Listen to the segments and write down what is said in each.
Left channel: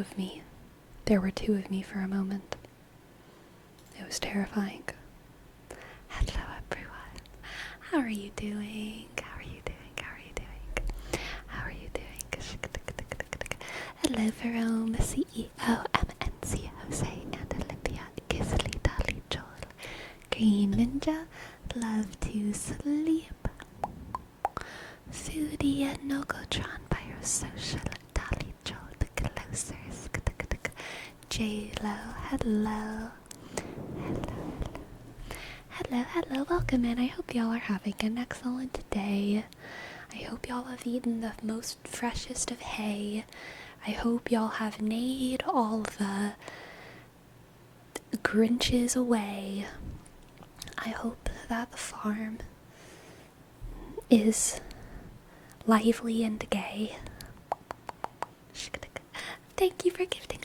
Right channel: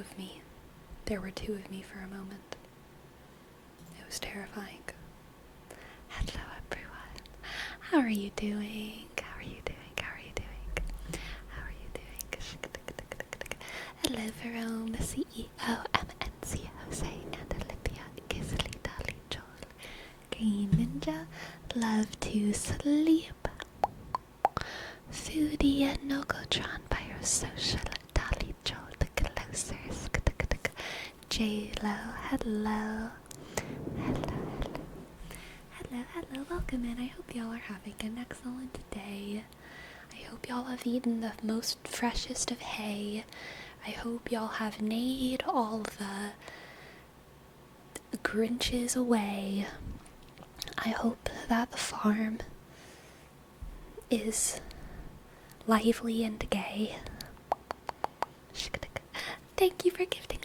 of me. There were two of me for a moment. It was terrifying. Hello, everyone. How are you doing? How are you doing? How are you doing? How are you doing? Hello, Jerome, CEO, MNC, Jose, and Olivia, Gizzly, Dolly, Joel, Green Ninja, Love to Sleep, Foodie, and Nogotron, Biosocial, Dolly, Joel, the Closers, J-Lo, hello. Hello, welcome in. I hope y'all are having an excellent day. I hope y'all have eaten the most freshest of hay. I hope y'all have neighed all the Grinches away. I hope that the farm is lively and gay. Thank you for gifting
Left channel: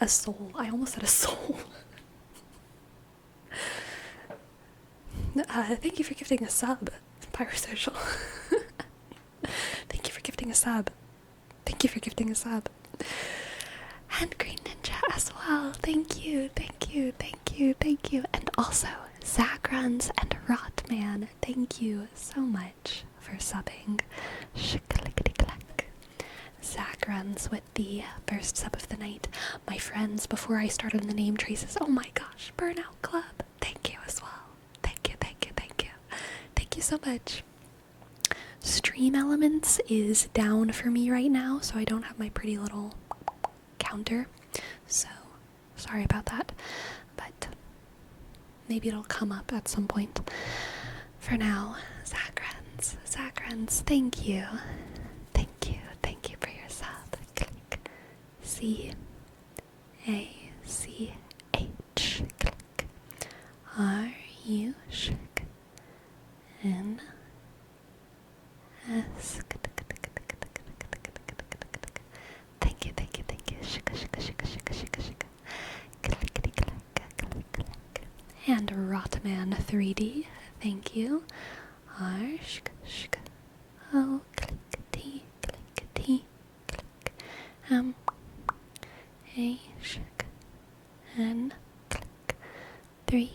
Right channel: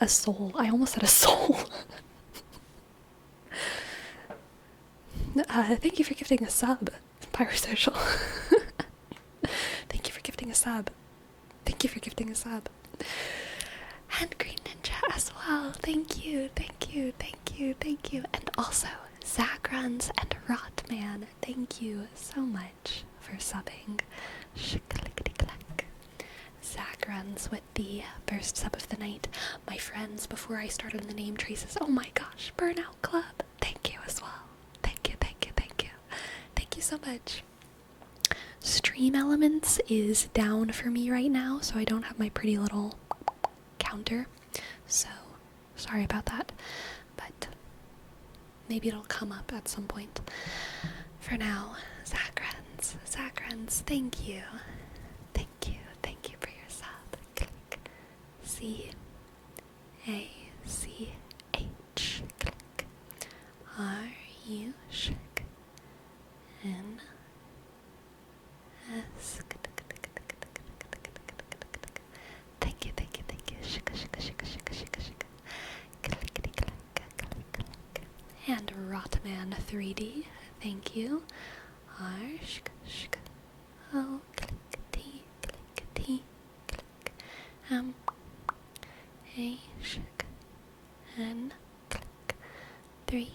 a soul. I almost said a soul. Thank you for gifting a sub, Pyrosocial. Thank you for gifting a sub. Thank you for gifting a sub. And Green Ninja as well. Thank you. And also, Zachruns and Rotman. Thank you so much for subbing. Shikalickety-clack. Zachruns with the first sub of the night. My friends, before I started the name traces, oh my gosh, Burnout Club. Thank you as well. Thank you so much. Stream Elements is down for me right now, so I don't have my pretty little counter. So, sorry about that. But maybe it'll come up at some point. For now, Zachruns, thank you. Thank you for your sub. Click. C-A-C-H. Click. R-U. N S. Thank you. And Rotman 3D, thank you. R O click T click M A N click 3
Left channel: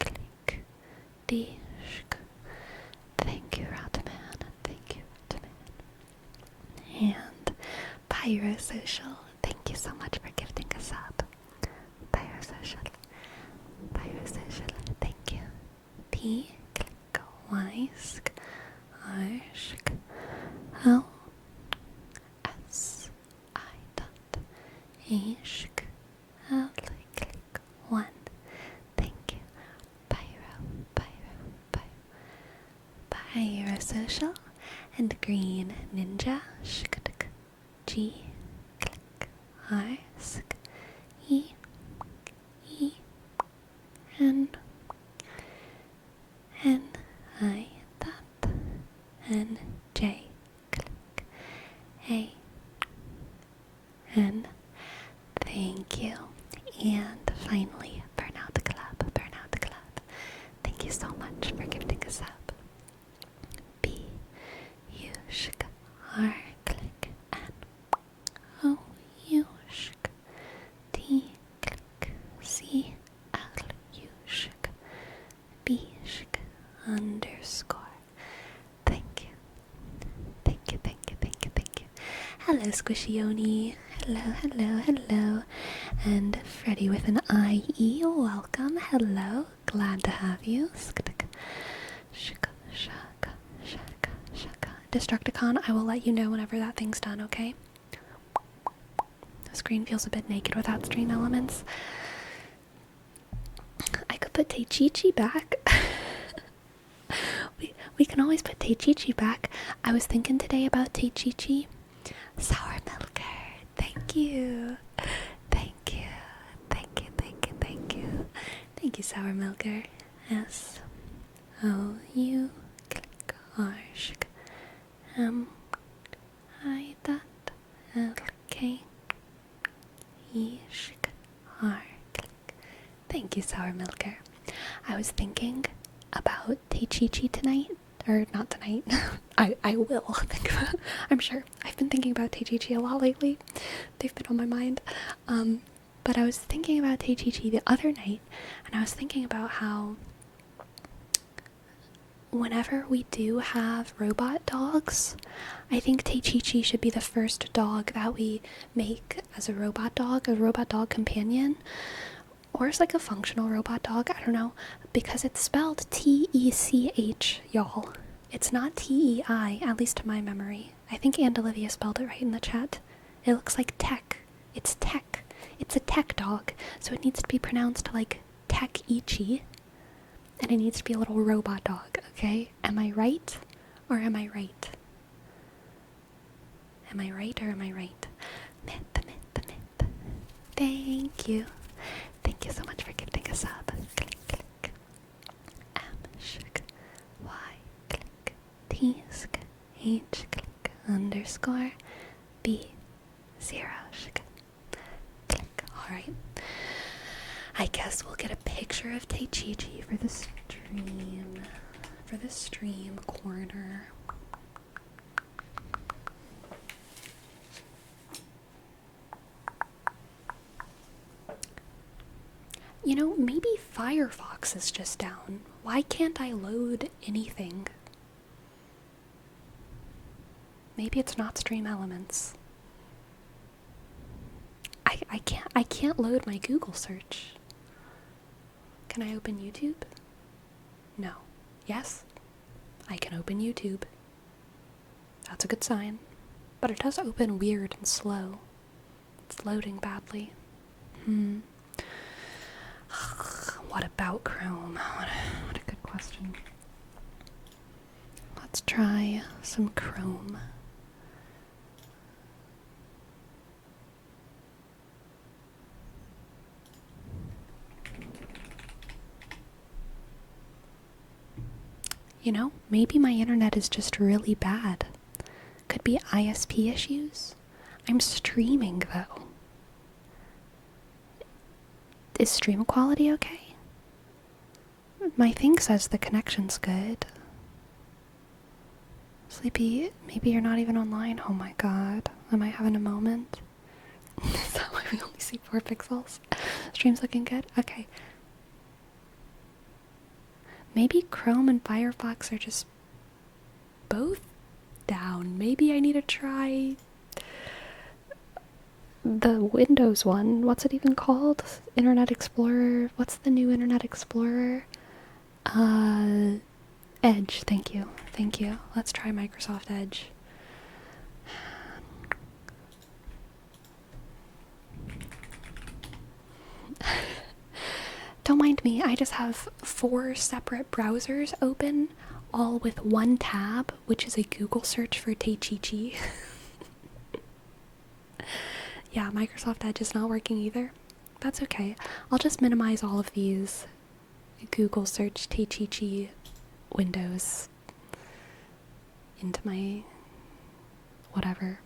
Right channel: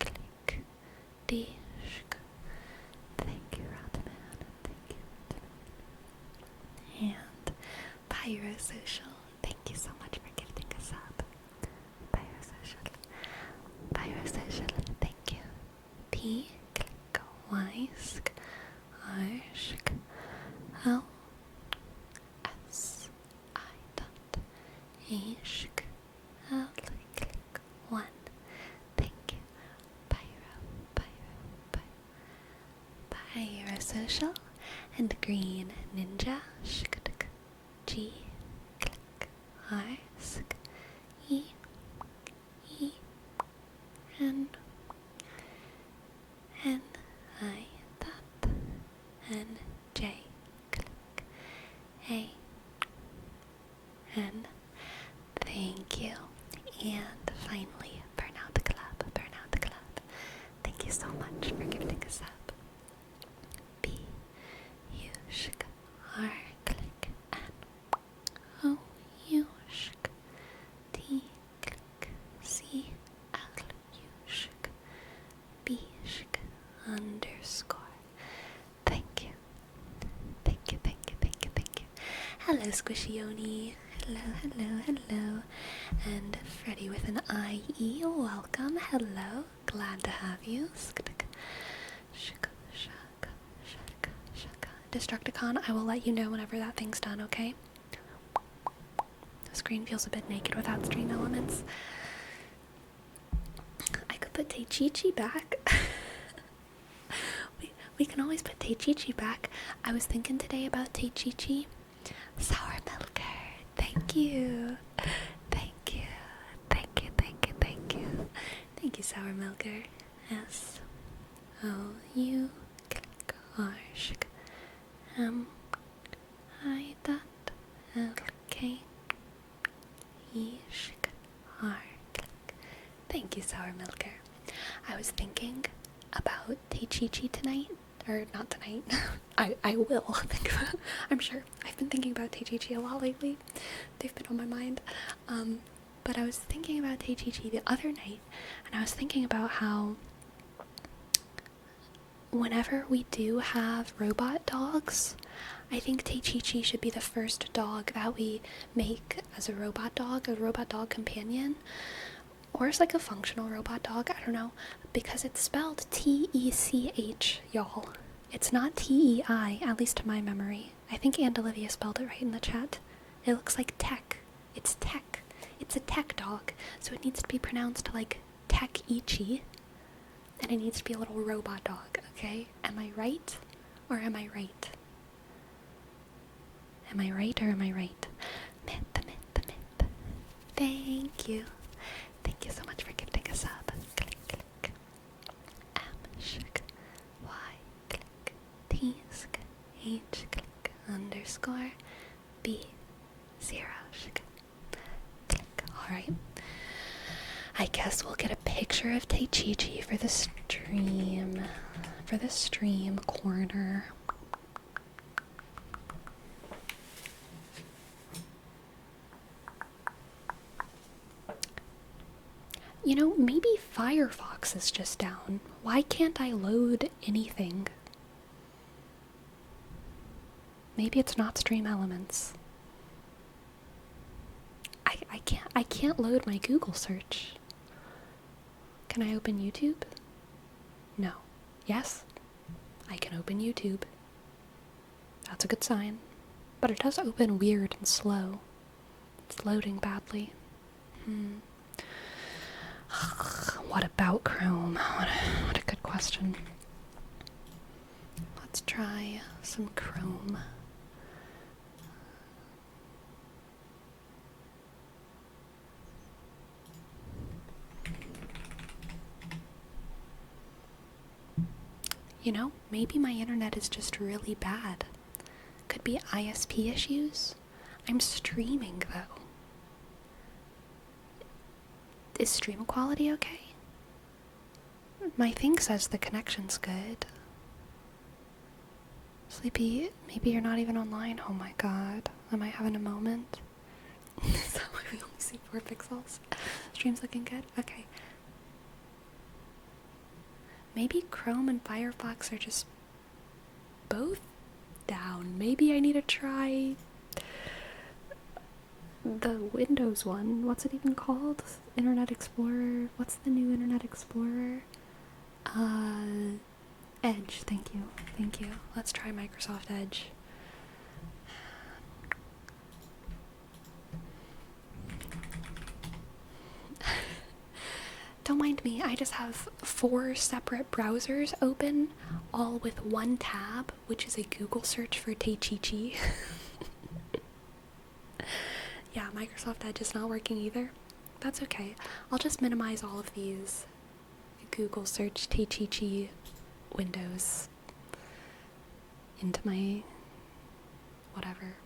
click D. Thank you, Rotman. And Pyrosocial, thank you so much for gifting a sub. Pyrosocial, thank you. P, click, Y, sk, R, sk, O, S, I, dot, A, sk, L, click, 1. Thank you. Pyrosocial and Green Ninja, shk, G, click, R, sk, E, N, I, dot, N, J, click, A, N, thank you. And finally, Burnout the Club. Thank you so much for gifting a sub. B, U, shk, R, click, N, O, U, shk, T, click, C, L, U, shk, B, shk, underscore. Thank you. Hello, Squishioni. Hello. And Freddy with an IE, welcome. Hello, glad to have you. Shaka. Destructicon, I will let you know whenever that thing's done, okay? The screen feels a bit naked without stream elements. I could put Teichichi back. we can always put Teichichi back. I was thinking today about Teichichi. Sour Milker, thank you. Thank you, Sour Milker. S O U click R shk M I dot L K E shk R click. Thank you, Sour Milker. I was thinking about Teichichi tonight, or not tonight. I will think about, I'm sure. I've been thinking about Teichichi a lot lately. They've been on my mind. But I was thinking about Teichichi the other night, and I was thinking about how whenever we do have robot dogs, I think Teichichi should be the first dog that we make as a robot dog companion, or as like a functional robot dog, I don't know, because it's spelled T-E-C-H, y'all. It's not T-E-I, at least to my memory. I think Aunt Olivia spelled it right in the chat. It looks like tech. It's tech. It's a tech dog, so it needs to be pronounced like tech-ichi, and it needs to be a little robot dog, okay? Am I right, or am I right? Am I right, or am I right? Myth, myth, myth. Thank you. Thank you so much for gifting a sub. Click, click. M, sh, Y, click. T, sk, H, click. Underscore. B, 0, sh, click. Alright. I guess we'll get a picture of Teichichi for the stream. For the stream corner. You know, maybe Firefox is just down. Why can't I load anything? Maybe it's not Stream Elements. I can't load my Google search. Can I open YouTube? No. Yes? I can open YouTube. That's a good sign. But it does open weird and slow. It's loading badly. What about Chrome? What a good question. Let's try some Chrome. You know, maybe my internet is just really bad. Could be ISP issues. I'm streaming though. Is stream quality okay? My thing says the connection's good. Sleepy, maybe you're not even online. Oh my god. Am I having a moment? Is that why we only see 4 pixels? Stream's looking good? Okay. Maybe Chrome and Firefox are just both down. Maybe I need to try the Windows one. What's it even called? Internet Explorer. What's the new Internet Explorer? Edge. Thank you. Thank you. Let's try Microsoft Edge. Don't mind me, I just have 4 separate browsers open, all with one tab, which is a Google search for Teichichi. Yeah, Microsoft Edge is not working either. That's okay. I'll just minimize all of these Google search Teichichi windows into my whatever.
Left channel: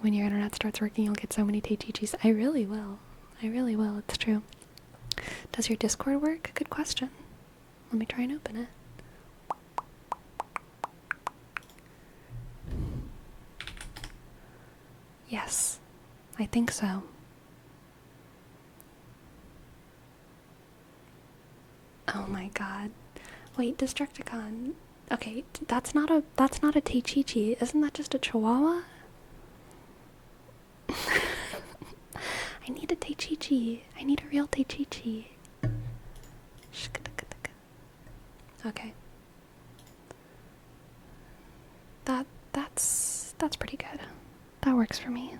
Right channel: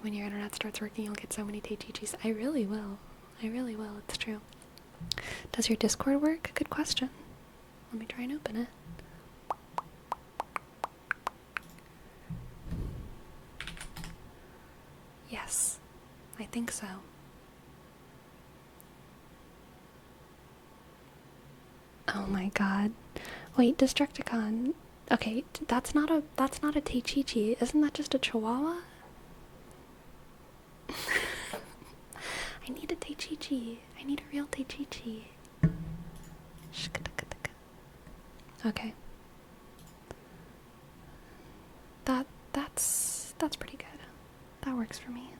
When your internet starts working, you'll get so many Teichichis. I really will. I really will, it's true. Does your Discord work? Good question. Let me try and open it. Yes, I think so. Oh my god. Wait, Destructicon. Okay, that's not a Teichichi. Isn't that just a Chihuahua? I need a Teichichi. I need a real Teichichi. Okay. That's pretty good. That works for me.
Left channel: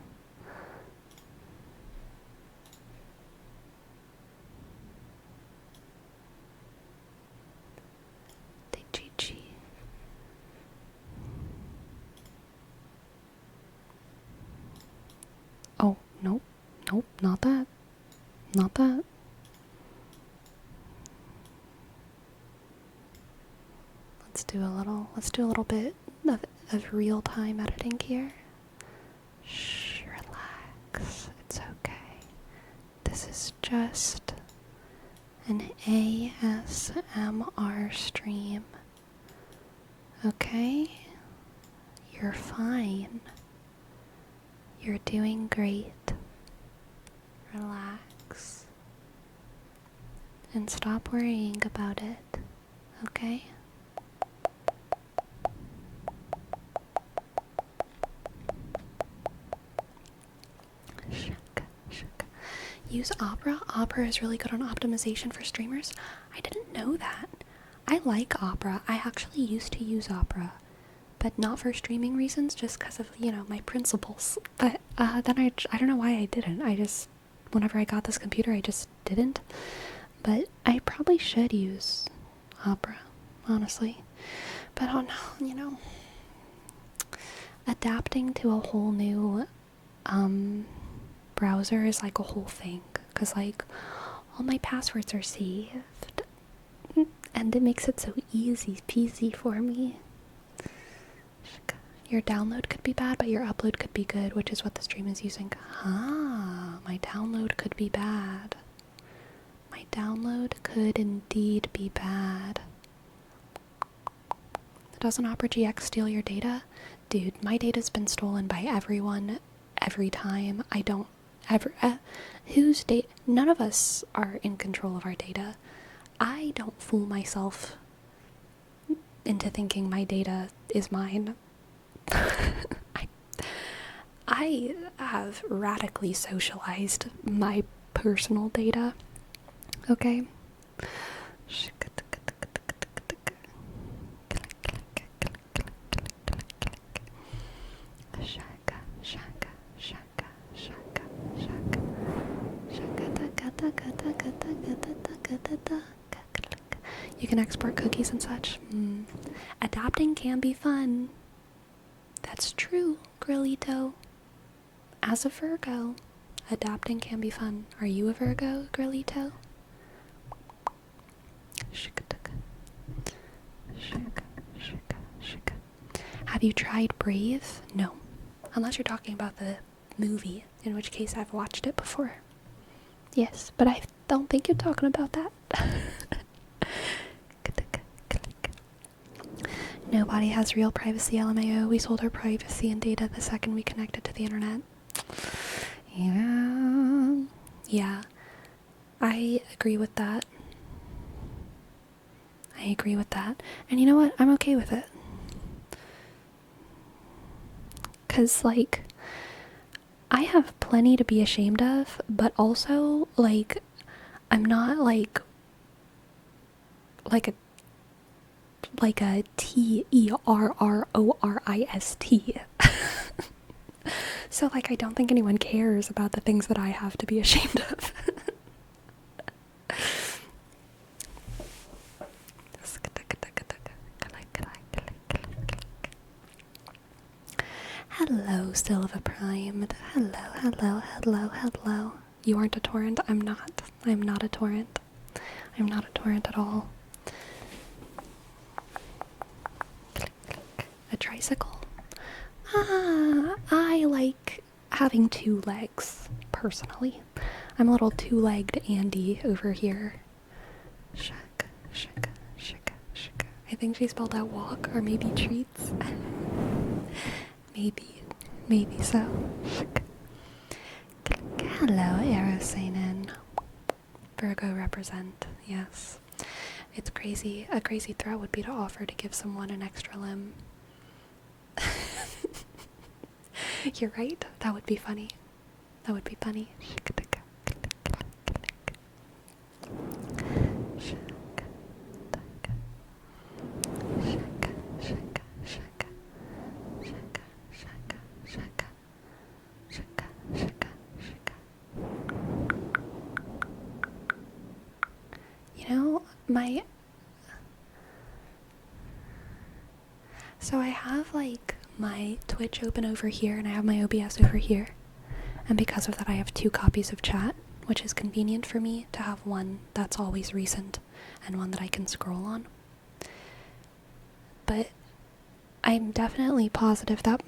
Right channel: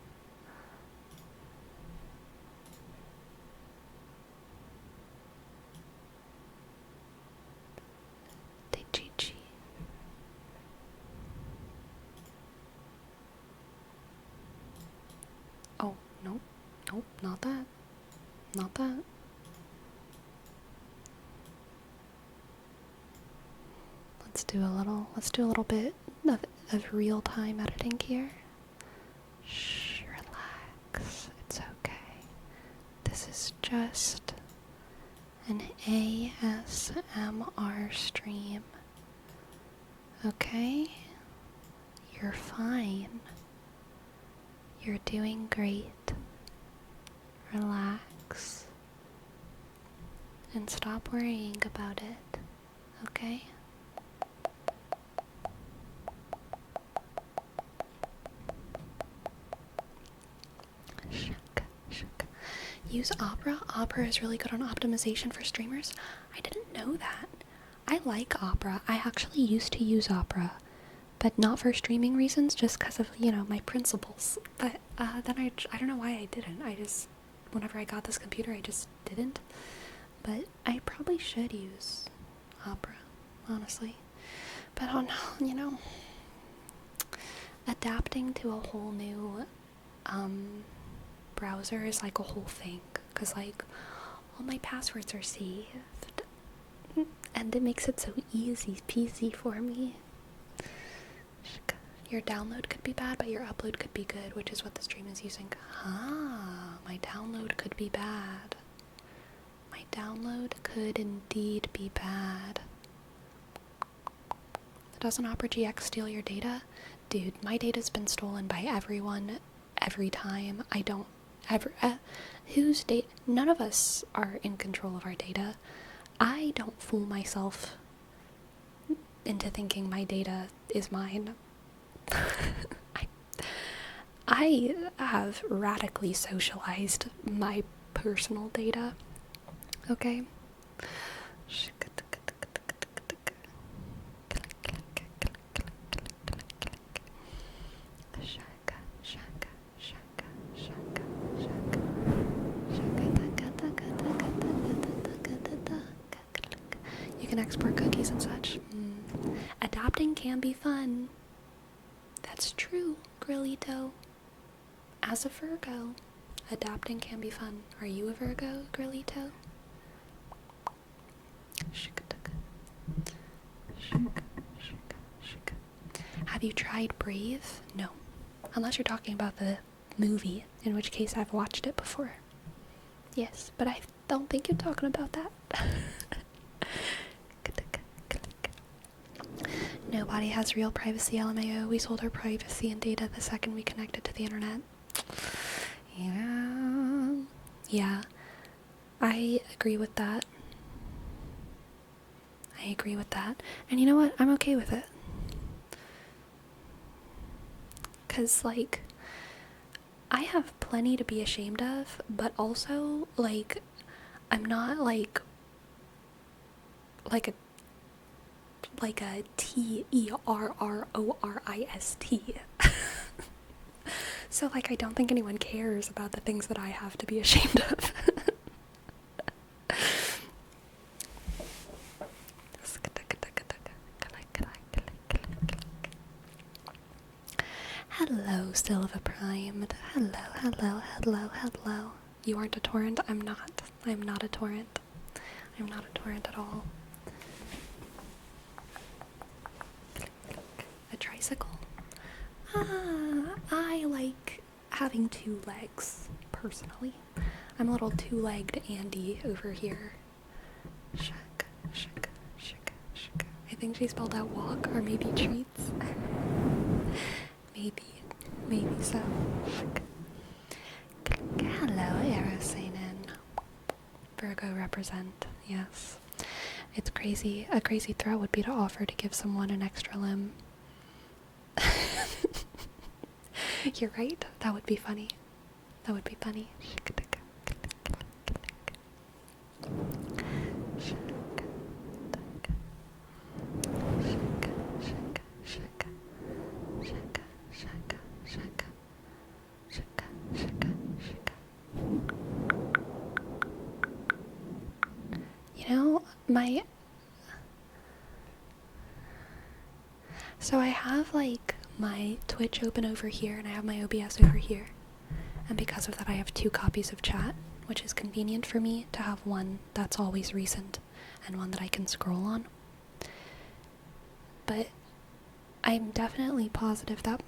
Teichichi. Oh, nope. Nope, not that. Not that. Let's do a little bit of real-time editing here. Shh, relax. It's okay. This is just an ASMR stream. Okay? You're fine. You're doing great. Relax. And stop worrying about it. Okay? Use Opera? Opera is really good on optimization for streamers? I didn't know that. I like Opera. I actually used to use Opera, but not for streaming reasons, just because of, my principles. But then I don't know why I didn't. Whenever I got this computer, I just didn't. But I probably should use Opera, honestly. But oh no, adapting to a whole new browser is like a whole thing, because like all my passwords are saved and it makes it so easy peasy for me. Your download could be bad, but your upload could be good, which is what the stream is using. My download could be bad. My download could indeed be bad. Doesn't Opera GX steal your data? Dude, my data's been stolen by everyone every time. I don't ever... whose data? None of us are in control of our data. I don't fool myself into thinking my data is mine. I have radically socialized my personal data. Okay? You can export cookies and such. Adapting can be fun. That's true, Grillito. As a Virgo, adapting can be fun. Are you a Virgo, Grillito? Have you tried Brave? No. Unless you're talking about the movie, in which case I've watched it before. Yes, but I don't think you're talking about that. Nobody has real privacy, LMAO. We sold our privacy and data the second we connected to the internet. Yeah. I agree with that. And you know what? I'm okay with it. Because, like, I have plenty to be ashamed of, but also, like, I'm not, like a TERRORIST. So, like, I don't think anyone cares about the things that I have to be ashamed of. Hello, Silva Primed. Hello. You aren't a torrent? I'm not. I'm not a torrent. I'm not a torrent at all. A tricycle? I like having two legs, personally. I'm a little two-legged Andy over here. Shaka. I think she spelled out walk, or maybe treats. Maybe so. Hello, Aerosanin. Virgo represent, yes. It's crazy. A crazy threat would be to offer to give someone an extra limb. You're right. That would be funny. So I have, like, my Twitch open over here, and I have my OBS over here. And because of that, I have two copies of chat, which is convenient for me to have one that's always recent and one that I can scroll on. But I'm definitely positive that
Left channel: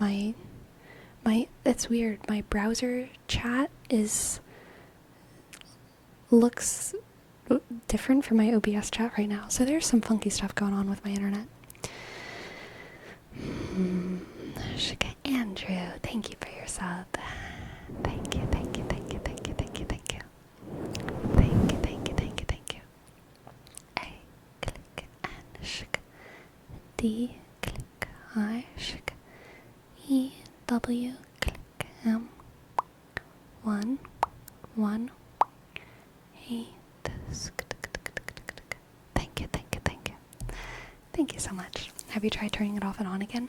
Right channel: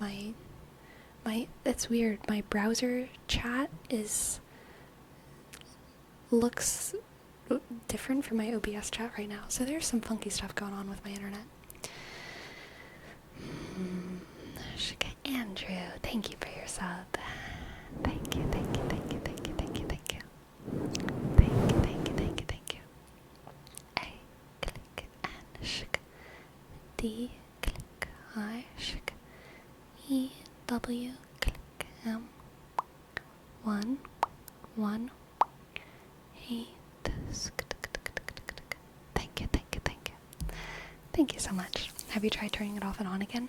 it's weird, my browser chat looks different from my OBS chat right now, so there's some funky stuff going on with my internet. Andrew, thank you for your sub. Thank you, thank you, thank you, thank you, thank you, thank you. Thank you, thank you, thank you, thank you. A, click, and shk. D, click, I, shk. E, W, click, M. 1, 1, 8. Thank you, thank you, thank you. Thank you so much. Have you tried turning it off and on again?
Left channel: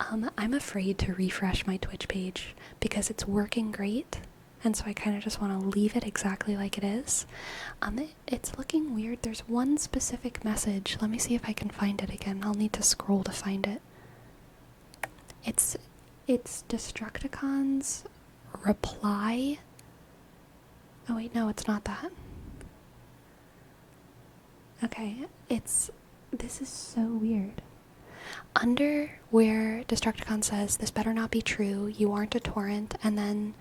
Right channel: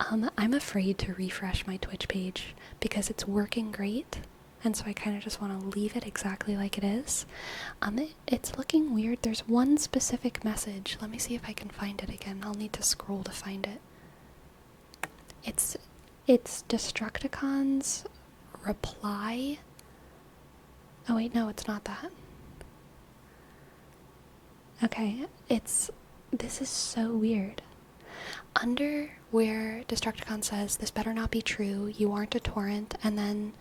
I'm afraid to refresh my Twitch page because it's working great, and so I kind of just want to leave it exactly like it is. It's looking weird. There's one specific message. Let me see if I can find it again. I'll need to scroll to find it. It's Destructicon's reply. Oh wait, no, it's not that. Okay, this is so weird. Under where Destructicon says, "This better not be true, you aren't a torrent," and then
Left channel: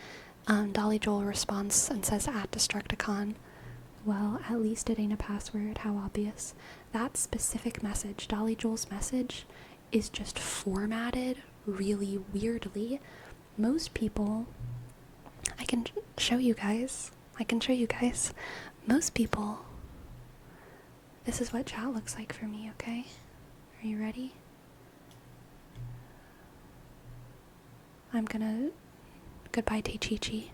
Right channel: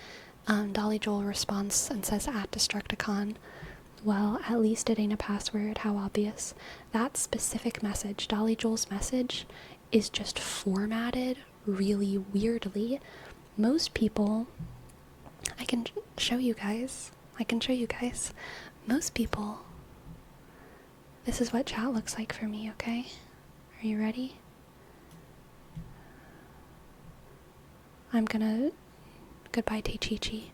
Dolly Joel responds and says, "@Destructicon, well, at least it ain't a password, how obvious." That specific message, Dolly Joel's message, is just formatted really weirdly. Most people, I can show you guys. Most people, this is what chat looks like for me, okay? Are you ready? I'm gonna... Goodbye, Teichichi.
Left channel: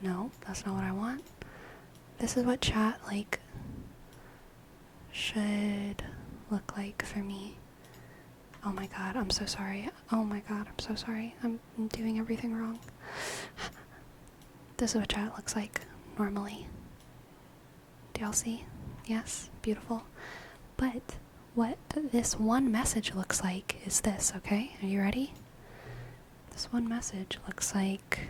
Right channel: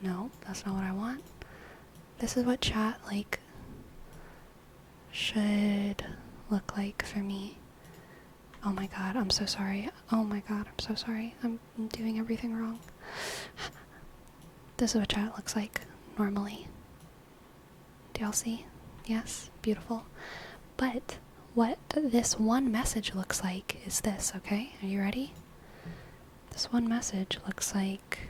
No, that's not what I want. This is what chat, like, should look like for me. Oh my god, I'm so sorry. Oh my god, I'm so sorry. I'm doing everything wrong. This is what chat looks like normally. Do y'all see? Yes? Beautiful. But what this one message looks like is this, okay? Are you ready? This one message looks like...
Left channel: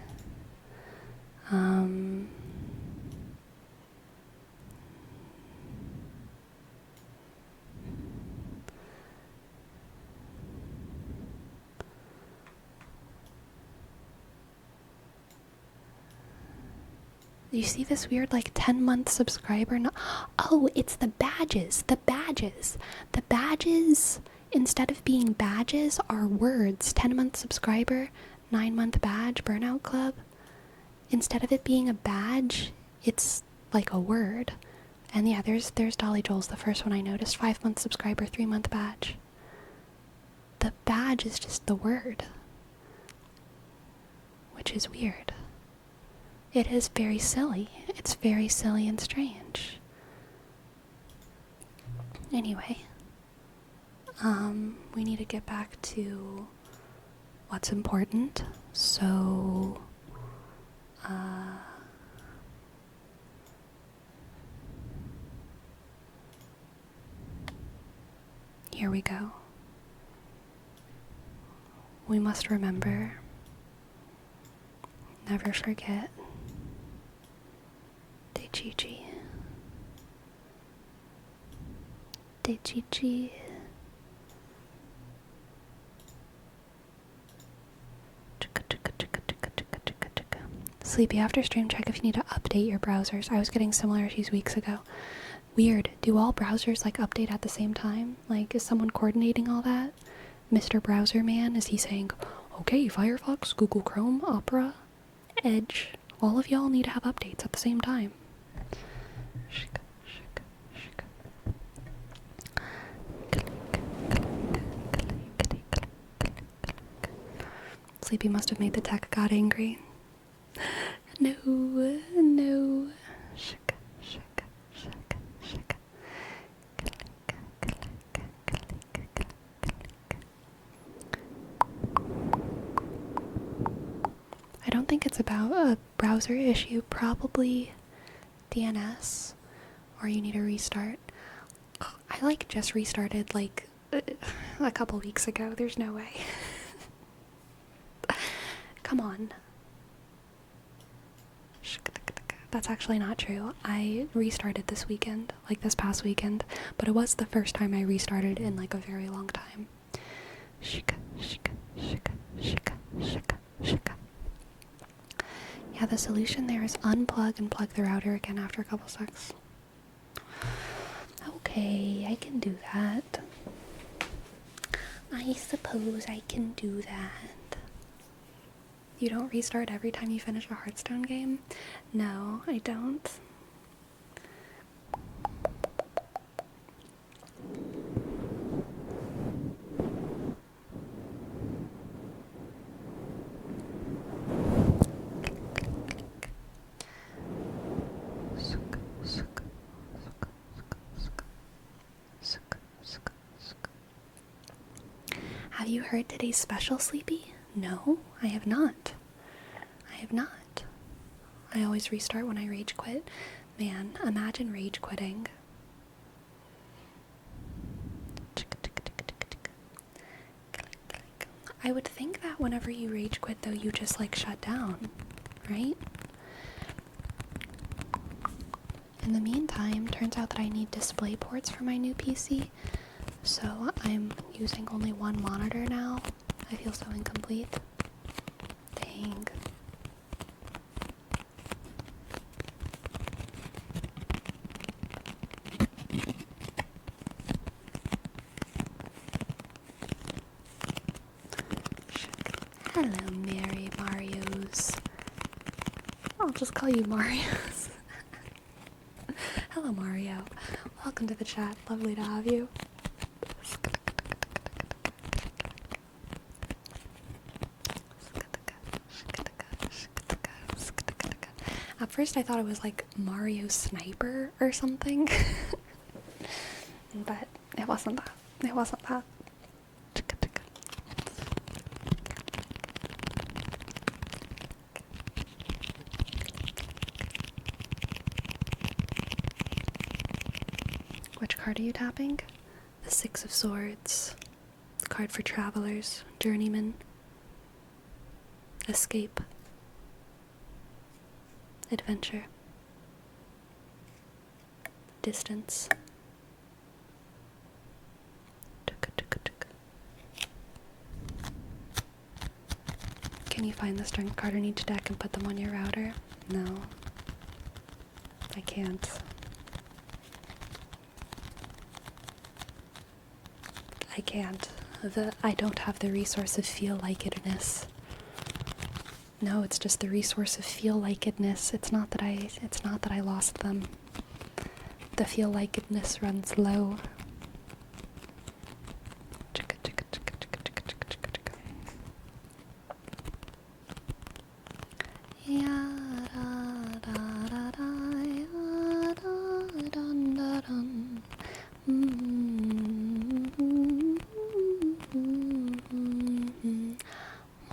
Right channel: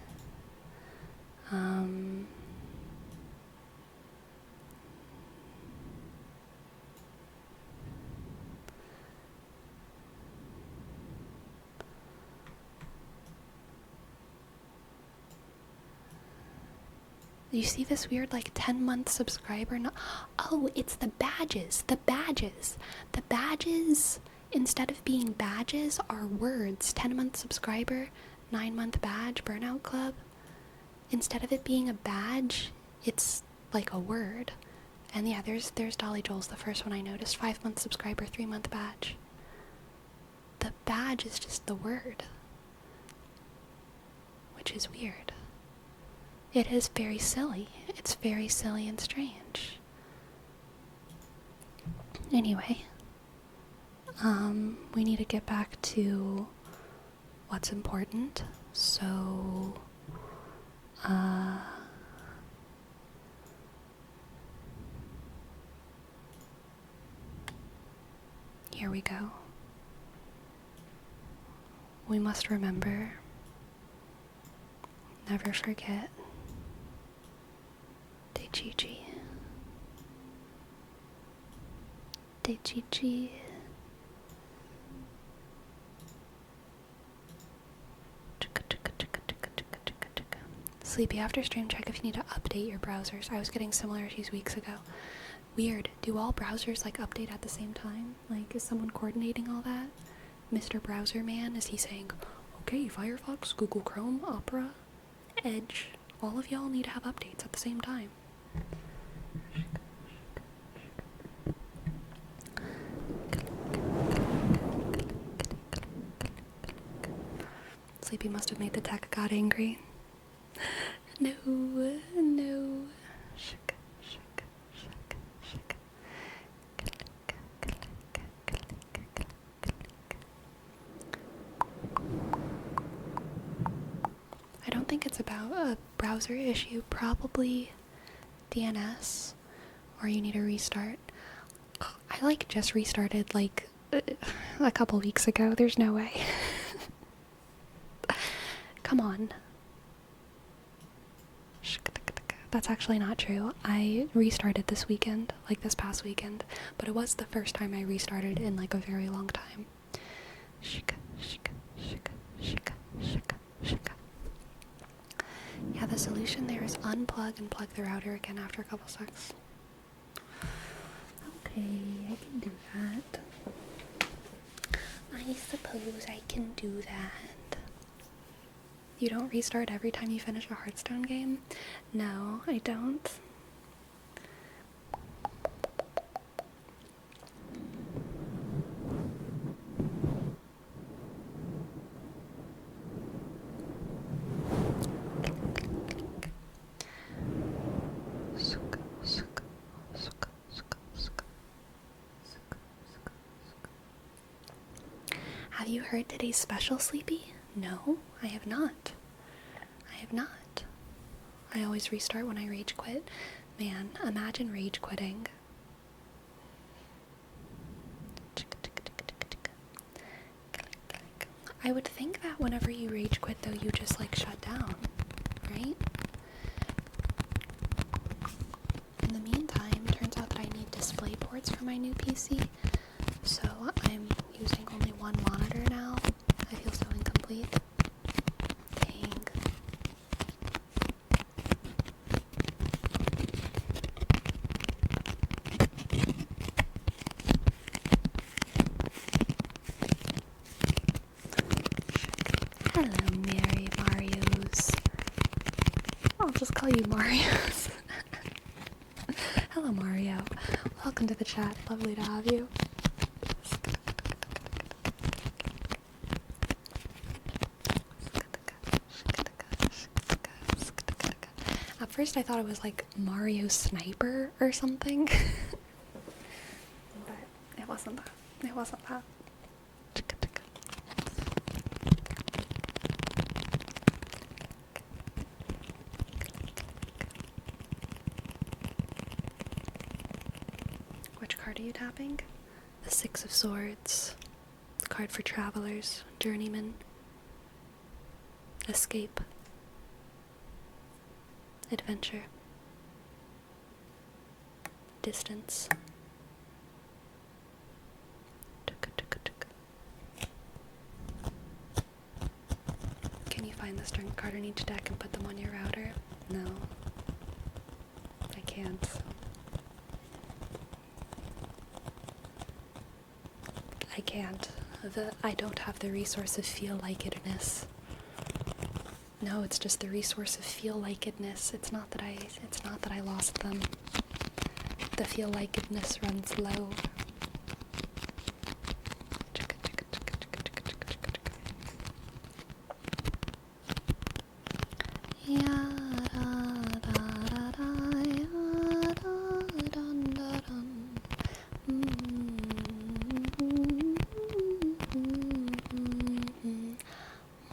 You see this weird, like, 10-month subscriber? Oh, it's the badges. The badges. The badges, instead of being badges, are words. 10-month subscriber, 9-month badge, Burnout Club. Instead of it being a badge, it's like a word. And yeah, there's Dolly Joel's, the first one I noticed. 5-month subscriber, 3-month badge. The badge is just the word. Which is weird. It is very silly. It's very silly and strange. Anyway, we need to get back to what's important. So, here we go. We must remember, never forget, Deichichi. Deichichi. Sleepy, after stream, check if you need to update your browsers. I was getting similar issues weeks ago. Weird. Do all browsers, like, update at the same time? Like, is someone coordinating all that? Mr. Browser Man, is he saying, okay, Firefox, Google Chrome, Opera, Edge, all of y'all need to have updates at the same time? Sleepy must have made the tech god angry. No, no. I don't think it's about a browser issue, probably DNS, or you need a restart. I, like, just restarted, like, a couple weeks ago. There's no way. Come on. That's actually not true. I restarted this weekend, like this past weekend, but it was the first time I restarted in, like, a very long time. Yeah, the solution there is unplug and plug the router again after a couple seconds. Okay, I can do that. I suppose I can do that. You don't restart every time you finish a Hearthstone game? No, I don't. Have you heard today's special, Sleepy? No, I have not. I have not. I always restart when I rage quit. Man, imagine rage quitting. I would think that whenever you rage quit, though, you just like shut down, right? In the meantime, turns out that I need display ports for my new PC, so I'm using only one monitor now. I feel so incomplete. Dang. Hello, Mary Marios. I'll just call you Marios. Hello, Mario. Welcome to the chat. Lovely to have you. At first I thought it was like Mario Sniper or something. But it wasn't that. It wasn't that. Which card are you tapping? The Six of Swords. The card for travelers, journeyman, escape, adventure, distance. Can you find the strength card in each deck and put them on your router? No, I can't. I can't. I don't have the resource of feel-like-itness. No, it's just the resource of feel-like-itness. It's not that I lost them. The feel-like-itness runs low.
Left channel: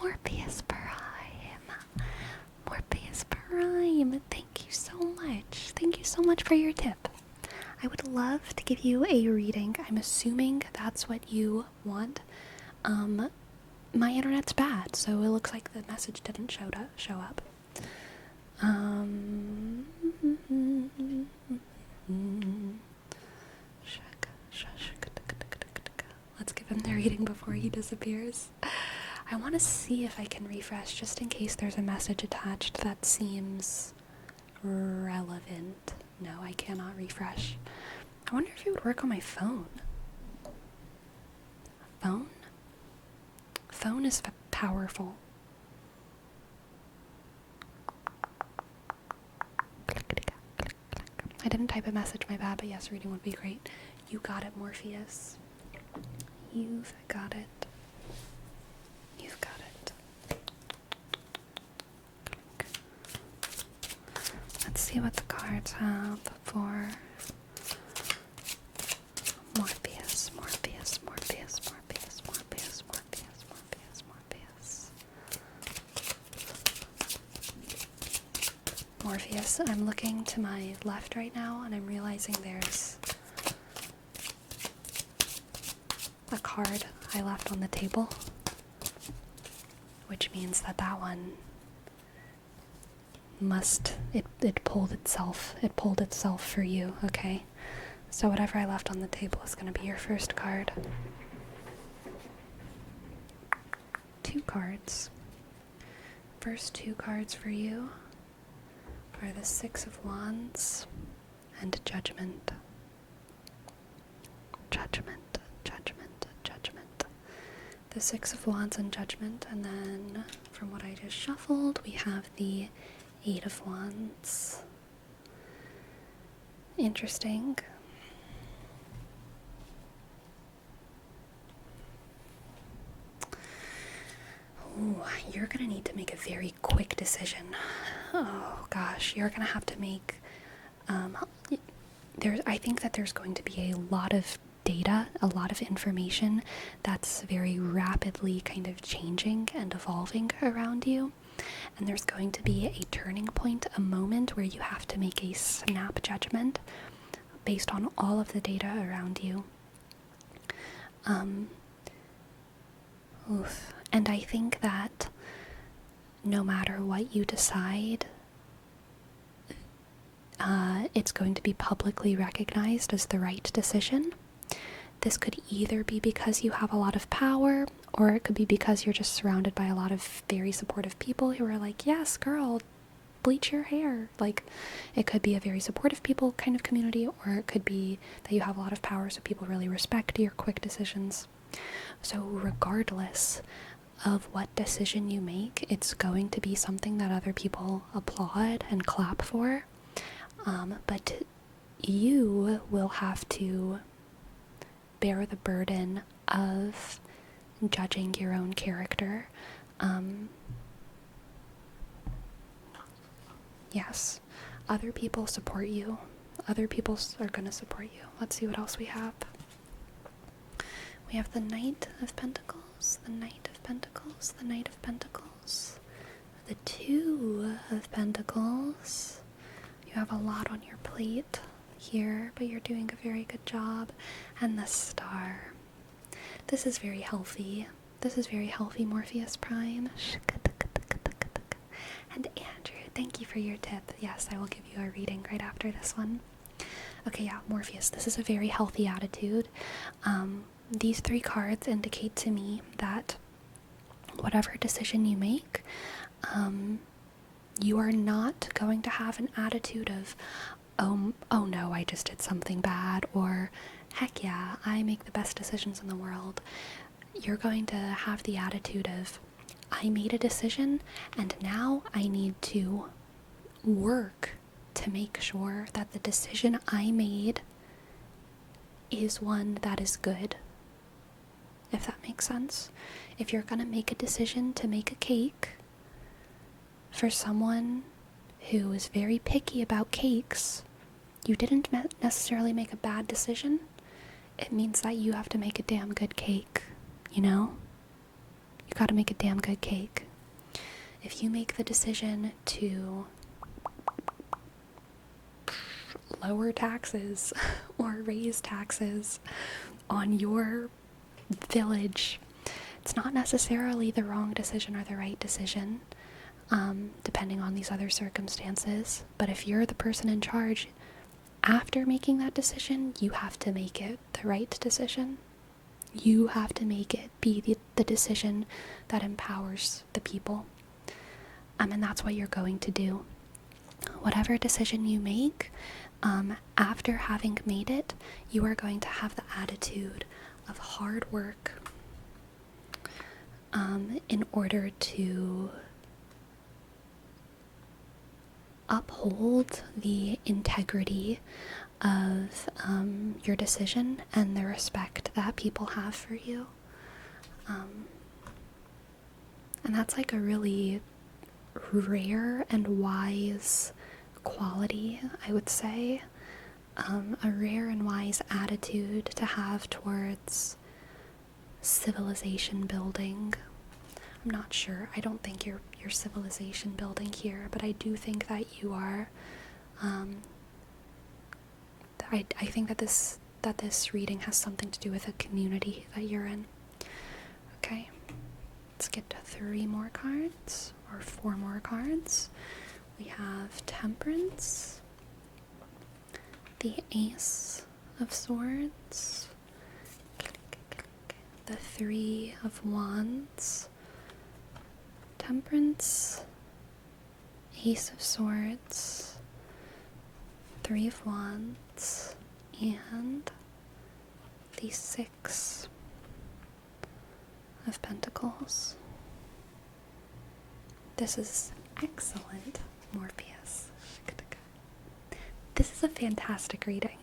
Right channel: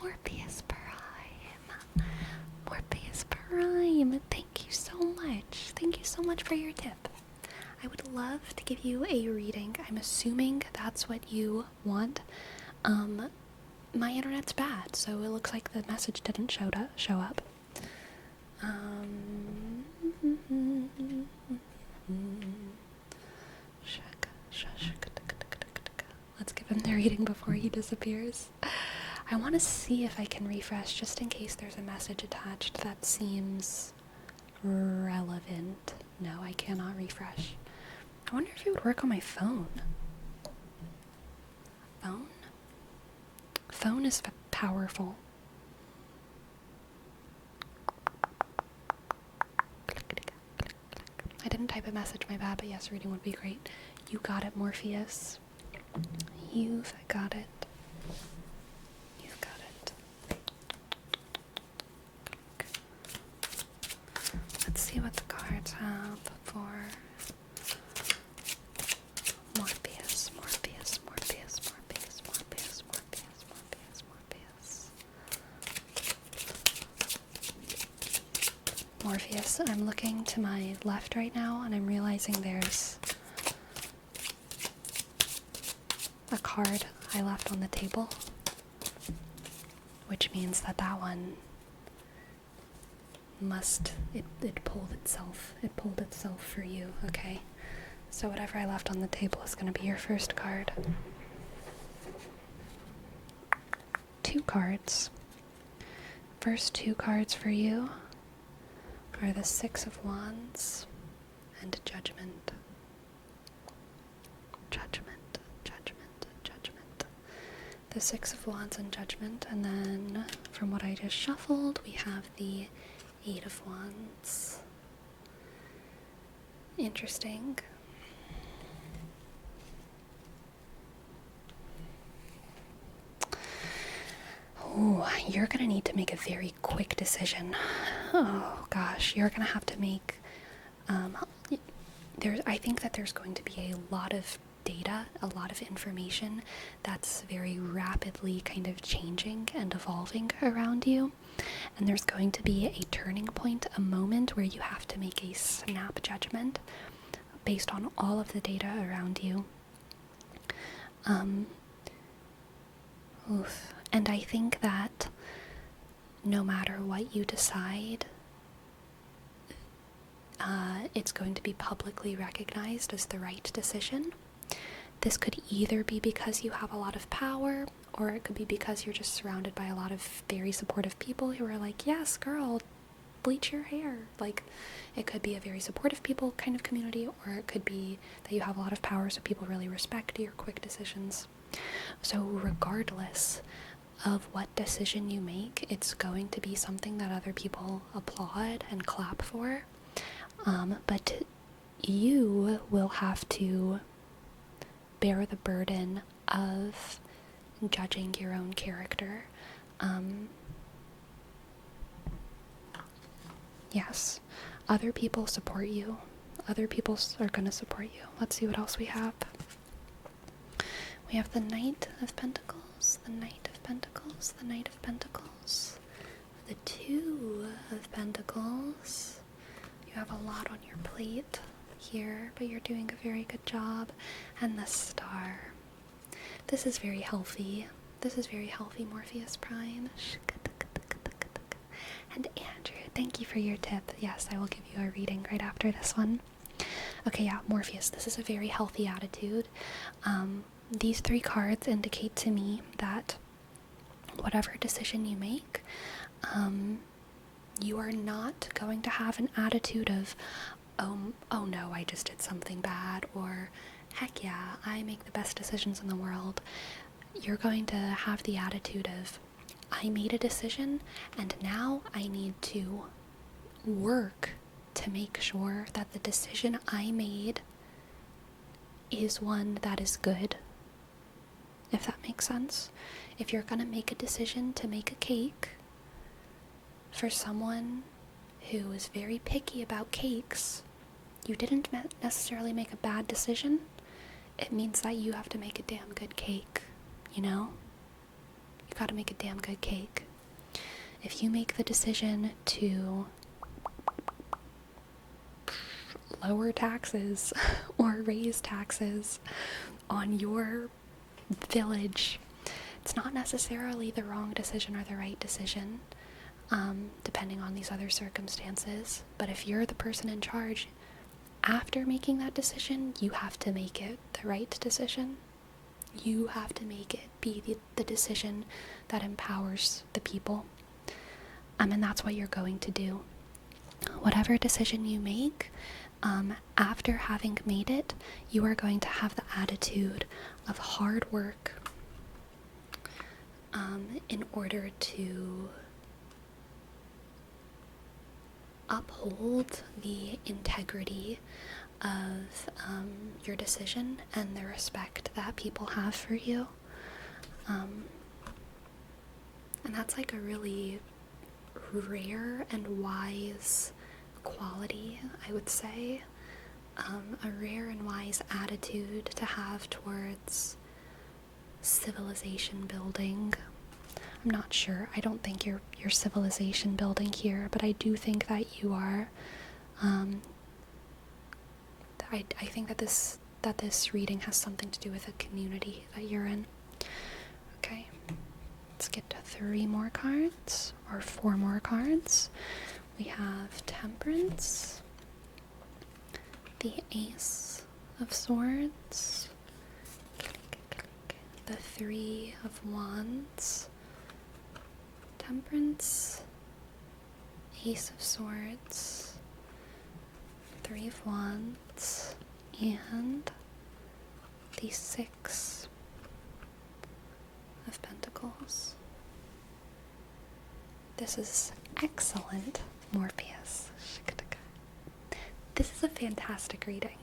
Morpheus Prime, thank you so much. Thank you so much for your tip. I would love to give you a reading. I'm assuming that's what you want. My internet's bad, so it looks like the message didn't show up. Let's give him the reading before he disappears. I want to see if I can refresh just in case there's a message attached that seems relevant. No, I cannot refresh. I wonder if it would work on my phone. Phone? Phone is powerful. I didn't type a message, my bad, but yes, reading would be great. You got it, Morpheus. You've got it. You've got it. Let's see what the cards have for Morpheus, Morpheus, Morpheus, Morpheus, Morpheus, Morpheus, Morpheus, Morpheus. Morpheus, I'm looking to my left right now and I'm realizing there's a card I left on the table, which means that one it pulled itself for you, okay? So whatever I left on the table is going to be your first card. 2 cards. First 2 cards for you are the Six of Wands and Judgment. Judgment, Judgment, Judgment. The Six of Wands and Judgment, and then from what I just shuffled, we have the Eight of Wands. Interesting. Oh, you're gonna need to make a very quick decision. Oh gosh, you're gonna have to make, I think that there's going to be a lot of data, a lot of information that's very rapidly kind of changing and evolving around you. And there's going to be a turning point, a moment where you have to make a snap judgment based on all of the data around you. And I think that no matter what you decide, it's going to be publicly recognized as the right decision. This could either be because you have a lot of power, or it could be because you're just surrounded by a lot of very supportive people who are like, yes, girl, bleach your hair. Like, it could be a very supportive people kind of community, or it could be that you have a lot of power so people really respect your quick decisions. So regardless of what decision you make, it's going to be something that other people applaud and clap for. But you will have to bear the burden of judging your own character. Yes, other people support you. Other people are going to support you. Let's see what else we have. We have the Knight of Pentacles, the Knight of Pentacles, the Knight of Pentacles, the Two of Pentacles. You have a lot on your plate here, but you're doing a very good job. And the Star. This is very healthy. This is very healthy, Morpheus Prime. And Andrew, thank you for your tip. Yes, I will give you a reading right after this one. Okay, yeah, Morpheus, this is a very healthy attitude. These three cards indicate to me that whatever decision you make, you are not going to have an attitude of, oh no, I just did something bad, or heck yeah, I make the best decisions in the world. You're going to have the attitude of, I made a decision, and now I need to work to make sure that the decision I made is one that is good. If that makes sense. If you're gonna make a decision to make a cake for someone who is very picky about cakes, you didn't necessarily make a bad decision. It means that you have to make a damn good cake, you know? You gotta make a damn good cake. If you make the decision to lower taxes or raise taxes on your village, it's not necessarily the wrong decision or the right decision, depending on these other circumstances. But if you're the person in charge, after making that decision, you have to make it the right decision. You have to make it be the decision that empowers the people. And that's what you're going to do. Whatever decision you make, after having made it, you are going to have the attitude of hard work in order to uphold the integrity of your decision and the respect that people have for you. And that's like a really rare and wise quality, I would say. A rare and wise attitude to have towards civilization building. I'm not sure. I don't think you're civilization building here, but I do think that you are. I think that this reading has something to do with a community that you're in. Okay, let's get to 3 more cards, or 4 more cards. We have Temperance, the Ace of Swords, the 3 of Wands, Temperance, Ace of Swords, Three of Wands and the Six of Pentacles. This is excellent, Morpheus. This is a fantastic reading.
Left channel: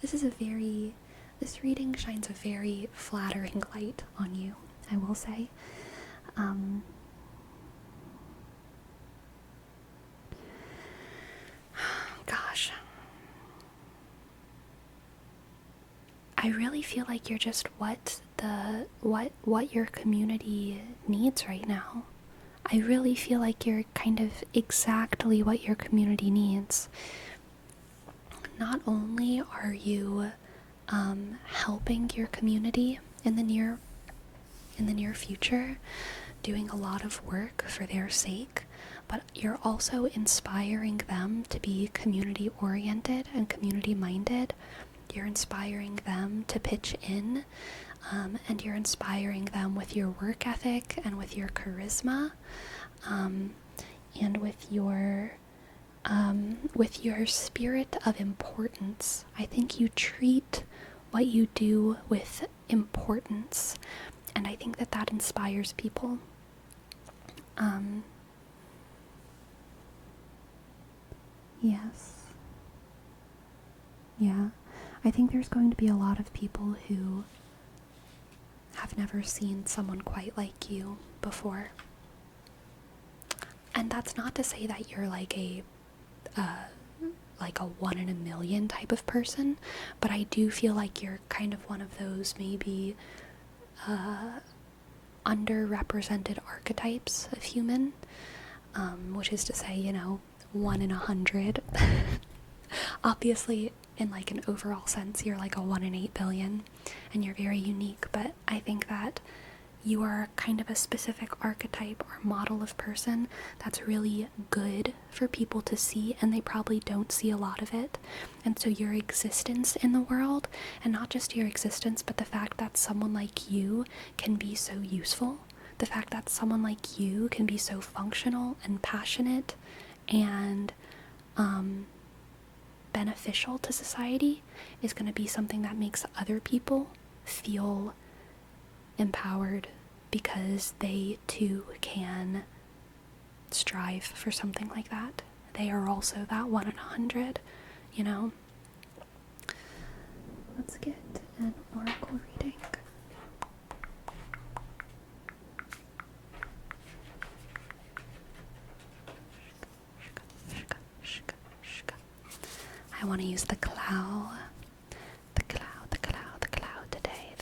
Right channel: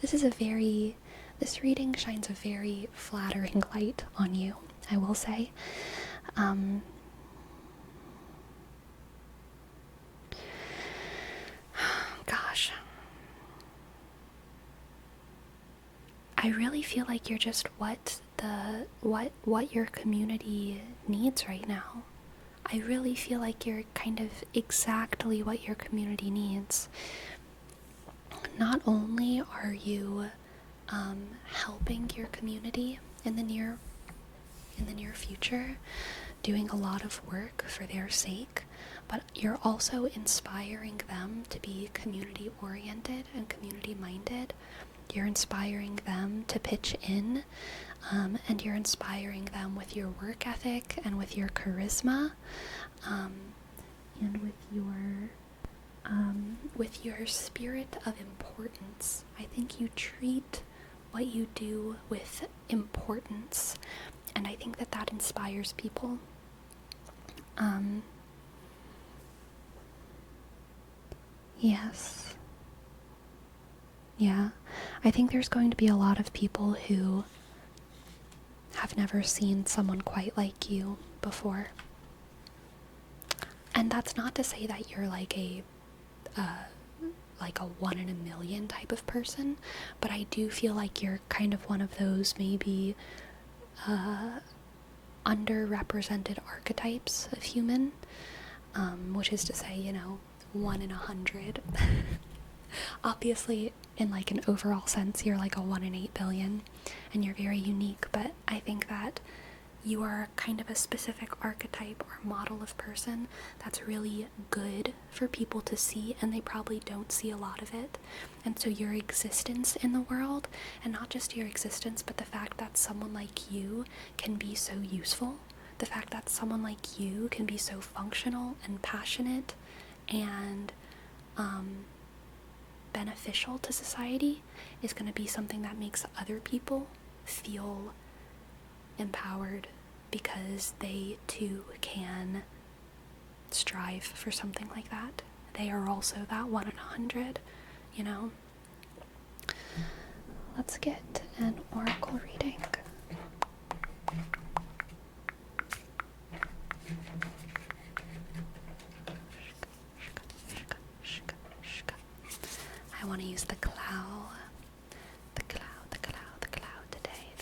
This reading shines a very flattering light on you, I will say. Gosh. I really feel like you're just what your community needs right now. I really feel like you're kind of exactly what your community needs. Not only are you helping your community in the near future, doing a lot of work for their sake, but you're also inspiring them to be community oriented and community minded. You're inspiring them to pitch in, and you're inspiring them with your work ethic and with your charisma, and with your spirit of importance. I think you treat what you do with importance, and I think that inspires people. Yes. Yeah. I think there's going to be a lot of people who have never seen someone quite like you before. And that's not to say that you're like a 1 in a million type of person, but I do feel like you're kind of one of those maybe underrepresented archetypes of human, which is to say, 1 in 100. Obviously, in like an overall sense, you're like a 1 in 8 billion, and you're very unique, but I think that you are kind of a specific archetype or model of person that's really good for people to see, and they probably don't see a lot of it. And so your existence in the world, and not just your existence, but the fact that someone like you can be so useful, the fact that someone like you can be so functional and passionate and beneficial to society, is going to be something that makes other people feel empowered, because they too can strive for something like that. They are also that 1 in 100, Let's get an oracle reading. I want to use the cloud. The cloud today.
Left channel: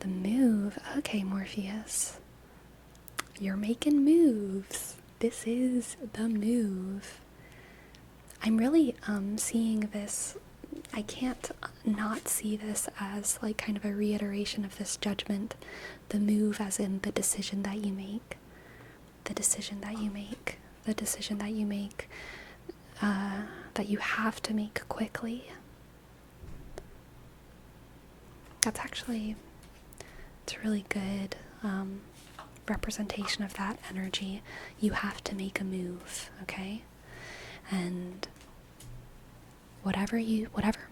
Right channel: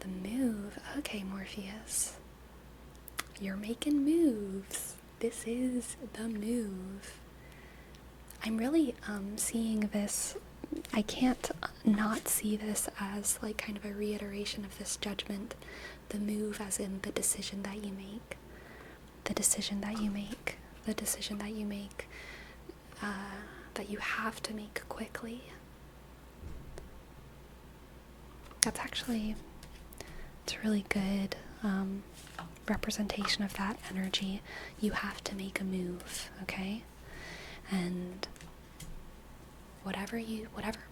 The move. Okay, Morpheus. You're making moves. This is the move. I'm really seeing this. I can't not see this as like kind of a reiteration of this judgment. The move as in the decision that you make. The decision that you make. The decision that you make. That you have to make quickly. That's actually, it's a really good representation of that energy. You have to make a move, okay? And whatever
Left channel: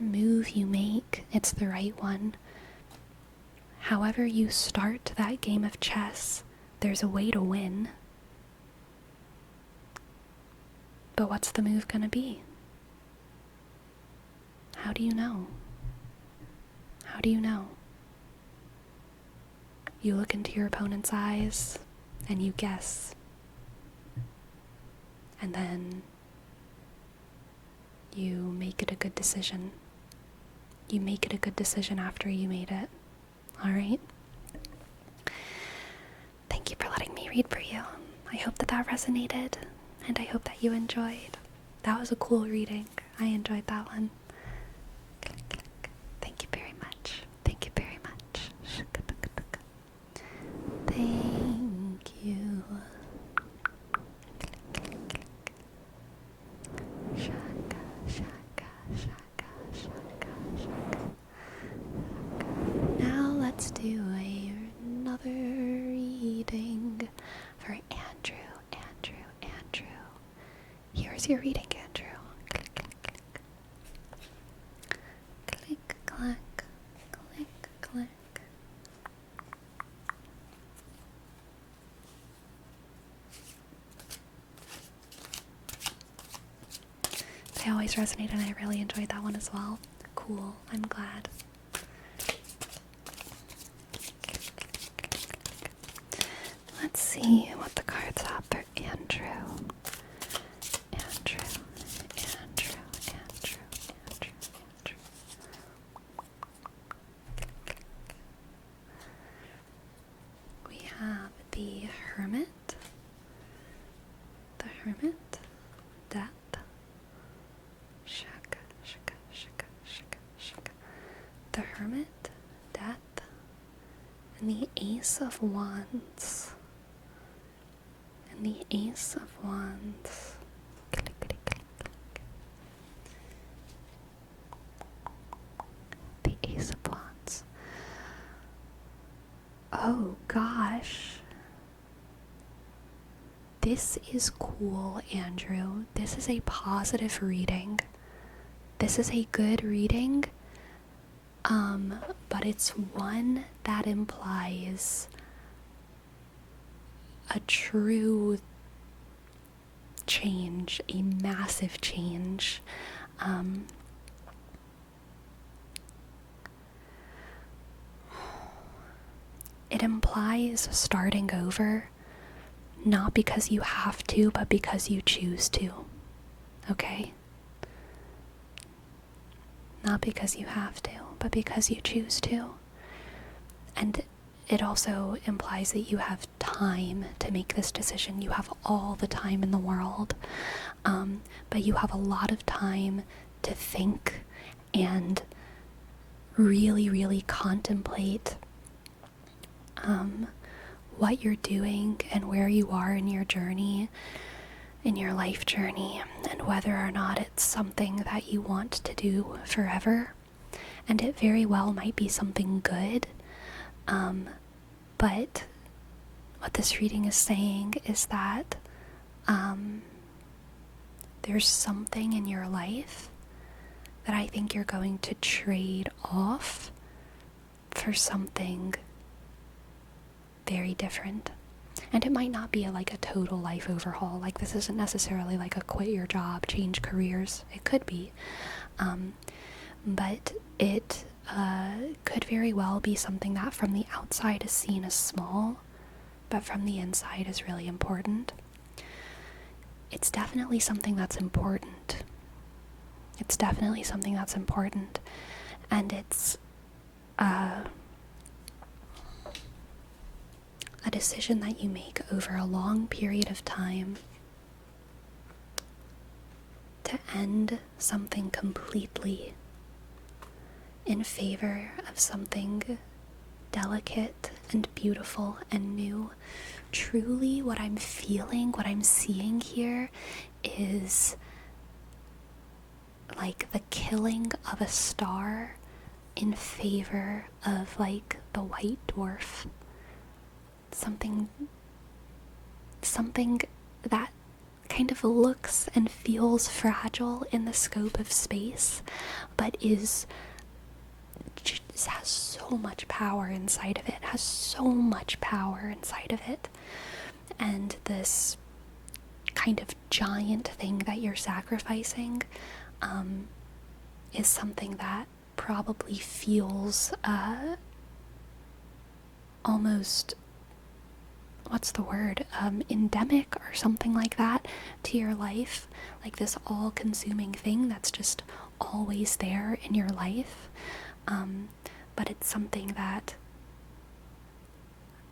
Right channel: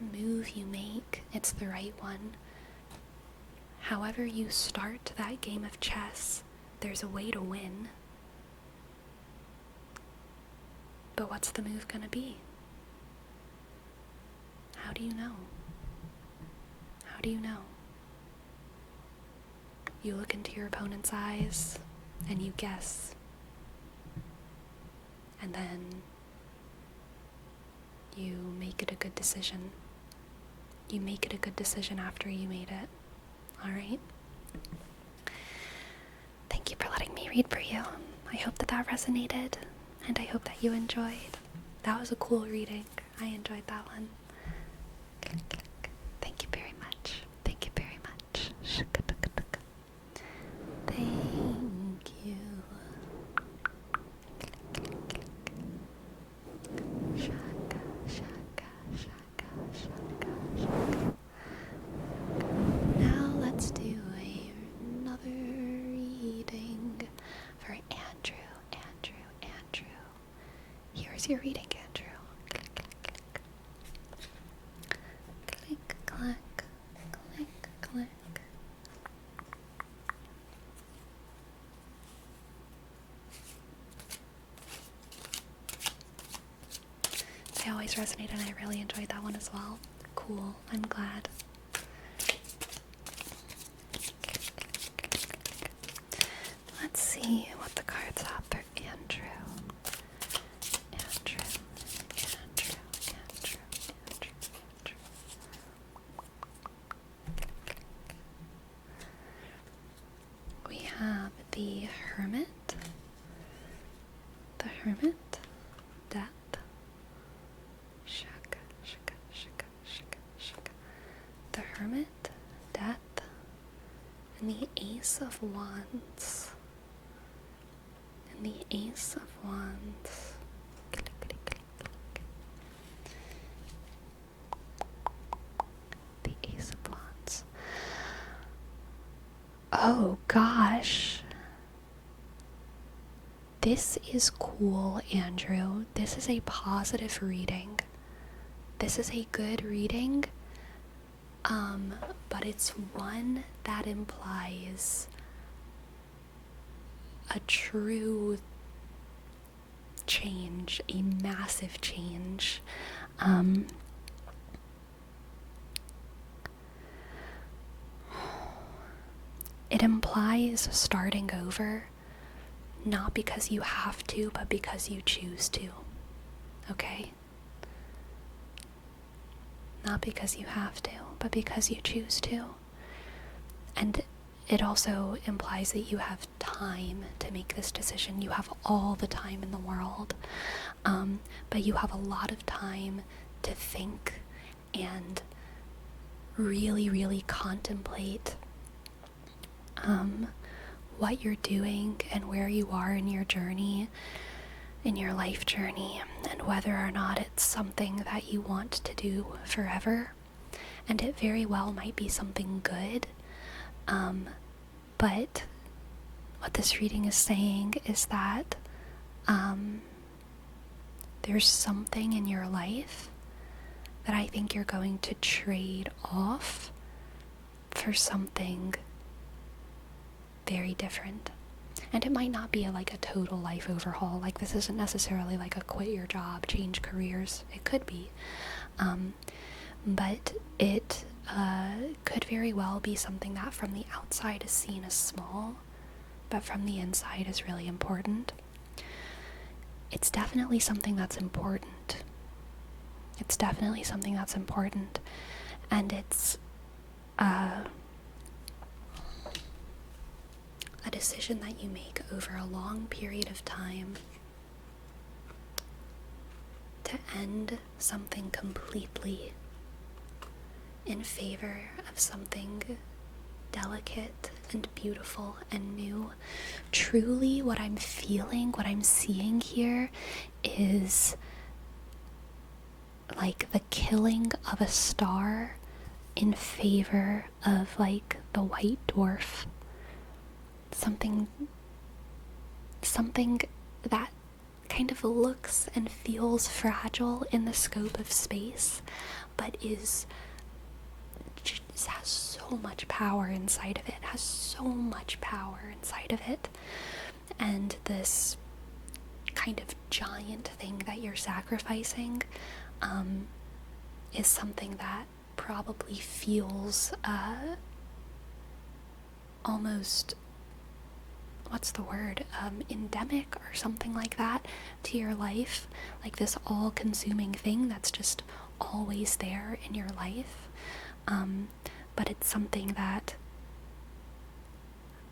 move you make, it's the right one. However you start that game of chess, there's a way to win. But what's the move gonna be? How do you know? How do you know? You look into your opponent's eyes and you guess. And then you make it a good decision. You make it a good decision after you made it. Alright? Thank you for letting me read for you. I hope that resonated, and I hope that you enjoyed. That was a cool reading. I enjoyed that one. Thank you very much. Thank you very much. Thank you. Shaka, shaka, shaka, shaka, shaka. is your reading, Andrew? Click, click, click. Click, clack, click, click. They always resonate, and I really enjoyed that one as well. Cool, I'm glad. Let's see what the cards have for Andrew. Andrew. We have the Hermit, Death, the Hermit, Death, and the Ace of Wands. The Ace of Wands. Click, click, click, click. The Ace of Wands. Oh gosh. This is cool, Andrew. This is a positive reading. This is a good reading. But it's one that implies a true change, a massive change. It implies starting over, not because you have to, but because you choose to. Okay? Not because you have to, but because you choose to. And it also implies that you have time to make this decision. You have all the time in the world, but you have a lot of time to think and really, really contemplate what you're doing and where you are in your journey, in your life journey, and whether or not it's something that you want to do forever. And it very well might be something good. But what this reading is saying is that there's something in your life that I think you're going to trade off for something very different. And it might not be a total life overhaul. Like, this isn't necessarily like a quit your job, change careers. It could be. But it could very well be something that from the outside is seen as small, but from the inside is really important. It's definitely something that's important. And it's a decision that you make over a long period of time to end something completely in favor of something delicate and beautiful and new. Truly, what I'm feeling, what I'm seeing here is like the killing of a star in favor of the white dwarf. Something that kind of looks and feels fragile in the scope of space, but has so much power inside of it, and this kind of giant thing that you're sacrificing is something that probably feels almost, what's the word, endemic or something like that to your life, like this all-consuming thing that's just always there in your life. But it's something that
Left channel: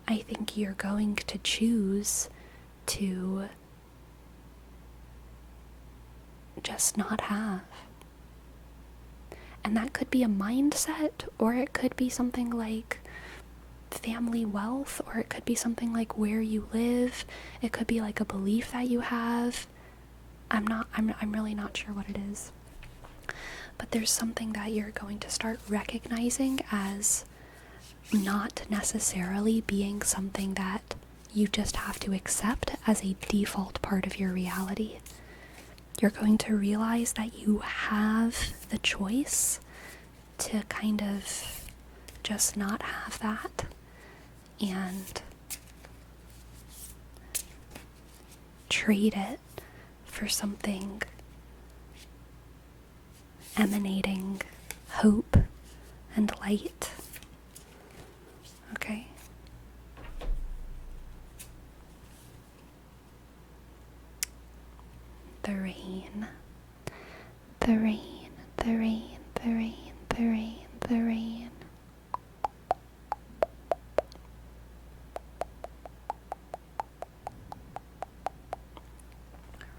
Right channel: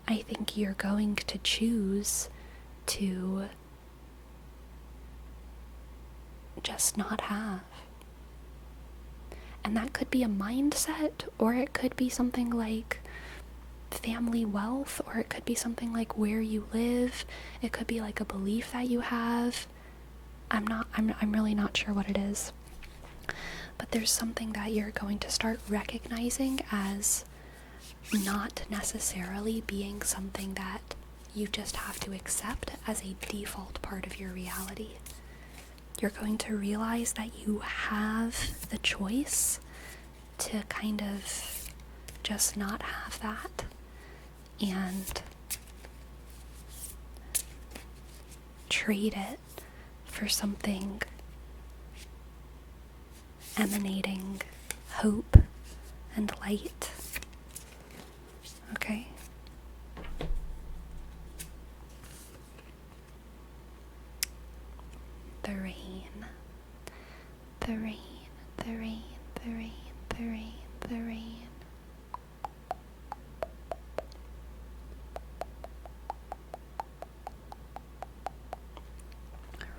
I think you're going to choose to just not have. And that could be a mindset, or it could be something like family wealth, or it could be something like where you live. It could be like a belief that you have. I'm really not sure what it is. But there's something that you're going to start recognizing as not necessarily being something that you just have to accept as a default part of your reality. you're going to realize that you have the choice to kind of just not have that and trade it for something emanating hope and light. Okay? The rain, the rain, the rain, the rain, the rain, the rain.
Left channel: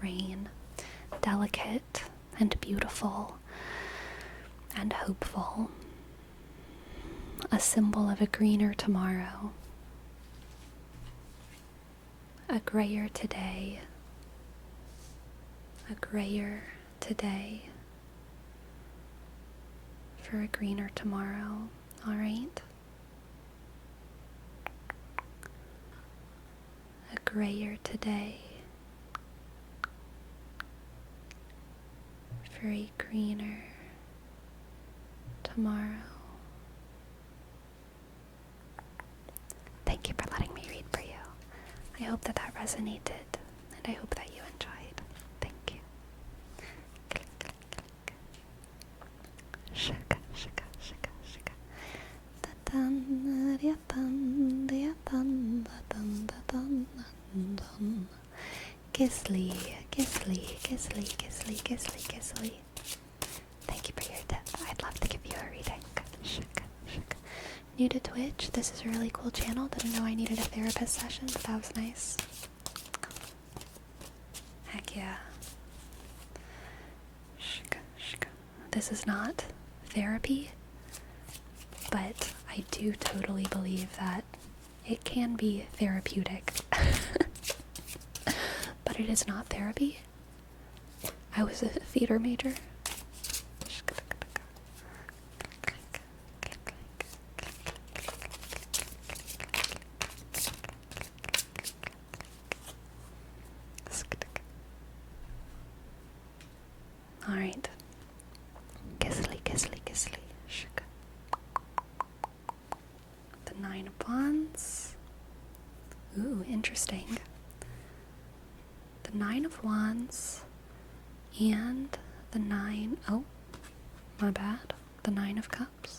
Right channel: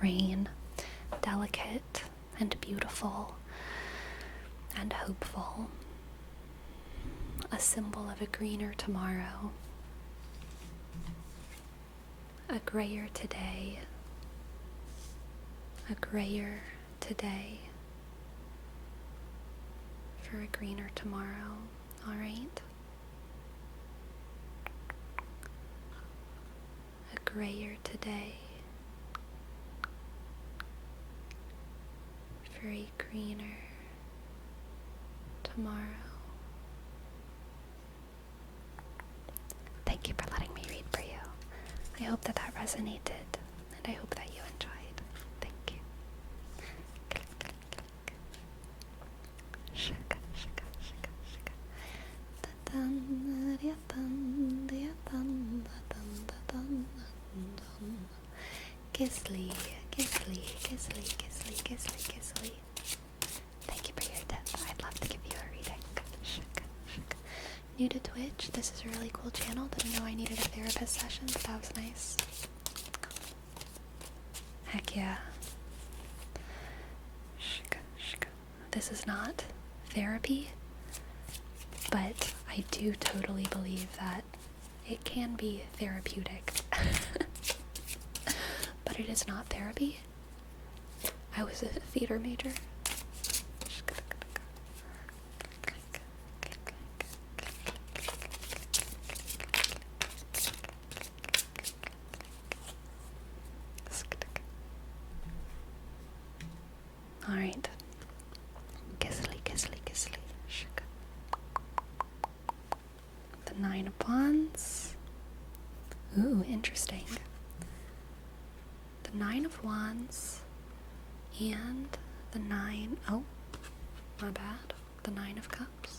Rain, delicate and beautiful and hopeful, a symbol of a greener tomorrow, a grayer today, a grayer today for a greener tomorrow, all right? A grayer today for a greener tomorrow. Thank you for letting me read for you. I hope that resonated, and I hope that you enjoyed. Thank you. Shaka, shaka, shaka, shaka. Da-dun, da-dun, da-dun, da-dun, da-dun, da-dun. Gizzly, Gizzly, Gizzly, Gizzly, Gizzly, Gizzly. Thank you for your tip. I'd love to give you a reading. Shaka, shaka. New to Twitch, this is a really cool channel. Didn't know I needed a therapist session, so that was nice. Heck yeah. Shaka, shaka. This is not therapy, but I do totally believe that it can be therapeutic. But it is not therapy. I was a theater major. Alright. Gizzly, Gizzly, Gizzly. The 9 of Wands. Ooh, interesting. The 9 of Wands and the 9, oh, my bad, the 9 of Cups.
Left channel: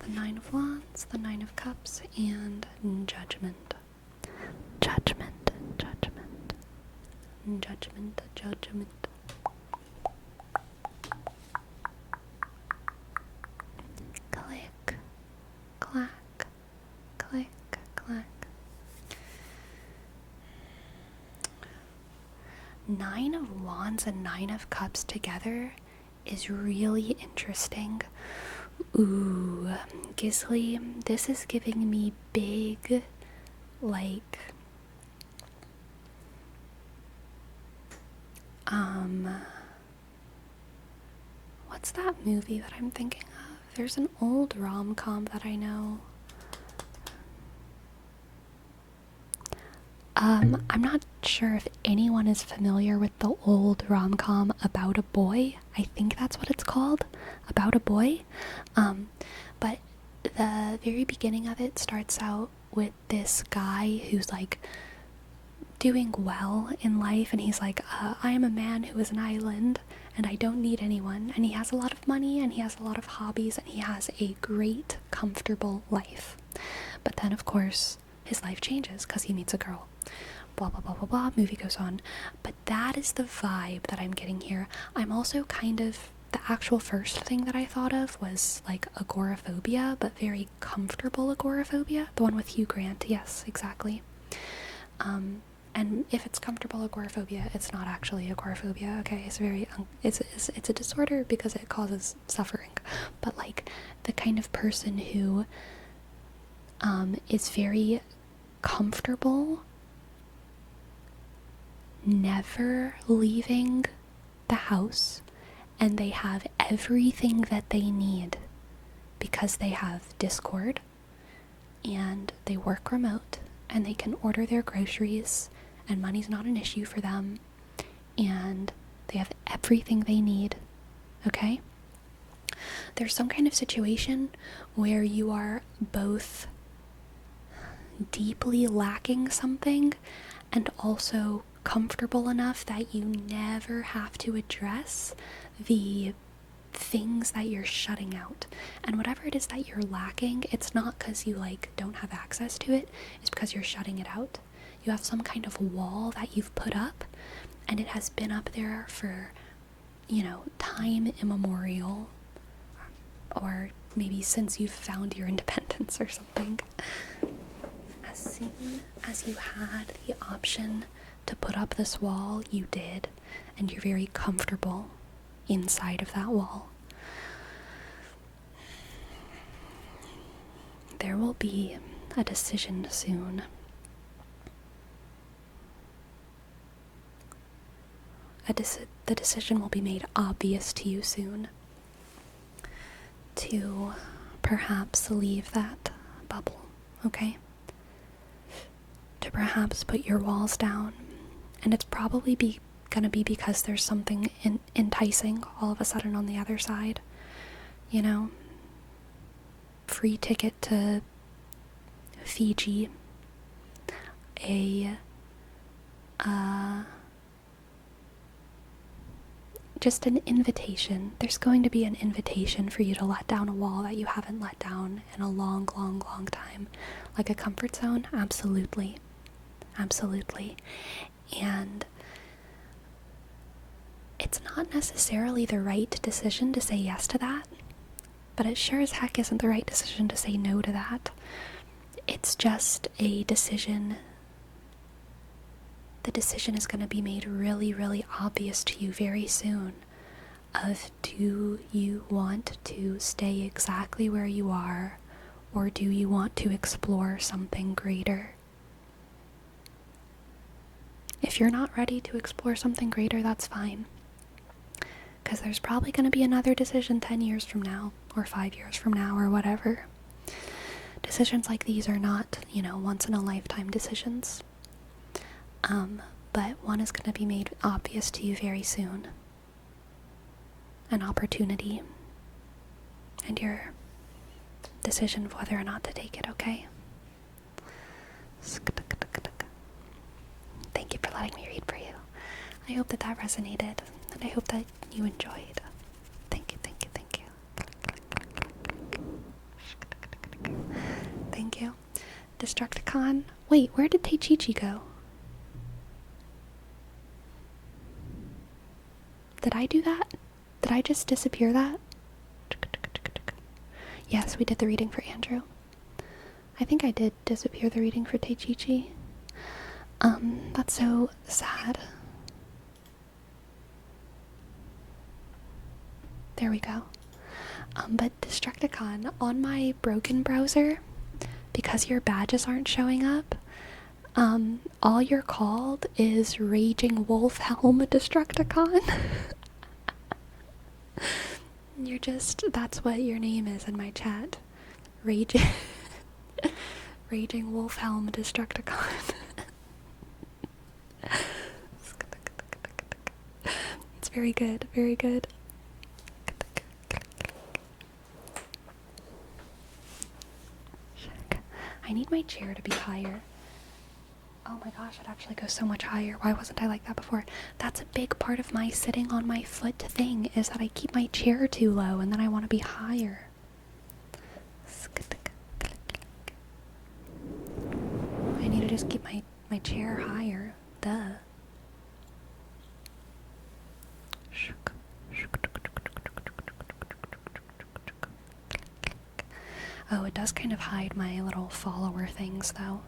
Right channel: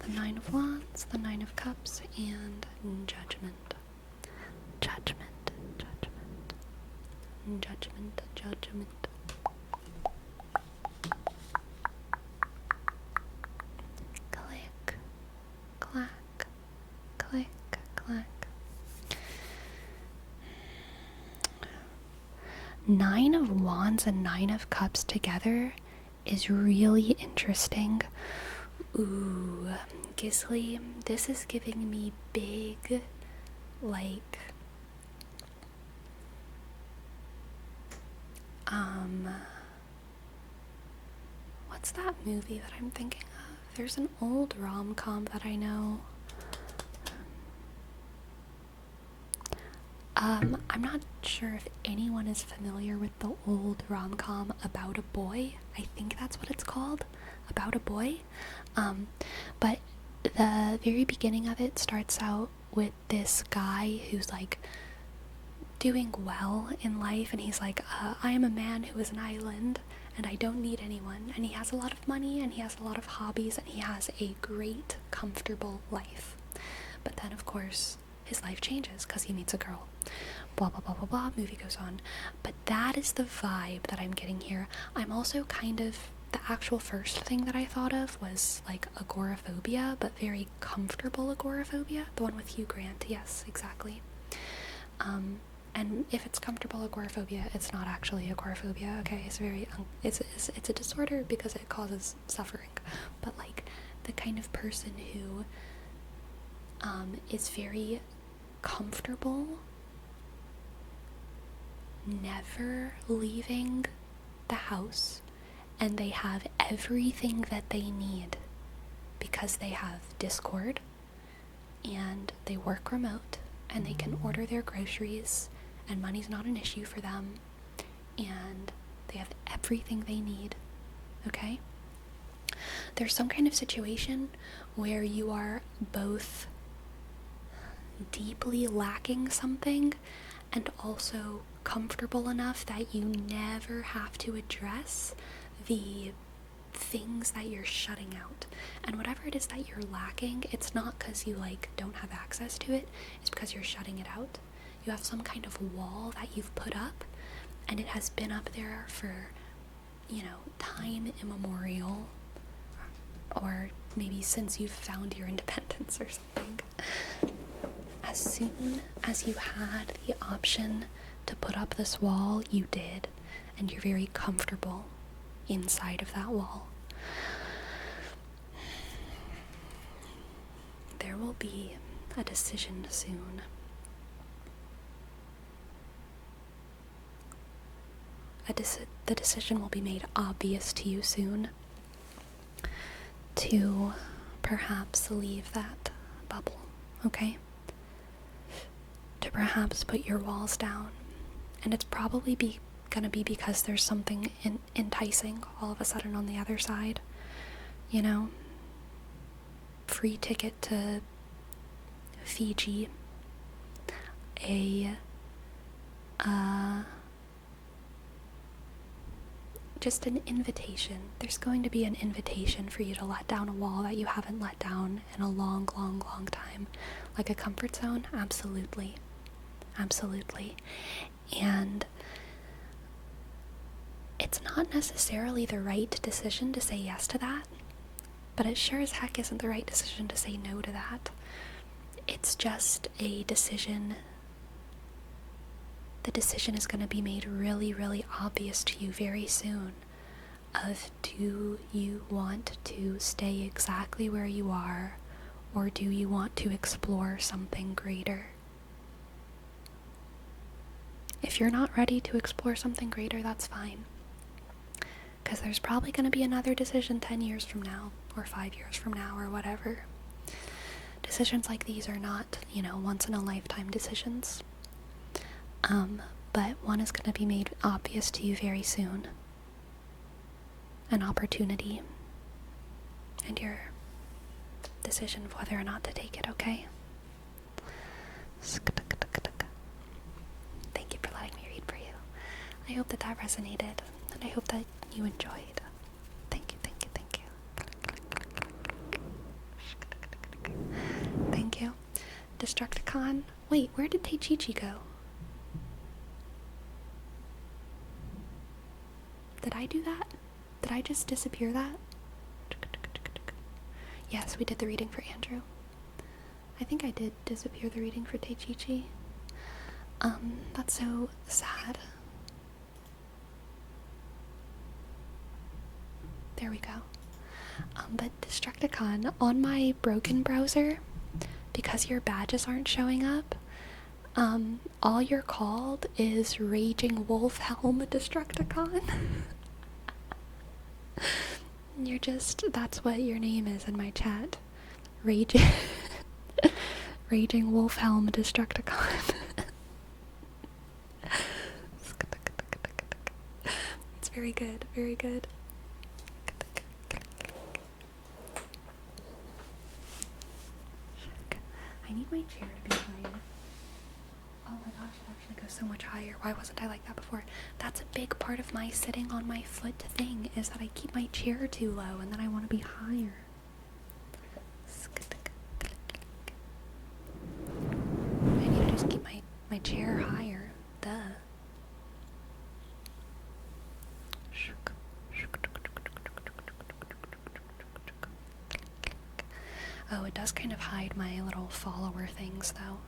The 9 of Wands, the 9 of Cups, and Judgment. Judgment, Judgment, Judgment, Judgment. Click, clack, click, clack. 9 of Wands and 9 of Cups together is really interesting. Ooh, Gizzly, this is giving me big, like, what's that movie that I'm thinking of? There's an old rom-com that I know. I'm not sure if anyone is familiar with the old rom-com About a Boy. I think that's what it's called, About a Boy. But the very beginning of it starts out with this guy who's like doing well in life, and he's like, I am a man who is an island and I don't need anyone, and he has a lot of money and he has a lot of hobbies and he has a great, comfortable life. But then of course his life changes because he meets a girl. Blah blah blah blah blah, movie goes on. But that is the vibe that I'm getting here. I'm also kind of, the actual first thing that I thought of was like agoraphobia, but very comfortable agoraphobia, the one with Hugh Grant. Yes, exactly. And if it's comfortable agoraphobia, it's not actually agoraphobia. Okay, it's very it's a disorder because it causes suffering. But like the kind of person who is very comfortable never leaving the house, and they have everything that they need because they have Discord and they work remote and they can order their groceries and money's not an issue for them, and everything they need, okay? There's some kind of situation where you are both deeply lacking something and also comfortable enough that you never have to address the things that you're shutting out. And whatever it is that you're lacking, it's not because you don't have access to it, it's because you're shutting it out. You have some kind of wall that you've put up, and it has been up there for, time immemorial, or maybe since you've found your independence or something. As soon as you had the option to put up this wall, you did, and you're very comfortable inside of that wall. There will be a decision soon. The decision will be made obvious to you soon to perhaps leave that bubble, okay? To perhaps put your walls down. And it's probably gonna be because there's something enticing all of a sudden on the other side. Free ticket to Fiji, just an invitation. There's going to be an invitation for you to let down a wall that you haven't let down in a long, long, long time. Like a comfort zone? Absolutely. Absolutely. And it's not necessarily the right decision to say yes to that, but it sure as heck isn't the right decision to say no to that. It's just a decision. The decision is going to be made really, really obvious to you very soon of, do you want to stay exactly where you are, or do you want to explore something greater? If you're not ready to explore something greater, that's fine. Because there's probably going to be another decision 10 years from now, or 5 years from now, or whatever. Decisions like these are not, once-in-a-lifetime decisions. But one is going to be made obvious to you very soon. An opportunity. And your decision of whether or not to take it, okay? Thank you for letting me read for you. I hope that resonated, and I hope that you enjoyed. Thank you, thank you, thank you. Thank you. Destructicon. Wait, where did Teichichi go? Did I do that? Did I just disappear that? Yes, we did the reading for Andrew. I think I did disappear the reading for Teichichi. That's so sad. There we go. But Destructicon, on my broken browser, because your badges aren't showing up, all you're called is Raging Wolf Helm Destructicon. That's what your name is in my chat. Raging Wolf Helm Destructicon. It's very good, very good. I need my chair to be higher. Oh my gosh, it actually goes so much higher. Why wasn't I like that before? That's a big part of my sitting on my foot thing, is that I keep my chair too low and then I want to be higher. I need to just keep my chair higher. Duh. Oh, it does kind of hide my little follower things, though.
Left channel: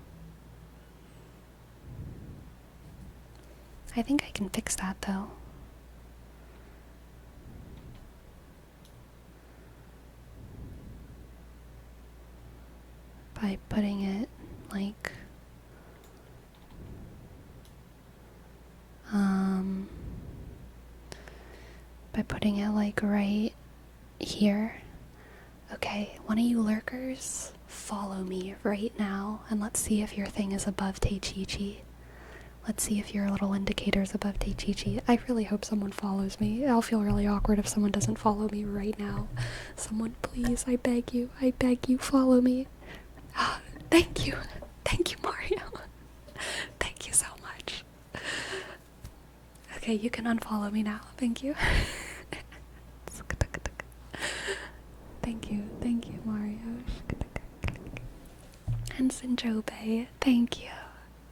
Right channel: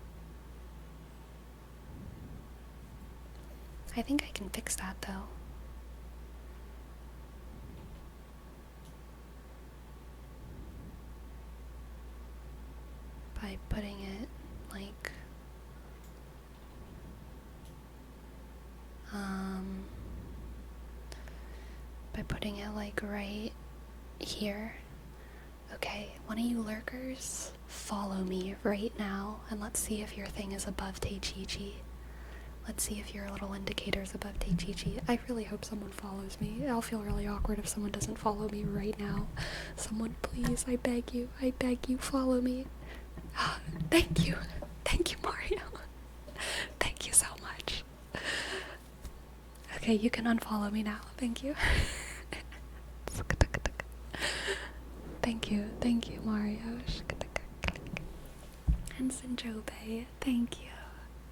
I think I can fix that, though. By putting it, right here. Okay, one of you lurkers, follow me right now, and let's see if your thing is above Teichichi. Let's see if your little indicator's above Teichichi. I really hope someone follows me. I'll feel really awkward if someone doesn't follow me right now. Someone, please, I beg you, follow me. Thank you. Thank you, Mario. Thank you so much. Okay, you can unfollow me now. Thank you. Thank you, Mario. And Sinjobe, thank you.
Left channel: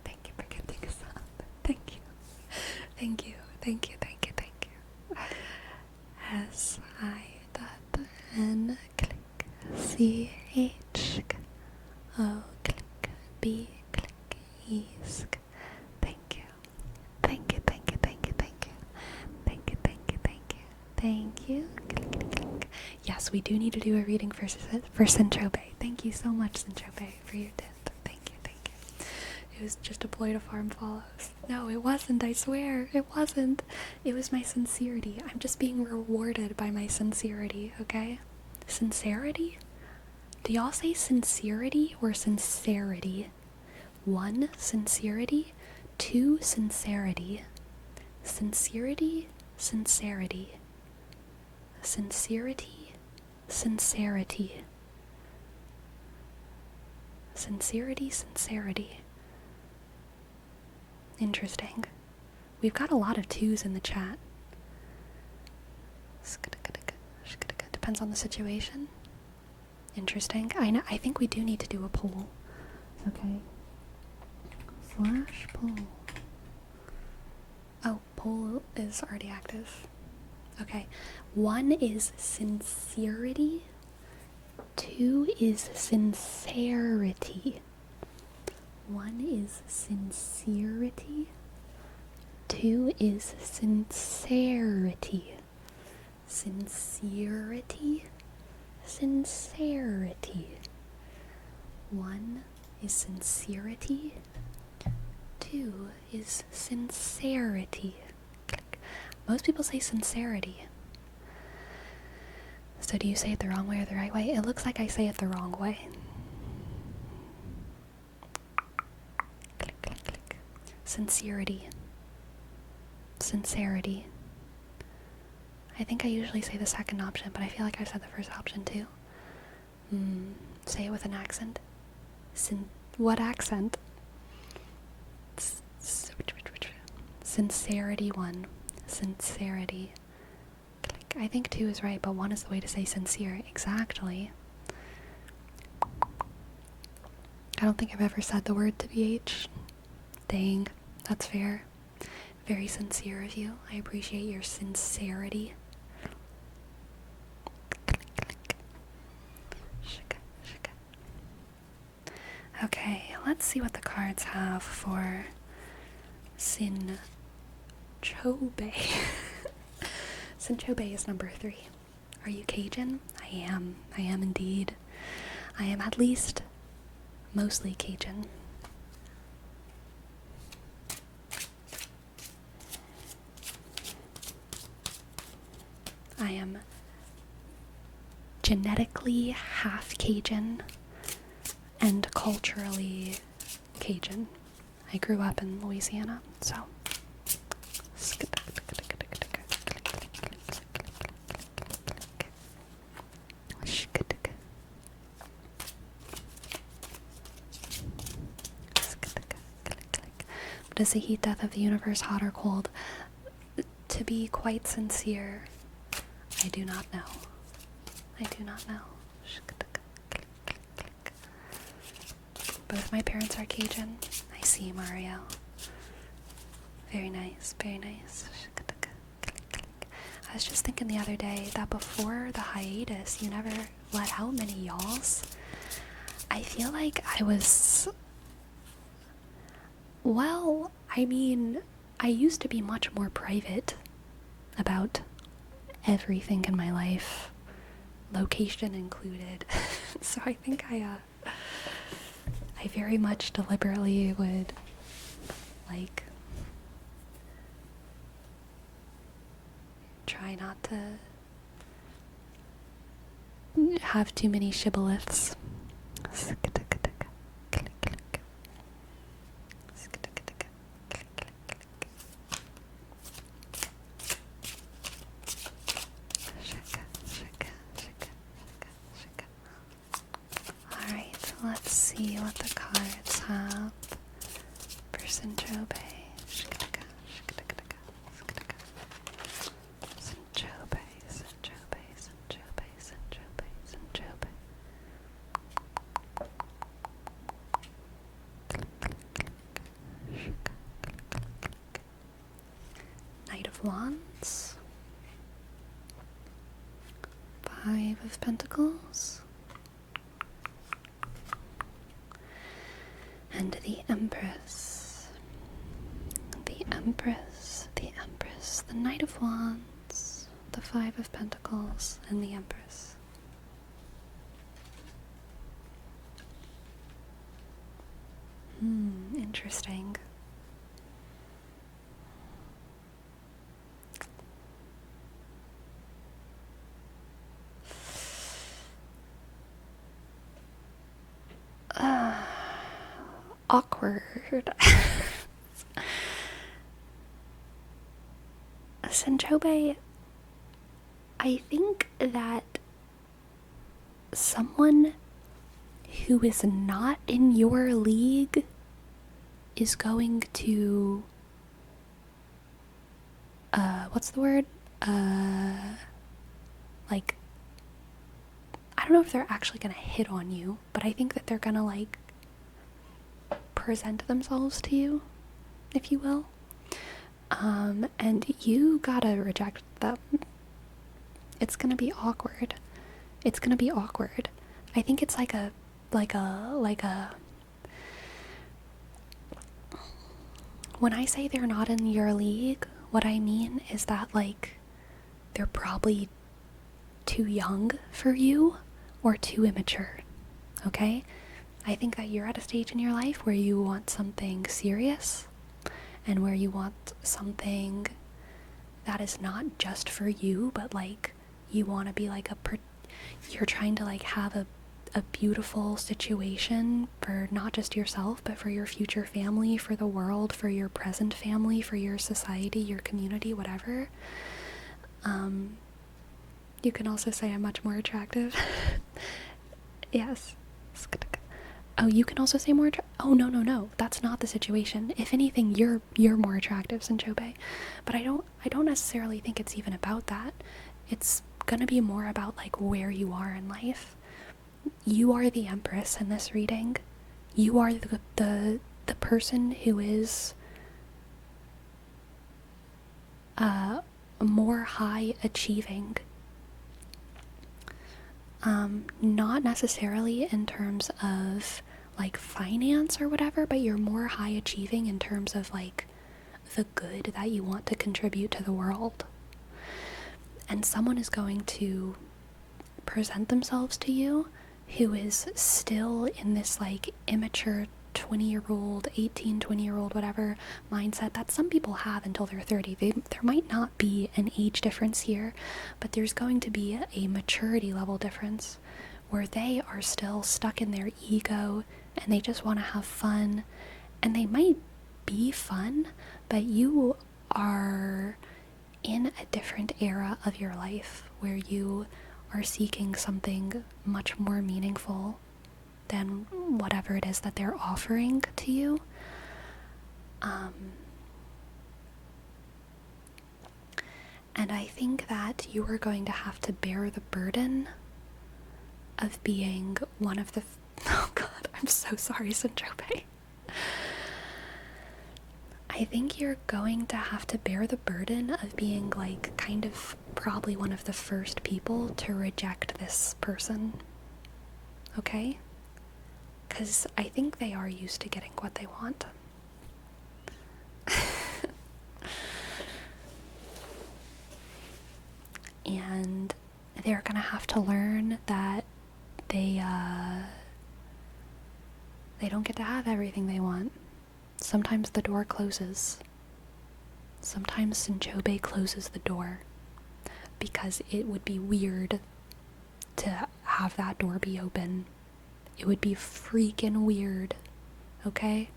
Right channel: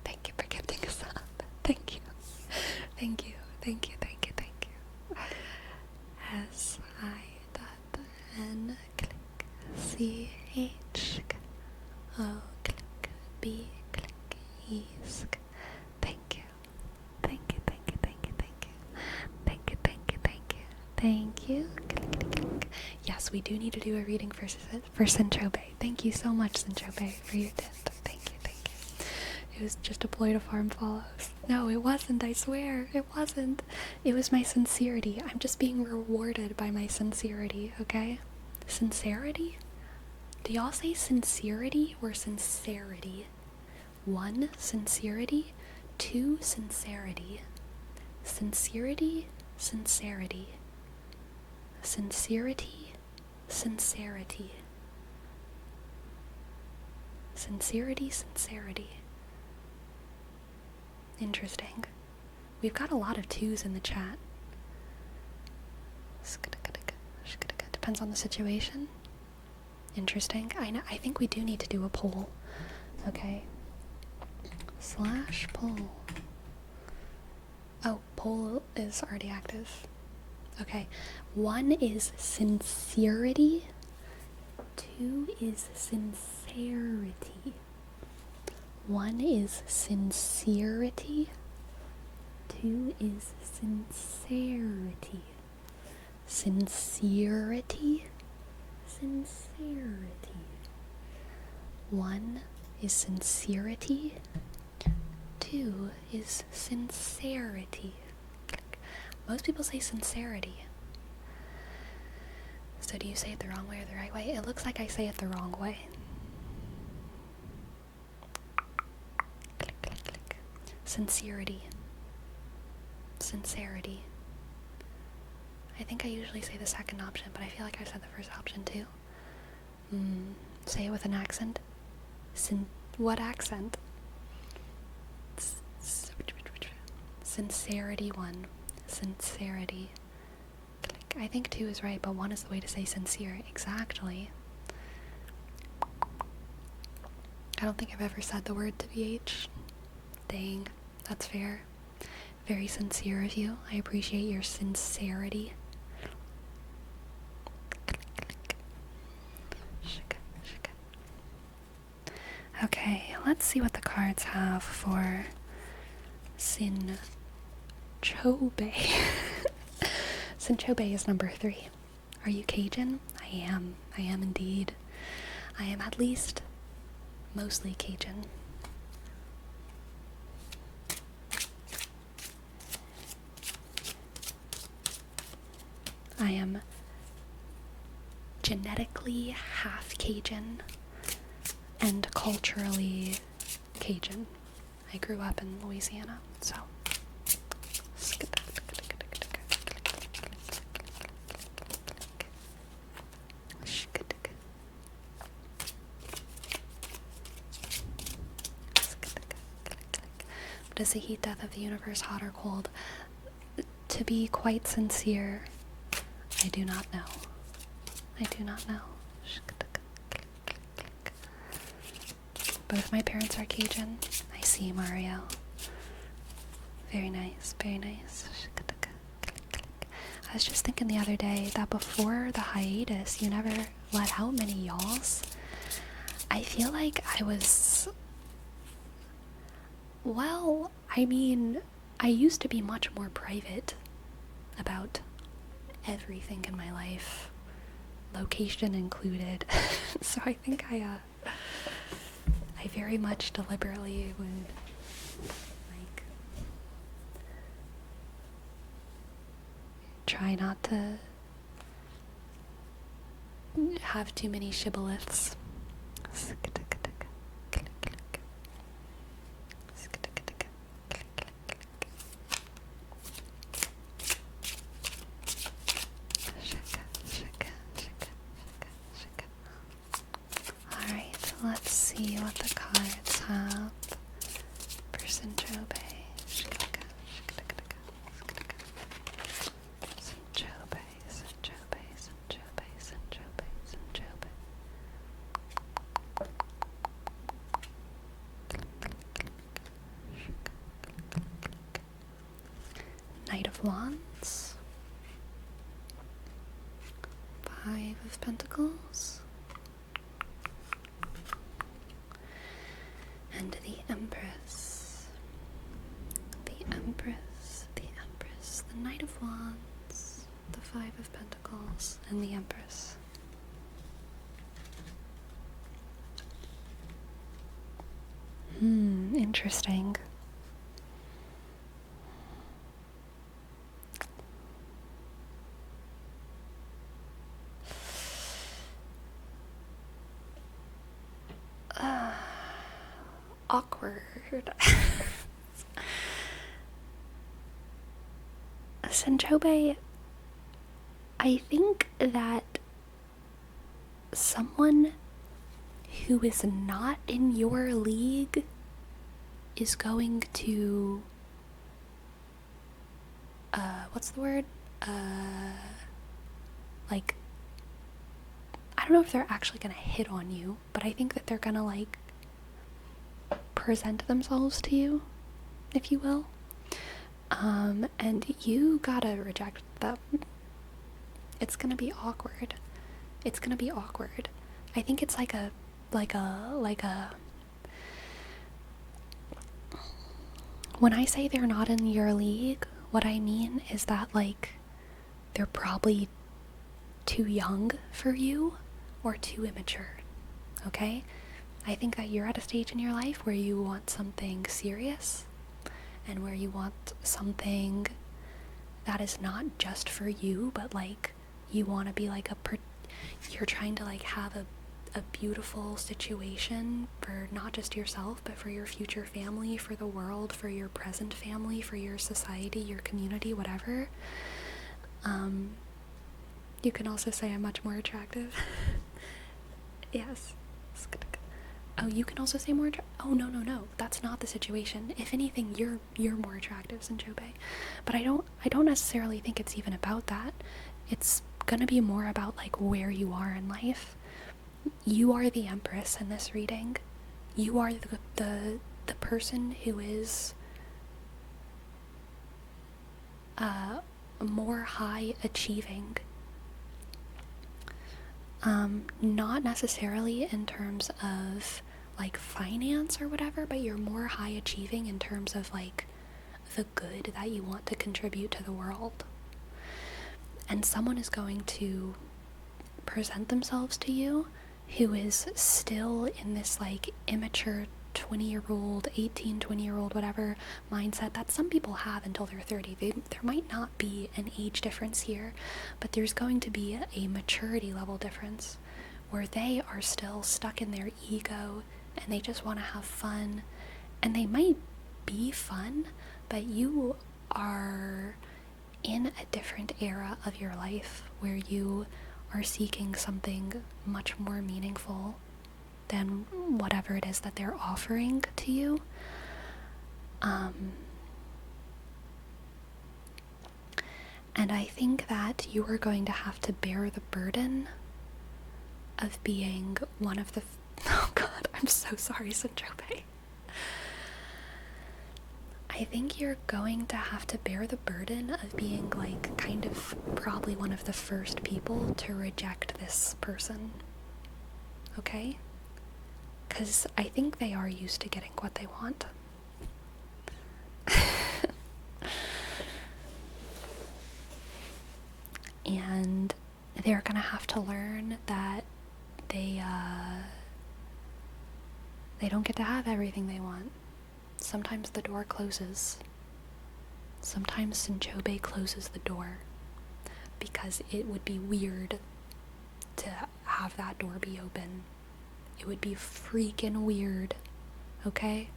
Thank you for gifting us up. Thank you. Thank you. S-I.N click C-H O click B click E-sk. Thank you. Thank you. Yes, we do need to do a reading for Sinchobe. Thank you so much, Sinchobe, for your tip. Thank you. It was just a ploy to farm follows. No, it wasn't, I swear. It wasn't. It was my sincerity. I'm just being rewarded by my sincerity, okay? Sincerity? Do y'all say sincerity or sincerity? 1, sincerity. 2, sincerity. Sincerity. Sincerity. Sincerity. Interesting. We've got a lot of 2s in the chat. Depends on the situation. Interesting. I think we do need to do a poll. Okay. /poll. Oh, poll is already active. Okay. 1 is sincerity. 2 is sincerity. 1 is sincerity. 2 is sincerity. Sincerity. 1 is sincerity. 2 is sincerity. Click. Most people say sincerity. So do you say it the wrong way or the right way? It looks like I say it the wrong way. Click. Sincerity. I think I usually say the second option, but I feel like I've said the first option too. Say it with an accent. What accent? Sincerity 1. Sincerity. Click. I think 2 is right, but 1 is the way to say sincere. Exactly. I don't think I've ever said the word to BH. Dang, that's fair. Very sincere of you. I appreciate your sincerity. Okay, let's see what the cards have for Sinchobe. Sinchobe is number 3. Are you Cajun? I am indeed. I am at least mostly Cajun. I am genetically half Cajun and culturally Cajun. I grew up in Louisiana, so. But is the heat death of the universe hot or cold? To be quite sincere, I do not know. But if my parents are Cajun, I see Mario. Very nice. I was just thinking the other day that before the hiatus, you never let out many y'alls. I feel like I was... Well, I mean, I used to be much more private about everything in my life, location included. So I think I very much deliberately would, like, try not to have too many shibboleths. see what the cards have for Sinchobe. Knight of Wands, Five of Pentacles, and the Empress. The Empress, the Empress, the Knight of Wands, the Five of Pentacles, and the Empress. Interesting. Awkward. Sinchobe, I think that someone who is not in your league is going to, what's the word? Like, I don't know if they're actually gonna hit on you, but I think that they're gonna, like, present themselves to you, if you will. And you gotta reject them. It's gonna be awkward. It's gonna be awkward. I think it's like a when I say they're not in your league, what I mean is that, like, they're probably too young for you or too immature, okay? I think that you're at a stage in your life where you want something serious and where you want something that is not just for you, but, like, you want to be like you're trying to, like, have a beautiful situation for not just yourself, but for your future family, for the world, for your present family, for your society, your community, whatever. You can also say I'm much more attractive. Yes. Oh, you can also say more oh, no, that's not the situation. If anything, you're more attractive, Sinchobe. But I don't necessarily think it's even about that. It's gonna be more about, like, where you are in life. You are the Empress in this reading. You are the person who is more high achieving. Not necessarily in terms of, like, finance or whatever, but you're more high achieving in terms of, like, the good that you want to contribute to the world. And someone is going to present themselves to you who is still in this, like, immature 20-year-old, 18, 20-year-old, whatever mindset that some people have until they're 30. There might not be an age difference here, but there's going to be a maturity level difference where they are still stuck in their ego and they just want to have fun. And they might be fun, but you are in a different era of your life where you are seeking something much more meaningful than whatever it is that they're offering to you. And I think that you are going to have to bear the burden of being one of the oh god, I'm so sorry, Sinchobe. I think you're going to have to bear the burden of being, like, kind of probably one of the first people to reject this person. Okay? Because I think they are used to getting what they want. And they're gonna have to learn that they don't get to have everything they want. Sometimes the door closes. Sometimes Sinchobe closes the door because it would be weird to have that door be open. It would be freaking weird. Okay?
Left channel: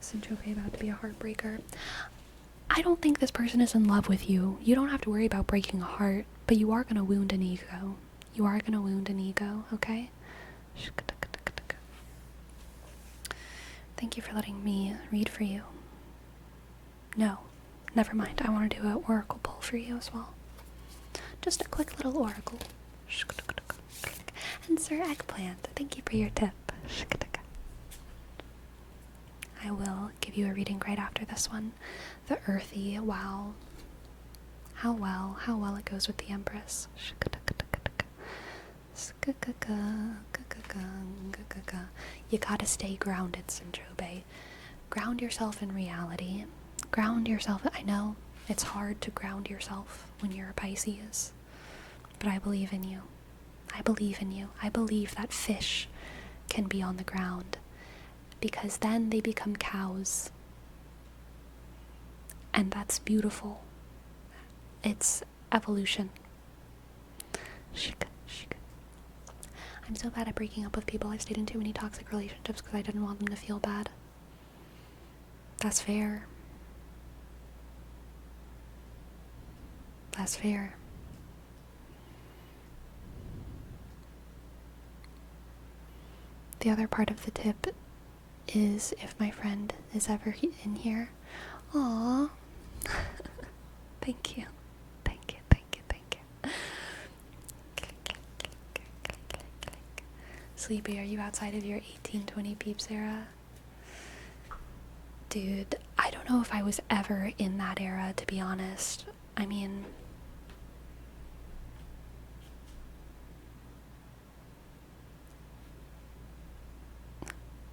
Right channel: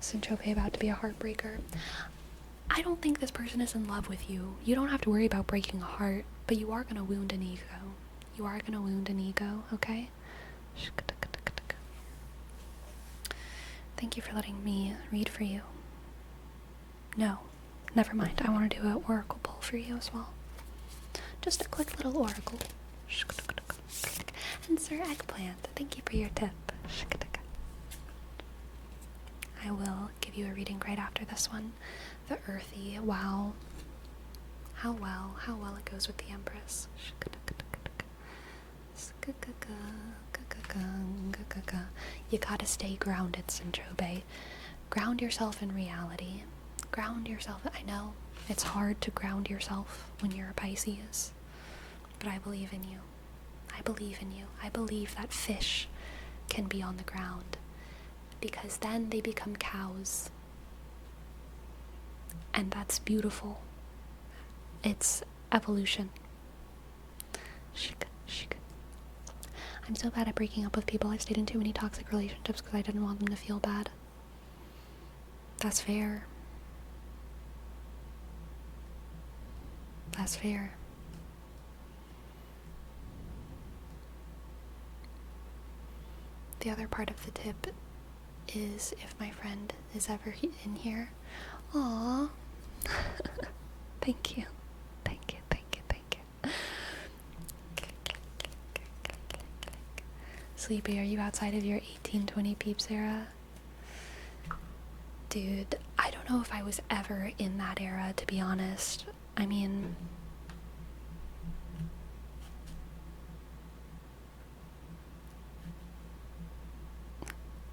Sinchobe about to be a heartbreaker. I don't think this person is in love with you. You don't have to worry about breaking a heart, but you are gonna wound an ego. You are gonna wound an ego, okay? Thank you for letting me read for you. No, never mind. I want to do an oracle pull for you as well. Just a quick little oracle. And Sir Eggplant, thank you for your tip. I will give you a reading right after this one. The earthy, wow. How well it goes with the Empress. You gotta stay grounded, Sinjobe. Ground yourself in reality. Ground yourself. I know it's hard to ground yourself when you're a Pisces, but I believe in you. I believe in you. I believe that fish can be on the ground, because then they become cows. And that's beautiful. It's evolution. I'm so bad at breaking up with people. I've stayed in too many toxic relationships because I didn't want them to feel bad. That's fair. That's fair. The other part of the tip is if my friend is ever in here. Aww. Thank you. Thank you, thank you, thank you. Sleepy, are you outside of your 1820 peeps era? Dude, I don't know if I was ever in that era, to be honest. I mean,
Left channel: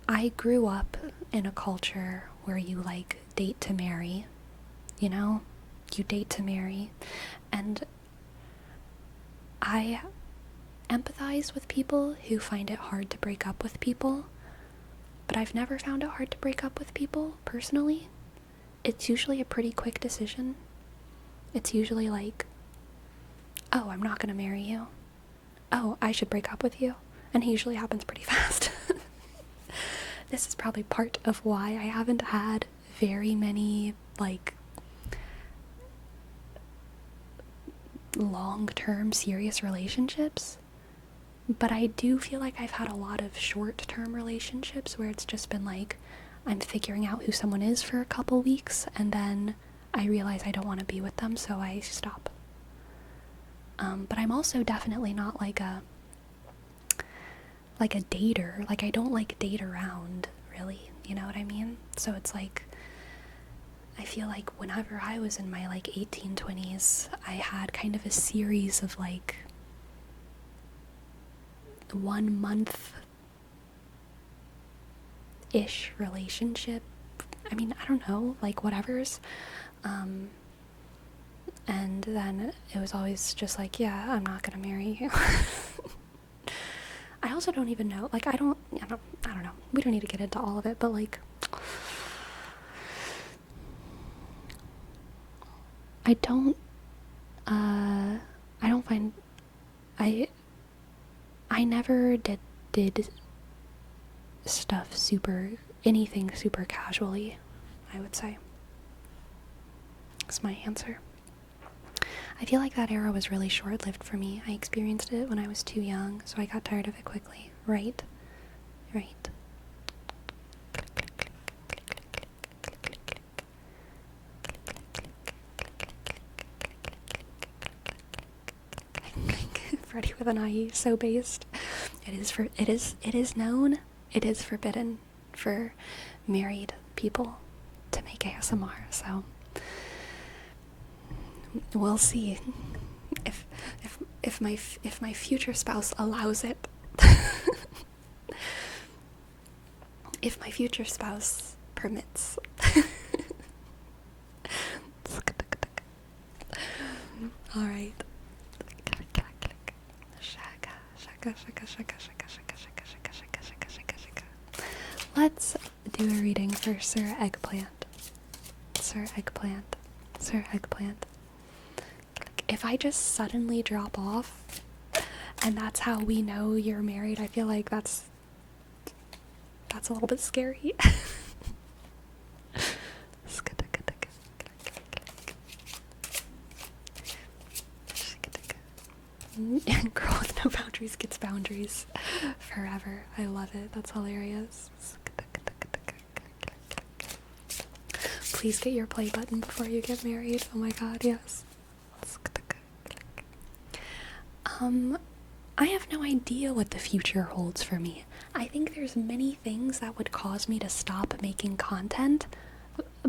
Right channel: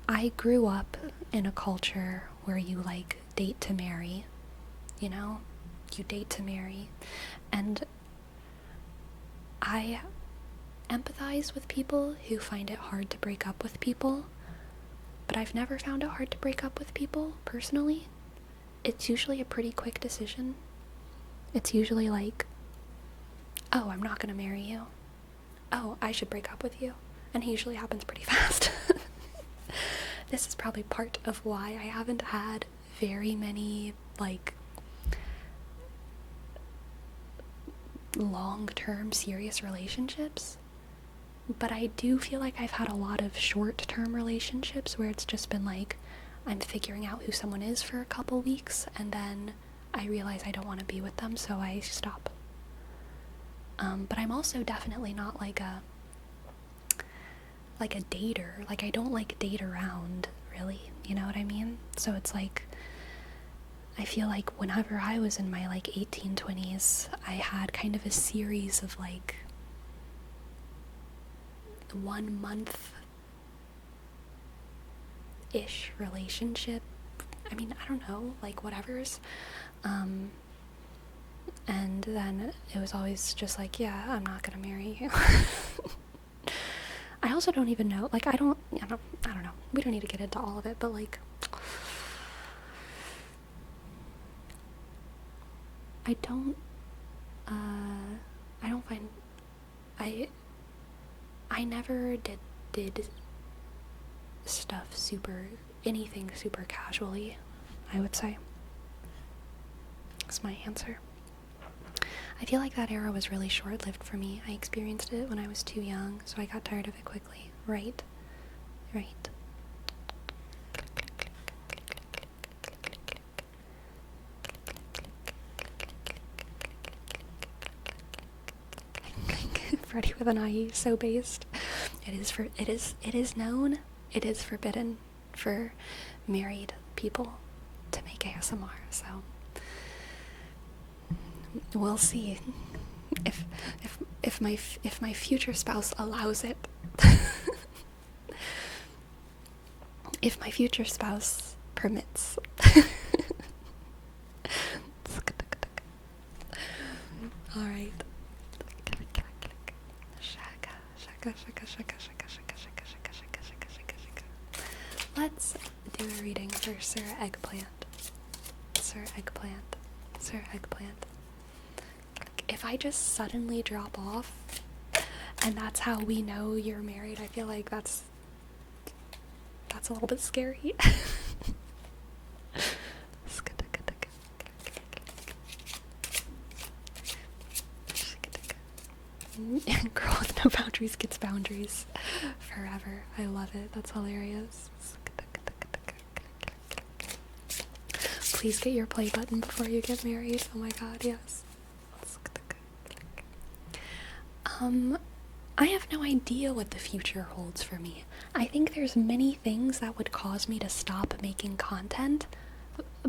I grew up in a culture where you, like, date to marry, you know? You date to marry. And I empathize with people who find it hard to break up with people, but I've never found it hard to break up with people, personally. It's usually a pretty quick decision. It's usually like, oh, I'm not gonna marry you. Oh, I should break up with you. And it usually happens pretty fast. This is probably part of why I haven't had very many, like, long-term serious relationships. But I do feel like I've had a lot of short-term relationships where it's just been like, I'm figuring out who someone is for a couple weeks, and then I realize I don't want to be with them, so I stop. But I'm also definitely not like a dater. Like, I don't like date around, really, you know what I mean? So it's like, I feel like whenever I was in my, like, 1820s, I had kind of a series of, like, 1 month-ish relationship. I mean, I don't know, like, whatever's. And then it was always just like, yeah, I'm not gonna marry you. I also don't even know, like, I don't know. We don't need to get into all of it, but, like, I don't find, I never did stuff anything super casually, I would say. That's my answer. I feel like that era was really short-lived for me. I experienced it when I was too young, so I got tired of it quickly. Right. Freddy with an IE, so based. It is known, it is forbidden for married people to make ASMR, so we'll see if my future spouse allows it. If my future spouse permits. All right. Let's do a reading for Sir Eggplant. Sir Eggplant. If I just suddenly drop off and that's how we know you're married, I feel like that's a little bit scary. Girl with no boundaries gets boundaries forever. I love it. That's hilarious. Please get your play button before you get married. Oh my god, yes. I have no idea what the future holds for me. I think there's many things that would cause me to stop making content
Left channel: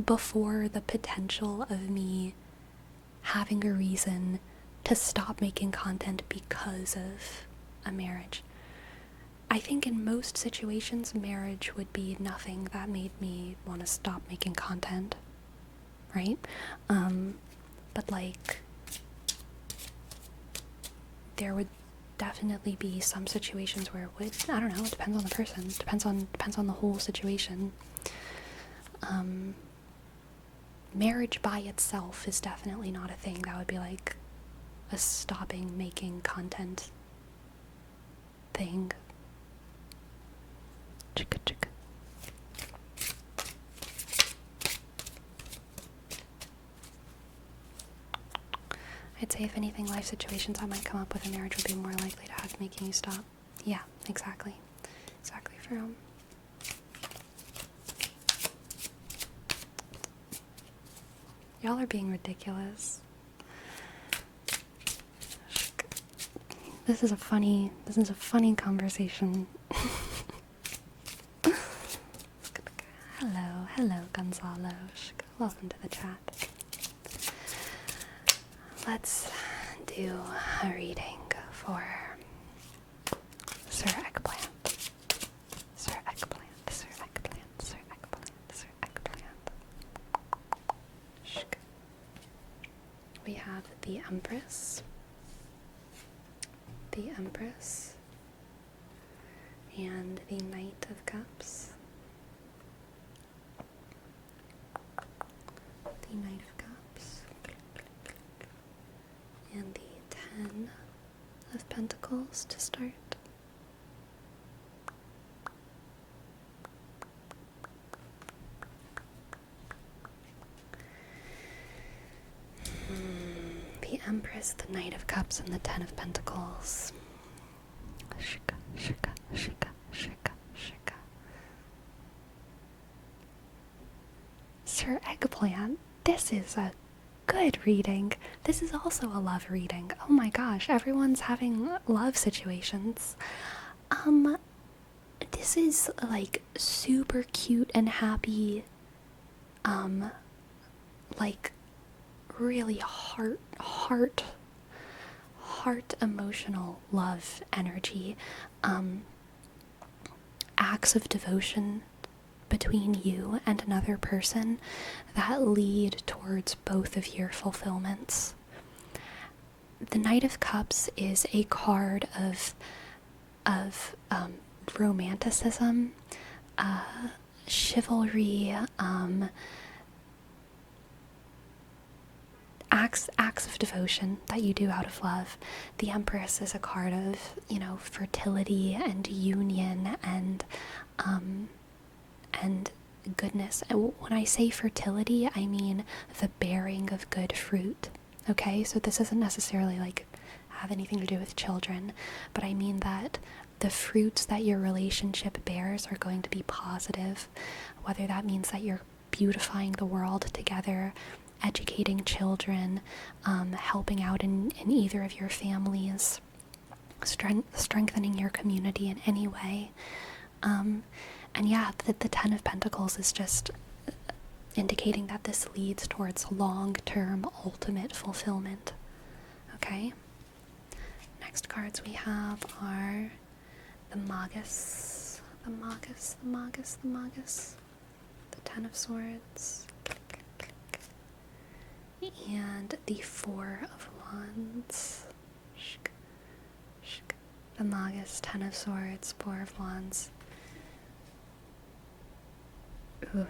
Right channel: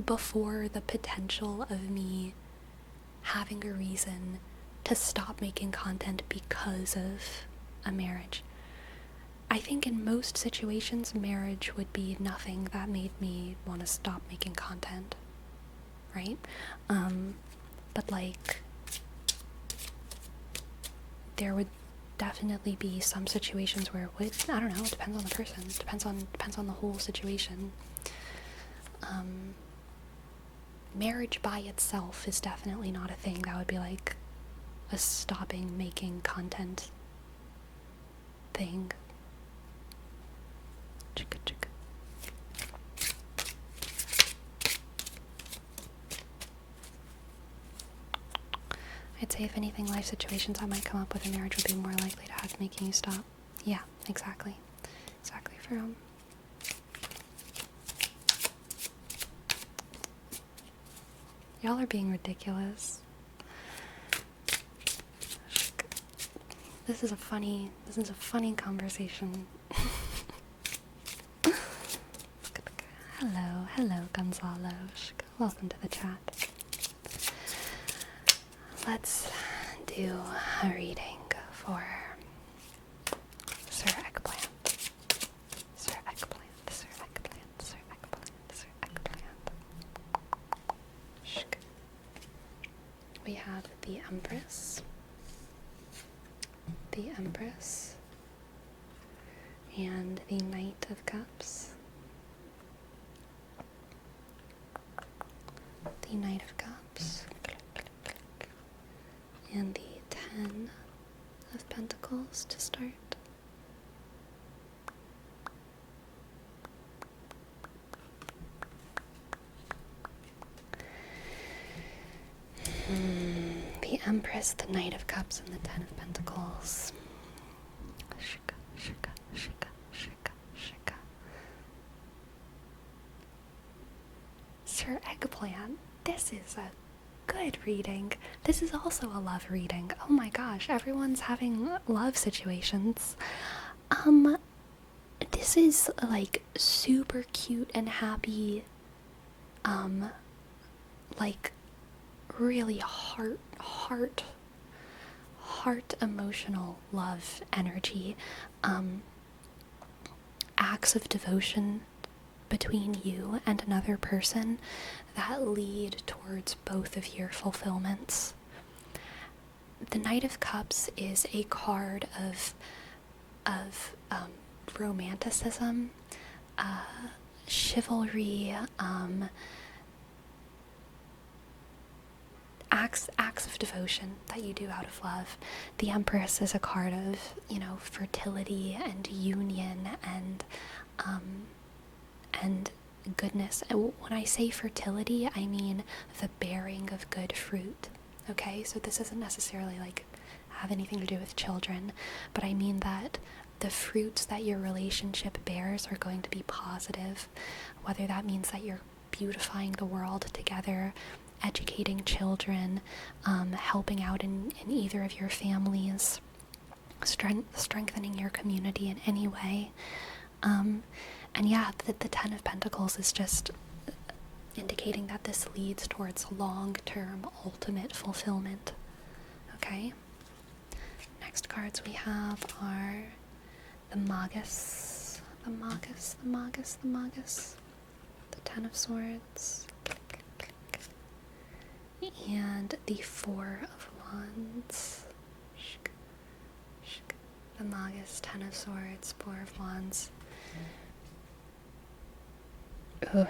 before the potential of me having a reason to stop making content because of a marriage. I think in most situations, marriage would be nothing that made me want to stop making content, right? But like, there would definitely be some situations where it would, I don't know, it depends on the person, depends on the whole situation. Marriage by itself is definitely not a thing that would be like a stopping making content thing. Chicka chicka. I'd say if anything, life situations that might come up with a marriage would be more likely to have making you stop. Yeah, exactly. Exactly, From. Y'all are being ridiculous. This is a funny conversation. Hello, Gonzalo. Welcome to the chat. Let's do a reading for Sir Eggplant. Sir Eggplant, Sir Eggplant, Sir Eggplant, Sir Eggplant. We have the Empress, and the Knight of Cups. The Knight of Cups. And the 10 of Pentacles to start. The Empress, the Knight of Cups, and the 10 of Pentacles. Shika, shika, shika, shika, shika. Sir Eggplant, this is a good reading. This is also a love reading. Oh my gosh, everyone's having love situations. This is like super cute and happy, like really heart emotional love energy, acts of devotion between you and another person that lead towards both of your fulfillments. The Knight of Cups is a card of romanticism, chivalry, acts of devotion that you do out of love. The Empress is a card of, fertility and union and goodness. When I say fertility, I mean the bearing of good fruit. Okay, so this doesn't necessarily have anything to do with children, but I mean that the fruits that your relationship bears are going to be positive, whether that means that you're beautifying the world together, educating children, helping out in either of your families, strengthening your community in any way. And yeah, the 10 of Pentacles is just indicating that this leads towards long-term ultimate fulfillment. Okay? Next cards we have are the Magus, the 10 of Swords, and the 4 of Wands. The Magus, 10 of Swords, 4 of Wands. Oof.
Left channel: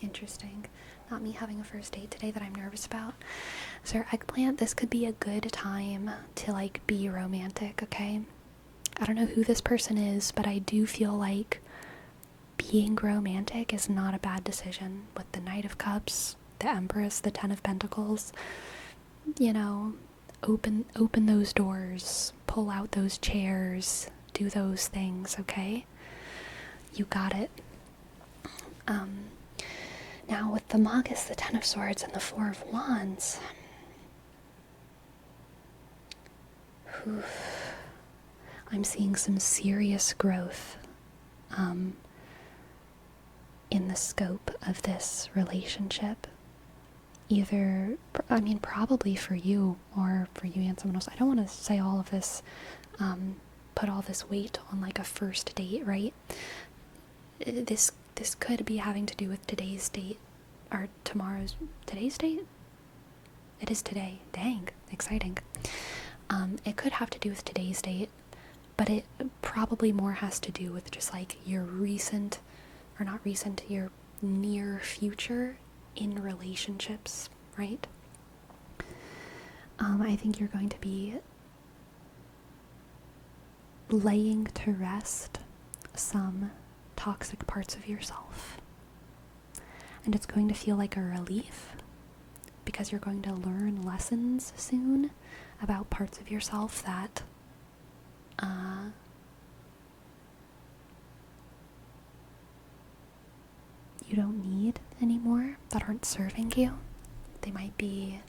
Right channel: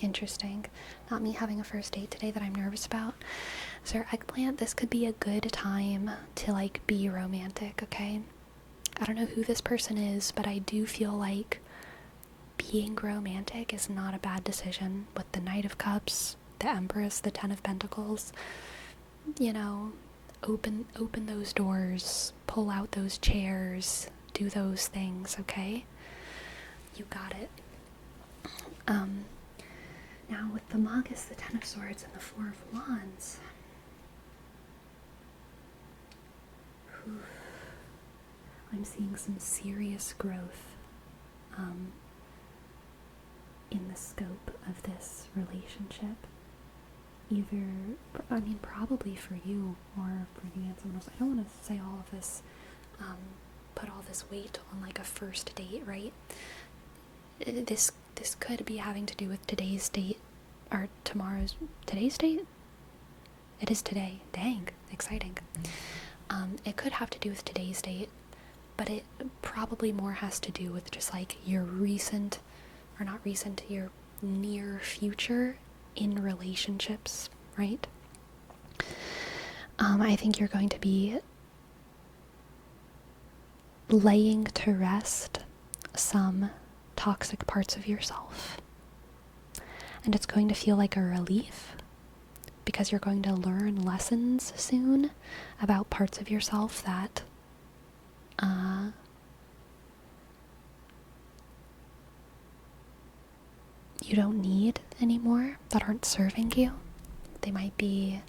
Interesting. Not me having a first date today that I'm nervous about. Sir Eggplant, this could be a good time to be romantic, okay? I don't know who this person is, but I do feel like being romantic is not a bad decision. With the Knight of Cups, the Empress, the 10 of Pentacles, open those doors, pull out those chairs, do those things, okay? You got it. Now with the Magus, the Ten of Swords, and the Four of Wands, I'm seeing some serious growth in the scope of this relationship. Either, probably for you or for you and someone else. I don't want to say all of this, put all this weight on like a first date, right? This could be having to do with today's date, or today's date? It is today. Dang, exciting. It could have to do with today's date, but it probably more has to do with just like your your near future in relationships, right? I think you're going to be laying to rest some toxic parts of yourself. And it's going to feel like a relief because you're going to learn lessons soon about parts of yourself that you don't need anymore, that aren't serving you. They might be,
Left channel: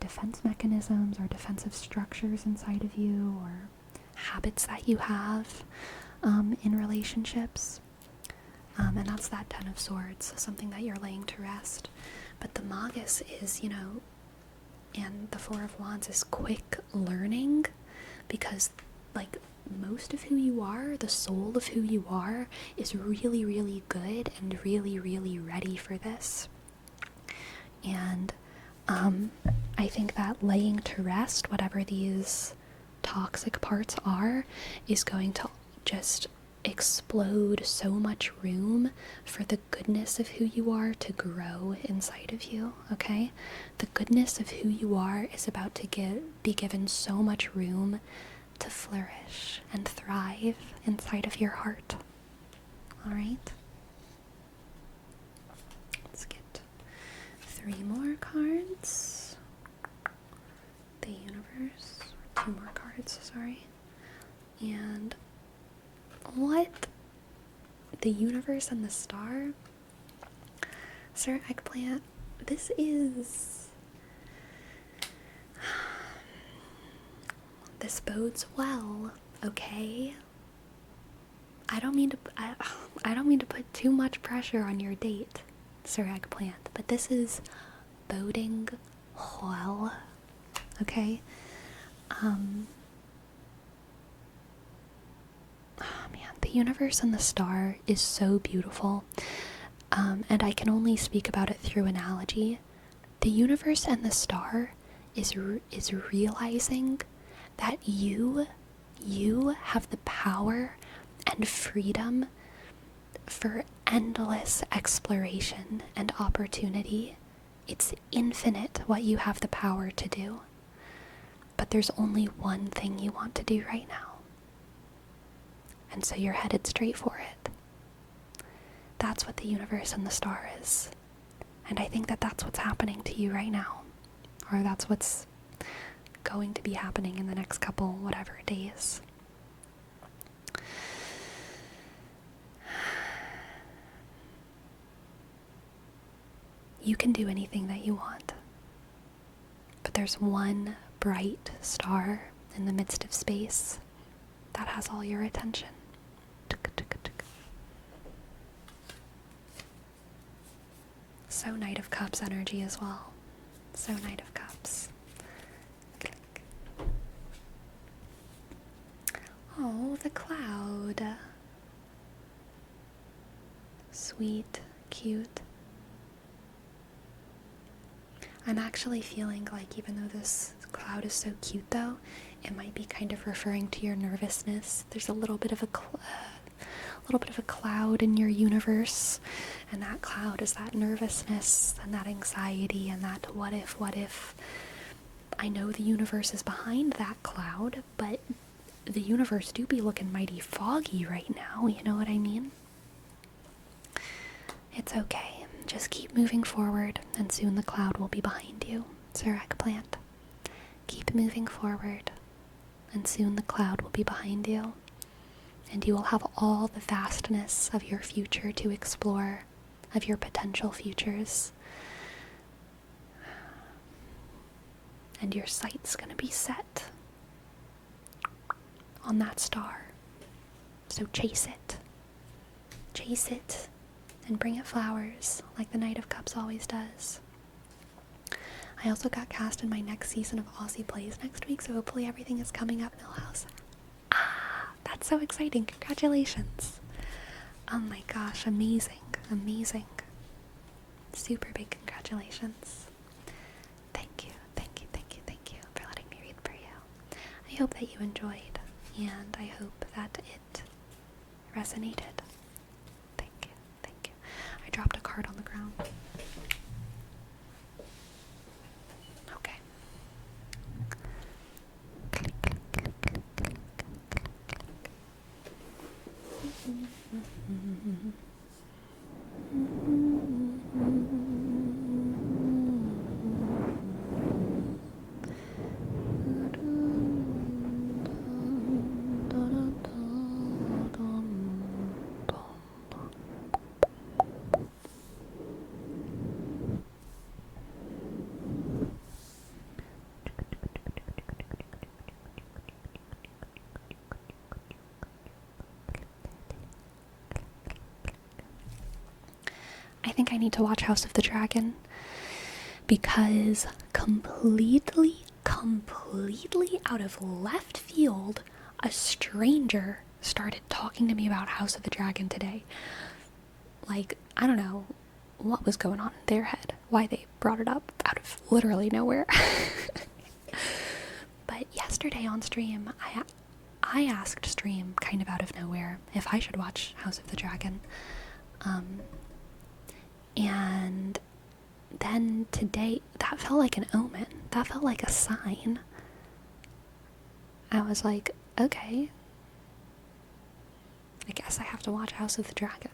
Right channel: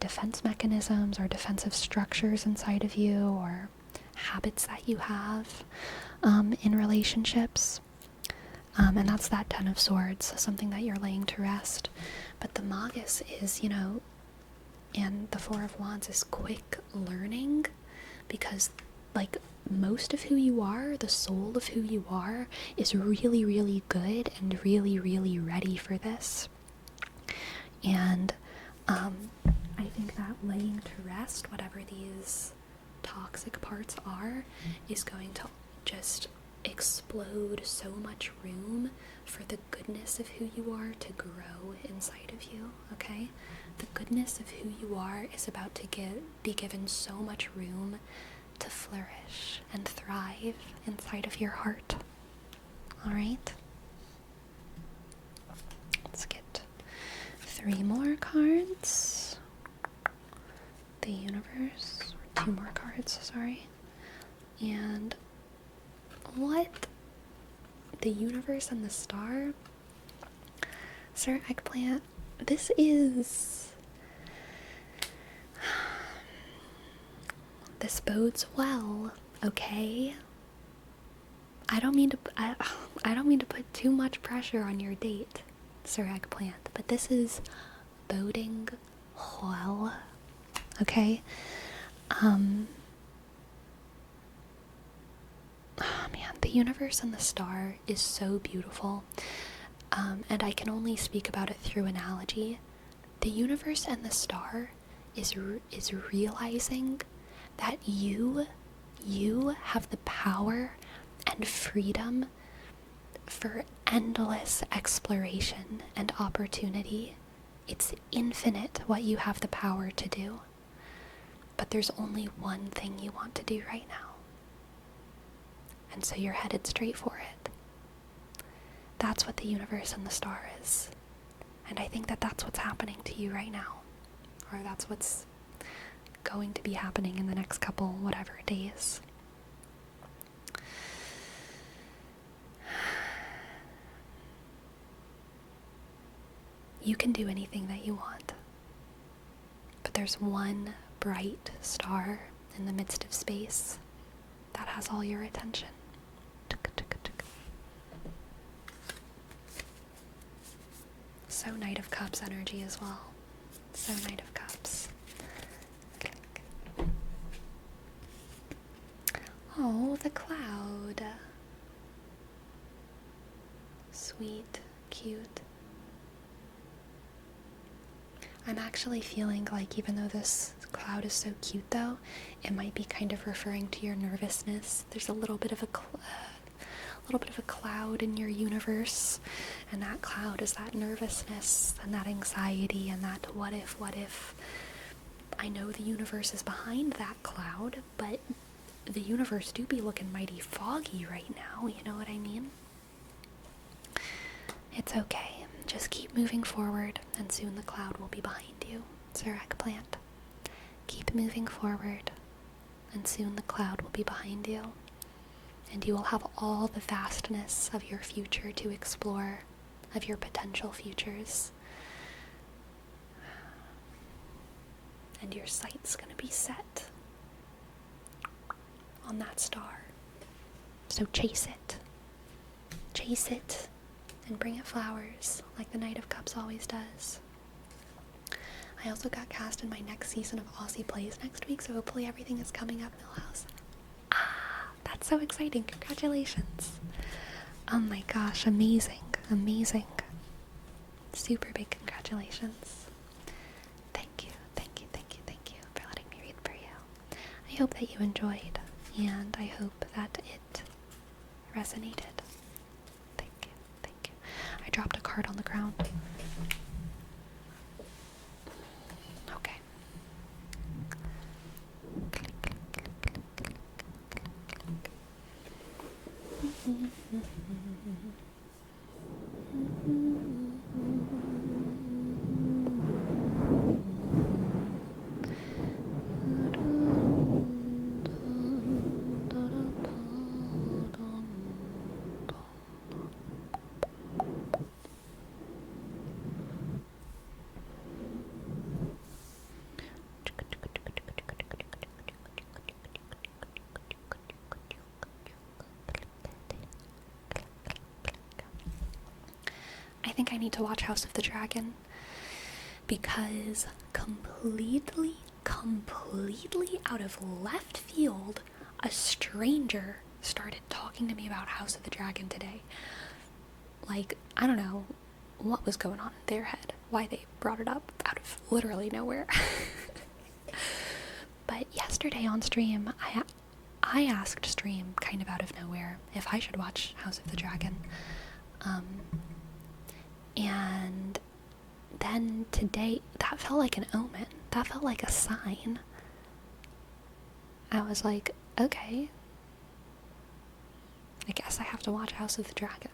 defense mechanisms or defensive structures inside of you, or habits that you have in relationships. And that's that Ten of Swords, something that you're laying to rest. But the Magus is, and the Four of Wands is quick learning, because like most of who you are, the soul of who you are, is really, really good and really, really ready for this. And I think that laying to rest whatever these toxic parts are is going to just explode so much room for the goodness of who you are to grow inside of you, okay? The goodness of who you are is about to be given so much room to flourish and thrive inside of your heart. Alright? Let's get 3 more cards. The universe. 2 more cards, sorry. And what? The universe and the star? Sir Eggplant, this bodes well, okay? I don't mean to put too much pressure on your date, Sir Eggplant, but this is boding well, okay? Oh man, the universe and the star is so beautiful, and I can only speak about it through analogy. The universe and the star is realizing that you have the power and freedom for endless exploration and opportunity. It's infinite what you have the power to do. But there's only one thing you want to do right now. And so you're headed straight for it. That's what the universe and the star is. And I think that that's what's happening to you right now. Or that's what's going to be happening in the next couple, whatever, days. You can do anything that you want. But there's one bright star in the midst of space that has all your attention. So Knight of Cups energy as well. So Knight of Cups. Oh, the cloud. Sweet, cute. I'm actually feeling like, even though this cloud is so cute though, it might be kind of referring to your nervousness. There's a little bit of a cloud in your universe, and that cloud is that nervousness and that anxiety and that what if. I know the universe is behind that cloud, but the universe do be looking mighty foggy right now, you know what I mean? It's okay. Just keep moving forward, and soon the cloud will be behind you, Sir Eggplant. Keep moving forward, and soon the cloud will be behind you. and you will have all the vastness of your future to explore, of your potential futures. And your sight's gonna be set on that star. So chase it. Chase it and bring it flowers like the Knight of Cups always does. I also got cast in my next season of Aussie Plays next week, so hopefully everything is coming up, Millhouse. Ah, that's so exciting. Congratulations. Oh my gosh, amazing. Amazing. Super big congratulations. Thank you, thank you, thank you, thank you for letting me read for you. I hope that you enjoyed, and I hope that it resonated. Thank you, thank you. I dropped a card on the ground. Okay. I think I need to watch House of the Dragon because completely out of left field, a stranger started talking to me about House of the Dragon today. Like, I don't know what was going on in their head, why they brought it up out of literally nowhere. But yesterday on stream, I asked stream kind of out of nowhere if I should watch House of the Dragon. And then today, that felt like an omen. That felt like a sign. I was like, okay, I guess I have to watch House of the Dragon.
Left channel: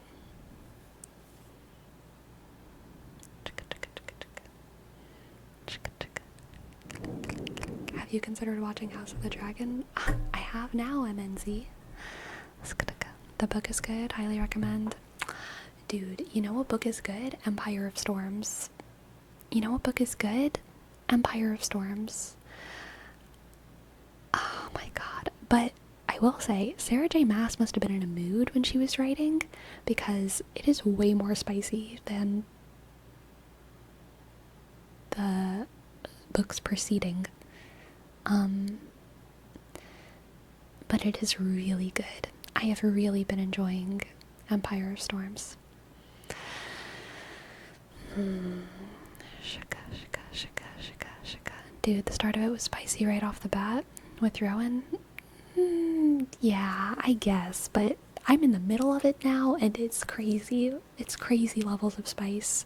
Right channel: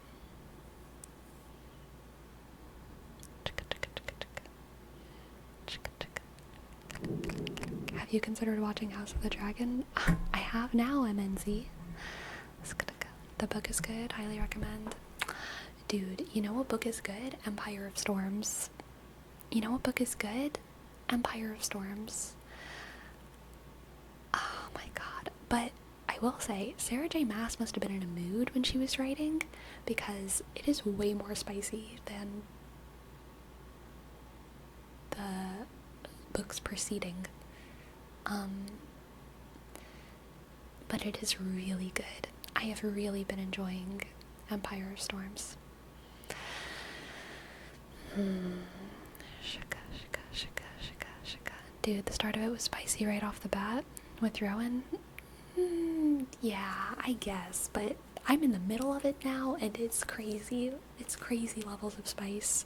Have you considered watching House of the Dragon? I have now, MNZ. The book is good, highly recommend. Dude, you know what book is good? Empire of Storms. You know what book is good? Empire of Storms. Oh my god. But I will say, Sarah J. Maas must have been in a mood when she was writing, because it is way more spicy than the books preceding. But it is really good. I have really been enjoying Empire of Storms. Dude, the start of it was spicy right off the bat with Rowan. Yeah, I guess, but I'm in the middle of it now, and it's crazy. It's crazy levels of spice.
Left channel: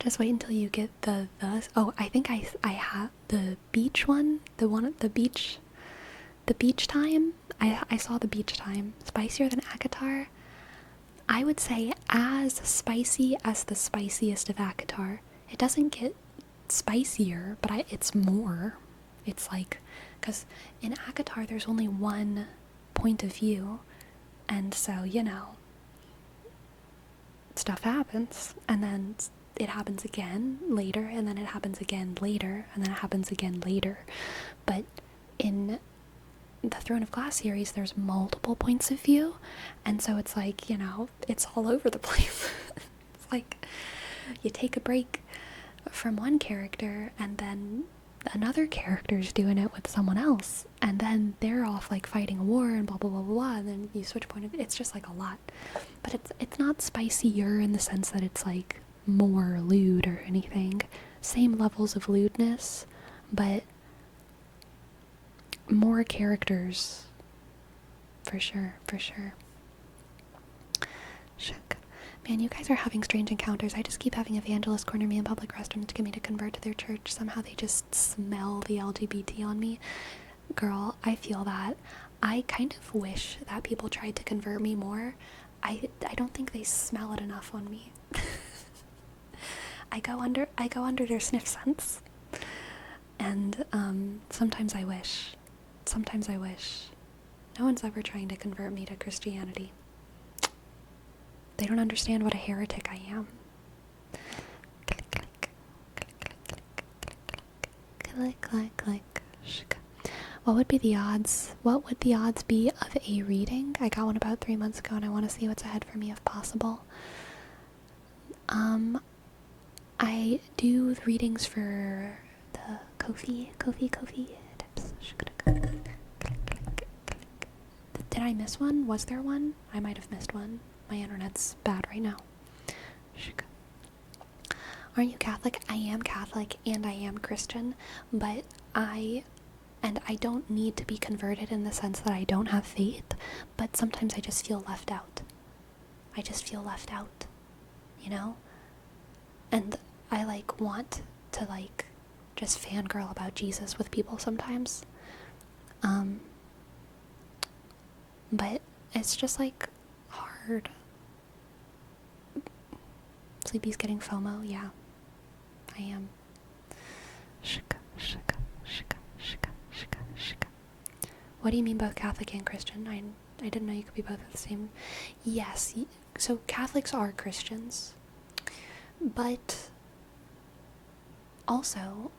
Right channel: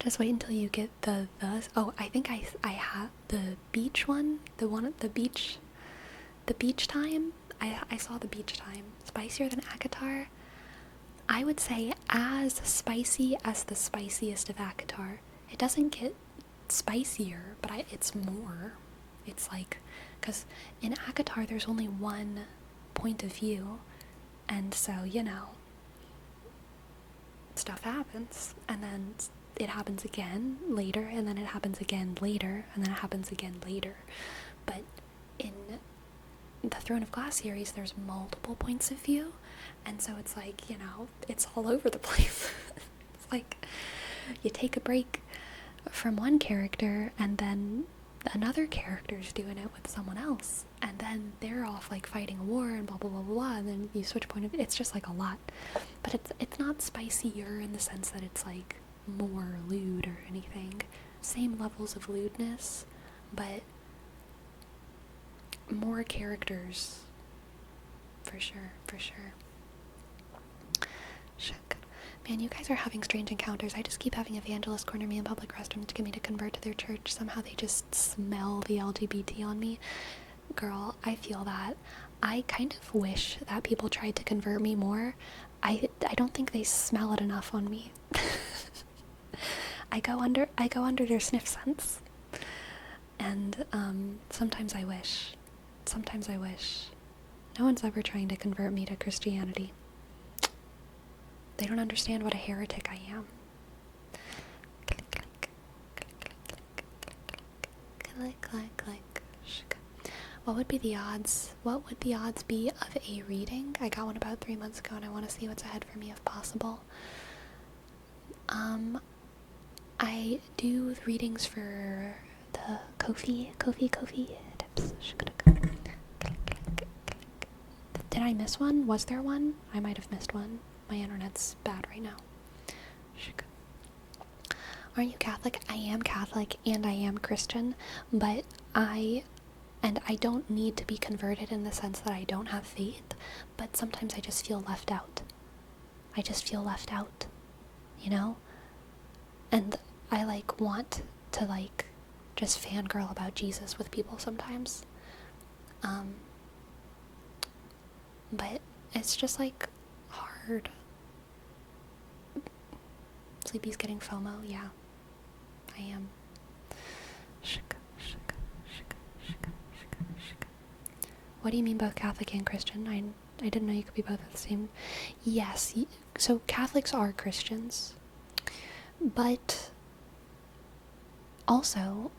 Just wait until you get the oh, I think I have the beach one, the beach time. I saw the beach time. Spicier than Akatar. I would say as spicy as the spiciest of Akatar. It doesn't get spicier, but it's more. It's like, because in Akatar there's only one point of view, and so, you know, stuff happens, and then it happens again later, and then it happens again later, and then it happens again later. But in the Throne of Glass series, there's multiple points of view, and so it's like, you know, it's all over the place. It's like you take a break from one character, and then another character's doing it with someone else, and then they're off like fighting a war and blah blah blah blah blah, and then you switch point of view. It's just like a lot, but it's not spicier in the sense that it's like more lewd or anything. Same levels of lewdness, but more characters, for sure. Shook. Man, you guys are having strange encounters. I just keep having evangelists corner me in public restrooms to get me to convert to their church. Somehow they just smell the LGBT on me. Girl, I feel that. I kind of wish that people tried to convert me more. I don't think they smell it enough on me. I go under their sniff sense. And sometimes I wish. No one's ever trying to convert me to Christianity. They don't understand what a heretic I am. Click, click, click, click, click. What would be the odds? What would the odds be of a reading? I got one about 3 months ago and I want to see what's ahead for me if possible. I do readings for the Ko-fi tips. Did I miss one? Was there one? I might have missed one. My internet's bad right now. Aren't you Catholic? I am Catholic and I am Christian, but I don't need to be converted in the sense that I don't have faith, but sometimes I just feel left out. I just feel left out, you know? And I want to just fangirl about Jesus with people sometimes. But it's just hard. Sleepy's getting FOMO, yeah. I am. What do you mean both Catholic and Christian? I didn't know you could be both at the same. Yes, so Catholics are Christians. But also,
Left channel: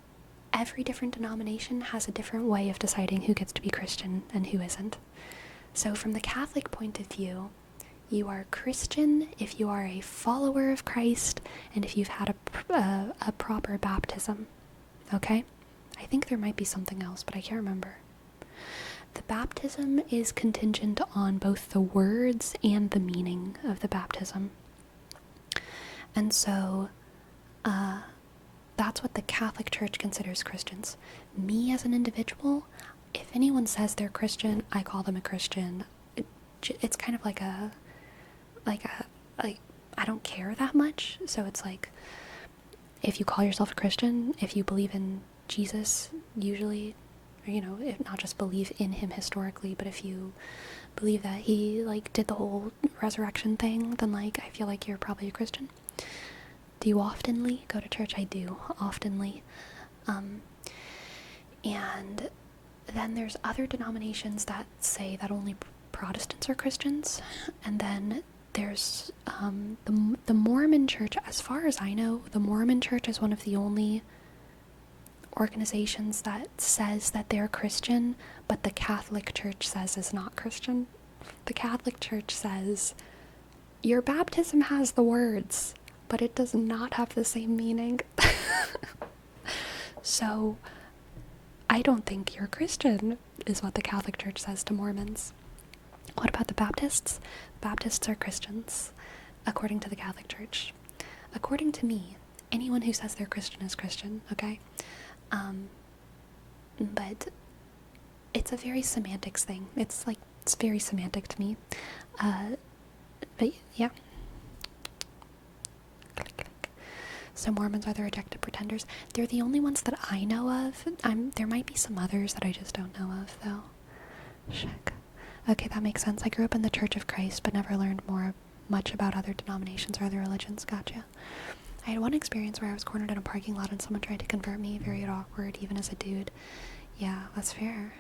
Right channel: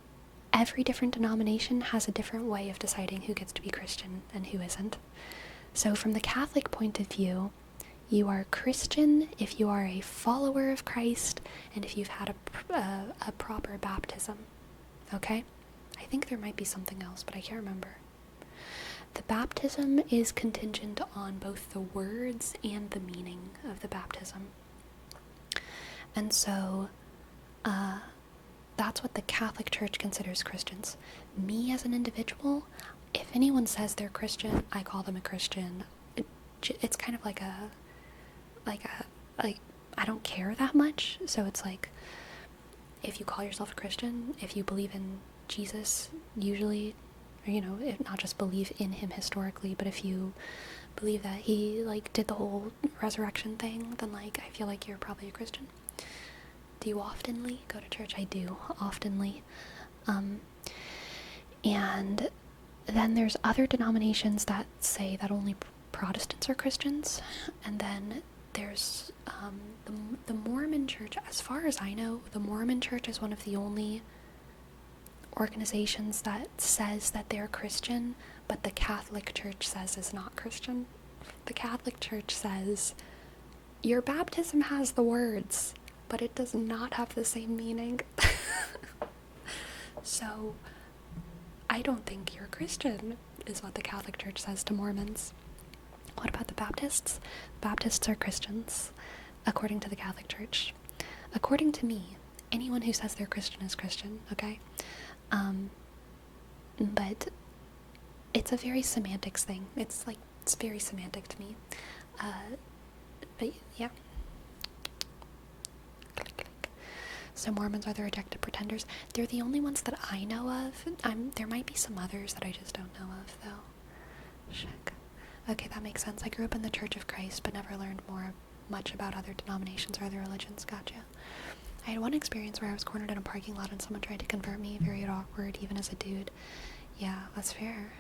every different denomination has a different way of deciding who gets to be Christian and who isn't. So from the Catholic point of view, you are Christian if you are a follower of Christ and if you've had a proper baptism. Okay? I think there might be something else, but I can't remember. The baptism is contingent on both the words and the meaning of the baptism. And so, that's what the Catholic Church considers Christians. Me as an individual, if anyone says they're Christian, I call them a Christian. It's kind of like I don't care that much. So it's if you call yourself a Christian, if you believe in Jesus, usually, or, if not just believe in him historically, but if you believe that he, did the whole resurrection thing, then, I feel like you're probably a Christian. Do you oftenly go to church? I do, oftenly. And then there's other denominations that say that only Protestants are Christians, and then there's the Mormon Church. As far as I know, the Mormon Church is one of the only organizations that says that they're Christian, but the Catholic Church says is not Christian. The Catholic Church says your baptism has the words, but it does not have the same meaning. So I don't think you're Christian, is what the Catholic Church says to Mormons. What about the Baptists? Baptists are Christians, according to the Catholic Church. According to me, anyone who says they're Christian is Christian, okay? But it's a very semantics thing. It's very semantic to me. But yeah. So Mormons are the rejected pretenders. They're the only ones that I know of. There might be some others that I just don't know of, though. Check. Okay, that makes sense. I grew up in the Church of Christ, but never learned much about other denominations or other religions. Gotcha. I had one experience where I was cornered in a parking lot and someone tried to convert me. Very awkward, even as a dude. Yeah, that's fair.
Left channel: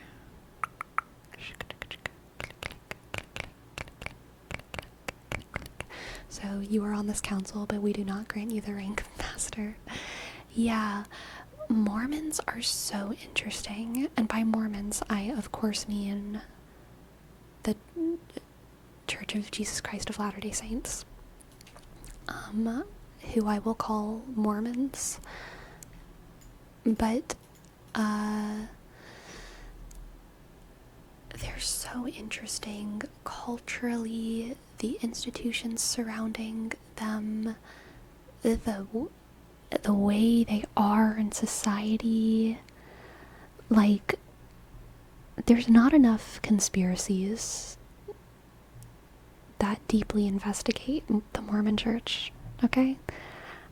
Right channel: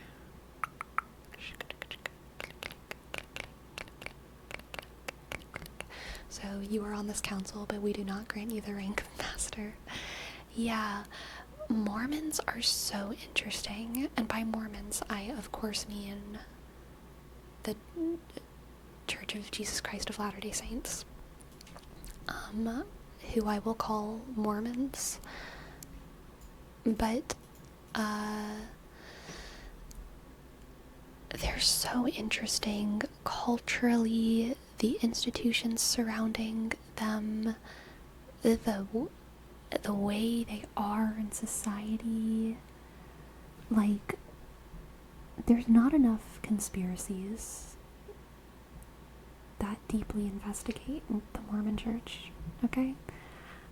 So you are on this council, but we do not grant you the rank of master. Yeah, Mormons are so interesting. And by Mormons, I of course mean the Church of Jesus Christ of Latter-day Saints. Who I will call Mormons. But, they're so interesting culturally, the institutions surrounding them, the way they are in society. There's not enough conspiracies that deeply investigate the Mormon Church, okay?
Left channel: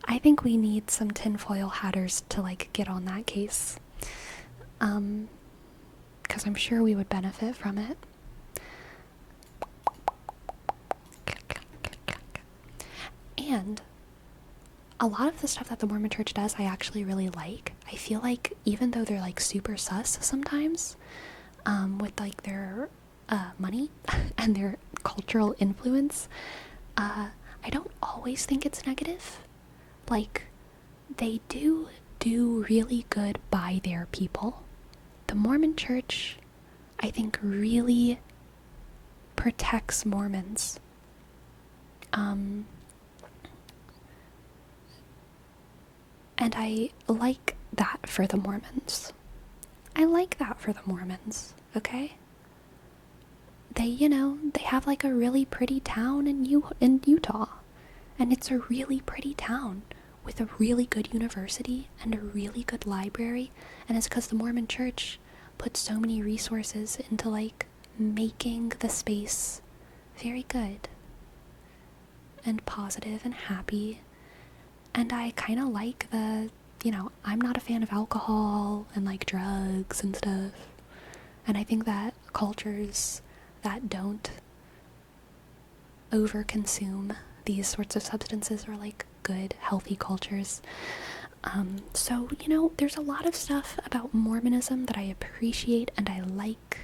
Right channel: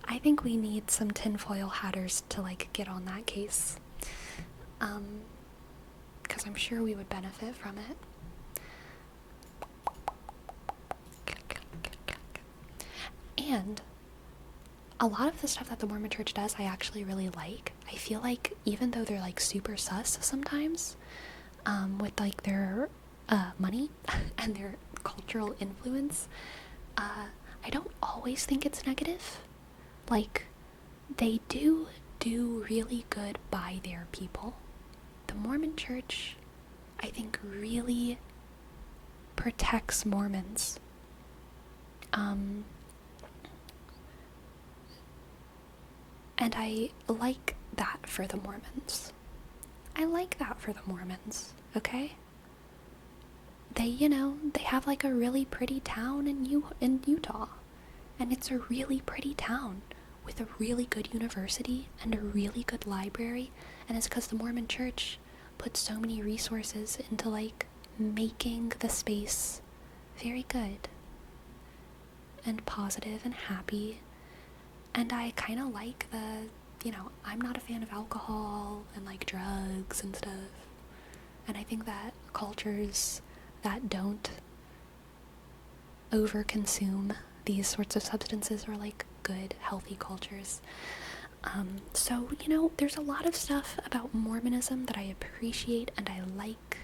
I think we need some tinfoil hatters to get on that case. Because I'm sure we would benefit from it. And a lot of the stuff that the Mormon Church does, I actually really like. I feel like even though they're super sus sometimes, with their money and their cultural influence, I don't always think it's negative. Like, they do really good by their people. The Mormon Church, I think, really protects Mormons. And I like that for the Mormons. Okay? They have like a really pretty town in Utah. And it's a really pretty town with a really good university and a really good library. And it's because the Mormon Church put so many resources into like making the space very good and positive and happy. And I kind of like I'm not a fan of alcohol and like drugs and stuff. And I think that cultures that don't overconsume these sorts of substances are like good, healthy cultures. So, there's a lot of stuff about Mormonism that I appreciate and I like.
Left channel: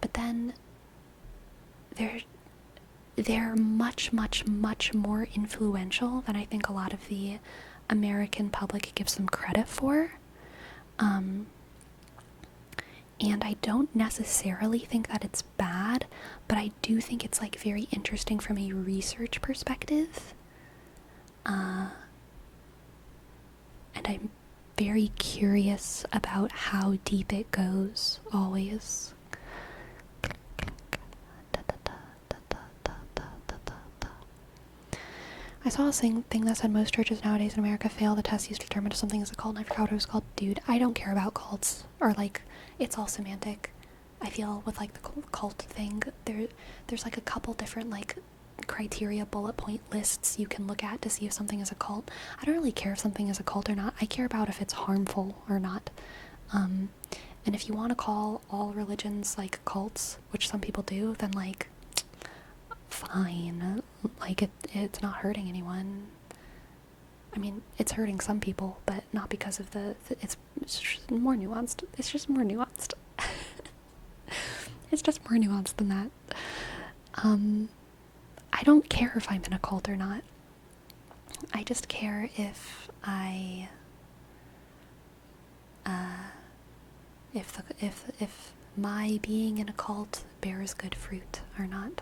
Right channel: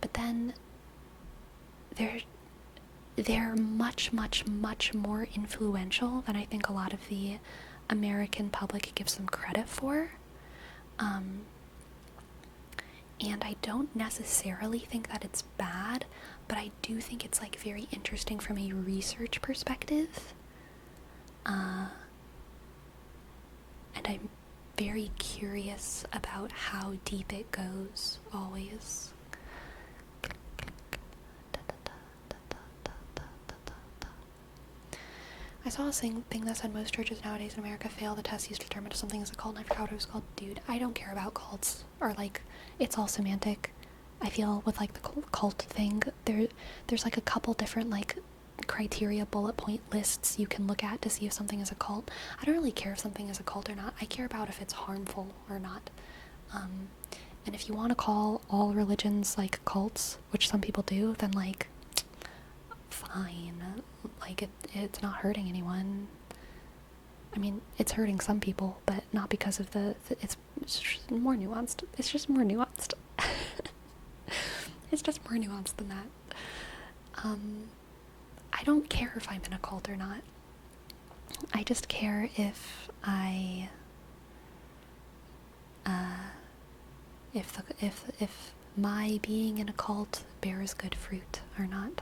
But then they're much, much, much more influential than I think a lot of the American public gives them credit for. And I don't necessarily think that it's bad, but I do think it's like very interesting from a research perspective. And I'm very curious about how deep it goes, always. I saw a thing that said most churches nowadays in America fail the test used to determine if something is a cult, and I forgot what it was called. Dude, I don't care about cults, or like, it's all semantic. I feel with like the cult thing, there's like a couple different like criteria, bullet point lists you can look at to see if something is a cult. I don't really care if something is a cult or not. I care about if it's harmful or not. And if you want to call all religions like cults, which some people do, then like, fine. Like, it's not hurting anyone. I mean, it's hurting some people, but not because of it's just more nuanced. It's just more nuanced. It's just more nuanced than that. I don't care if I'm in a cult or not. I just care if if my being in a cult bears good fruit or not.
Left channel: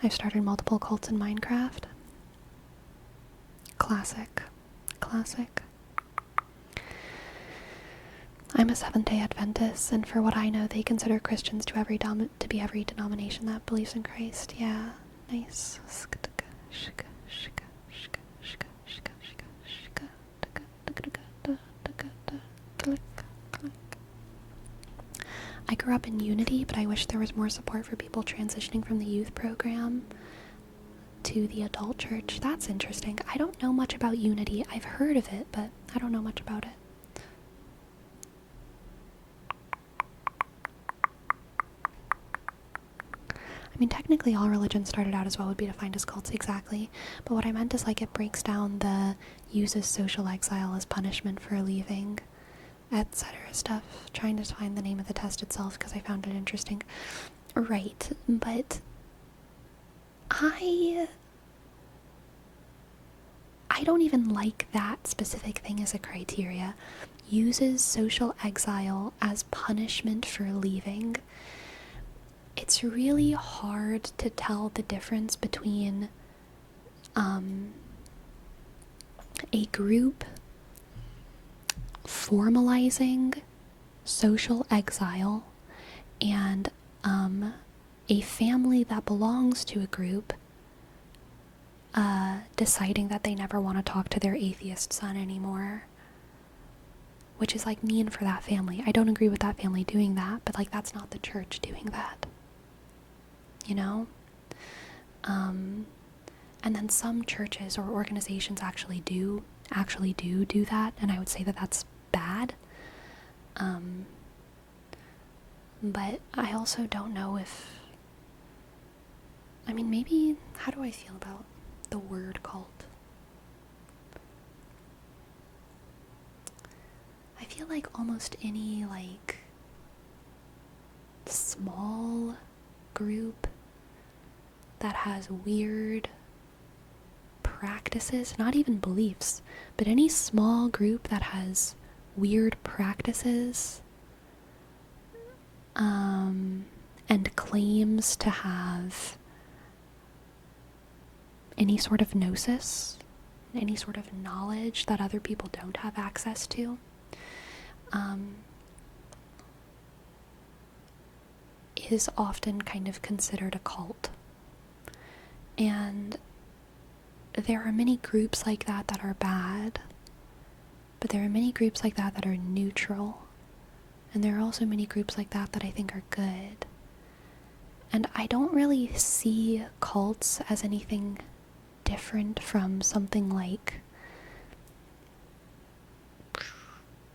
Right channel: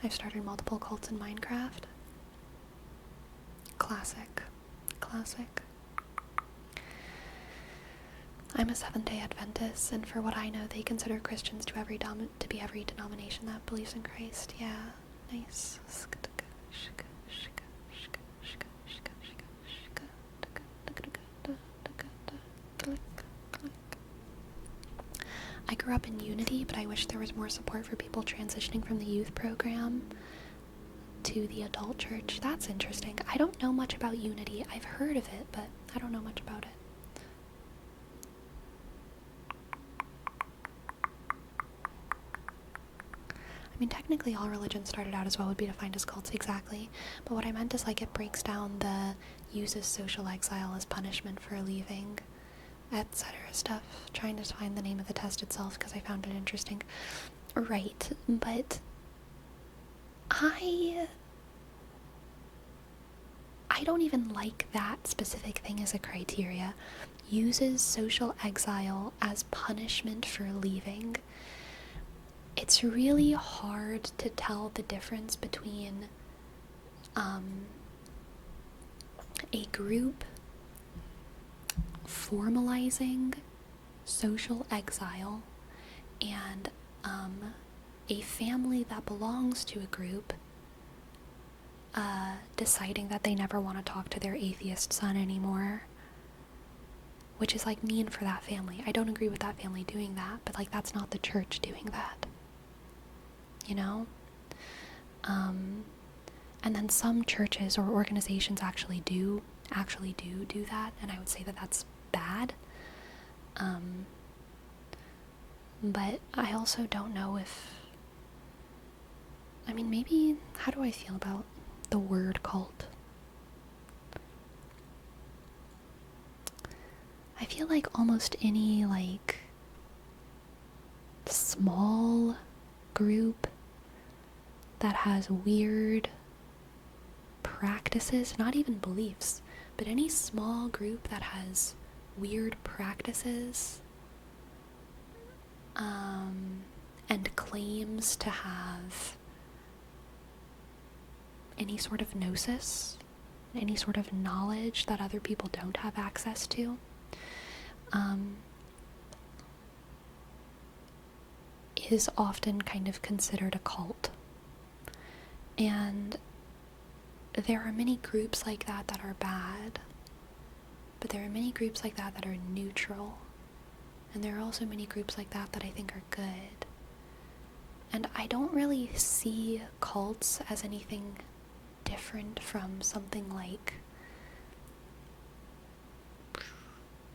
I've started multiple cults in Minecraft. Classic. I'm a Seventh-day Adventist, and for what I know, they consider Christians to be every denomination that believes in Christ. Yeah, nice. I grew up in Unity, but I wish there was more support for people transitioning from the youth program to the adult church. That's interesting. I don't know much about Unity. I've heard of it, but I don't know much about it. I mean, technically all religions started out as what would be defined as cults, exactly. But what I meant is like it breaks down the uses social exile as punishment for leaving, etc. stuff. Trying to find the name of the test itself because I found it interesting. Right, but I don't even like that specific thing as a criteria. Uses social exile as punishment for leaving. It's really hard to tell the difference between a group formalizing social exile and a family that belongs to a group deciding that they never want to talk to their atheist son anymore, which is like mean for that family. I don't agree with that family doing that, but like that's not the church doing that, you know? And then some churches or organizations actually do that, and I would say that that's bad. But I also don't know if I mean, maybe, how do I feel about the word cult? I feel like almost any, like, small group that has weird practices, not even beliefs, but any small group that has weird practices, and claims to have any sort of gnosis, any sort of knowledge that other people don't have access to, is often kind of considered a cult. And there are many groups like that that are bad, but there are many groups like that that are neutral. And there are also many groups like that that I think are good. And I don't really see cults as anything different from something like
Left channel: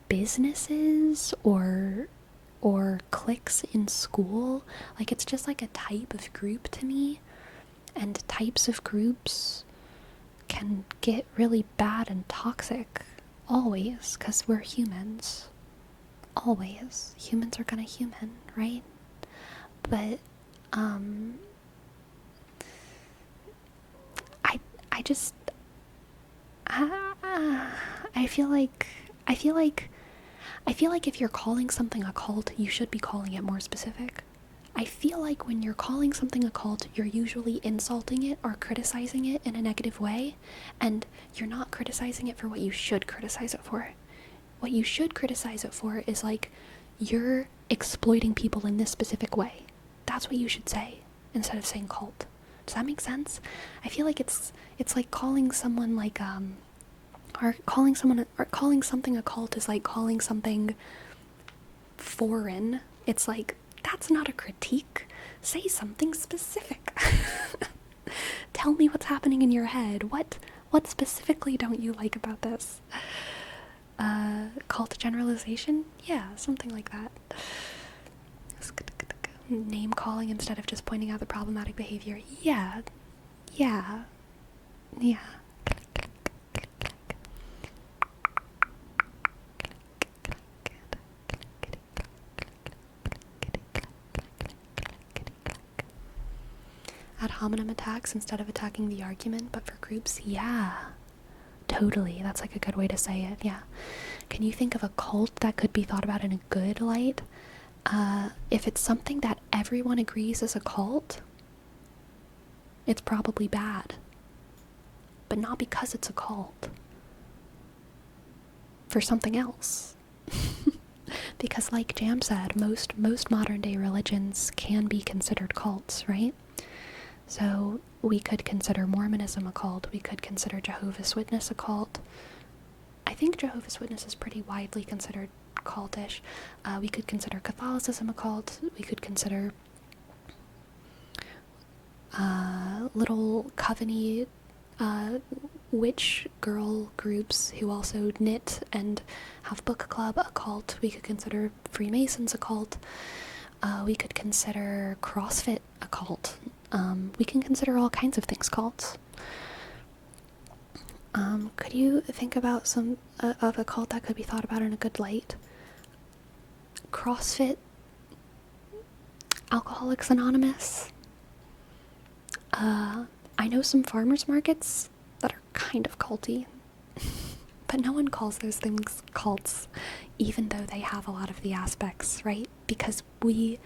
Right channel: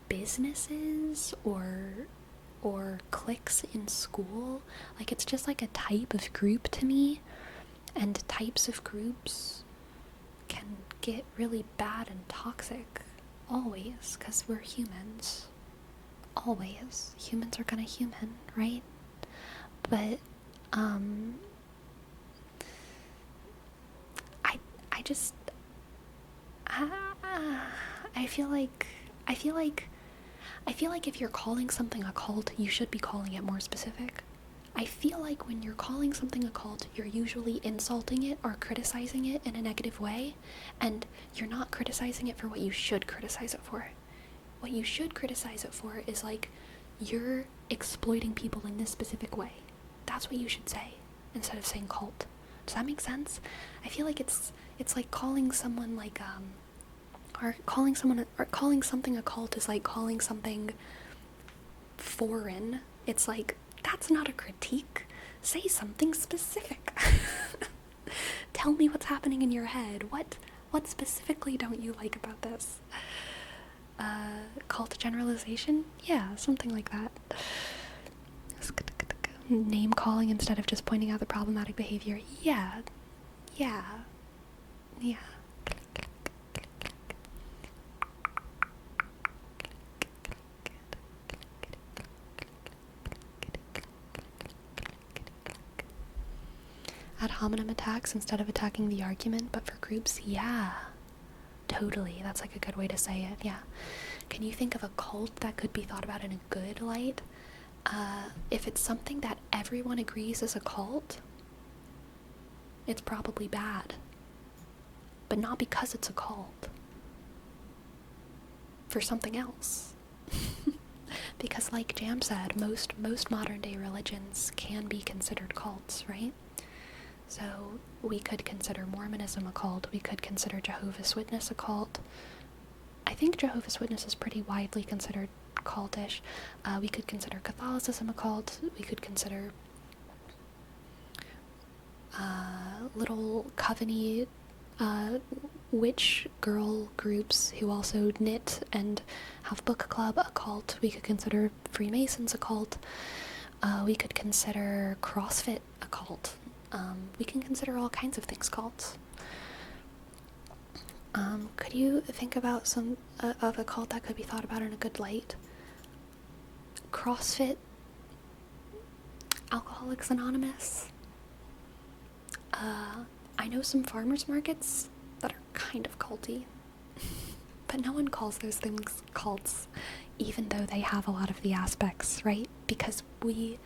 businesses or cliques in school. Like, it's just like a type of group to me, and types of groups can get really bad and toxic always, because we're humans. Always. Humans are gonna human, right? But I feel like if you're calling something a cult, you should be calling it more specific. I feel like when you're calling something a cult, you're usually insulting it or criticizing it in a negative way, and you're not criticizing it for what you should criticize it for. What you should criticize it for is, like, you're exploiting people in this specific way. That's what you should say, instead of saying cult. Does that make sense? I feel like it's like calling someone like or calling something a cult is like calling something foreign. It's like, that's not a critique. Say something specific. Tell me what's happening in your head. What specifically don't you like about this? Cult generalization? Yeah, something like that. Name calling instead of just pointing out the problematic behavior. Yeah. Ad hominem attacks instead of attacking the argument, but for groups, yeah. Totally, that's like a good way to say it, yeah. Can you think of a cult that could be thought about in a good light? If it's something that everyone agrees is a cult, it's probably bad. But not because it's a cult. For something else. Because like Jam said, most modern day religions can be considered cults, right? So we could consider Mormonism a cult, we could consider Jehovah's Witness a cult. I think Jehovah's Witness is pretty widely considered cultish. We could consider Catholicism a cult. We could consider little coven-y witch girl groups who also knit and have book club a cult. We could consider Freemasons a cult. We could consider CrossFit a cult. We can consider all kinds of things cults. Could you think about some of a cult that could be thought about in a good light? CrossFit, Alcoholics Anonymous. I know some farmers markets that are kind of culty, but no one calls those things cults, even though they have a lot of the aspects, right? Because we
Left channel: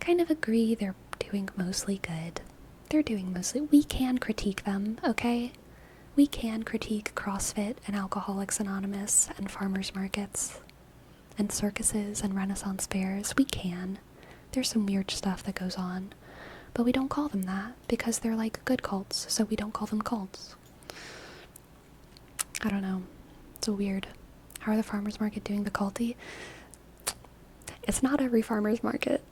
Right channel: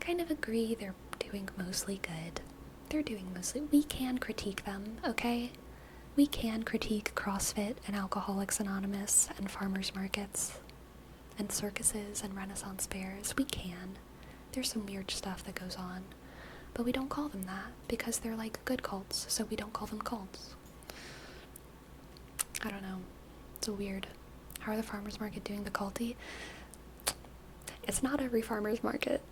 kind of agree they're doing mostly good. We can critique them, okay? We can critique CrossFit and Alcoholics Anonymous and farmers markets and circuses and Renaissance fairs. We can. There's some weird stuff that goes on. But we don't call them that because they're like good cults, so we don't call them cults. I don't know. It's weird. How are the farmers market doing the culty? It's not every farmers market,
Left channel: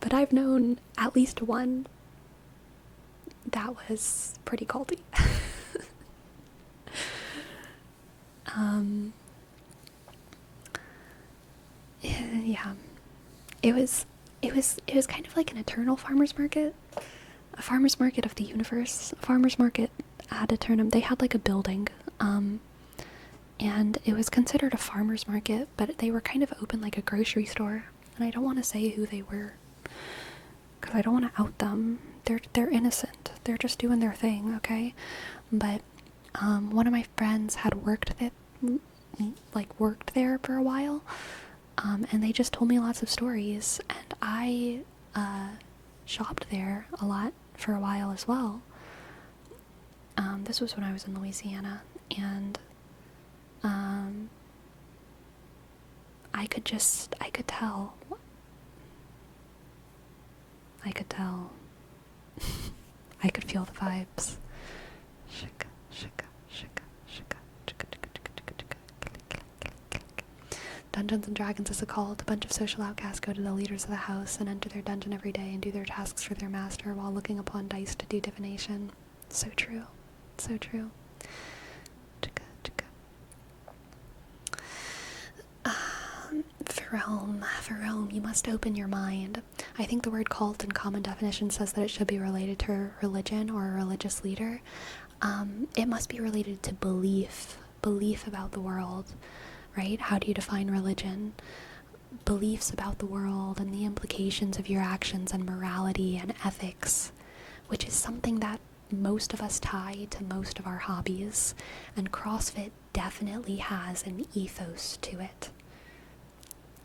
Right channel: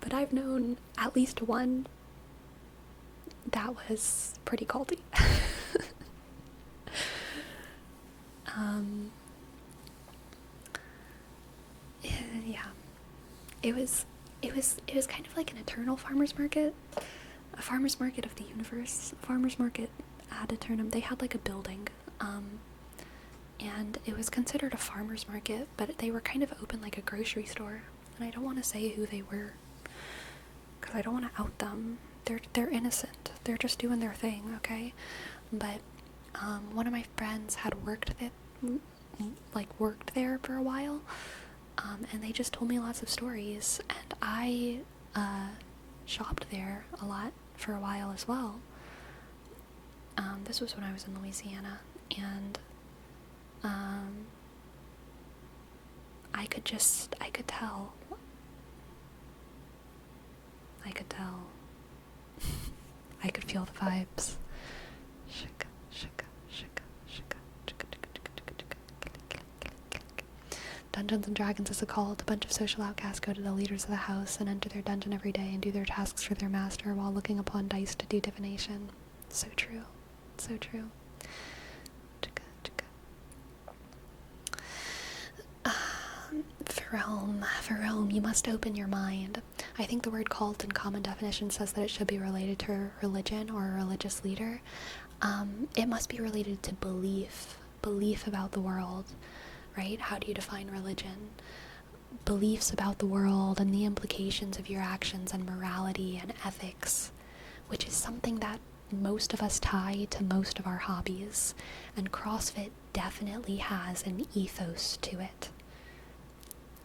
but I've known at least one that was pretty culty. Yeah. It was kind of like an eternal farmers market. a farmer's market of the universe, a farmer's market at a tournament. They had like a building, and it was considered a farmer's market, but they were kind of open like a grocery store. And I don't want to say who they were, because I don't want to out them. They're innocent. They're just doing their thing, okay? But one of my friends had worked there for a while, and they just told me lots of stories. And I shopped there a lot for a while as well. This was when I was in Louisiana, and I could tell. I could feel the vibes. Dungeons and Dragons is a cult. A bunch of social outcasts go to the leaders of the house and enter their dungeon every day and do their tasks for their master while looking upon dice to do divination. So true. So true. For Rome, you must open your mind. I think the word cult in common definition says that it should be related to religion or a religious leader. It must be related to belief about the world, right? How do you define religion? Beliefs about the world and the implications of your actions and morality and ethics, which is something that most of us tie to most of our hobbies, and CrossFit definitely has an ethos to it.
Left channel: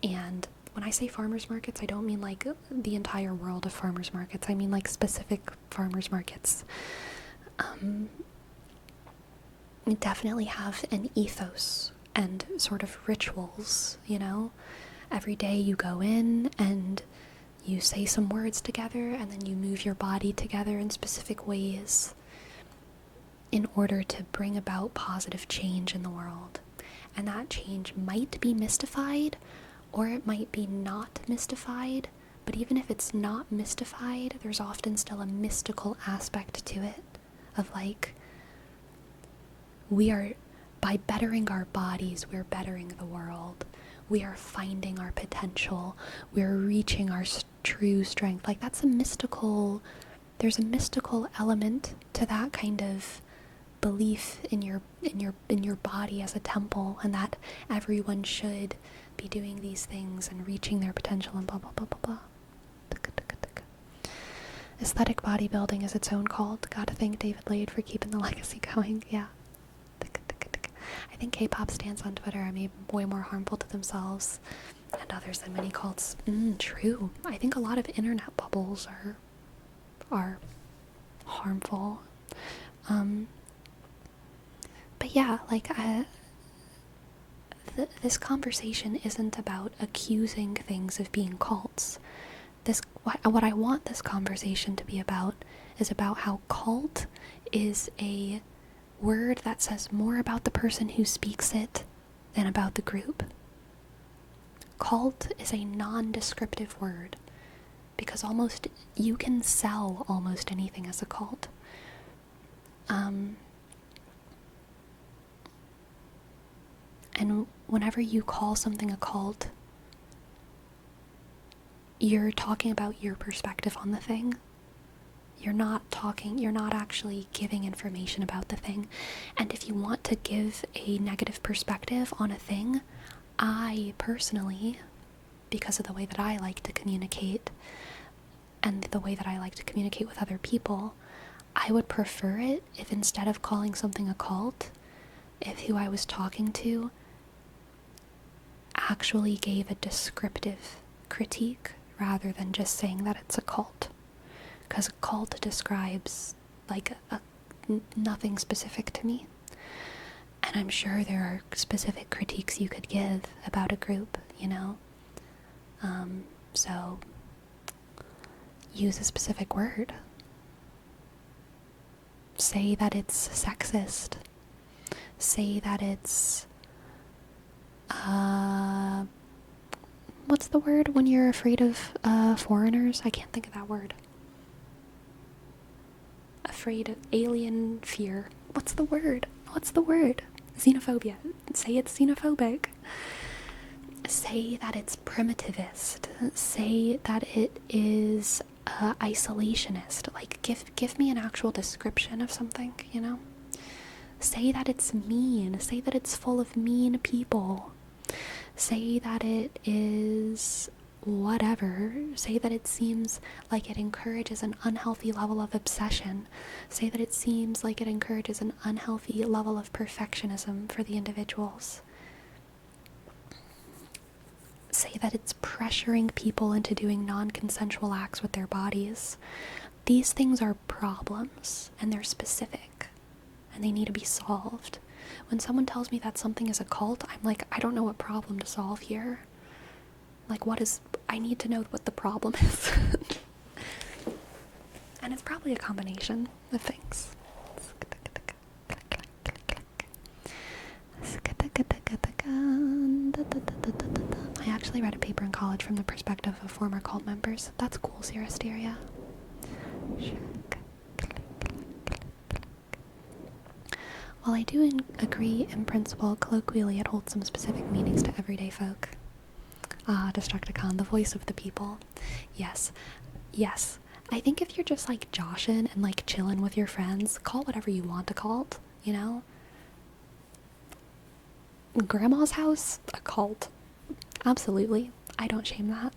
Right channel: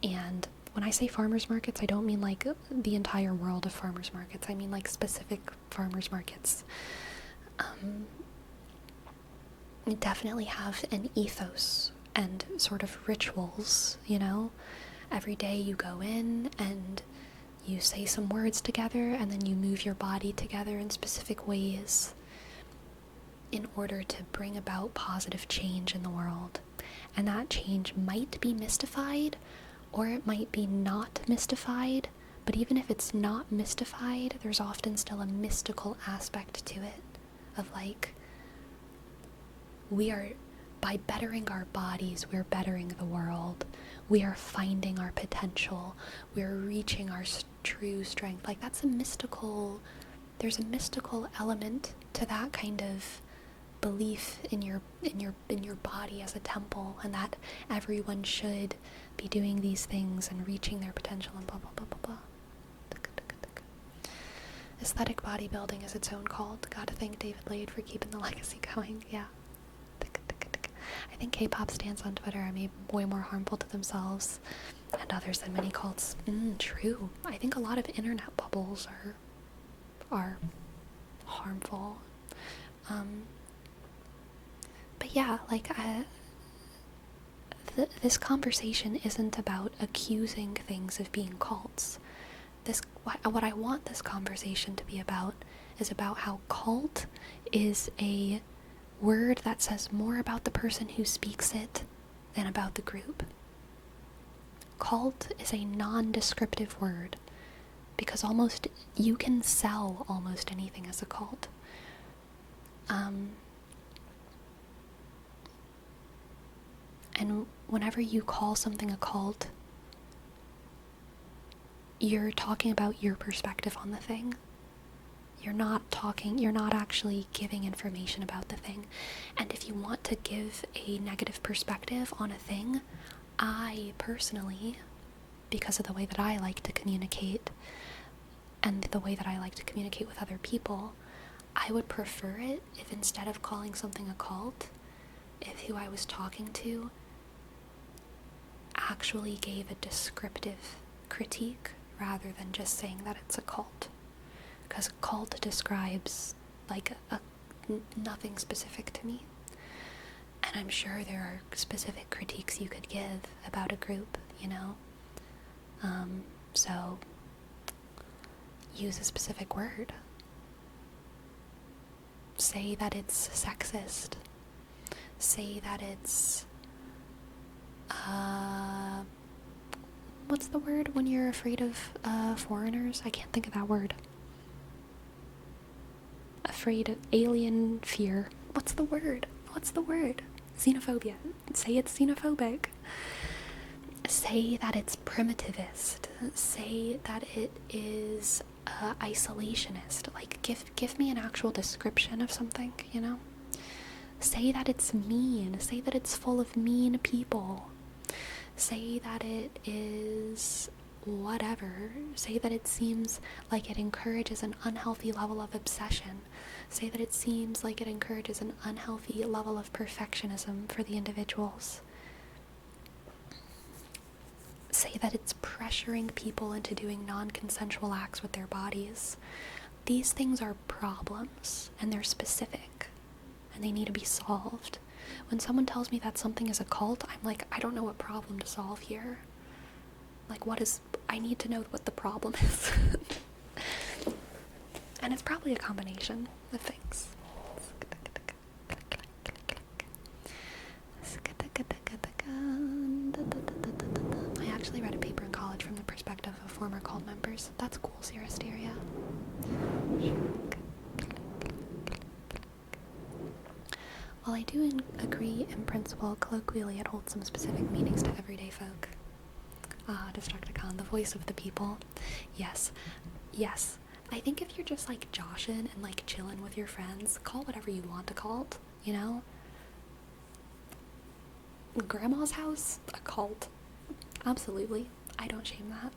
And when I say farmers markets, I don't mean like the entire world of farmers markets. I mean like specific farmers markets. Definitely have an ethos and sort of rituals, you know? Every day you go in and you say some words together, and then you move your body together in specific ways in order to bring about positive change in the world. And that change might be mystified, or it might be not mystified, but even if it's not mystified, there's often still a mystical aspect to it, of like, by bettering our bodies, we're bettering the world. We are finding our potential. We're reaching our true strength. Like, there's a mystical element to that kind of belief in your body as a temple, and that everyone should be doing these things and reaching their potential and blah blah blah blah blah. Aesthetic bodybuilding is its own cult. Gotta thank David Lade for keeping the legacy going. Yeah. I think K-pop stans on Twitter are made way more harmful to themselves and others than many cults. True. I think a lot of internet bubbles are harmful. But yeah, like, this conversation isn't about accusing things of being cults. What I want this conversation to be about is about how cult is a word that says more about the person who speaks it than about the group. Cult is a non-descriptive word, because you can sell almost anything as a cult. And whenever you call something a cult, you're talking about your perspective on the thing. You're not actually giving information about the thing. And if you want to give a negative perspective on a thing, I personally, because of the way that I like to communicate and the way that I like to communicate with other people, I would prefer it if, instead of calling something a cult, if who I was talking to actually gave a descriptive critique rather than just saying that it's a cult. Because a cult describes like nothing specific to me. And I'm sure there are specific critiques you could give about a group, you know? So use a specific word. Say that it's sexist. Say that it's what's the word when you're afraid of foreigners? I can't think of that word. Afraid of alien fear. What's the word? Xenophobia. Say it's xenophobic. Say that it's primitivist. Say that it is isolationist. Like, give me an actual description of something, you know? Say that it's mean. Say that it's full of mean people. Say that it is whatever. Say that it seems like it encourages an unhealthy level of obsession. Say that it seems like it encourages an unhealthy level of perfectionism for the individuals. Say that it's pressuring people into doing non-consensual acts with their bodies. These things are problems, and they're specific, and they need to be solved. When someone tells me that something is a cult, I'm like, I don't know what problem to solve here. Like, I need to know what the problem is. And it's probably a combination of things. I actually read a paper in college from the perspective of former cult members. That's cool, Xerasteria. While I do agree in principle, colloquially it holds some specific meanings to everyday folk. Destructicon, the voice of the people. Yes. I think if you're just like joshin' and like chillin' with your friends, call whatever you want a cult, you know? Grandma's house, a cult. Absolutely. I don't shame that.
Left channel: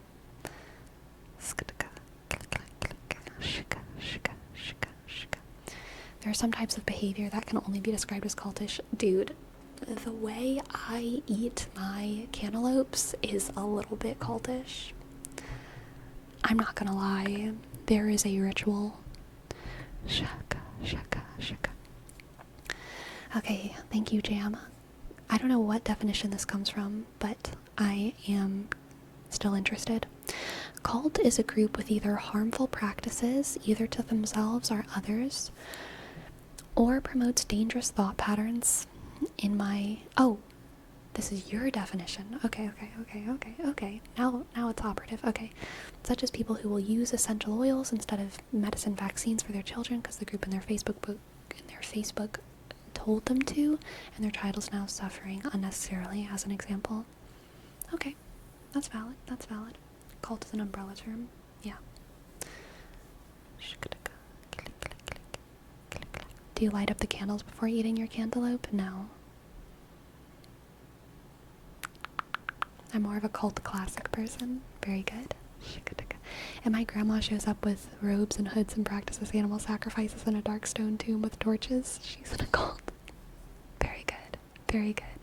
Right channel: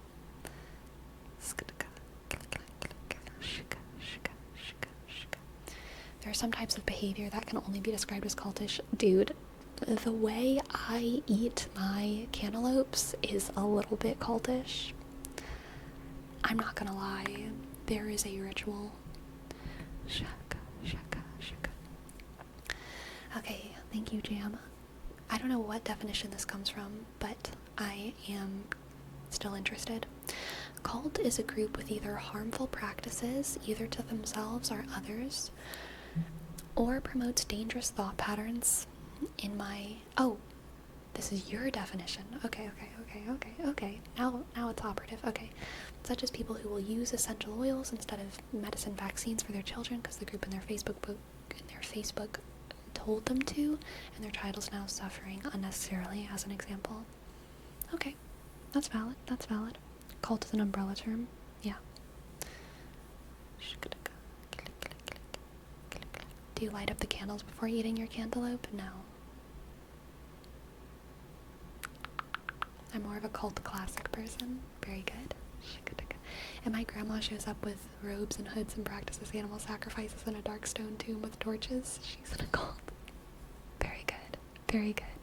There are some types of behavior that can only be described as cultish. Dude, the way I eat my cantaloupes is a little bit cultish. I'm not gonna lie. There is a ritual. Shaka. Okay, thank you, Jam. I don't know what definition this comes from, but I am still interested. Cult is a group with either harmful practices, either to themselves or others, or promotes dangerous thought patterns. This is your definition. Okay. Now it's operative. Okay. Such as people who will use essential oils instead of medicine vaccines for their children because the group in their Facebook told them to, and their child is now suffering unnecessarily, as an example. Okay. That's valid. Cult is an umbrella term. Yeah. Do you light up the candles before eating your cantaloupe? No. I'm more of a cult classic person. Very good. And my grandma shows up with robes and hoods and practices animal sacrifices in a dark stone tomb with torches. She's in a cult. Very good.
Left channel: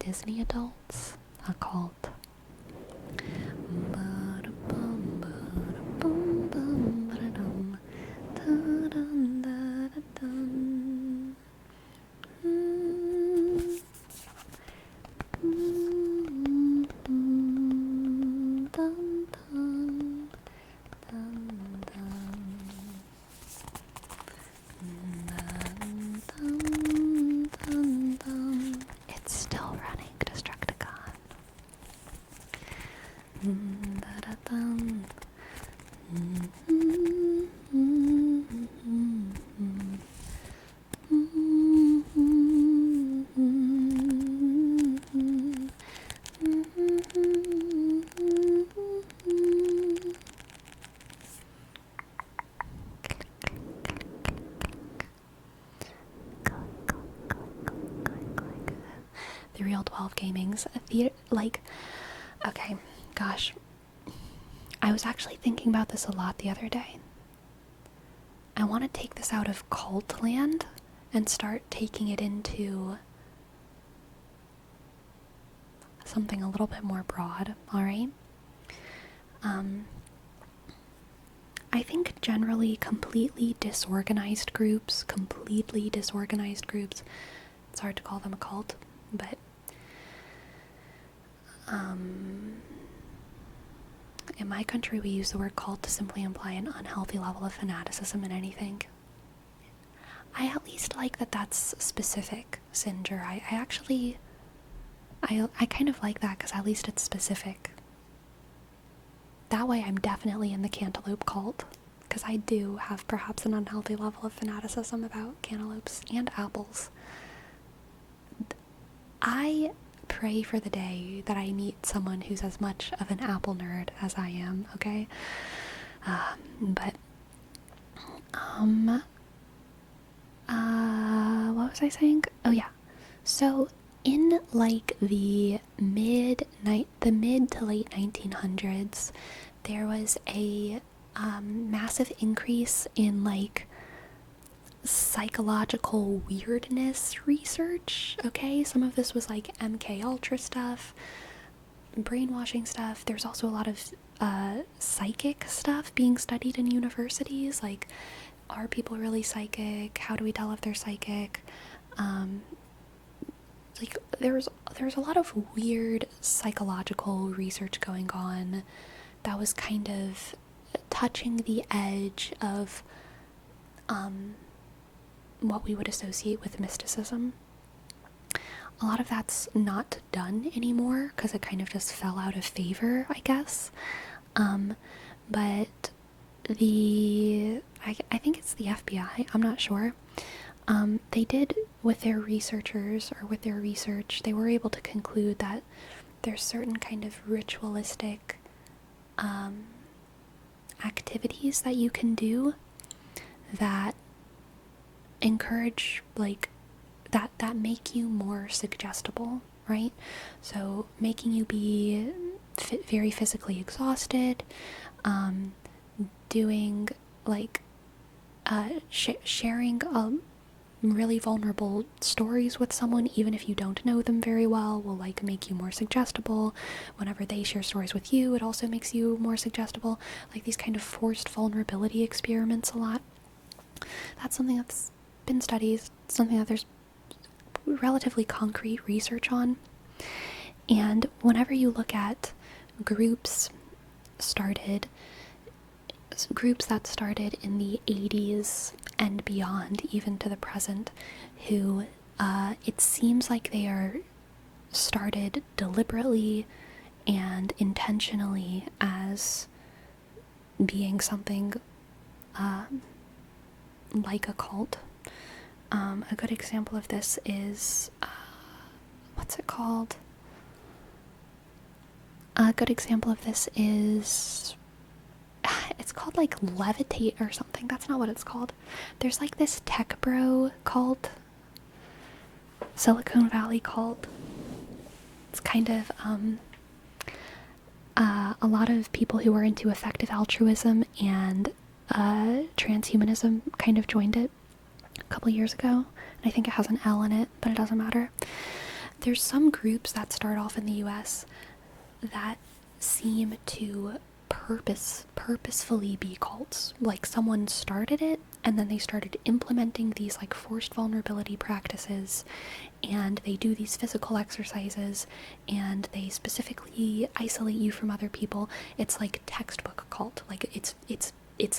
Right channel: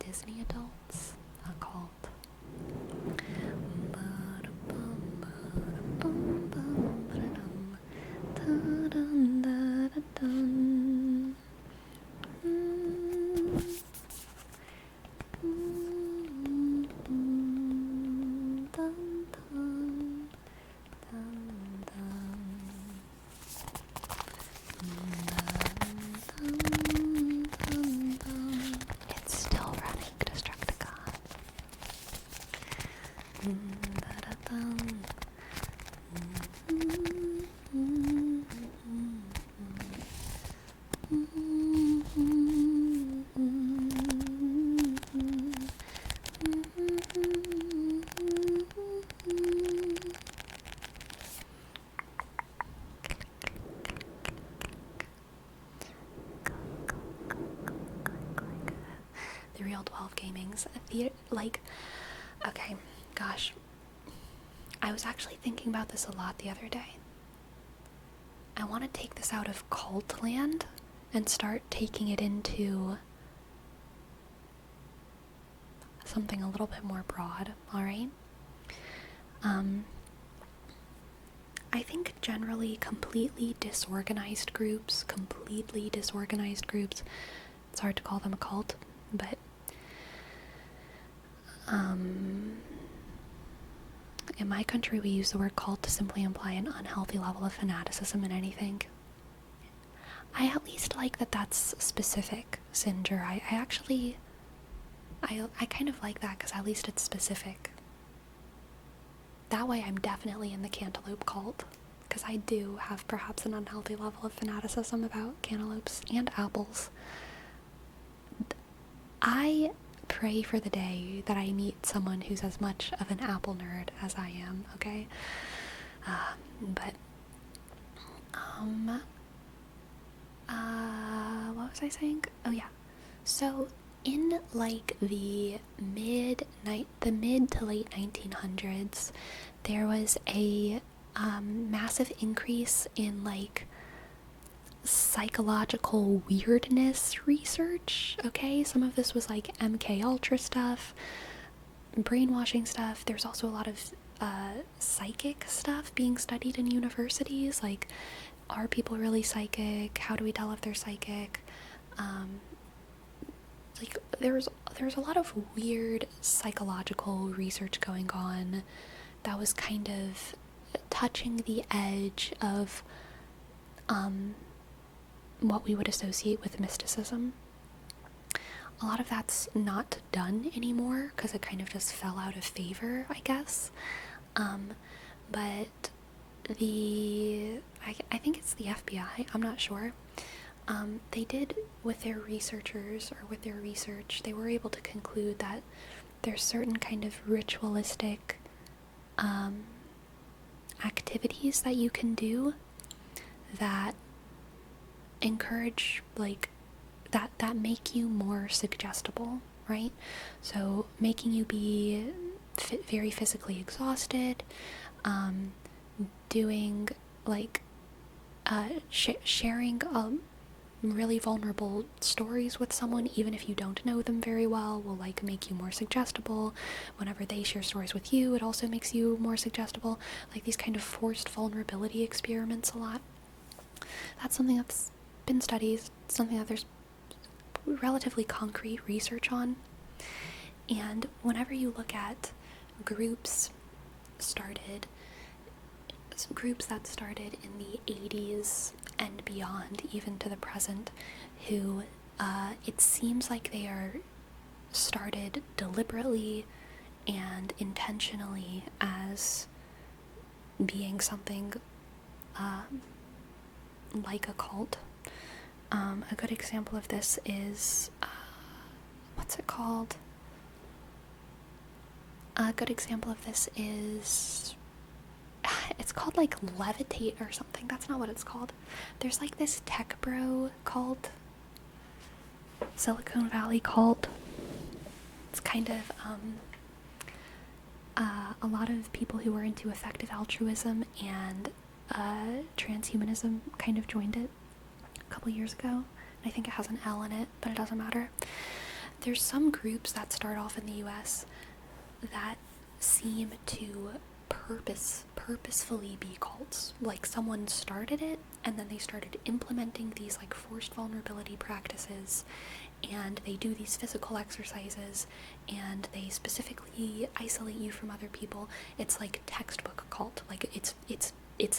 Disney adults, a cult. It's still running, Destructicon. The Real 12 Gaming's okay, gosh, I was actually thinking about this a lot the other day. I want to take this out of cult land and start taking it into something a little bit more broad, alright? I think generally completely disorganized groups, it's hard to call them a cult, but in my country we use the word cult to simply imply an unhealthy level of fanaticism in anything. I at least like that that's specific, Singer. I kind of like that because at least it's specific. That way I'm definitely in the cantaloupe cult, because I do have perhaps an unhealthy level of fanaticism about cantaloupes and apples. I pray for the day that I meet someone who's as much of an apple nerd as I am, okay? What was I saying? Oh yeah. So in like the mid to late 1900s, there was a massive increase in like psychological weirdness research. Okay, some of this was like MK Ultra stuff, brainwashing stuff. There's also a lot of psychic stuff being studied in universities, like, are people really psychic? How do we tell if they're psychic? Like there's a lot of weird psychological research going on that was kind of touching the edge of what we would associate with mysticism. A lot of that's not done anymore because it kind of just fell out of favor, I guess. But I think it's the FBI, I'm not sure. They did, with their researchers, or with their research, they were able to conclude that there's certain kind of ritualistic activities that you can do that encourage, like, that make you more suggestible, right? So making you be very physically exhausted, doing like sharing really vulnerable stories with someone, even if you don't know them very well, will like make you more suggestible. Whenever they share stories with you, it also makes you more suggestible. Like these kind of forced vulnerability experiments a lot. That's something that's been studied, something that there's relatively concrete research on. And whenever you look at groups that started in the 80s and beyond, even to the present, who it seems like they are started deliberately and intentionally as being something like a cult. A good example of this is, what's it called? A good example of this is, it's called like Levitate or something. That's not what it's called. There's like this tech bro cult, Silicon Valley cult. It's kind of a lot of people who are into effective altruism and transhumanism kind of joined it a couple years ago. And I think it has an L in it, but it doesn't matter. There's some groups that start off in the US that seem to purposefully be cults. Like someone started it and then they started implementing these like forced vulnerability practices, and they do these physical exercises and they specifically isolate you from other people. It's like textbook cult. Like it's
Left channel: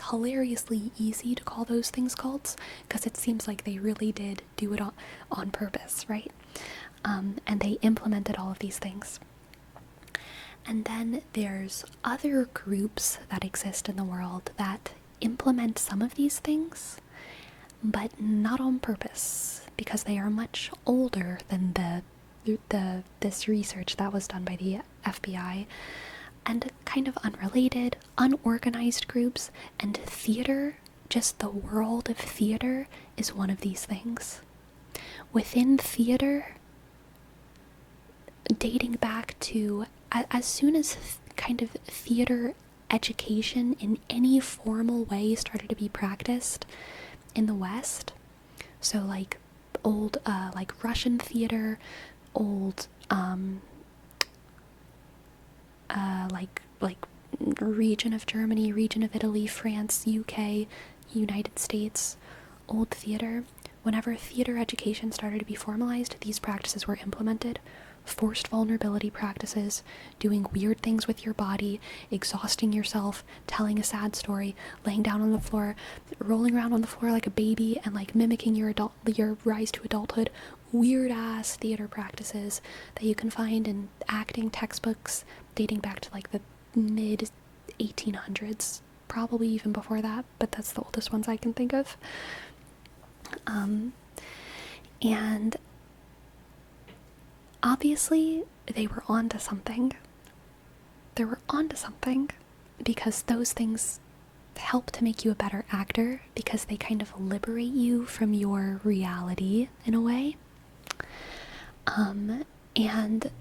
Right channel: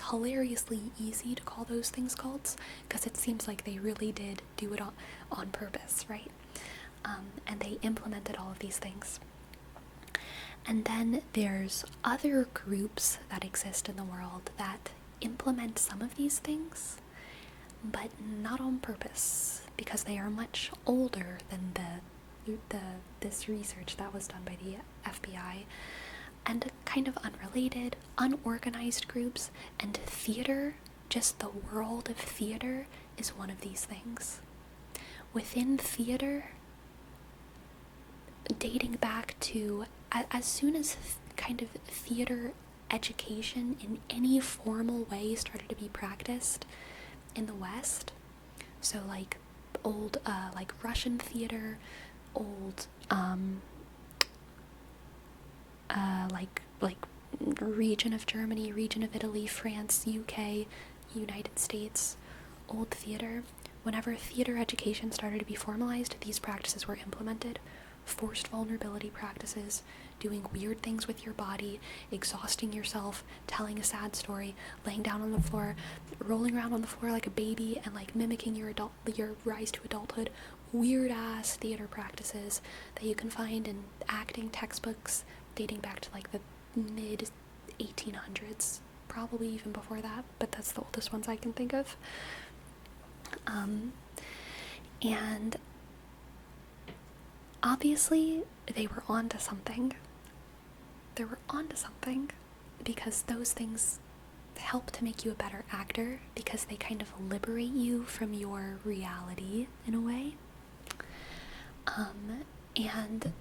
hilariously easy to call those things cults because it seems like they really did do it on purpose, right? And they implemented all of these things. And then there's other groups that exist in the world that implement some of these things, but not on purpose, because they are much older than this research that was done by the FBI, and kind of unrelated, unorganized groups. And theater, just the world of theater, is one of these things. Within theater, dating back to as soon as kind of theater education in any formal way started to be practiced in the West. So like old like Russian theater, old like region of Germany, region of Italy, France, UK, United States, old theater. Whenever theater education started to be formalized, these practices were implemented. Forced vulnerability practices, doing weird things with your body, exhausting yourself, telling a sad story, laying down on the floor, rolling around on the floor like a baby, and like mimicking your rise to adulthood. Weird ass theater practices that you can find in acting textbooks dating back to like the mid 1800s, probably even before that, but that's the oldest ones I can think of. And obviously they were onto something. They were onto something because those things help to make you a better actor, because they kind of liberate you from your reality in a way. And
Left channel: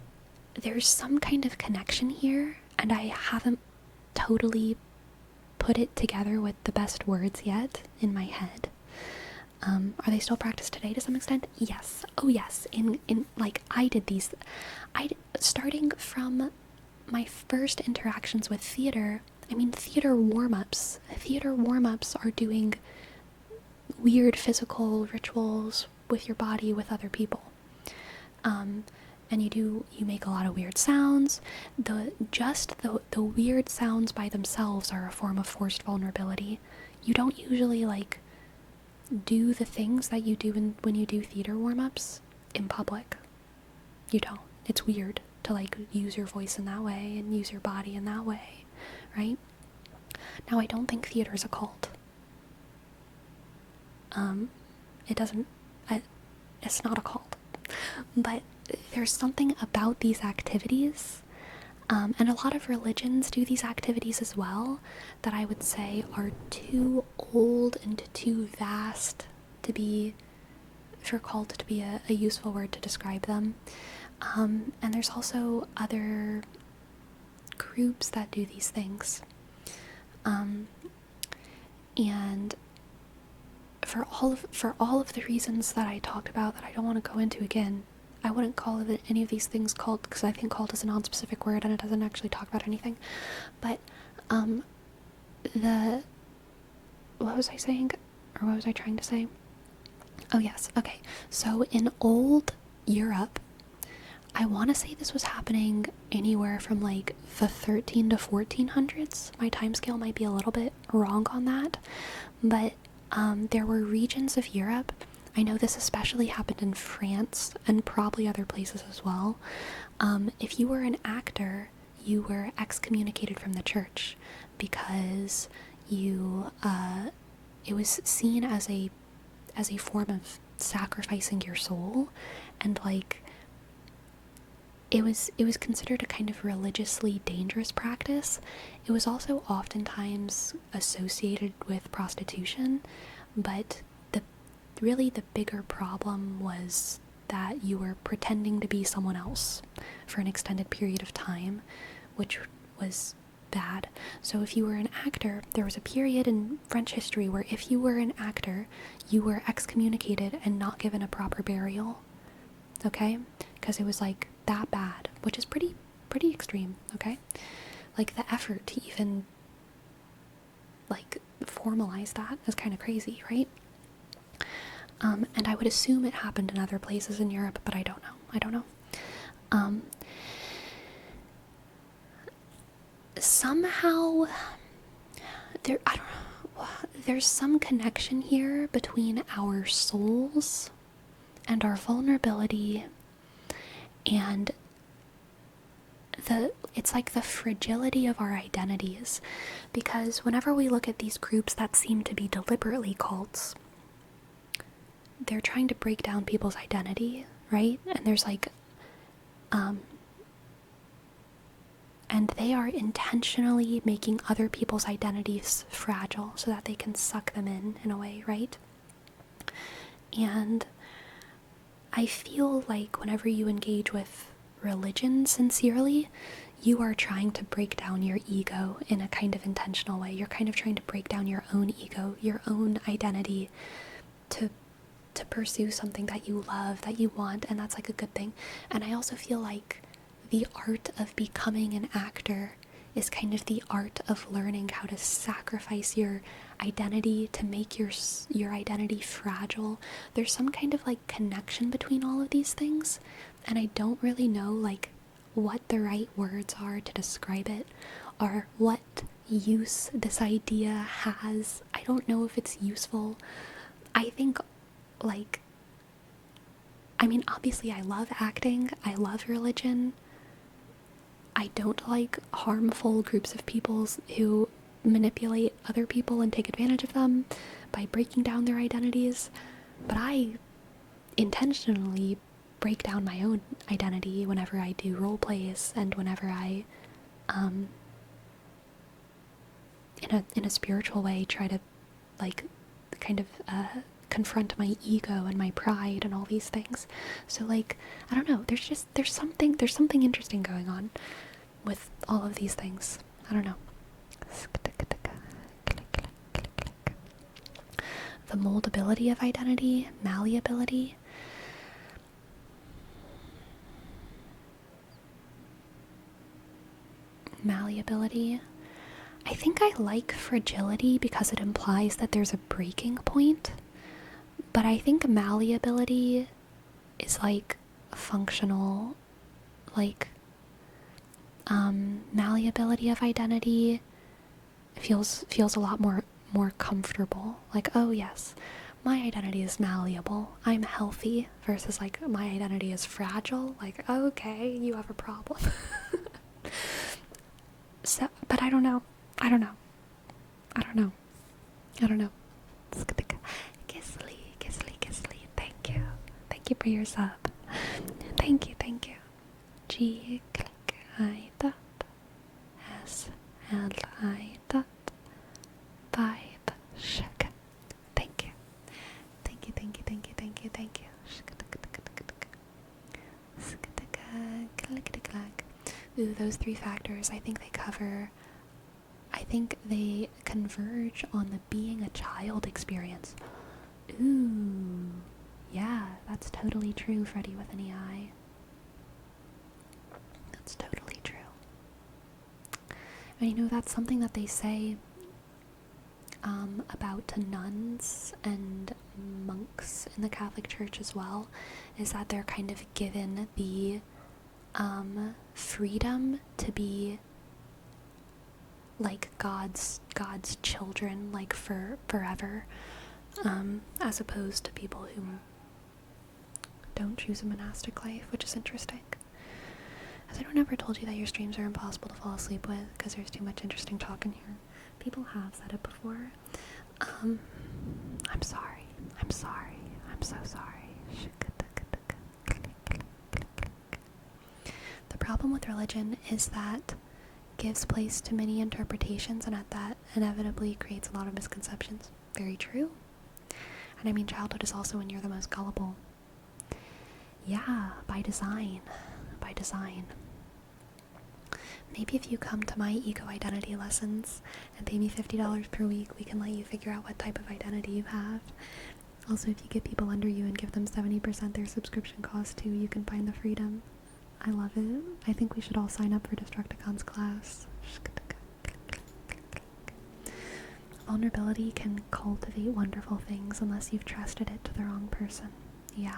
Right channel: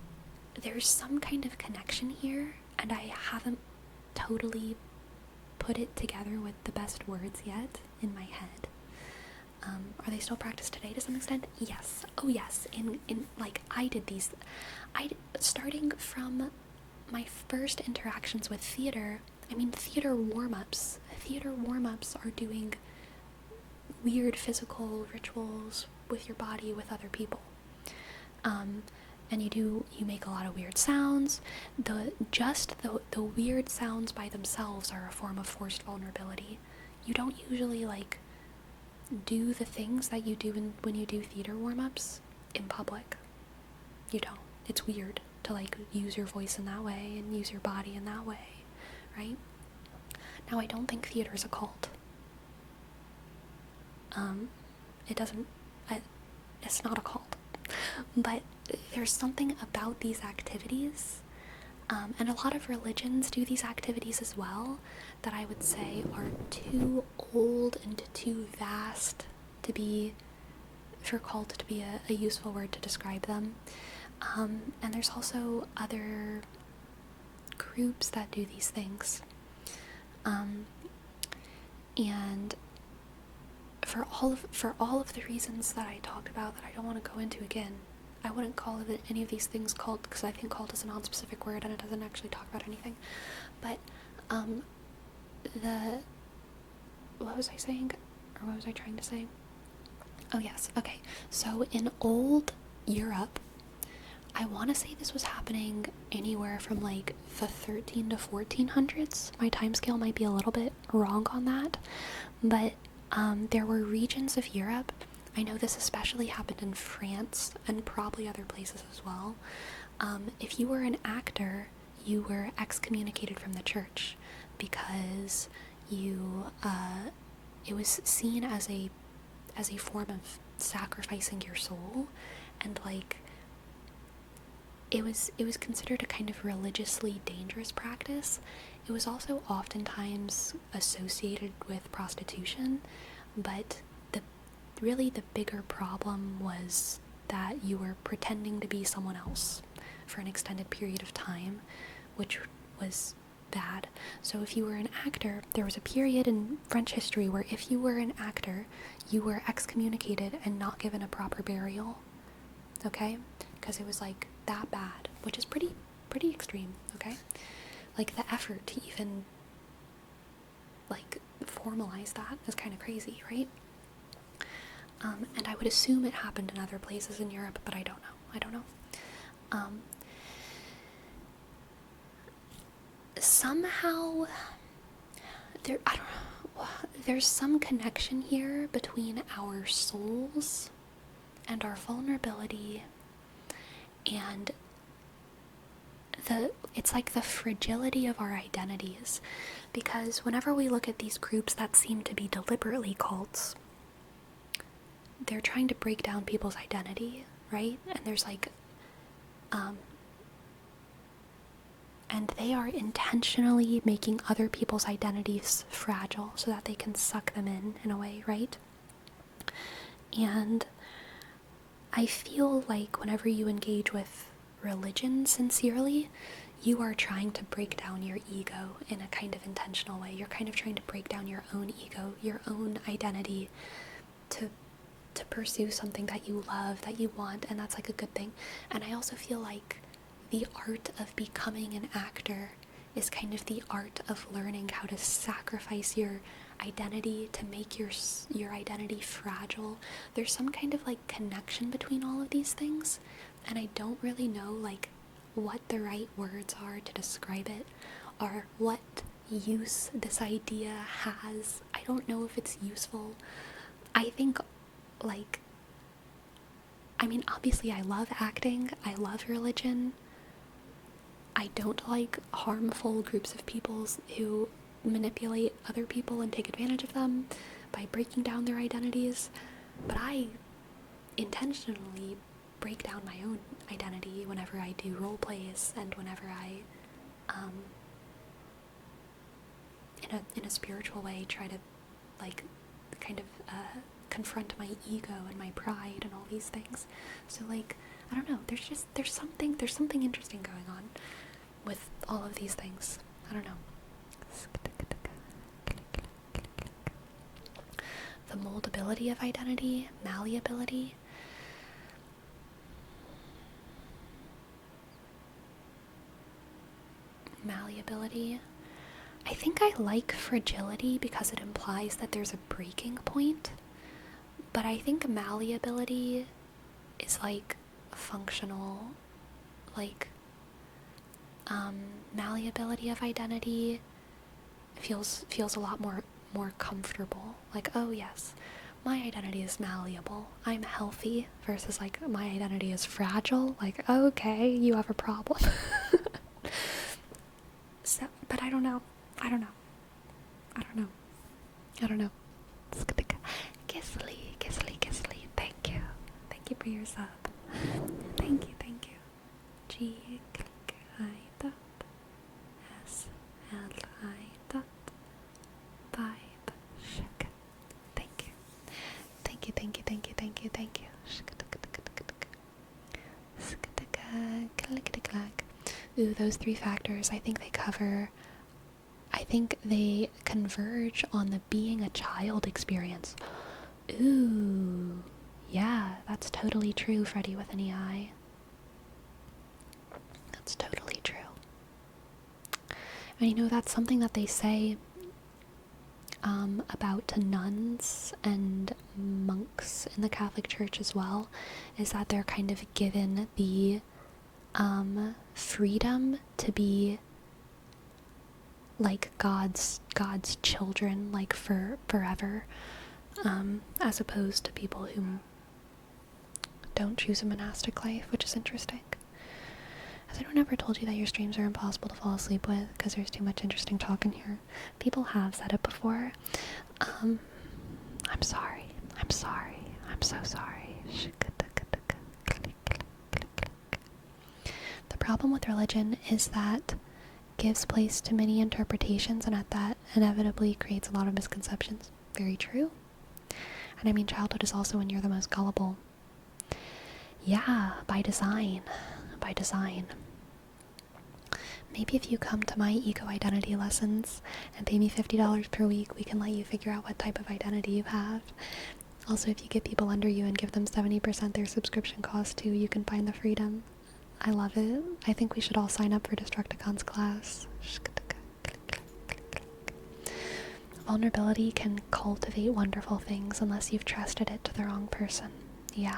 there's some kind of connection here, and I haven't totally put it together with the best words yet in my head. Are they still practiced today to some extent? Yes. Oh yes. In like I did these, starting from my first interactions with theater. I mean, theater warm-ups. Theater warm-ups are doing weird physical rituals with your body with other people. And you make a lot of weird sounds. The weird sounds by themselves are a form of forced vulnerability. You don't usually like do the things that you do when you do theater warm-ups in public. You don't. It's weird to like use your voice in that way and use your body in that way, right? Now, I don't think theater is a cult. It's not a cult. But there's something about these activities, and a lot of religions do these activities as well, that I would say are too old and too vast for cult to be a useful word to describe them. And there's also other groups that do these things. And for all of the reasons that I talked about that I don't want to go into again, I wouldn't call any of these things cult, because I think cult is a non-specific word and it doesn't actually talk about anything. But what was I saying? Or what was I trying to say? Oh yes, okay. So in old Europe, I want to say this was happening anywhere from like the 13 to 1400s. My timescale might be a little bit wrong on that, but there were regions of Europe. I know this especially happened in France and probably other places as well. If you were an actor, you were excommunicated from the church because it was seen as a form of sacrificing your soul, and like it was considered a kind of religiously dangerous practice. It was also oftentimes associated with prostitution, but the bigger problem was that you were pretending to be someone else for an extended period of time, which was bad. So if you were an actor, there was a period in French history where if you were an actor, you were excommunicated and not given a proper burial. Okay? Because it was like that bad, which is pretty extreme, okay? Like the effort to even like formalize that is kind of crazy, right? And I would assume it happened in other places in Europe, but I don't know. Somehow there's some connection here between our souls and our vulnerability and it's like the fragility of our identities, because whenever we look at these groups that seem to be deliberately cults, they're trying to break down people's identity, right? And there's like and they are intentionally making other people's identities fragile so that they can suck them in a way, right? And I feel like whenever you engage with religion sincerely, you are trying to break down your ego in a kind of intentional way. You're kind of trying to break down your own ego, your own identity, to pursue something that you love, that you want, and that's like a good thing. And I also feel like the art of becoming an actor is kind of the art of learning how to sacrifice your identity to make your identity fragile. There's some kind of like connection between all of these things, and I don't really know like what the right words are to describe it, or what use this idea has. I don't know if it's useful. I think, like, I mean, obviously I love acting, I love religion. I don't like harmful groups of people who manipulate other people and take advantage of them by breaking down their identities, but I intentionally break down my own identity whenever I do role plays and whenever I, in a spiritual way, try to, like, kind of, confront my ego and my pride and all these things. So, like, I don't know, there's something interesting going on with all of these things. I don't know. The moldability of identity, malleability. Malleability. I think I like fragility because it implies that there's a breaking point. But I think malleability is like functional, like, malleability of identity feels a lot more comfortable. Like, oh yes, my identity is malleable, I'm healthy, versus like my identity is fragile. Like, okay, you have a problem. So, but I don't know. Gizzly, thank you. Thank you for your sub. Thank you. G click I dot S L I dot vibe shak. Thank you. Ooh, those three factors, I think they converge on the being a child experience. Ooh, yeah, that's totally true, Freddie with an EI. That's totally true. And you know, that's something that they say about nuns and monks in the Catholic Church as well, is that they're kind of given the freedom to be like God's children, like for forever, as opposed to people who don't choose a monastic life, which is interesting. Has anyone ever told you that your streams are impossible to fall asleep with because there's too much interesting talk in here? People have said it before. I'm sorry. I'm so sorry. The problem with religion is that gives place to many interpretations, and that inevitably creates a lot of misconceptions. Very true. And I mean, childhood is also when you're the most gullible. Yeah, by design. Maybe if you come to my ego identity lessons and pay me $50 per week, we can let you figure out what type of identity you have. Also, if you get people under you and give them 70% their subscription cost too, you can find the freedom. I love it. I think we should all sign up for Destructicon's class. Vulnerability can cultivate wonderful things unless you've trusted it to the wrong person. Yeah.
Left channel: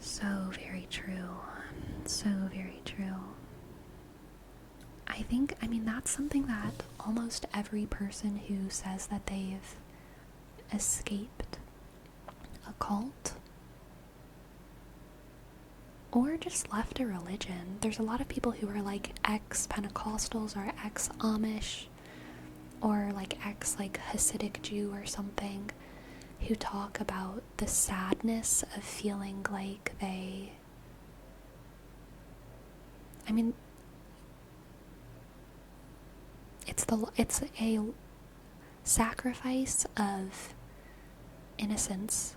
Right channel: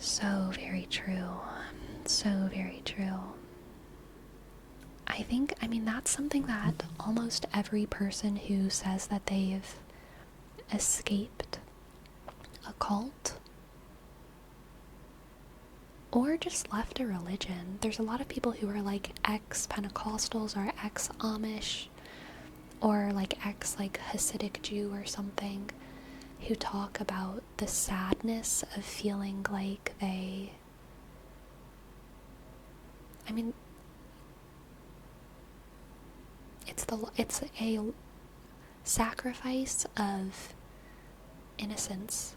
So very true. I mean, that's something that almost every person who says that they've escaped a cult or just left a religion. There's a lot of people who are like ex-Pentecostals or ex-Amish or like ex-Hasidic Jew or something, who talk about the sadness of feeling like it's a sacrifice of innocence,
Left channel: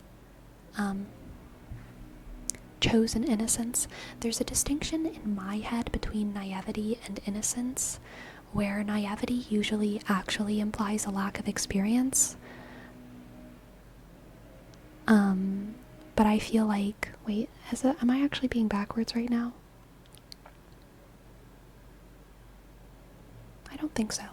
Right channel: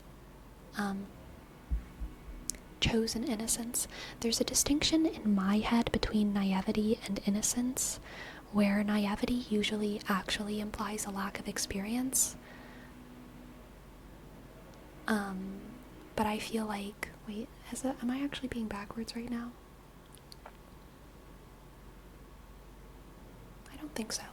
chosen innocence. There's a distinction in my head between naivety and innocence, where naivety usually actually implies a lack of experience. But I feel like, wait, am I actually being backwards right now? I don't think so.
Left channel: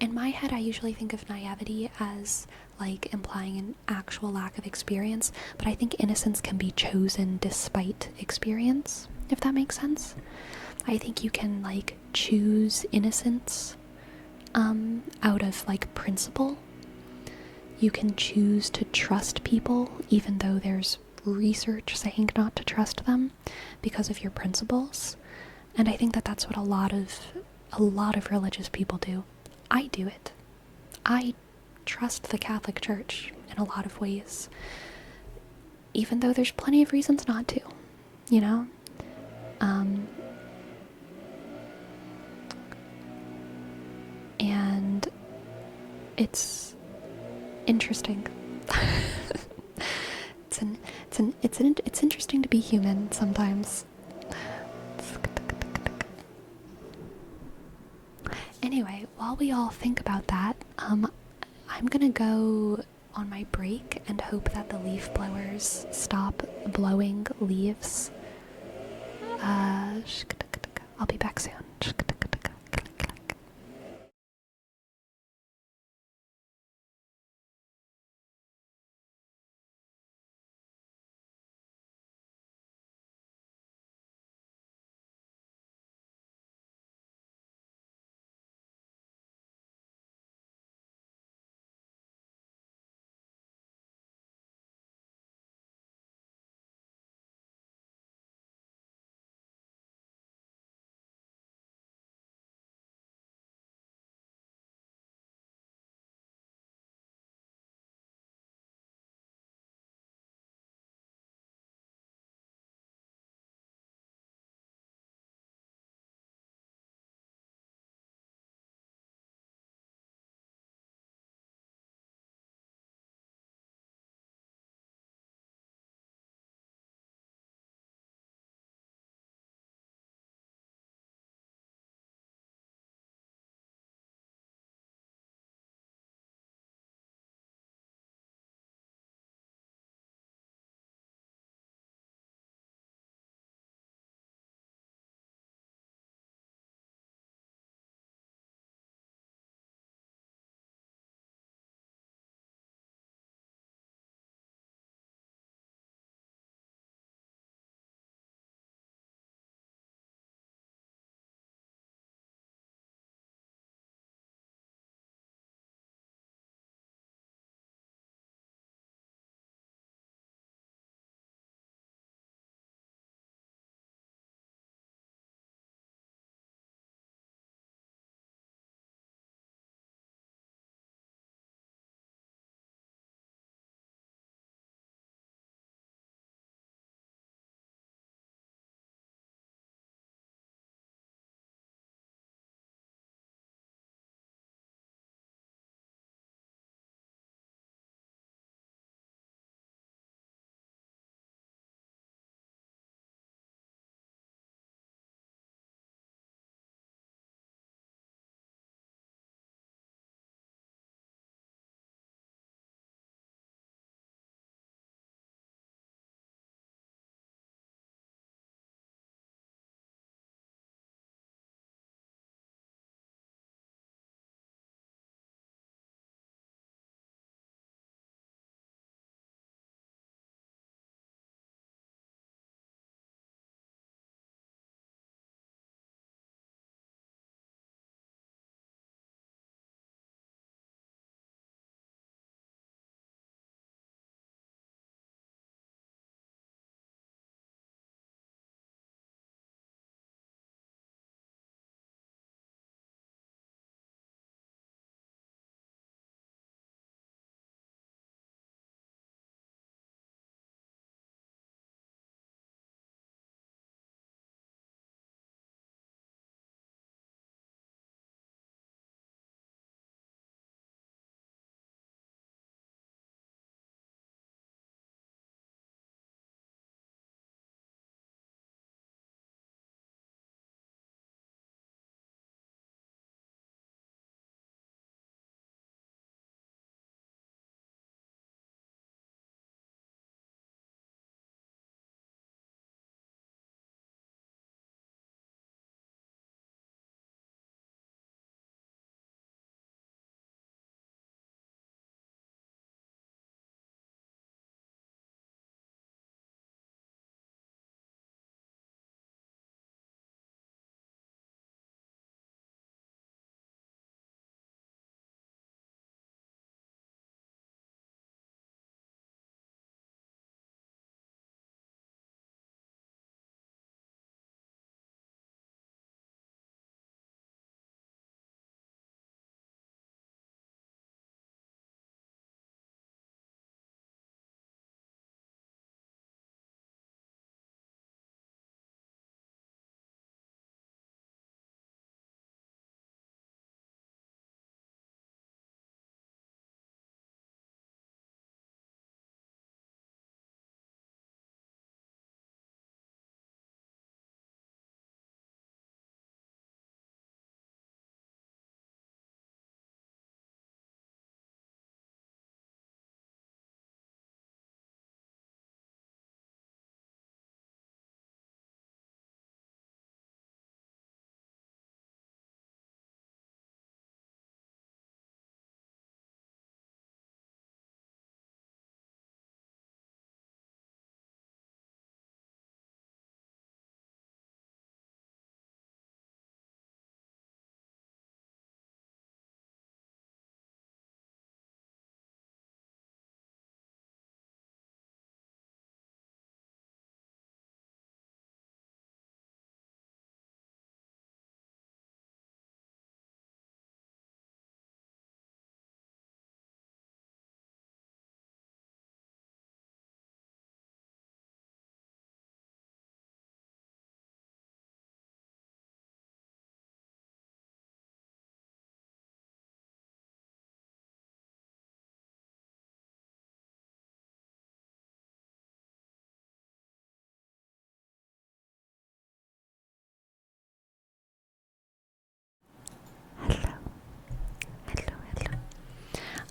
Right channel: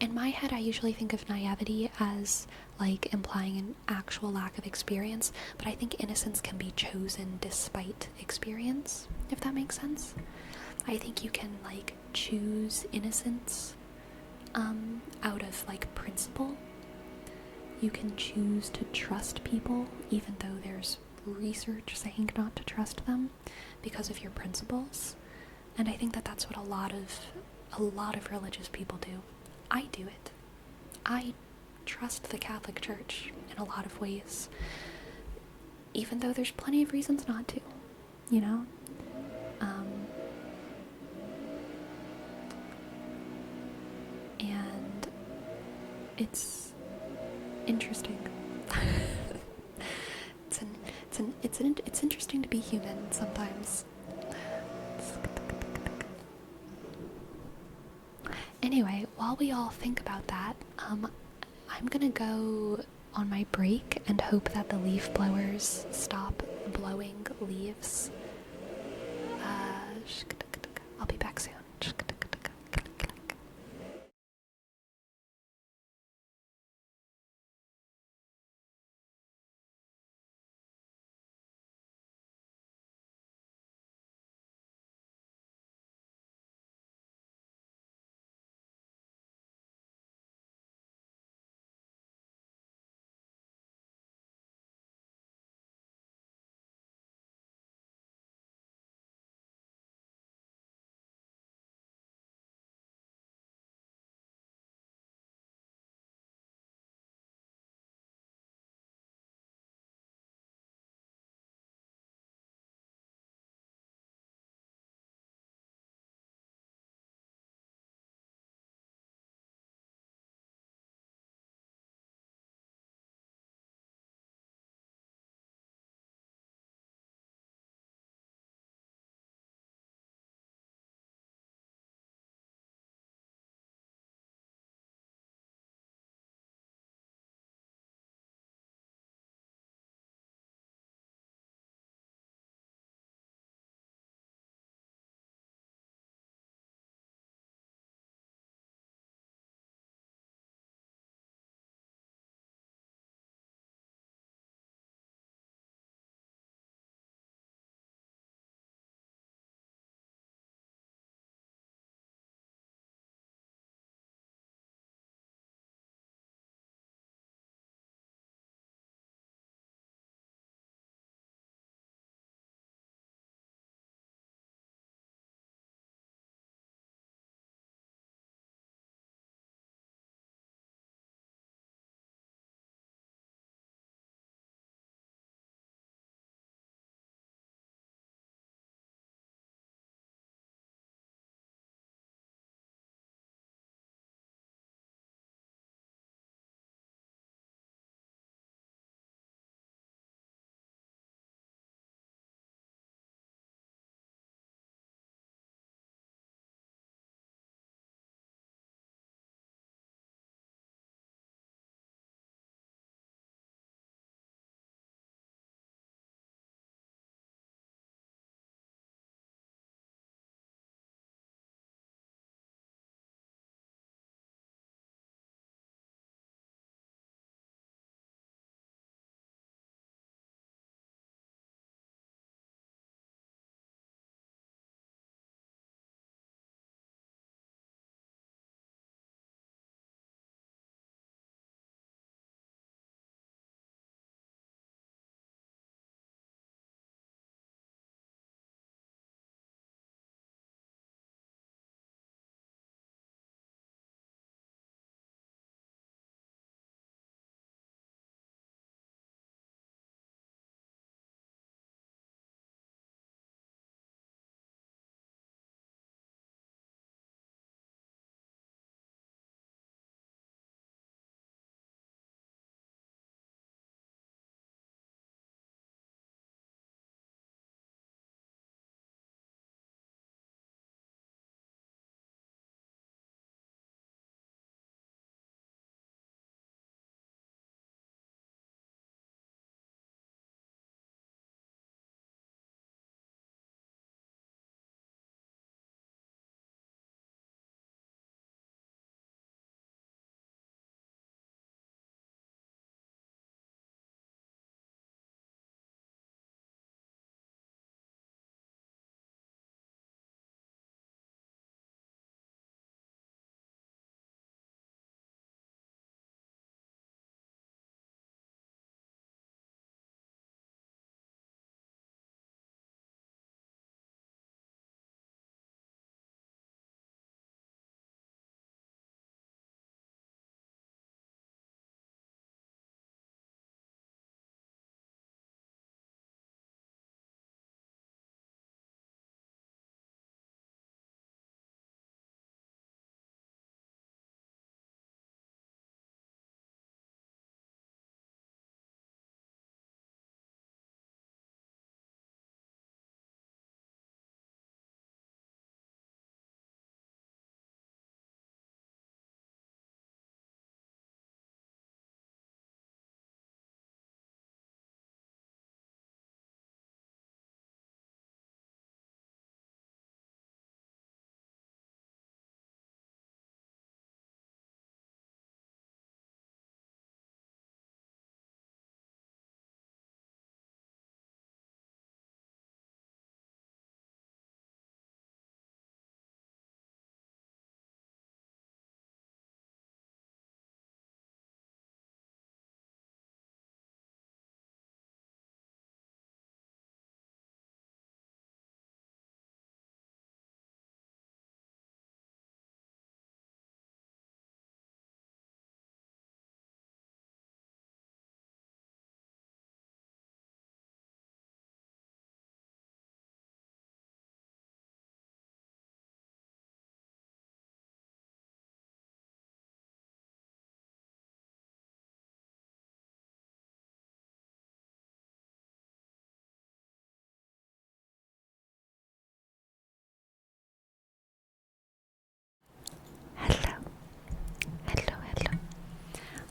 In my head, I usually think of naivety as like implying an actual lack of experience, but I think innocence can be chosen despite experience, if that makes sense. I think you can like choose innocence out of like principle. You can choose to trust people even though there's research saying not to trust them because of your principles. And I think that that's what a lot of religious people do. I do it. I trust the Catholic Church in a lot of ways, even though there's plenty of reasons not to, you know? And it's interesting. It's interesting to be human sometimes. Anyway, while we all think about that, I'm gonna go on my break and hope that the leaf blowers stop blowing leaves. I'll be back soon.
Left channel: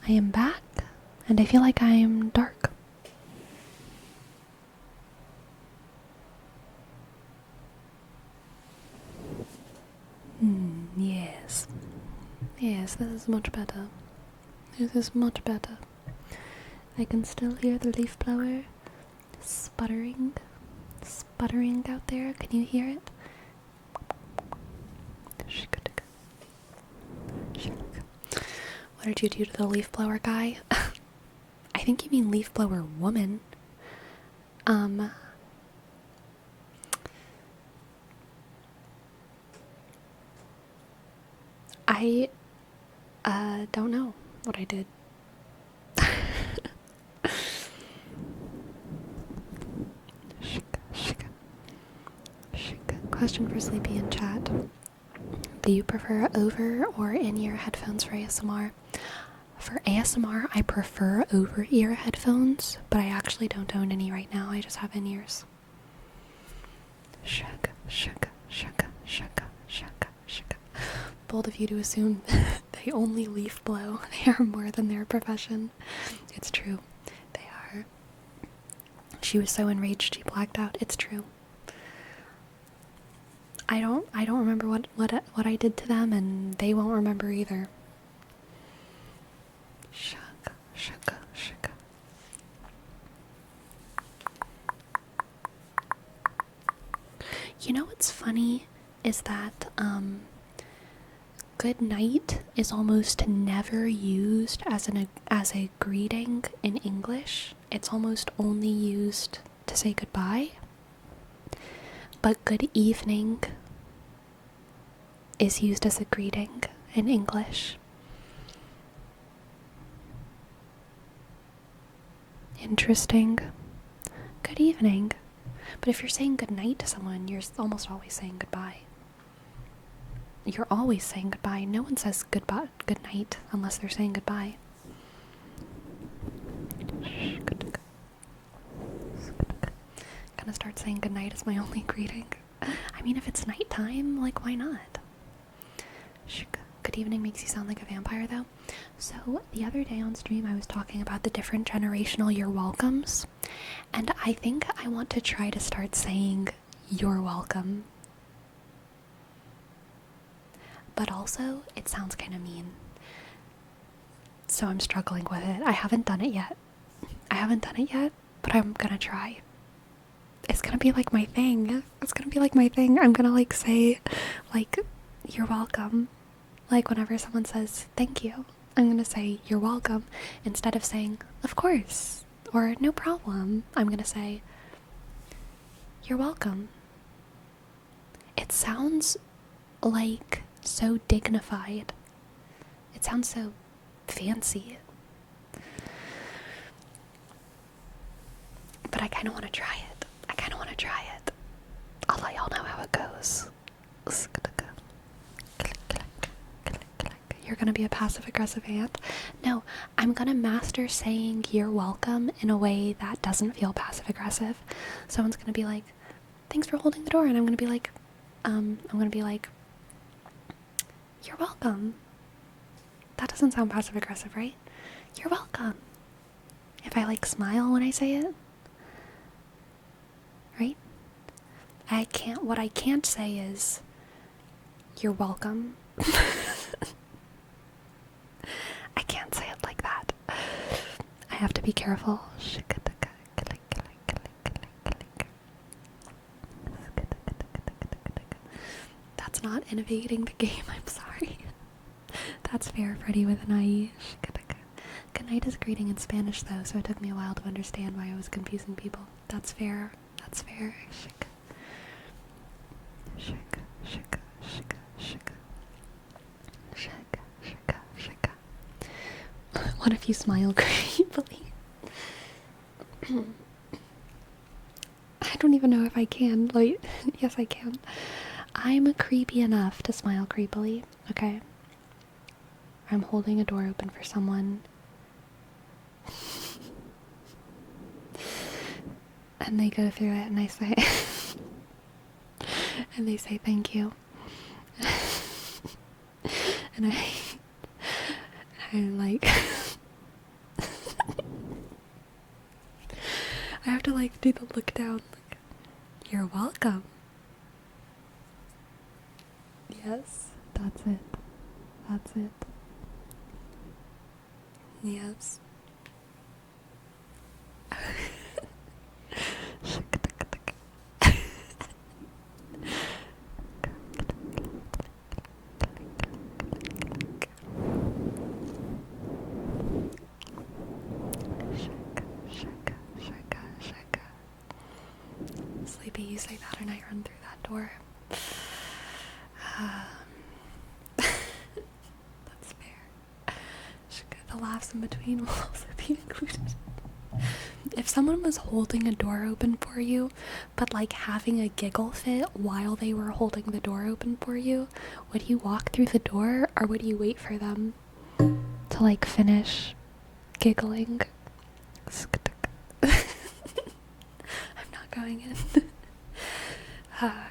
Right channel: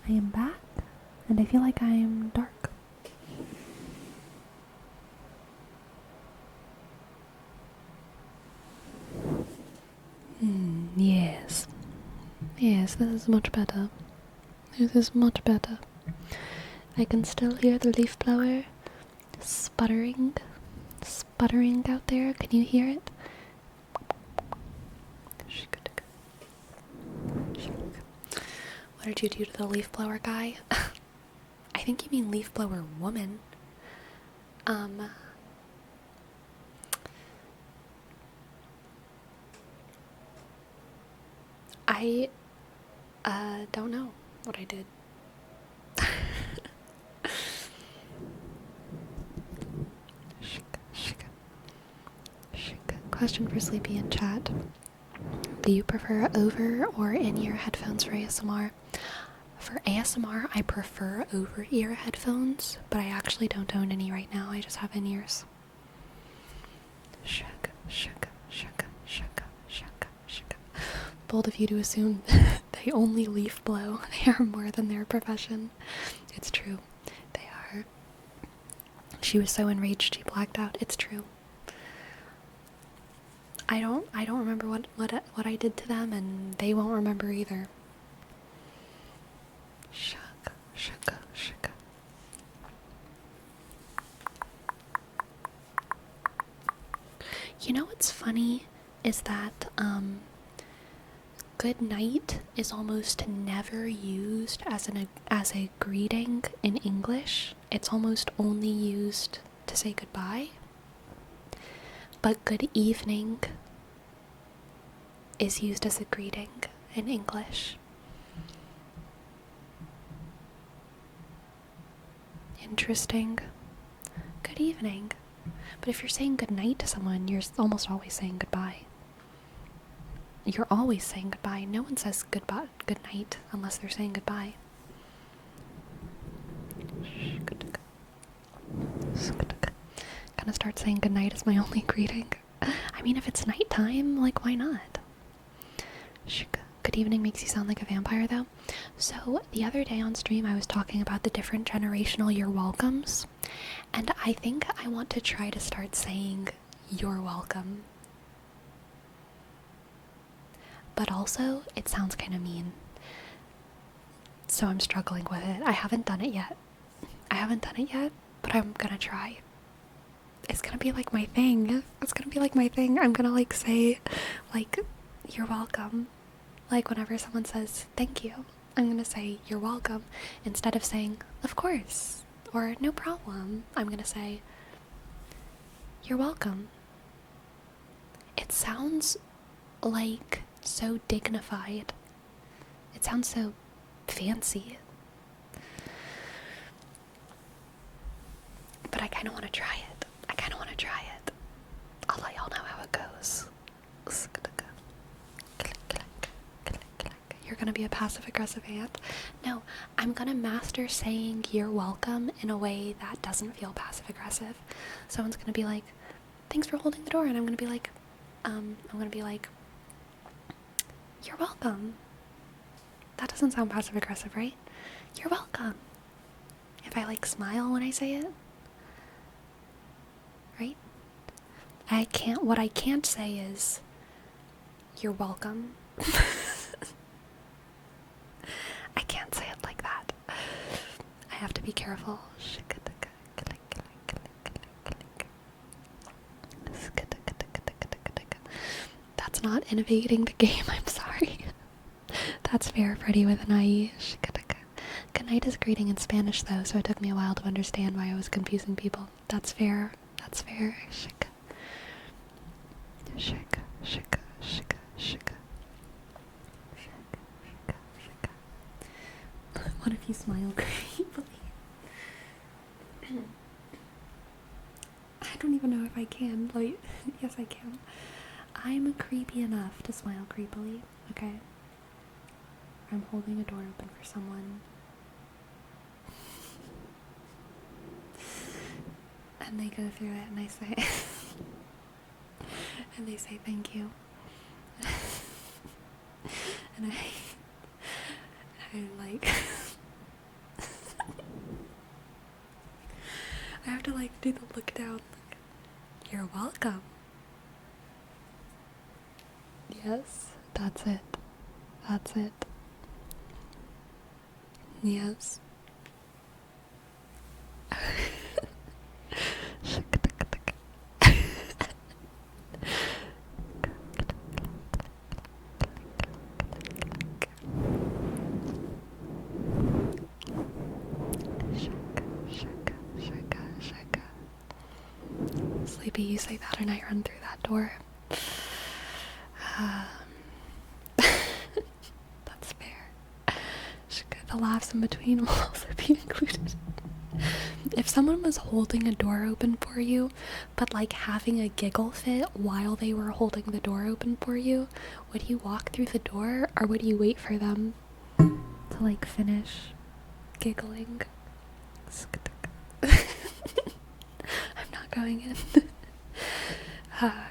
I am back, and I feel like I am dark. Yes. Yes, this is much better. This is much better. I can still hear the leaf blower sputtering out there. Can you hear it? What did you do to the leaf blower guy? I think you mean leaf blower woman. I don't know what I did. Question for Sleepy in chat. Do you prefer over or in-ear headphones for ASMR? For ASMR, I prefer over-ear headphones, but I actually don't own any right now. I just have in-ears. Shaka, shaka, shaka, shaka, shaka, shaka. Bold of you to assume they only leaf blow. They are more than their profession. It's true. They are. She was so enraged she blacked out. It's true. I don't remember what I did to them, and they won't remember either. Shaka, shaka, shaka. You know what's funny is that good night is almost never used as a greeting in English. It's almost only used to say goodbye. But good evening is used as a greeting in English. Interesting. Good evening. But if you're saying good night to someone, you're almost always saying goodbye. You're always saying goodbye. No one says good night unless they're saying goodbye. Gonna start saying good night as my only greeting. I mean, if it's nighttime, like, why not? Good evening makes you sound like a vampire, though. So, the other day on stream, I was talking about the different generational you're welcomes, and I think I want to try to start saying you're welcome. But also, it sounds kind of mean. So I'm struggling with it. I haven't done it yet, but I'm gonna try. It's gonna be like my thing. I'm gonna like say, like, you're welcome. Like whenever someone says thank you, I'm gonna say you're welcome instead of saying of course or no problem. I'm gonna say you're welcome. It sounds like so dignified. It sounds so fancy. But I kind of want to try it. I'll let y'all know how it goes. You're gonna be a passive-aggressive ant? No, I'm gonna master saying you're welcome in a way that doesn't feel passive-aggressive. Someone's gonna be like, thanks for holding the door, and I'm gonna be like, you're welcome. That doesn't sound passive-aggressive, right? You're welcome. If I like smile when I say it, right? What I can't say is, you're welcome. I can't say it like that. I have to be careful. That's not innovating the game, I'm sorry. That's fair, Freddy with an IE. Good night is greeting in Spanish though, so it took me a while to understand why I was confusing people. That's fair. What if you smile creepily? I don't even know if I can. Like, yes, I can. I'm creepy enough to smile creepily, okay? I'm holding a door open for someone. And they go through it and I say, and they say thank you. And I'm like, I have to like do the look down. Like, you're welcome. Yes, that's it. That's it. Yes. Sleepy, you say that and I run through that door. That's fair. The laughs in between will also be included. If someone was holding a door open for you, but like having a giggle fit while they were holding the door open for you, would you walk through the door or would you wait for them to like finish giggling? I'm not going in.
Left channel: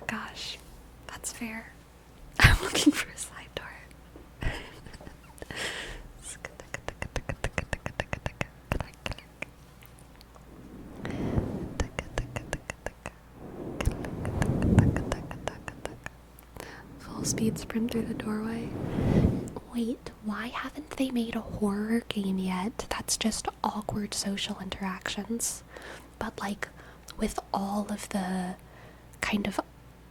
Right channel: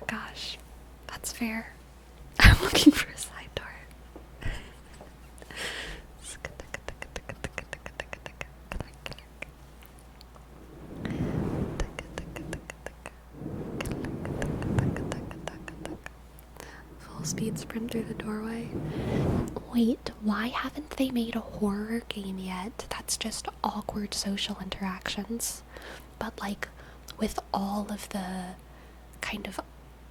Gosh, that's fair. I'm looking for a side door. Full speed sprint through the doorway. Wait, why haven't they made a horror game yet? That's just awkward social interactions. But like with all of the kind of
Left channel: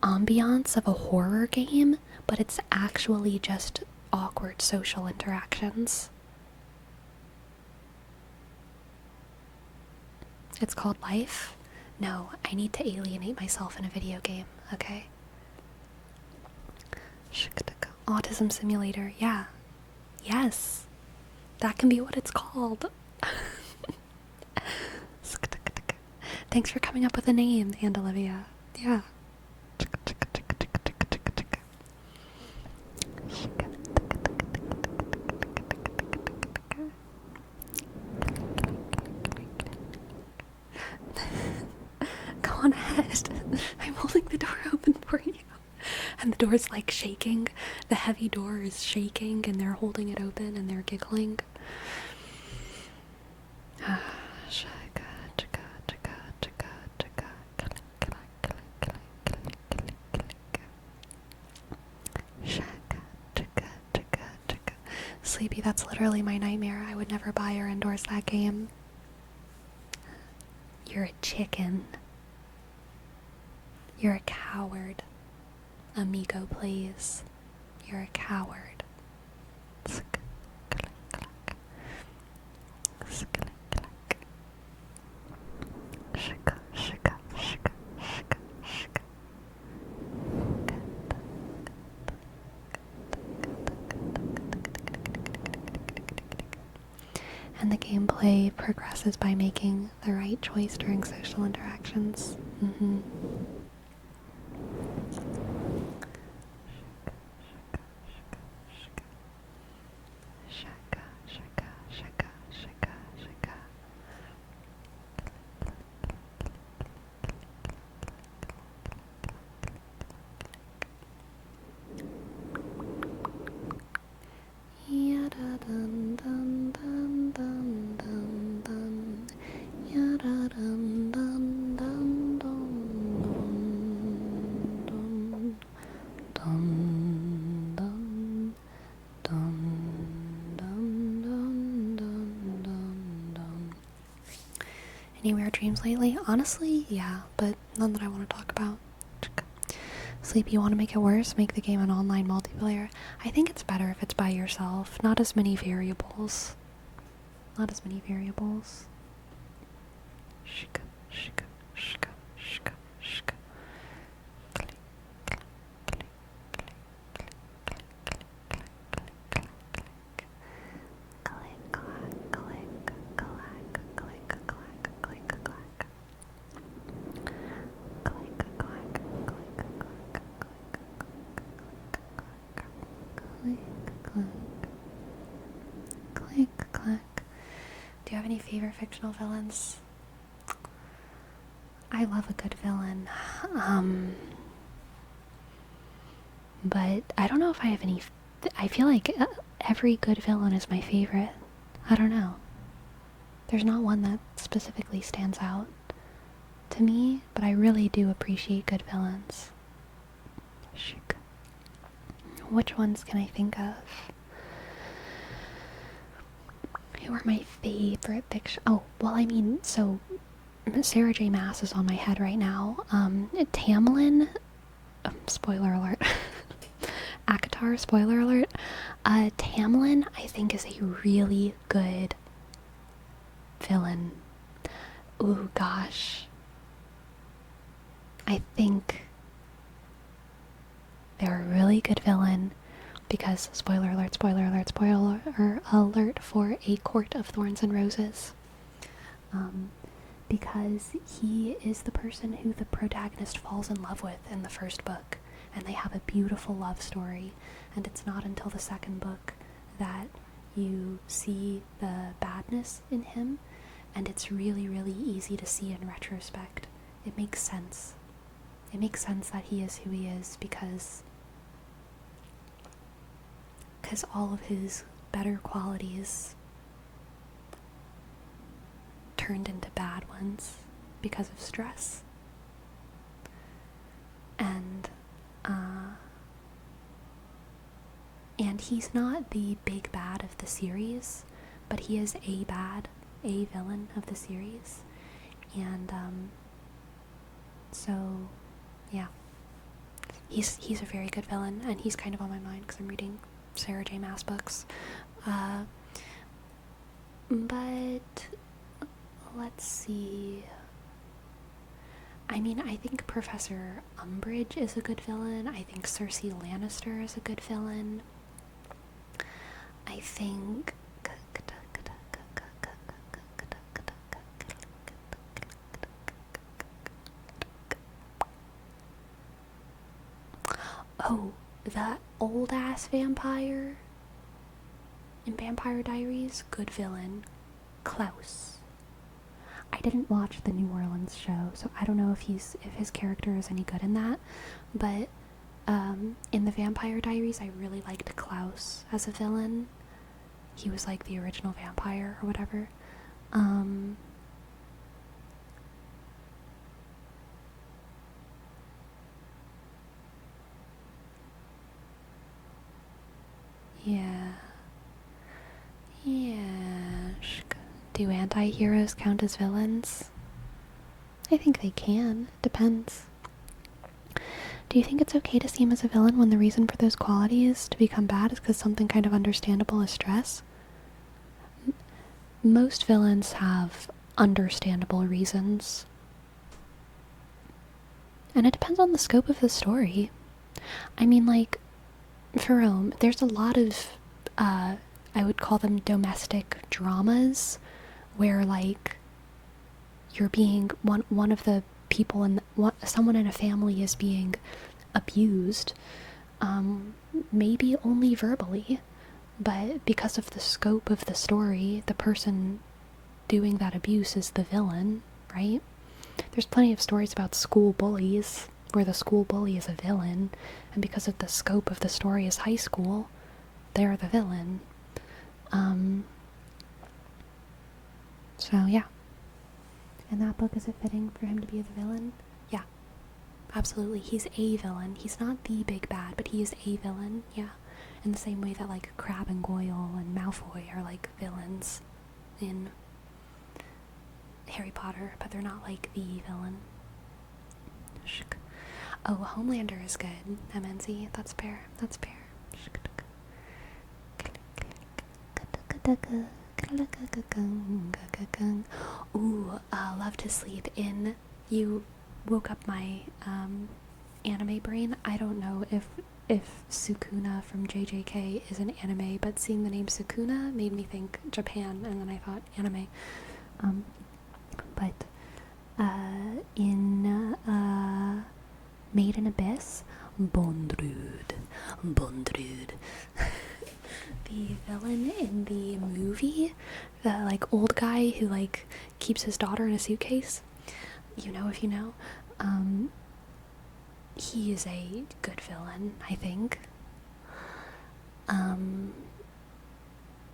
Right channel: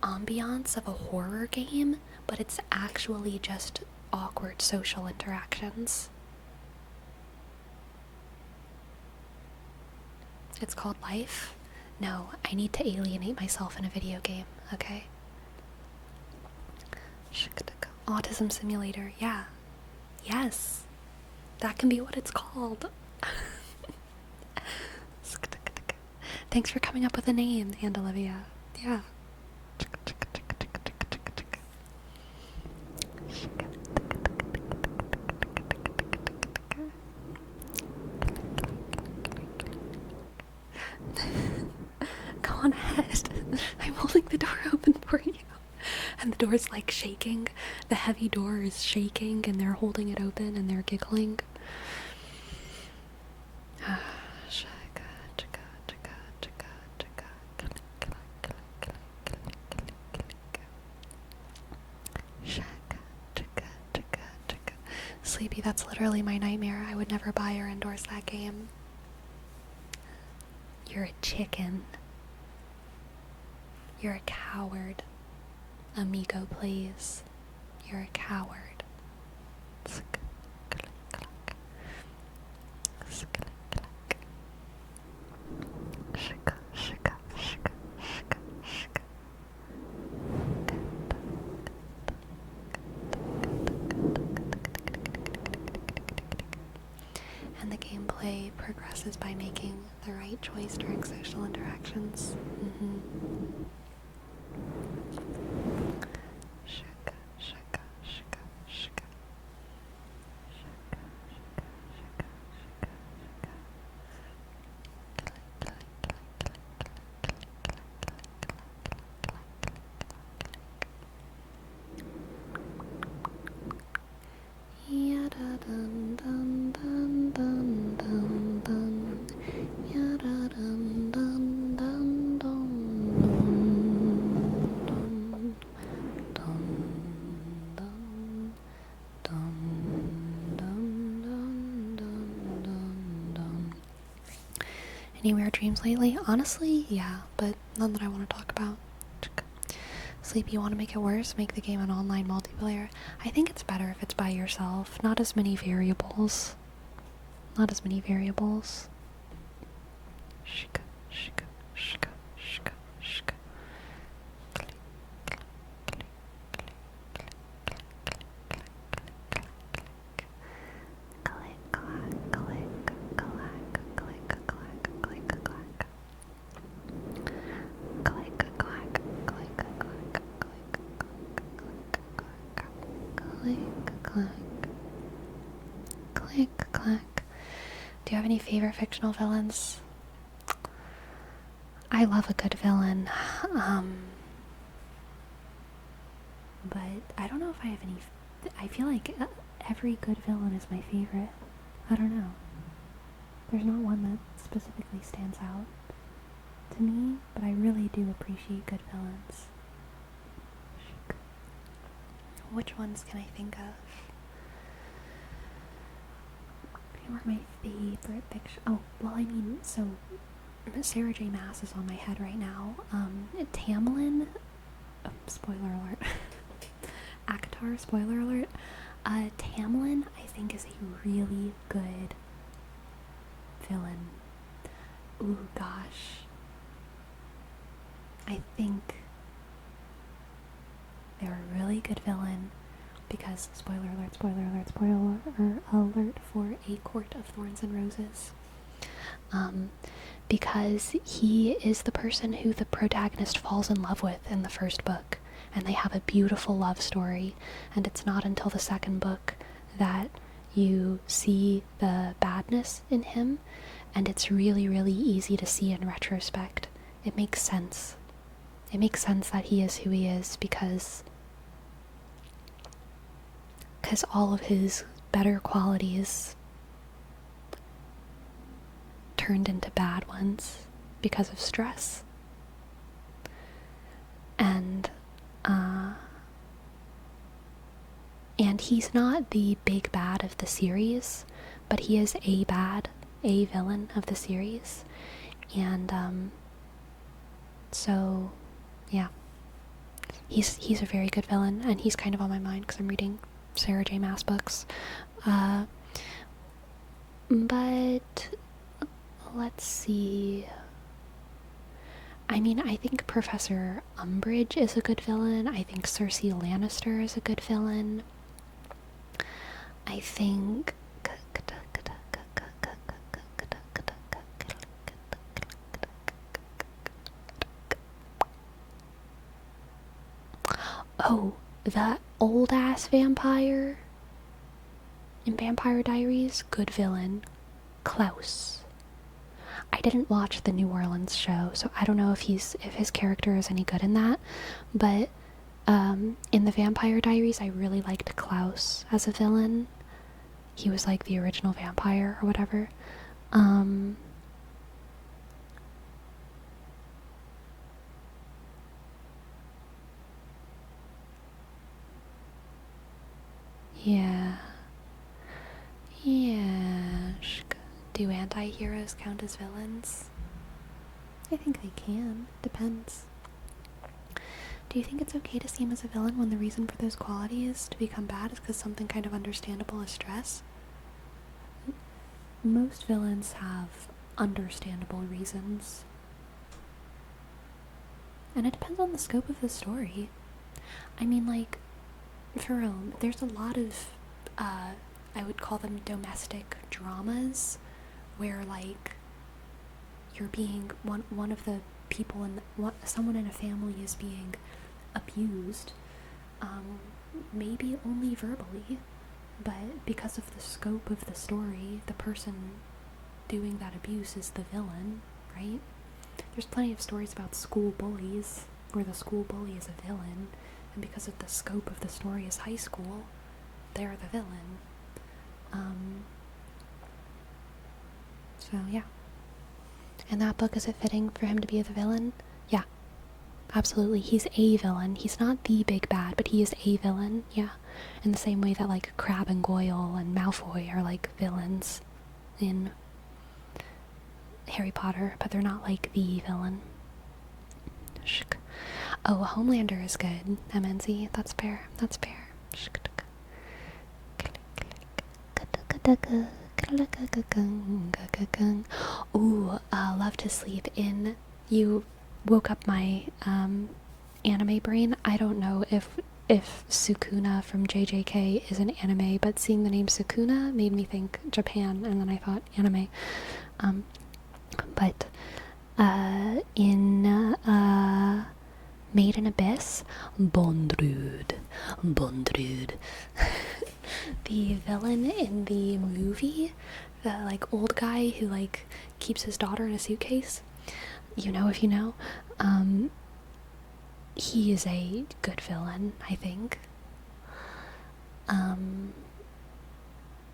ambiance of a horror game, but it's actually just awkward social interactions. It's called life? No, I need to alienate myself in a video game, okay? Autism simulator, yeah. Yes. That can be what it's called. Thanks for coming up with a name, and Olivia. Yeah. Go on ahead. I'm holding the door open for you. And the door's like shaking. The heavy door is shaking and they're holding it open and they're giggling. Sleepy, that's literally my nightmare. I would never buy or endorse that game. You're a chicken. You're a coward. Amigo, please. You're a coward. And the gameplay progresses by making the right choice during social interactions. Mm-hmm. Any weird dreams lately? Honestly, yeah, but none that I want to talk about. Sleep, you want to make it worse? Make the game an online multiplayer. I think it's better if it's by yourself. Not as many variables. Not as many variables. Shika, shika, shika, shika, shika. Do you have any favorite fictional villains? I love a good villain. But I don't know if I have any. I feel like every good villain is my favorite. I don't know. There's not one that specifically stands out. to me, but I really do appreciate good villains. Which ones can I think of? Who are my favorite fiction? Oh, well, I mean, so Sarah J. Maas is on my head right now. Tamlin, spoiler alert. ACOTAR, spoiler alert. Tamlin, I think, is a really good villain. Ooh, gosh. I think they're a really good villain because, spoiler alert, spoiler alert for A Court of Thorns and Roses. Because he is the person who the protagonist falls in love with in the first book, and they have a beautiful love story, and it's not until the second book that you see the badness in him, and it's really, really easy to see in retrospect. It makes sense. It makes sense that he is who he is because all of his better qualities turned into bad ones because of stress. And he's not the big bad of the series, but he is a villain of the series. And so yeah, he's a very good villain, and he's kind of on my mind because I'm reading Sarah J. Maas books. But let's see. I mean, I think Professor Umbridge is a good villain. I think Cersei Lannister is a good villain. I think oh, that old ass vampire in Vampire Diaries, good villain. Klaus. I didn't watch the New Orleans show, so I don't know if his character is any good in that, but in the Vampire Diaries, I really liked Klaus as a villain. He was like the original vampire or whatever. Yeah. Do anti-heroes count as villains? I think they can. Depends. Do you think it's okay to see him as a villain when the reason for those qualities to become bad is because something kind of understandable is stress? Most villains have understandable reasons. And it depends on the scope of the story. I mean, like, for real, there's a lot of, I would call them domestic dramas, where, like, you're being, one of the people in, someone in a family is being abused, maybe only verbally, but because of the scope of the story, the person doing that abuse is the villain, right? There's plenty of stories about school bullies, where the school bully is a villain, and because of the scope of the story is high school, they're the villain. So yeah. In that book, is it fitting for him to be the villain? Yeah, absolutely. He's a villain. He's not the big bad, but he is a villain, yeah. In the same way that, like, Crabbe and Goyle and Malfoy are, like, villains in Harry Potter, but they're not, like, the villain. Oh, Homelander is good, MNZ. That's fair. That's fair. Ooh, Love to Sleep In. You woke up my anime brain. I don't know if Sukuna from JJK is an anime, but seeing the name Sukuna made me think Japan, and then I thought anime. But in Made in Abyss, Bondrud. The villain in the movie, the, like, old guy who, like, keeps his daughter in a suitcase, you know if you know, he is a good villain, I think.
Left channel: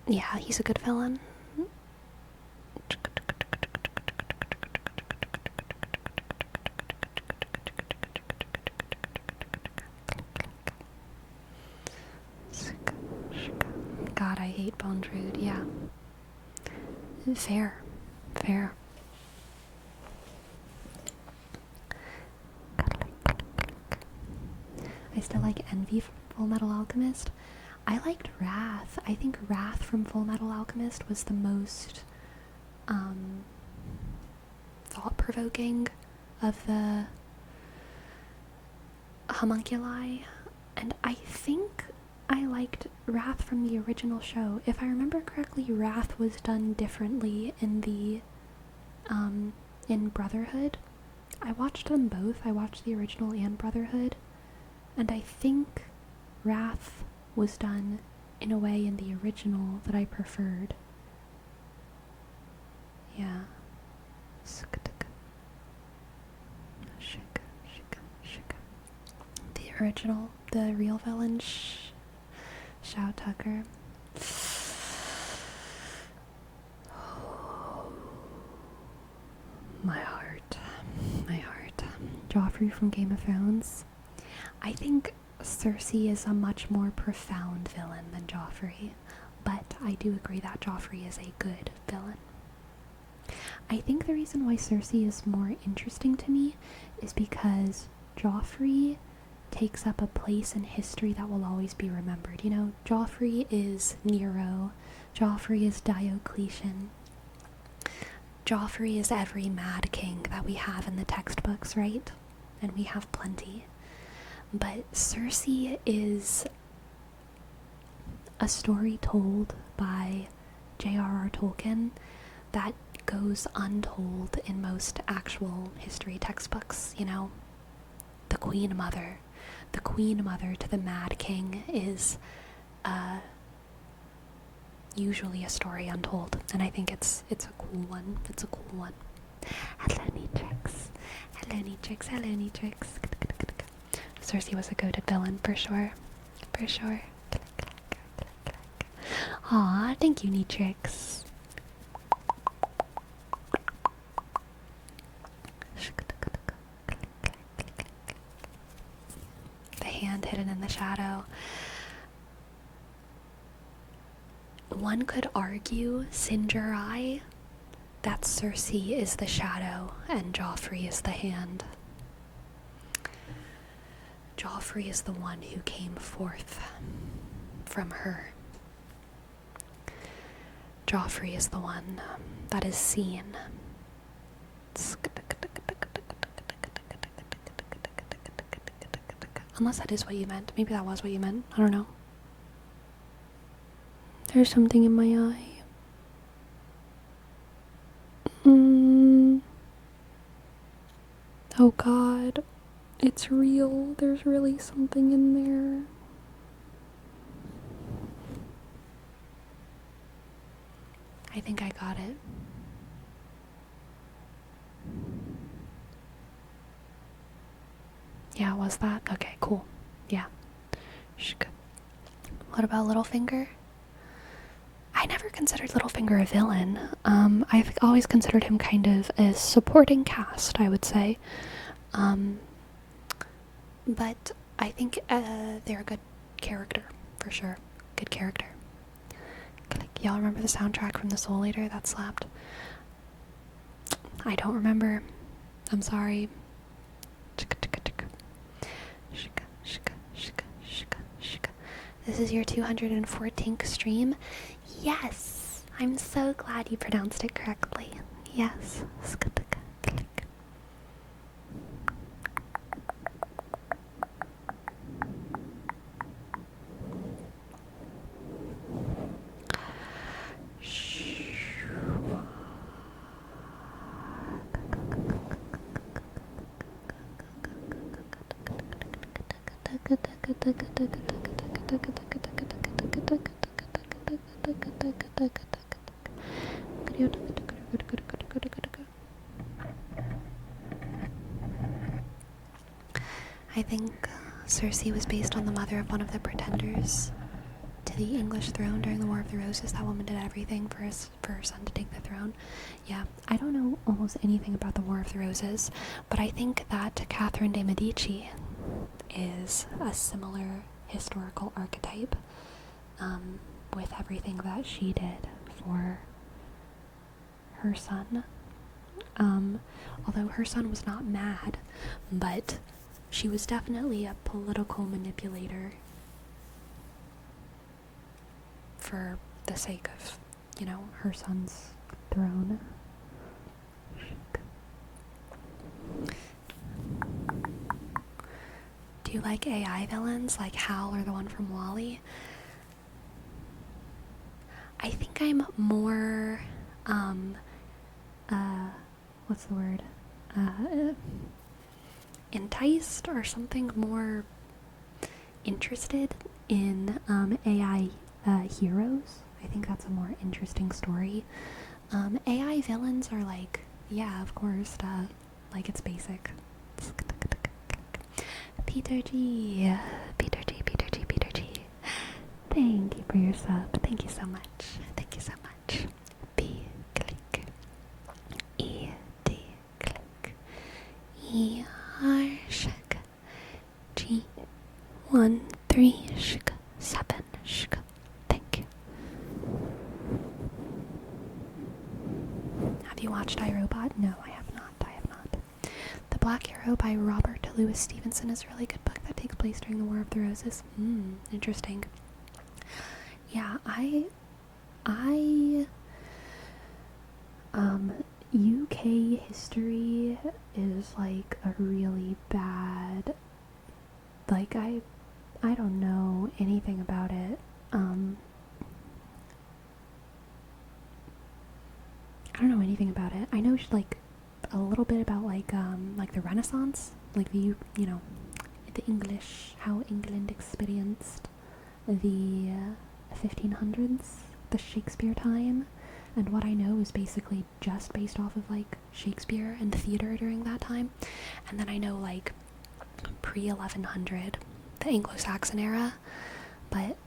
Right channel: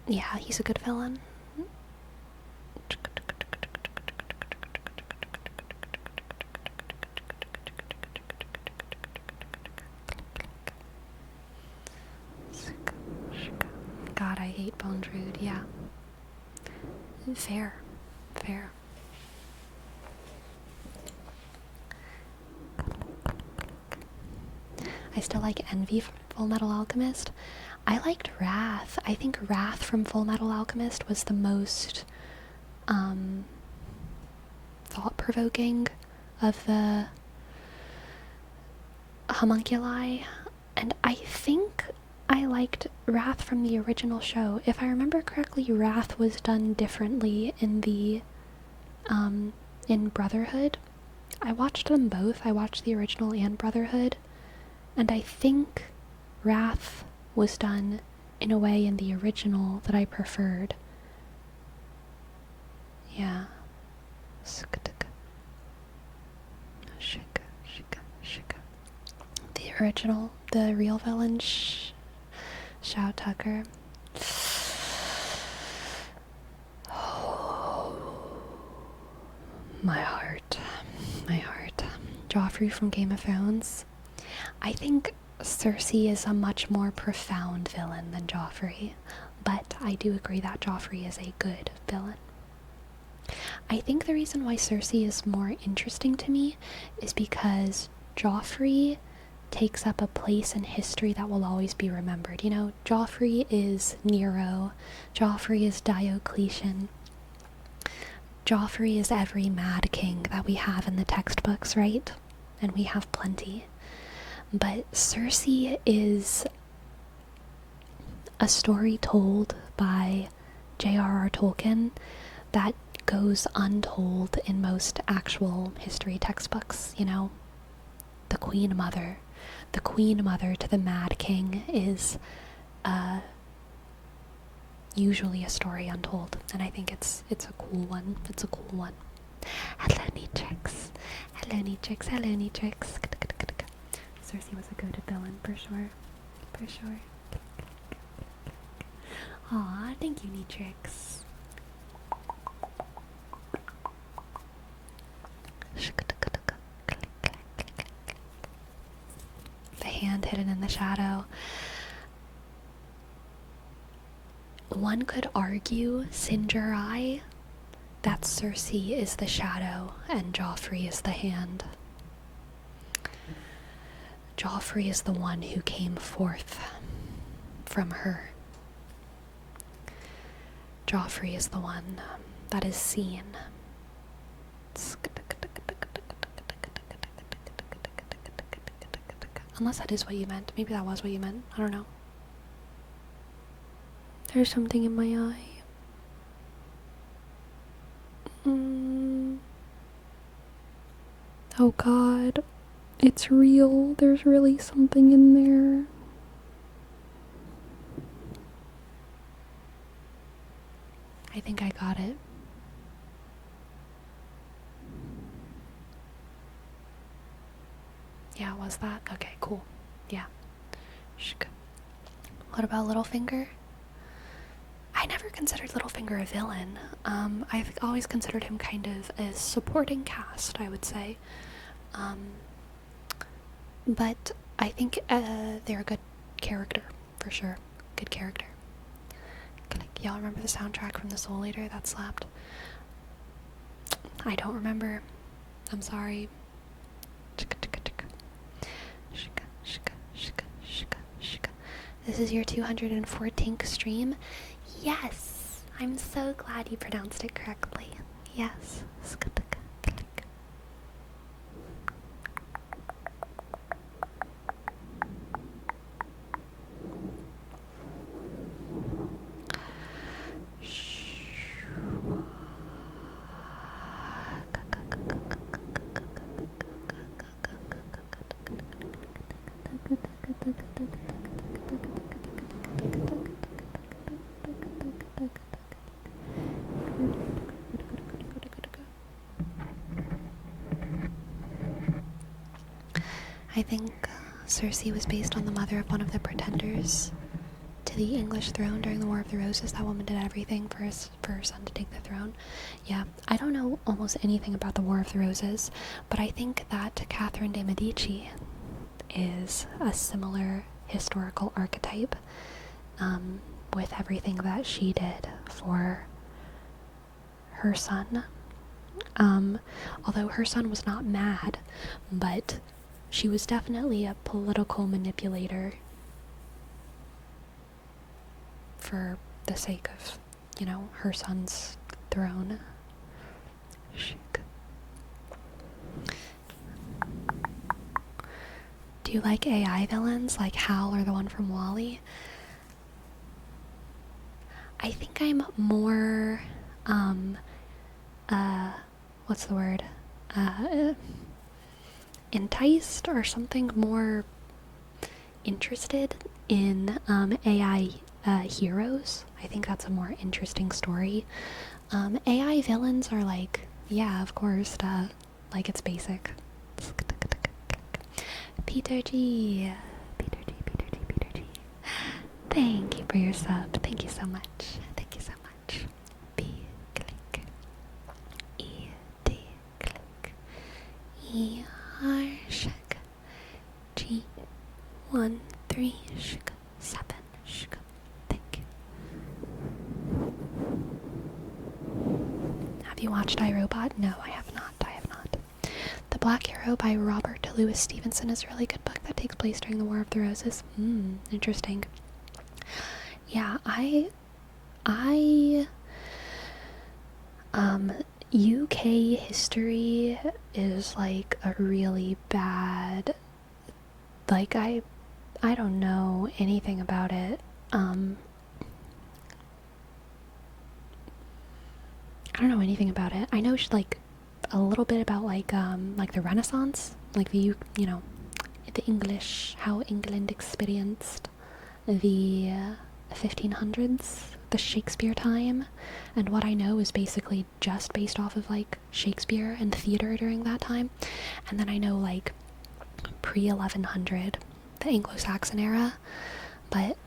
Yeah, he's a good villain. hate Bones Rude, yeah. Fair. I still like Envy from Full Metal Alchemist. I liked Wrath. I think Wrath from Full Metal Alchemist was the most thought-provoking of the homunculi, and I think I liked Wrath from the original show. If I remember correctly, Wrath was done differently in the in Brotherhood. I watched them both. I watched the original and Brotherhood, and I think Wrath was done in a way in the original that I preferred. Yeah. The original, the real villain, Shout Tucker. My heart. Joffrey from Game of Thrones. I think Cersei is a much more profound villain than Joffrey, but I do agree that Joffrey is a good villain. I think the reason why Cersei is more interesting to me is because Joffrey takes up a place in history that will always be remembered. You know, Joffrey is Nero, Joffrey is Diocletian, Joffrey is every mad king that we have in the textbooks, right? And we have plenty. But Cersei is a story told by J.R.R. Tolkien that goes untold in most actual history textbooks, you know? The Queen Mother to the Mad King is usually a story untold, and I think it's a cool one. Hello, Neatrix. Cersei was a goated villain, for sure. Aw, thank you, Neatrix. The hand hidden in the shadow. One could argue, Singerai, that Cersei is the shadow and Joffrey is the hand. Joffrey is the one who came forth from her. Joffrey is the one that is seen. Unless that is what you meant. Maybe that was what you meant. I don't know. There's something in my eye. Oh God. It's real. There's really something in there. I think I got it. Yeah, was that? Okay, cool. Yeah. What about Littlefinger? I never considered Littlefinger a villain. I've always considered him kind of a supporting cast, I would say. But I think they're a good character, for sure. Good character. Y'all remember the soundtrack from The Soul Eater that slapped? I don't remember. I'm sorry. This is your 214th stream? Yes! I'm so glad you pronounced it correctly. Yes. I think Cersei was based on the mother of one of the pretenders to the English throne during the War of the Roses. That woman did everything for her son to take the throne. Yeah, I don't know almost anything about the War of the Roses, but I think that Catherine de' Medici is a similar historical archetype. with everything that she did for her son. Although her son was not mad, but she was definitely a political manipulator for the sake of, her son's throne. Do you like AI villains like Hal or the one from WALL-E? I think I'm more, what's the word? Enticed or something, more interested in AI heroes. I think that's a more interesting story. AI villains are like, yeah, of course, like it's basic. Peter G. Thank you for your sub. Thank you so much. Thank you so much. P click. E D click. E R shk. G 1 3 shk 7 shk. Thank you. Have you watched iRobot? No, I have not. The Black Hero by Robert Louis Stevenson is a really good book that takes place during the War of the Roses. Interesting. Yeah, UK history is like a really bad, like I don't know anything about it. I don't know anything about it. I know like a little bit about like the Renaissance, like the English, how England experienced the 1500s, the Shakespeare time, and what I know is basically just based off of like Shakespeare and theater during that time. And then I know like pre-1100, the Anglo-Saxon era, but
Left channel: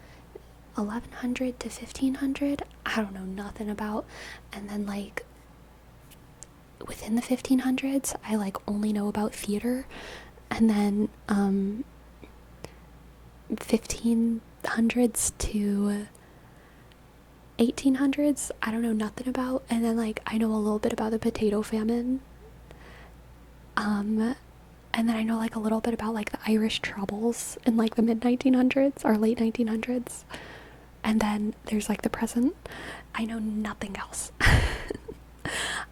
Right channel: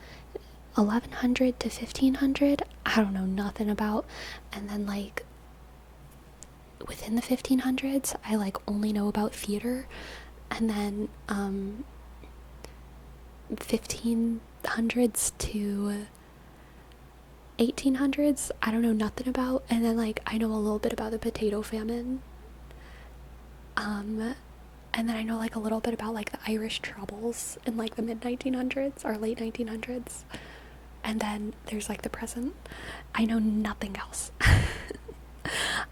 1100 to 1500 I don't know nothing about. And then like within the 1500s I like only know about theater, and then 1500s to 1800s I don't know nothing about. And then like I know a little bit about the potato famine, and then I know like a little bit about like the Irish Troubles in like the mid 1900s or late 1900s, and then there's like the present. I know nothing else.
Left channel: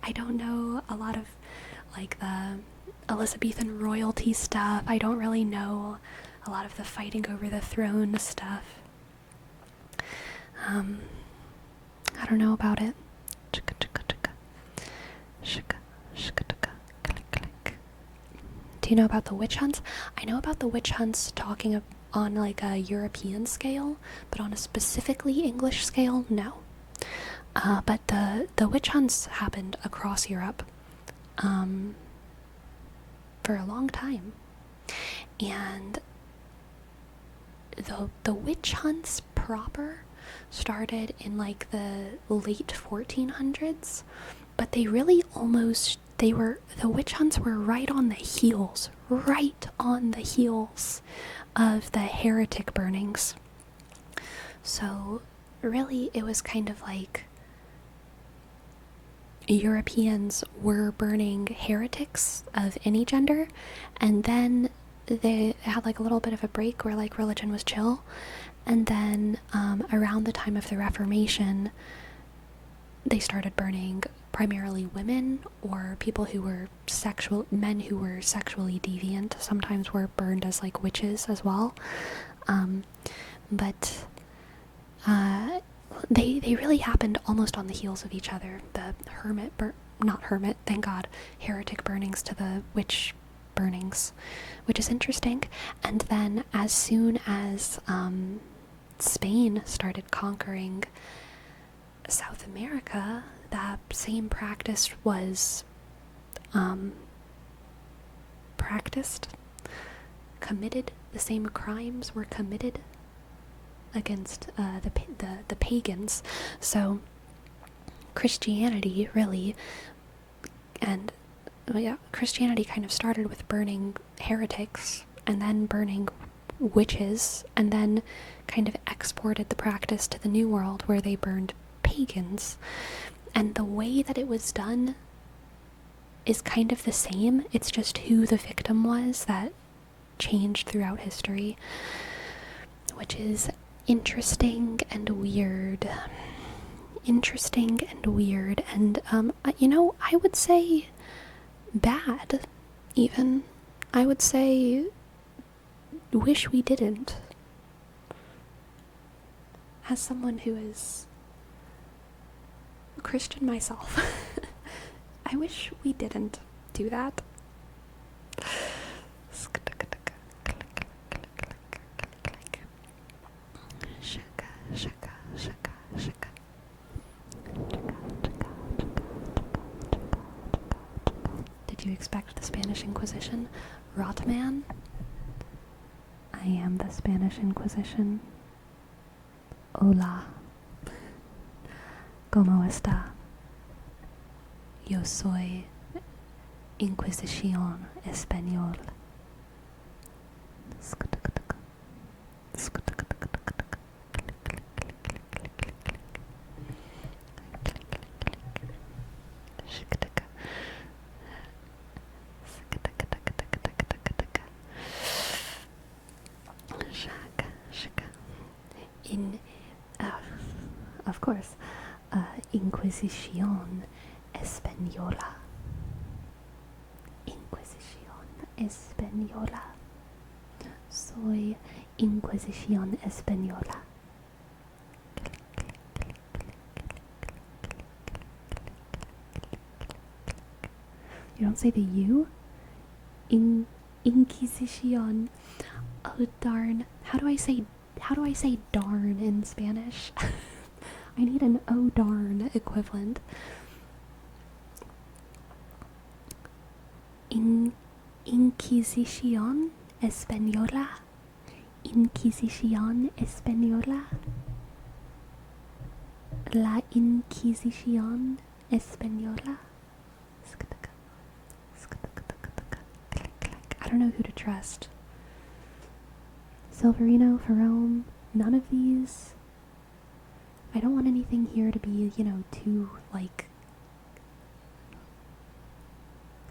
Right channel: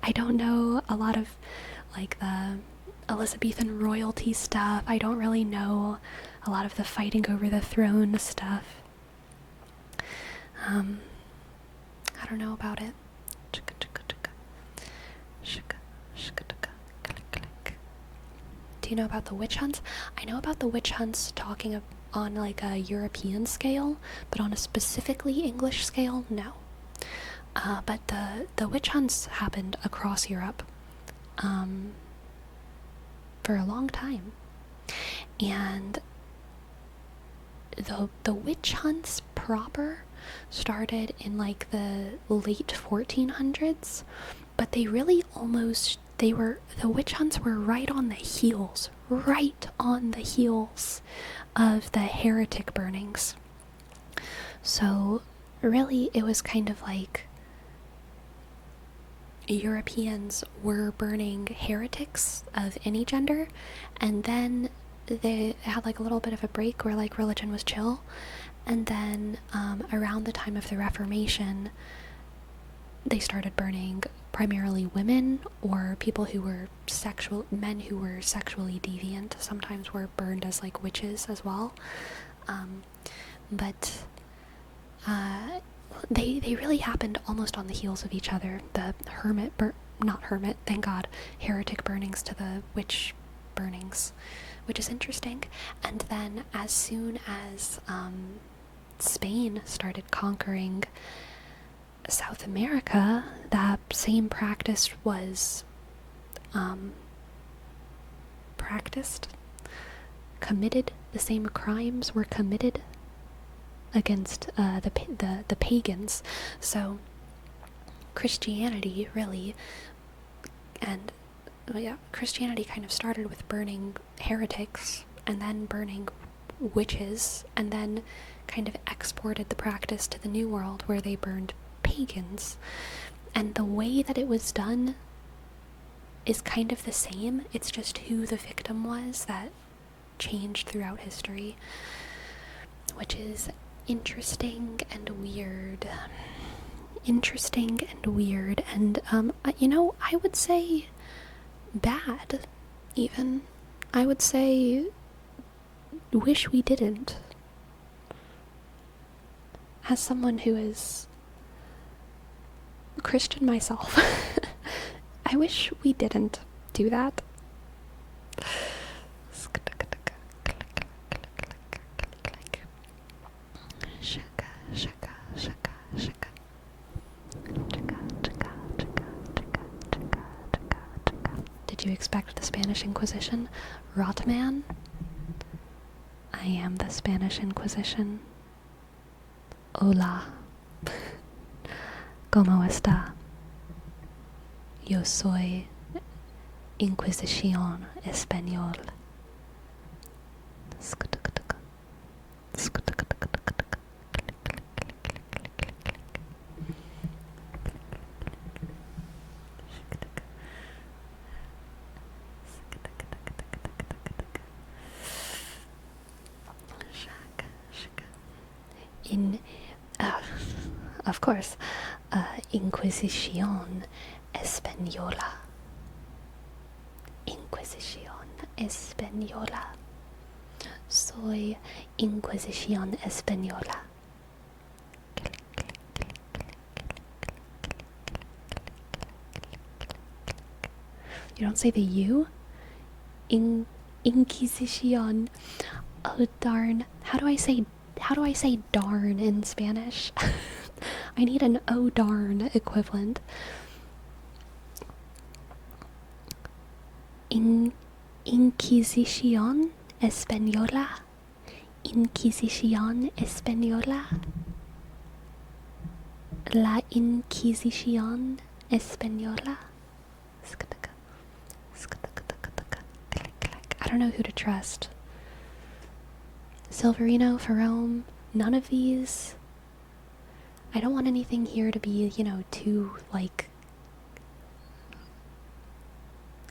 I don't know a lot of like the Elizabethan royalty stuff. I don't really know a lot of the fighting over the throne stuff. I don't know about it. Do you know about the witch hunts? I know about the witch hunts talking on like a European scale, but on a specifically English scale, no. But the witch hunts happened across Europe for a long time. And the witch hunts proper started in like the late 1400s, but they really the witch hunts were right on the heels of the heretic burnings. So really it was kind of like Europeans were burning heretics of any gender, and then they had like a little bit of a break where like religion was chill, and then around the time of the Reformation they started burning primarily women or people who were men who were sexually deviant. Sometimes were burned as like witches as well, but they really happened almost on the heels of each other. The heretic burnings to the witch burnings, which is interesting. And then as soon as Spain started conquering South America, that same practice was committed. The same crimes were committed against the pagans. So Christianity really, and Christianity kind of started with burning heretics and then burning witches and then kind of exported the practice to the New World where they burned pagans. And the way that it was done is kind of the same. It's just who the victim was that changed throughout history, which is interesting and weird. Interesting and weird. And, I would say bad, even. I would say wish we didn't. As someone who is Christian myself, I wish we didn't do that. Did you expect the Spanish Inquisition? Rotman? I am the Spanish Inquisition. Hola. ¿Cómo está? Yo soy Inquisición Español. Of course, Inquisición Española. Inquisición Española. Soy Inquisición Española. You don't say the U? Inquisición. Oh darn. How do I say darn in Spanish? I need an oh darn equivalent. Inquisición Española. Inquisición Española. La Inquisición Española. I don't know who to trust. Silverino, Ferrome, none of these. I don't want anything here to be, too,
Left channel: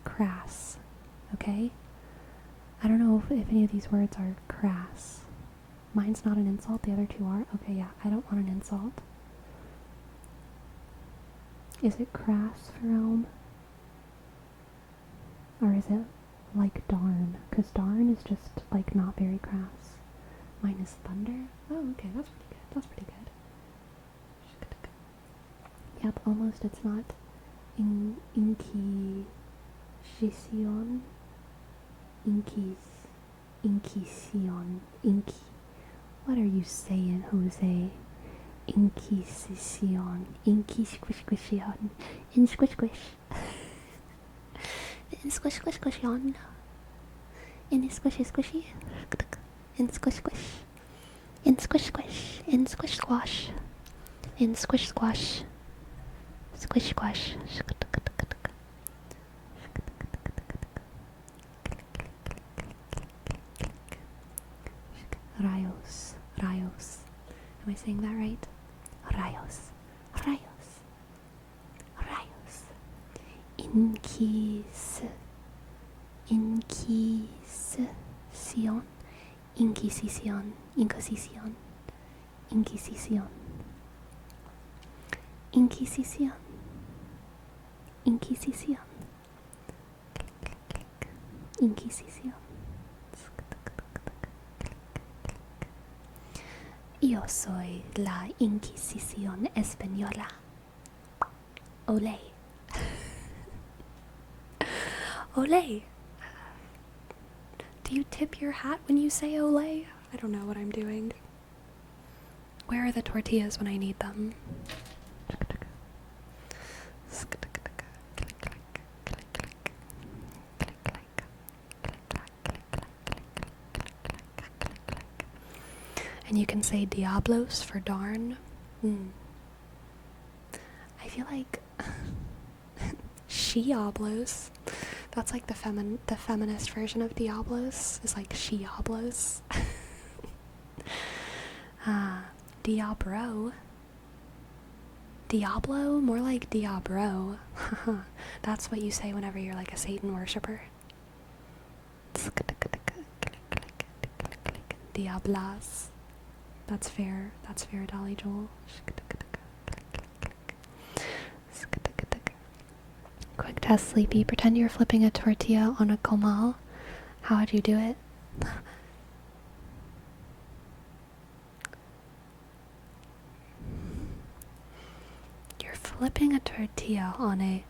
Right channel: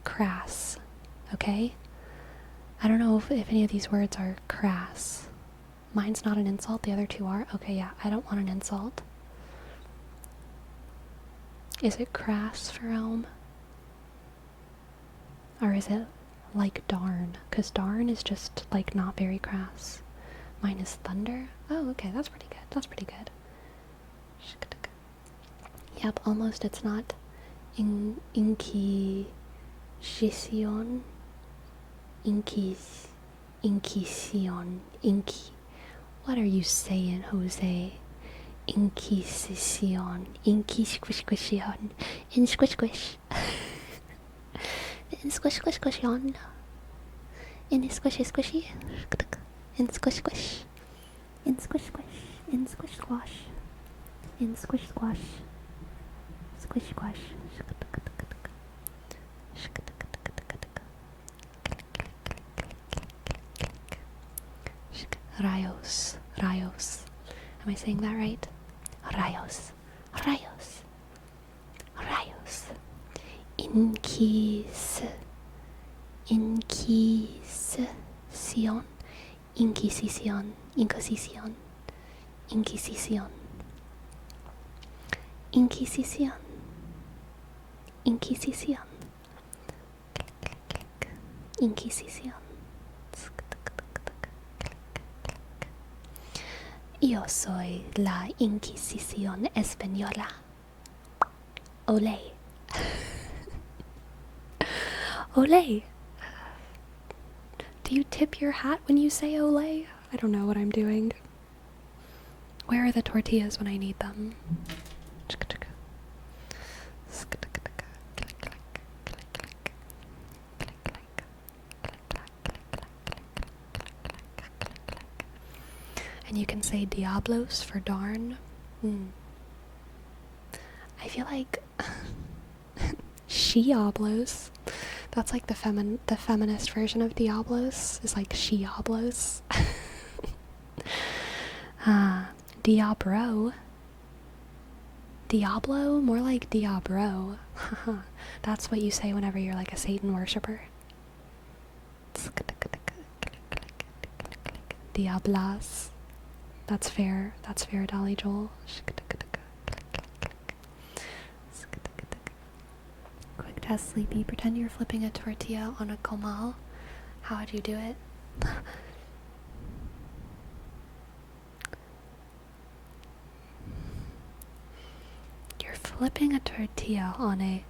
crass, okay? I don't know if any of these words are crass. Mine's not an insult, the other two are. Okay, yeah, I don't want an insult. Is it crass, Ferrome? Or is it like darn? Because darn is just, not very crass. Mine is thunder. Oh, okay, that's pretty good. That's pretty good. Yep, almost. It's not Inquisición. What are you saying, Jose? Inquisición. Inquisición. In squish squish. In squish squish squishon. In squishy squishy. In squish squish. In squish squish. In squish squash. In squish squash. Squish squash. Rayos. Rayos. Am I saying that right? Rayos. Rayos. Rayos. Inquisición. Inquisición. Inquisición. Inquisición. Inquisición. Inquisición. Inquisición. Yo soy la Inquisición Española. Olé. Olé. Do you tip your hat when you say olé? I don't know what I'm doing. Where are the tortillas when I need them? And you can say diablos for darn. I feel like she-oblos. That's like the feminist version of diablos, is like she-oblos. Diablo. Diablo? More like Diabro. That's what you say whenever you're like a Satan worshiper. Diablas. That's fair. That's fair, Dolly Joel. Quick test, Sleepy. Pretend you're flipping a tortilla on a comal. How would you do it? You're flipping a tortilla on a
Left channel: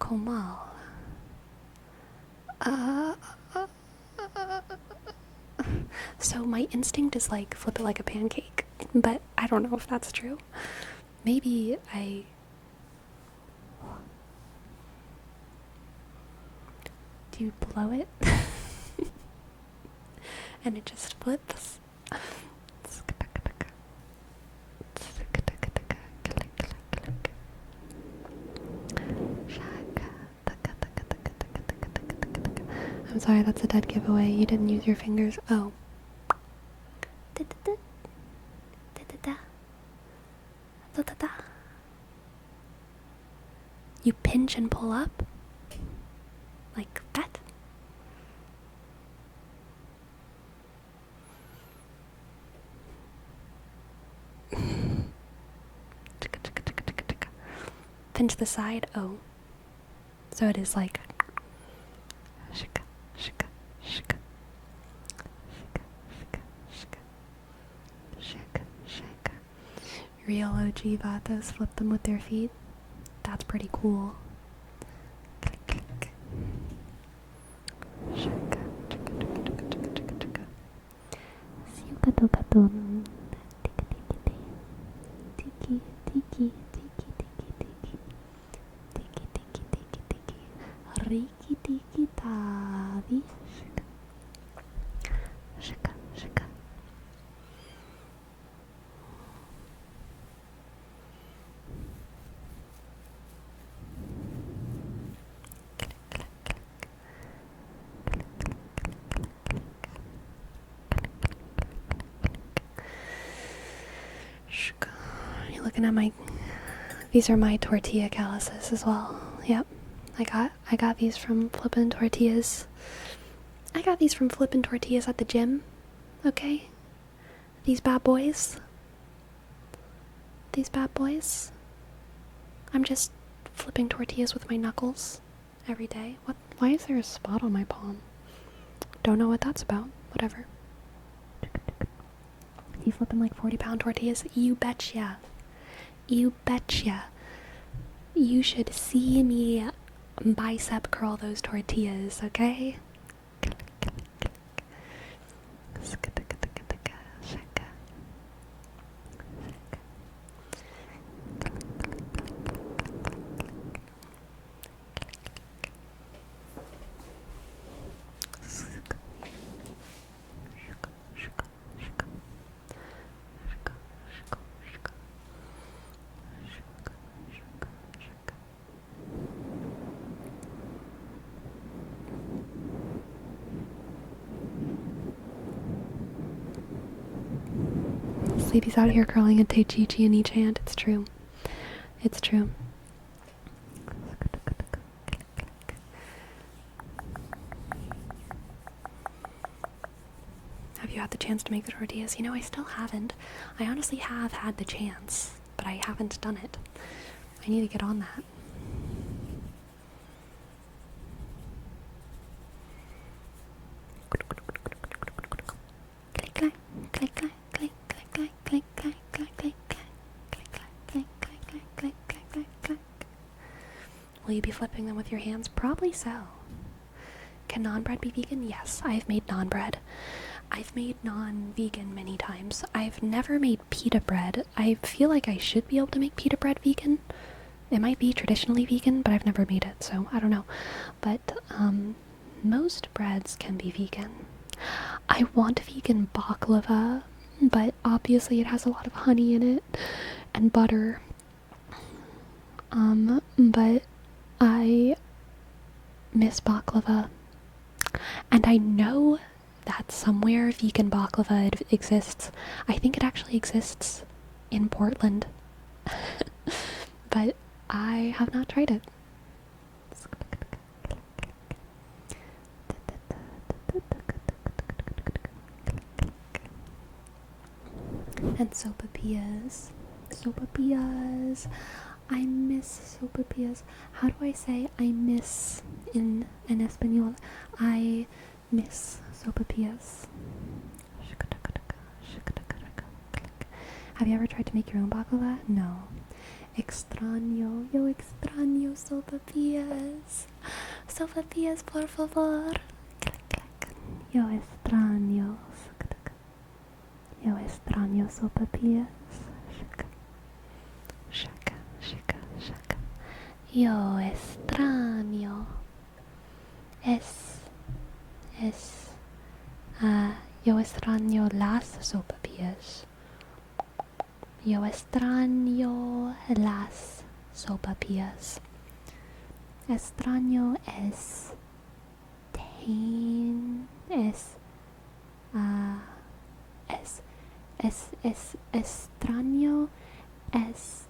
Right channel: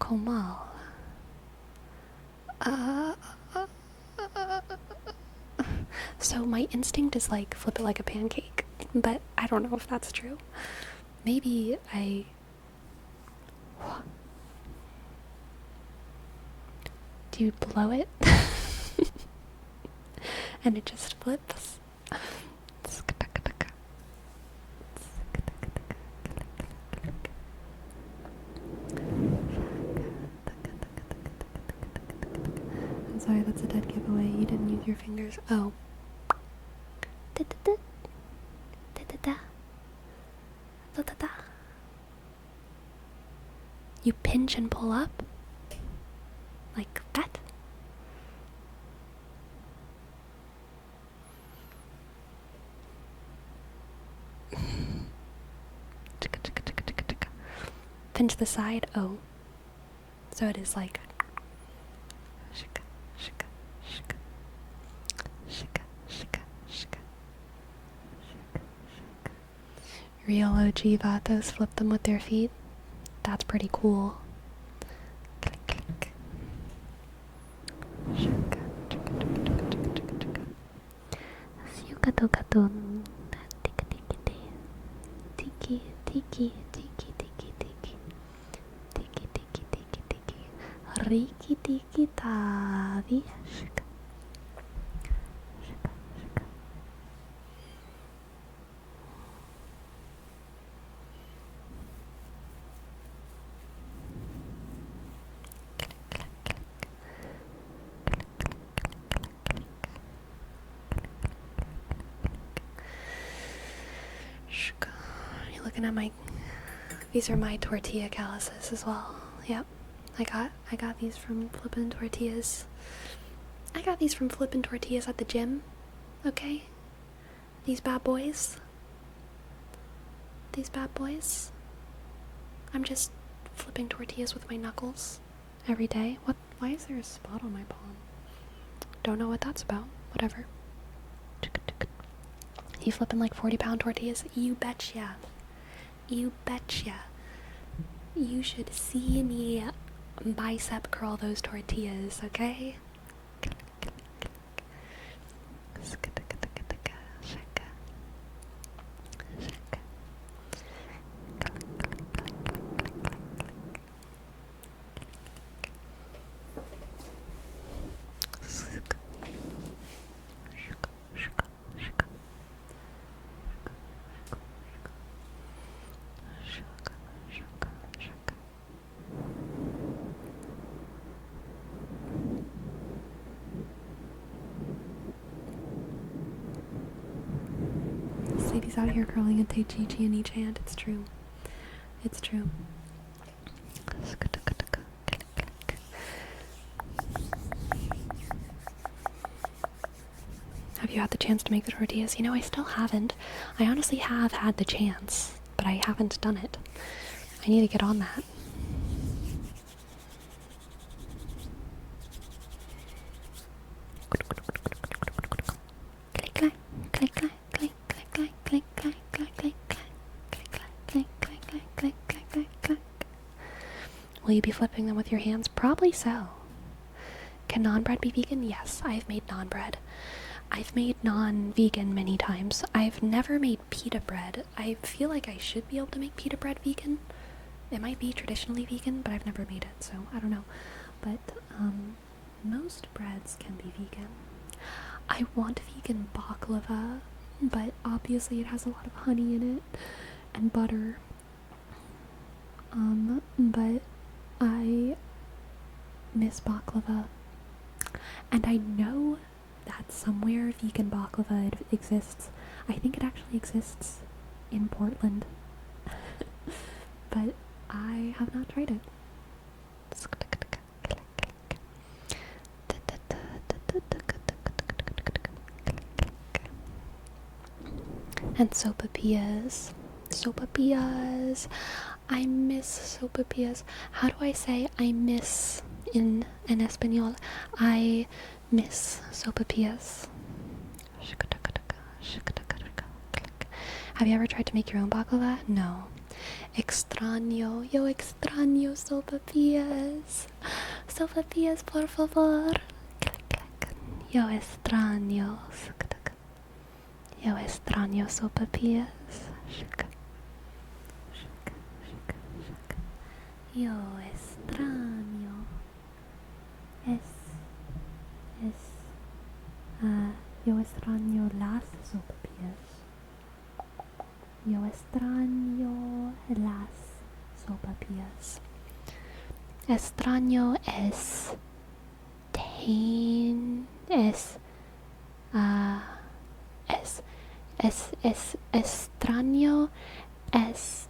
comal. So my instinct is like flip it like a pancake, but I don't know if that's true. Maybe I... Do you blow it? And it just flips? I'm sorry, that's a dead giveaway. You didn't use your fingers. Oh. You pinch and pull up? Like that? Pinch the side? Oh. So it is like... Shika, shika, shika. Shika, shika, shika. Shika, shika. Real OG Vatos flip them with their feet. That's pretty cool. Click, click. Shika, chika, chika, chika, chika, chika. Siukatokatun. Tiki, tiki, tiki, tiki, tiki, tiki, tiki. Tiki, tiki, tiki, tiki. Riki, tiki, tavi. Shika. Shika, shika. You're looking at my... These are my tortilla calluses as well. Yep. I got these from flippin' tortillas. I got these from flippin' tortillas at the gym. Okay? These bad boys. These bad boys. I'm just flipping tortillas with my knuckles every day. What? Why is there a spot on my palm? Don't know what that's about. Whatever. You flipping like 40-pound tortillas? You betcha. You betcha. You should see me bicep curl those tortillas, okay? Sleepy's out here curling a Teichichi in each hand. It's true. It's true. Have you had the chance to make the tortillas? You know, I still haven't. I honestly have had the chance, but I haven't done it. I need to get on that. Click, click, click, click. Will you be flipping them with your hands? Probably so. Can naan bread be vegan? Yes, I've made naan bread. I've made non-vegan many times. I've never made pita bread. I feel like I should be able to make pita bread vegan. It might be traditionally vegan, but I've never made it, so I don't know. But most breads can be vegan. I want vegan baklava, but obviously it has a lot of honey in it and butter. But I miss baklava. And I know that somewhere vegan baklava exists. I think it actually exists in Portland, but I have not tried it. And sopapillas. Sopapillas. I miss sopapillas. How do I say I miss in Espanol? I miss sopapillas. Have you ever tried to make your own baklava? No. Extraño. Yo extraño sopapillas. Sopapillas, por favor. Yo extraño. Yo extraño sopapillas. Yo extraño. Yo extraño las sopapillas. Yo extraño las sopapillas. Extraño es extraño es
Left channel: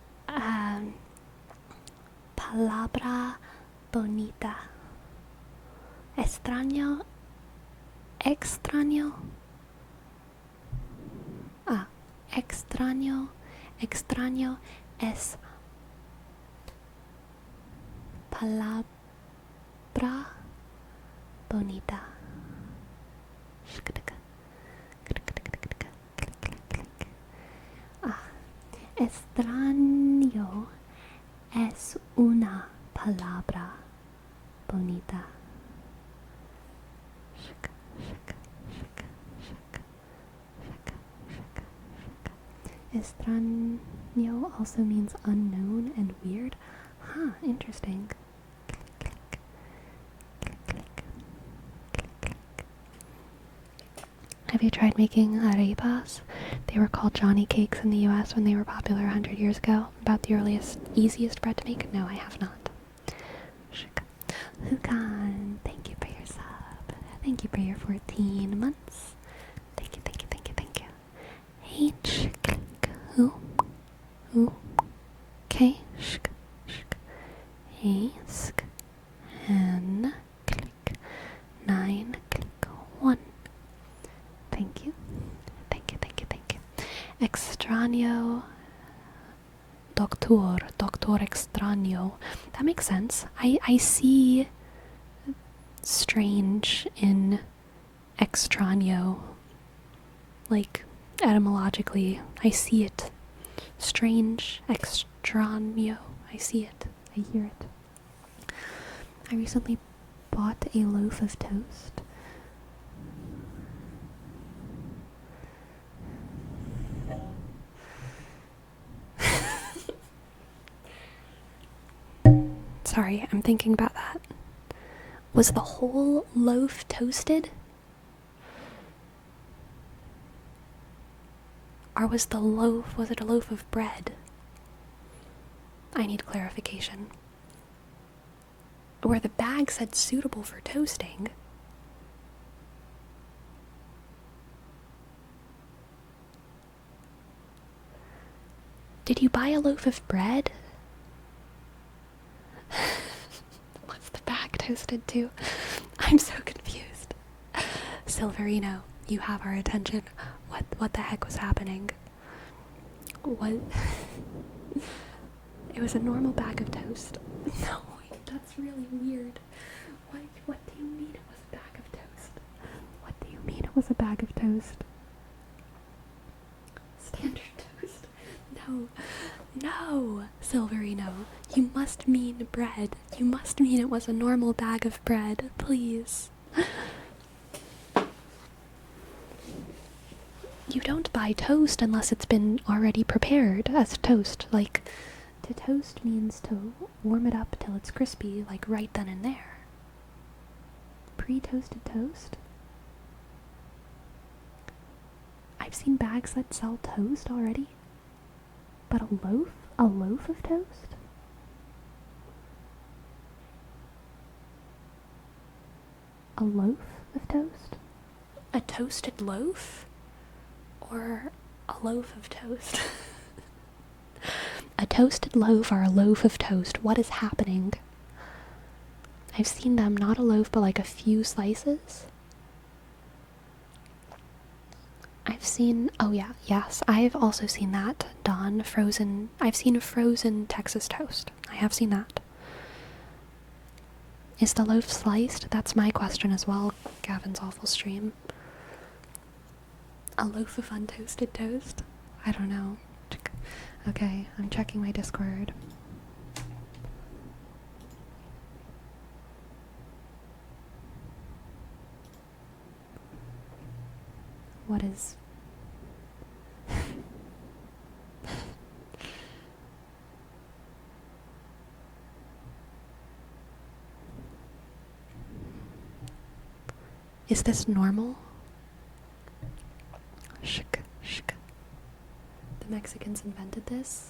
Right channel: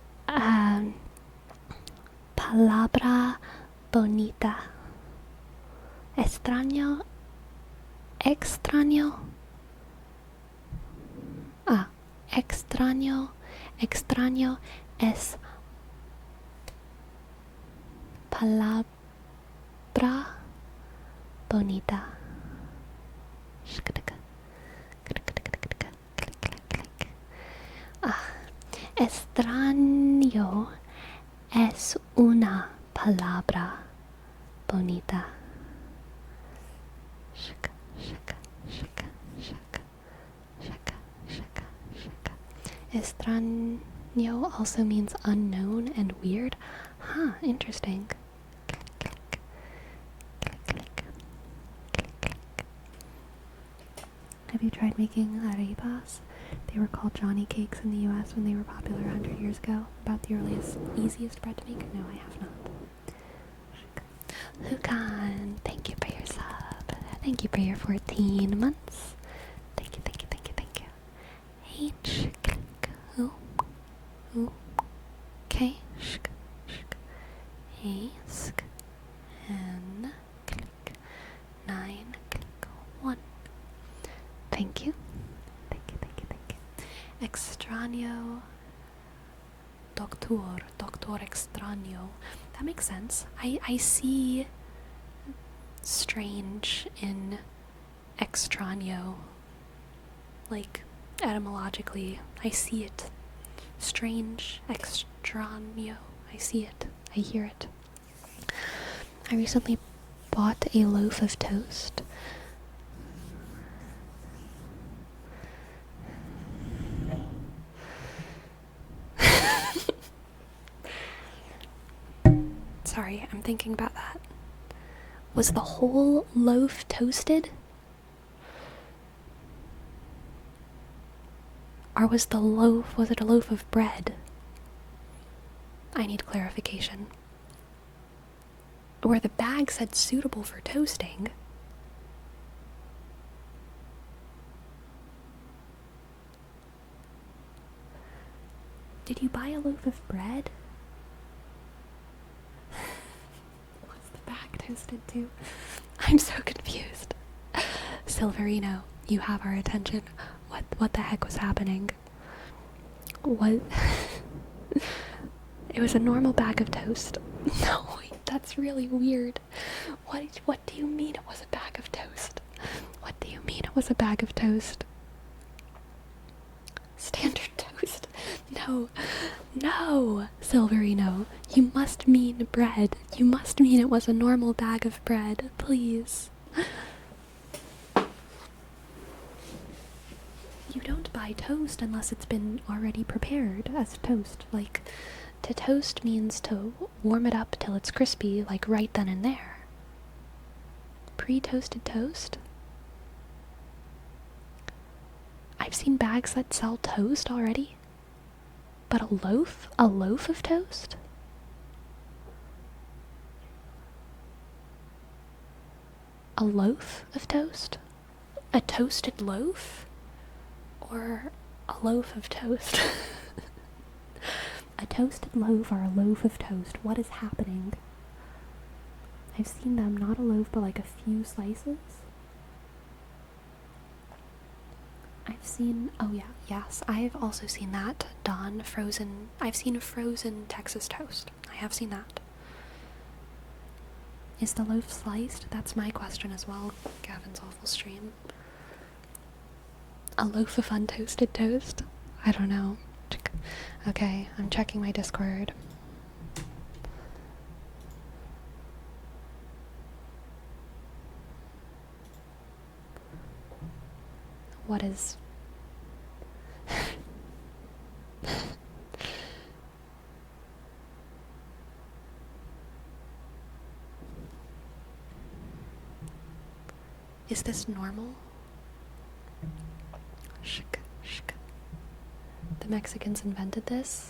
palabra bonita. Extraño es palabra bonita. Extraño es una palabra bonita. Extraño also means unknown and weird. Huh, interesting. Have you tried making arepas? They were called Johnny cakes in the US when they were popular 100 years ago. About the easiest bread to make? No, I have not. Hukan, thank you for your sub. Thank you for your 14 months. Thank you. H, click, who, K, shk, A, sk, N, click, 9, click, 1. Thank you. Extraño, doctor extraño. That makes sense. I see strange in extraño. Like, etymologically, I see it. Strange, extraño. I see it. I hear it. I recently bought a loaf of toast. Sorry, I'm thinking about that. Was the whole loaf toasted? Or was it a loaf of bread? I need clarification. Where the bag said suitable for toasting. Did you buy a loaf of bread? What's the bag toasted to? I'm so confused. Silverino, you have our attention. What the heck was happening? What? It was a normal bag of toast. No, wait, that's really weird. What do you mean it was a bag of toast? What do you mean it was a bag of toast? Standard toast. No, Silverino. You must mean bread. You must mean it was a normal bag of bread, please. You don't buy toast unless it's been already prepared as toast. Like, to toast means to warm it up till it's crispy, like right then and there. Pre-toasted toast? I've seen bags that sell toast already. But a loaf? A loaf of toast? A loaf of toast? A toasted loaf? Or a loaf of toast? A toasted loaf or a loaf of toast? What is happening? I've seen them, not a loaf, but like a few slices. I've seen, oh yeah, yes, I've also seen that done, frozen. I've seen a frozen Texas toast. I have seen that. Is the loaf sliced? That's my question as well, Gavin's awful stream. A loaf of untoasted toast? I don't know. Okay, I'm checking my Discord. What is... Is this normal? Shk, shk. The Mexicans invented this?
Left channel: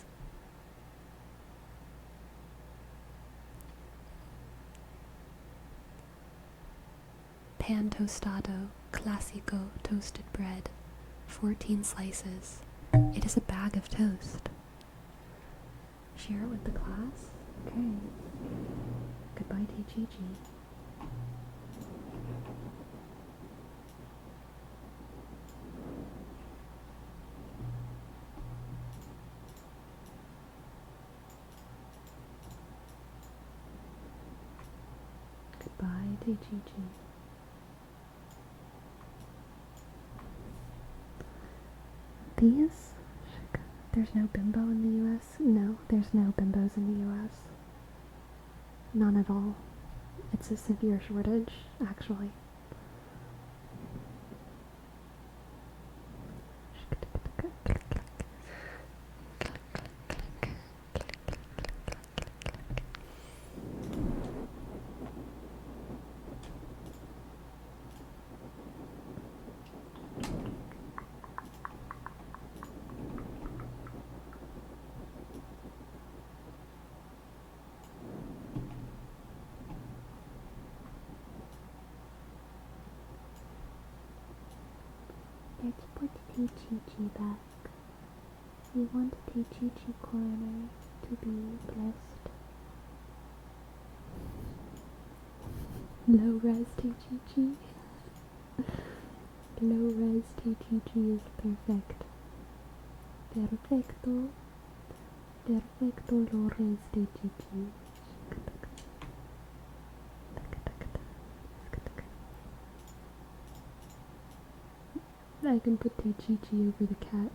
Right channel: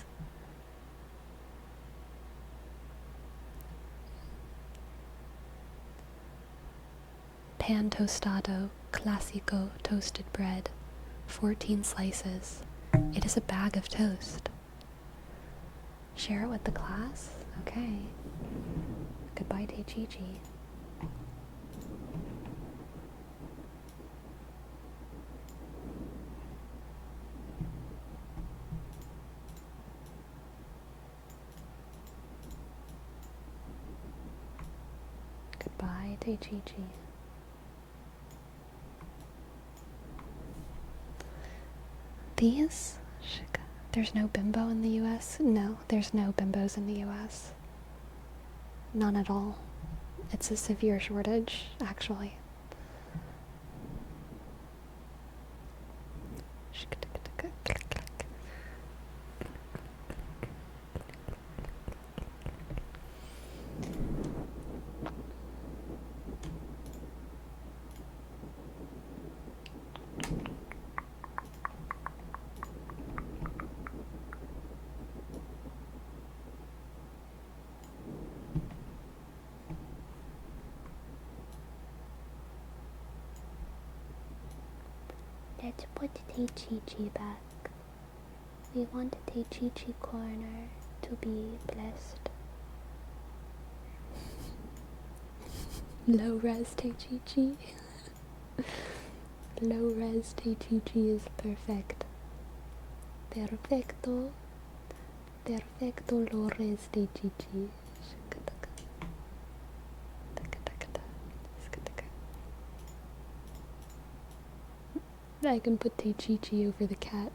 Pan tostado, clásico toasted bread, 14 slices. It is a bag of toast. Share it with the class? Okay. Goodbye, Teichichi. Goodbye, Teichichi. These? There's no bimbo in the US? No, there's no bimbos in the US. None at all. It's a severe shortage, actually. Let's put Teichichi back. We want Teichichi corner to be blessed. Low res Teichichi. Low res Teichichi is perfect. Perfecto. Perfecto low res Teichichi. I can put Teichichi over the cat.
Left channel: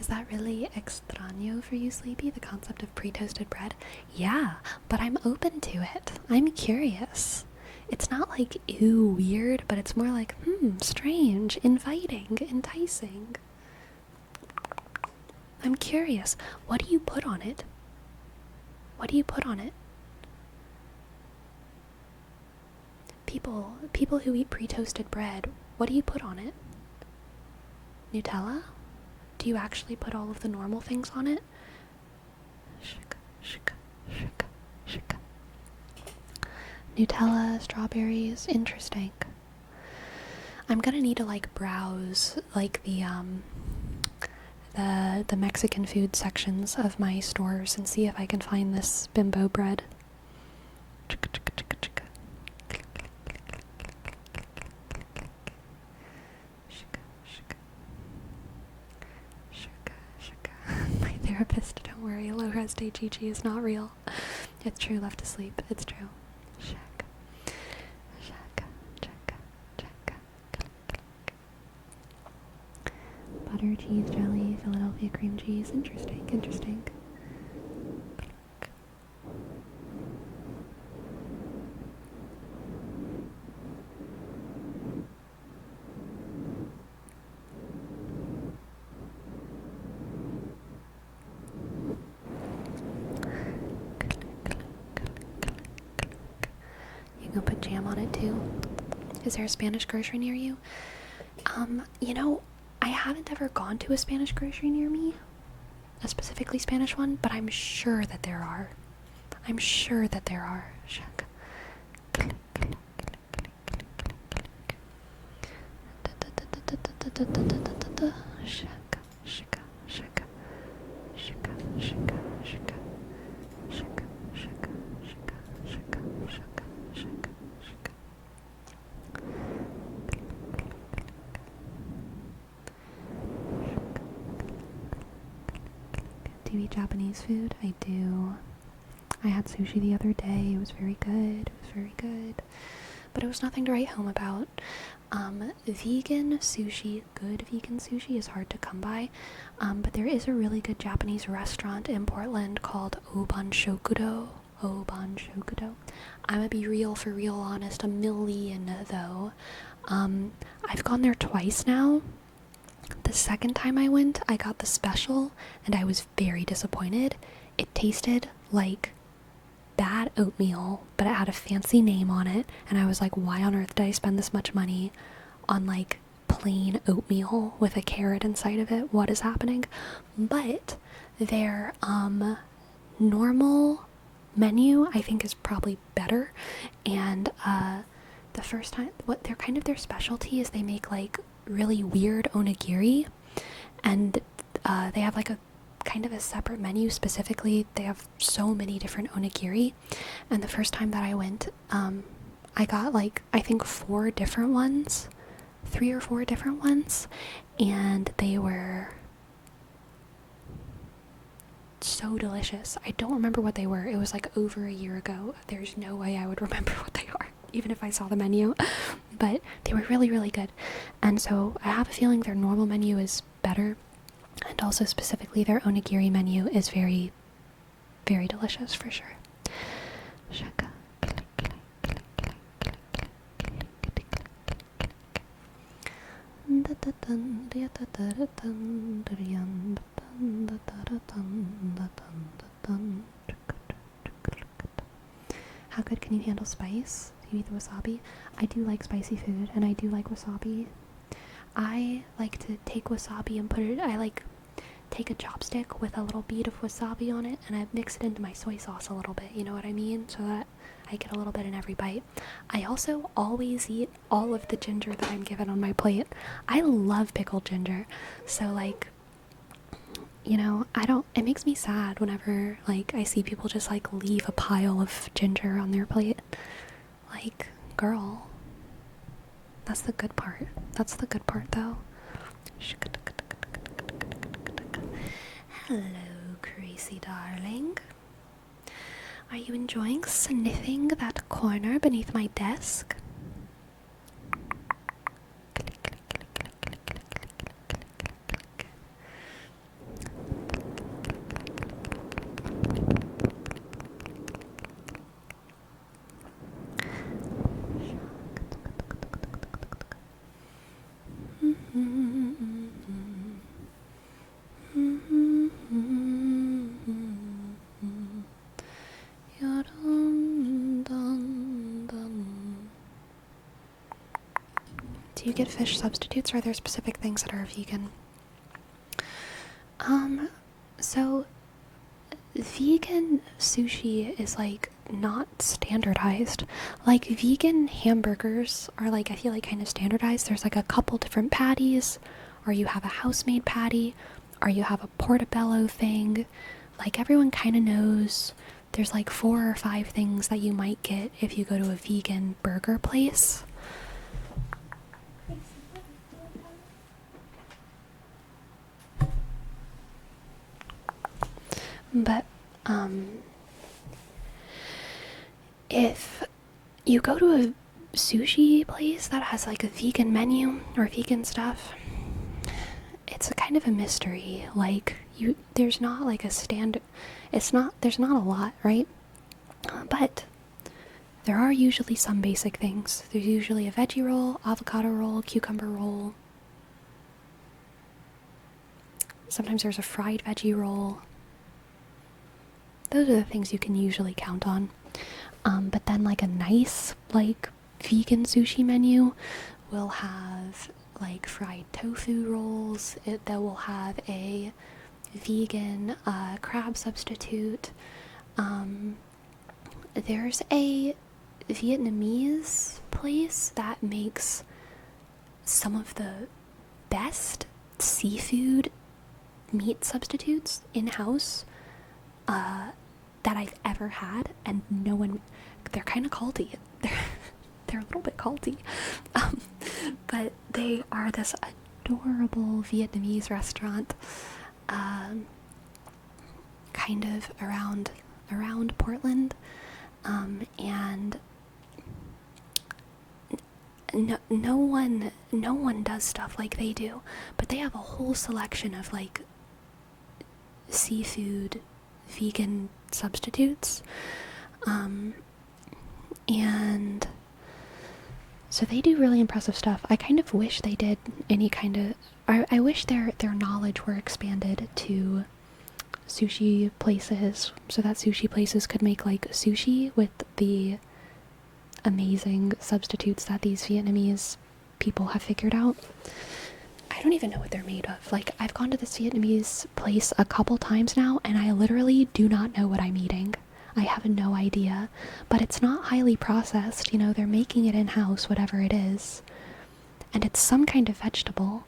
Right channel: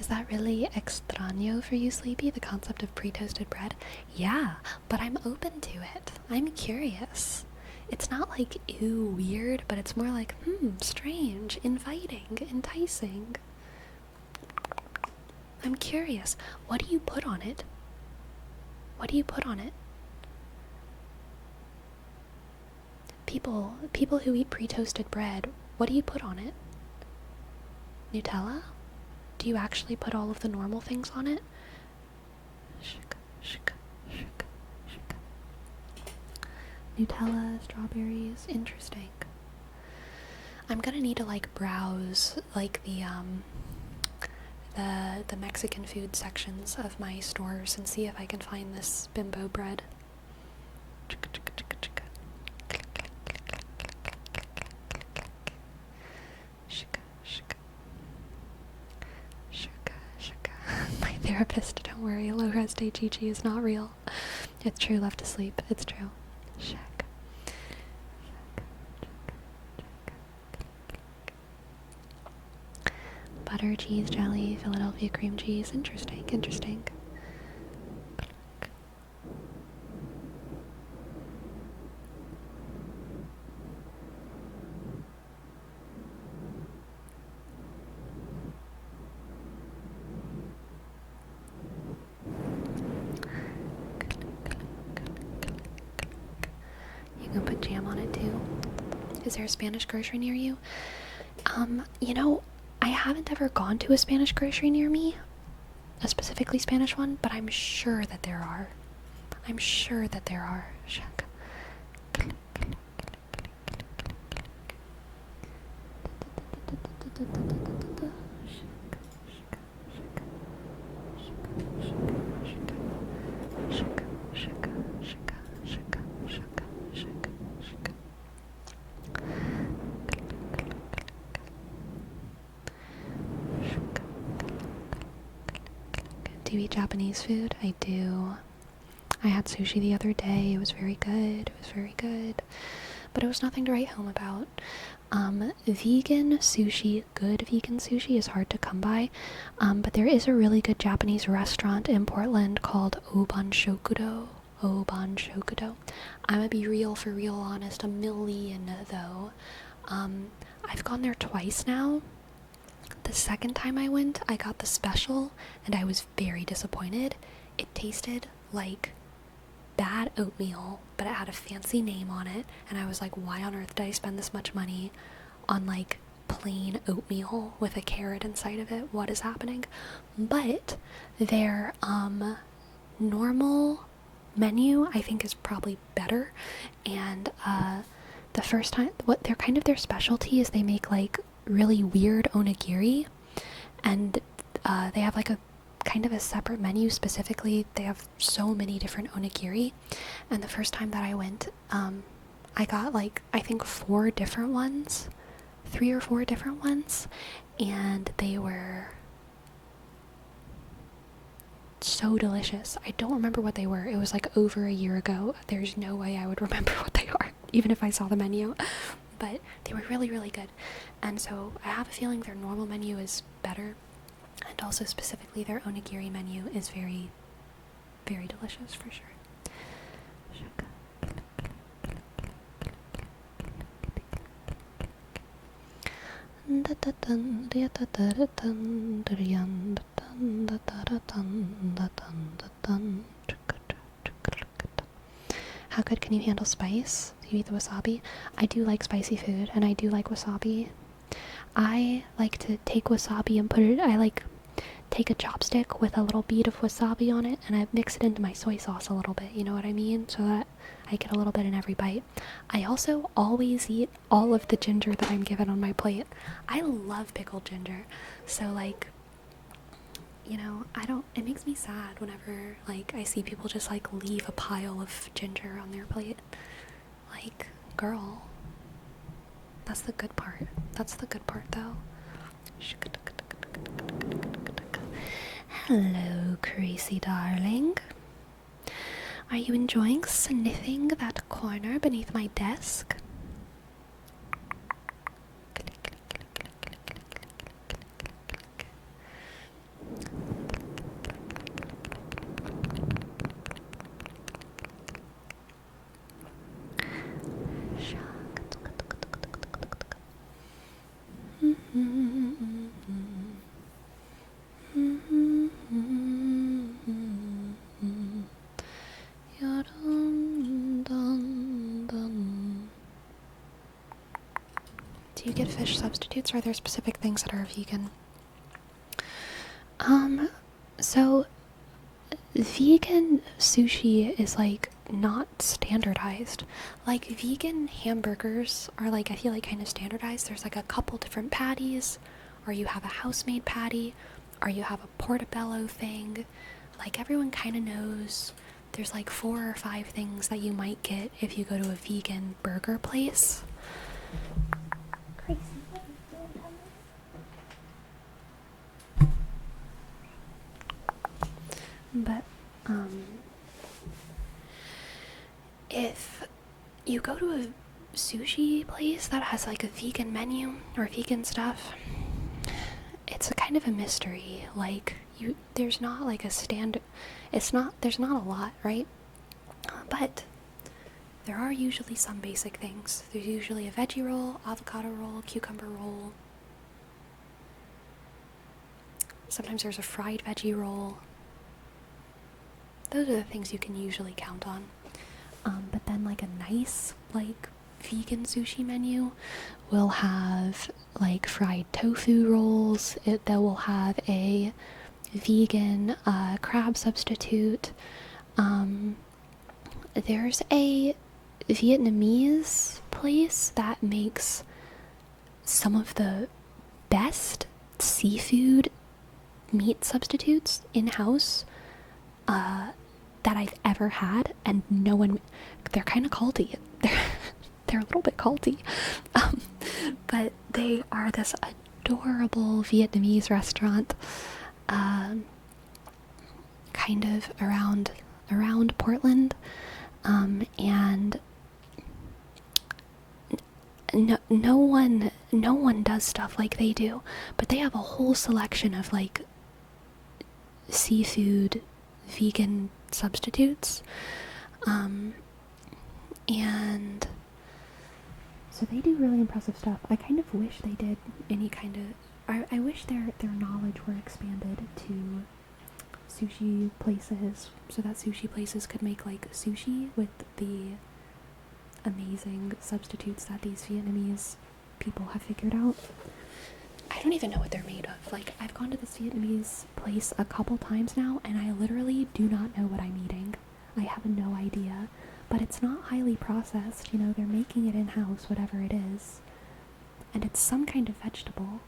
Is that really extraño for you, Sleepy, the concept of pre-toasted bread? Yeah, but I'm open to it. I'm curious. It's not like, ew, weird, but it's more like, strange, inviting, enticing. I'm curious. What do you put on it? What do you put on it? People who eat pre-toasted bread, what do you put on it? Nutella? Do you actually put all of the normal things on it? Nutella, strawberries, interesting. I'm gonna need to like browse like the Mexican food sections of my stores and see if I can find this bimbo bread. My therapist, don't worry, low res Teichichi is not real. It's true, left asleep, it's true. Butter, cheese, jelly, Philadelphia cream cheese. Interesting, interesting. You can put jam on it too. Is there a Spanish grocery near you? You know, I haven't ever gone to a Spanish grocery near me. a specifically Spanish one, but I'm sure that there are. I'm sure that there are. Shaka. Do you eat Japanese food? I do. I had sushi the other day. It was very good. It was very good. But it was nothing to write home about. Vegan sushi, good vegan sushi is hard to come by. But there is a really good Japanese restaurant in Portland called Oban Shokudo. Oban Shokudo. I'm gonna be real for real honest, a million though. I've gone there twice now. The second time I went, I got the special, and I was very disappointed. It tasted like bad oatmeal, but it had a fancy name on it, and I was like, why on earth did I spend this much money on like plain oatmeal with a carrot inside of it? What is happening? But their normal menu I think is probably better, and the first time, what they're kind of their specialty is they make like really weird onigiri, and they have like a kind of a separate menu. Specifically, they have so many different onigiri, and the first time that I went, I got like I think 4 different ones, 3 or 4 different ones, and they were so delicious. I don't remember what they were. It was like over a year ago. There's no way I would remember what they are, even if I saw the menu. But they were really, really good. And so I have a feeling their normal menu is better. And also specifically their onigiri menu is very, very delicious for sure. Shaka. How good can you handle spice? Do you eat the wasabi? I do like spicy food, and I do like wasabi. I like to take wasabi and put it, I like take a chopstick with a little bead of wasabi on it, and I mix it into my soy sauce a little bit, you know what I mean? So that I get a little bit in every bite. I also always eat all of the ginger that I'm given on my plate. I love pickled ginger. So like, you know, it makes me sad whenever like I see people just like leave a pile of ginger on their plate. Like, girl, that's the good part. That's the good part though. Hello, crazy darling. Are you enjoying sniffing that corner beneath my desk? Do you get fish substitutes, or are there specific things that are vegan? So vegan sushi is like not standardized. Like vegan hamburgers are like, I feel like kind of standardized. There's like a couple different patties, or you have a house-made patty, or you have a portobello thing. Like everyone kind of knows there's like 4 or 5 things that you might get if you go to a vegan burger place. But if you go to a sushi place that has like a vegan menu or vegan stuff, it's a kind of a mystery. Like there's not like a standard. There's not a lot, right? But there are usually some basic things. There's usually a veggie roll, avocado roll, cucumber roll. Sometimes there's a fried veggie roll. Those are the things you can usually count on. But then like a nice like vegan sushi menu will have like fried tofu rolls. They will have a vegan crab substitute. There's a Vietnamese place that makes some of the best seafood meat substitutes in-house that I've ever had, and no one, they're kind of culty. They're a little bit culty, but they are this adorable Vietnamese restaurant, kind of around Portland, and no one does stuff like they do, but they have a whole selection of like seafood vegan substitutes, and so they do really impressive stuff. I kind of wish they did any kind of, I wish their knowledge were expanded to sushi places, so that sushi places could make like sushi with the amazing substitutes that these Vietnamese people have figured out. I don't even know what they're made of. Like, I've gone to this Vietnamese place a couple times now, and I literally do not know what I'm eating. I have no idea. But it's not highly processed, you know, they're making it in-house, whatever it is. And it's some kind of vegetable.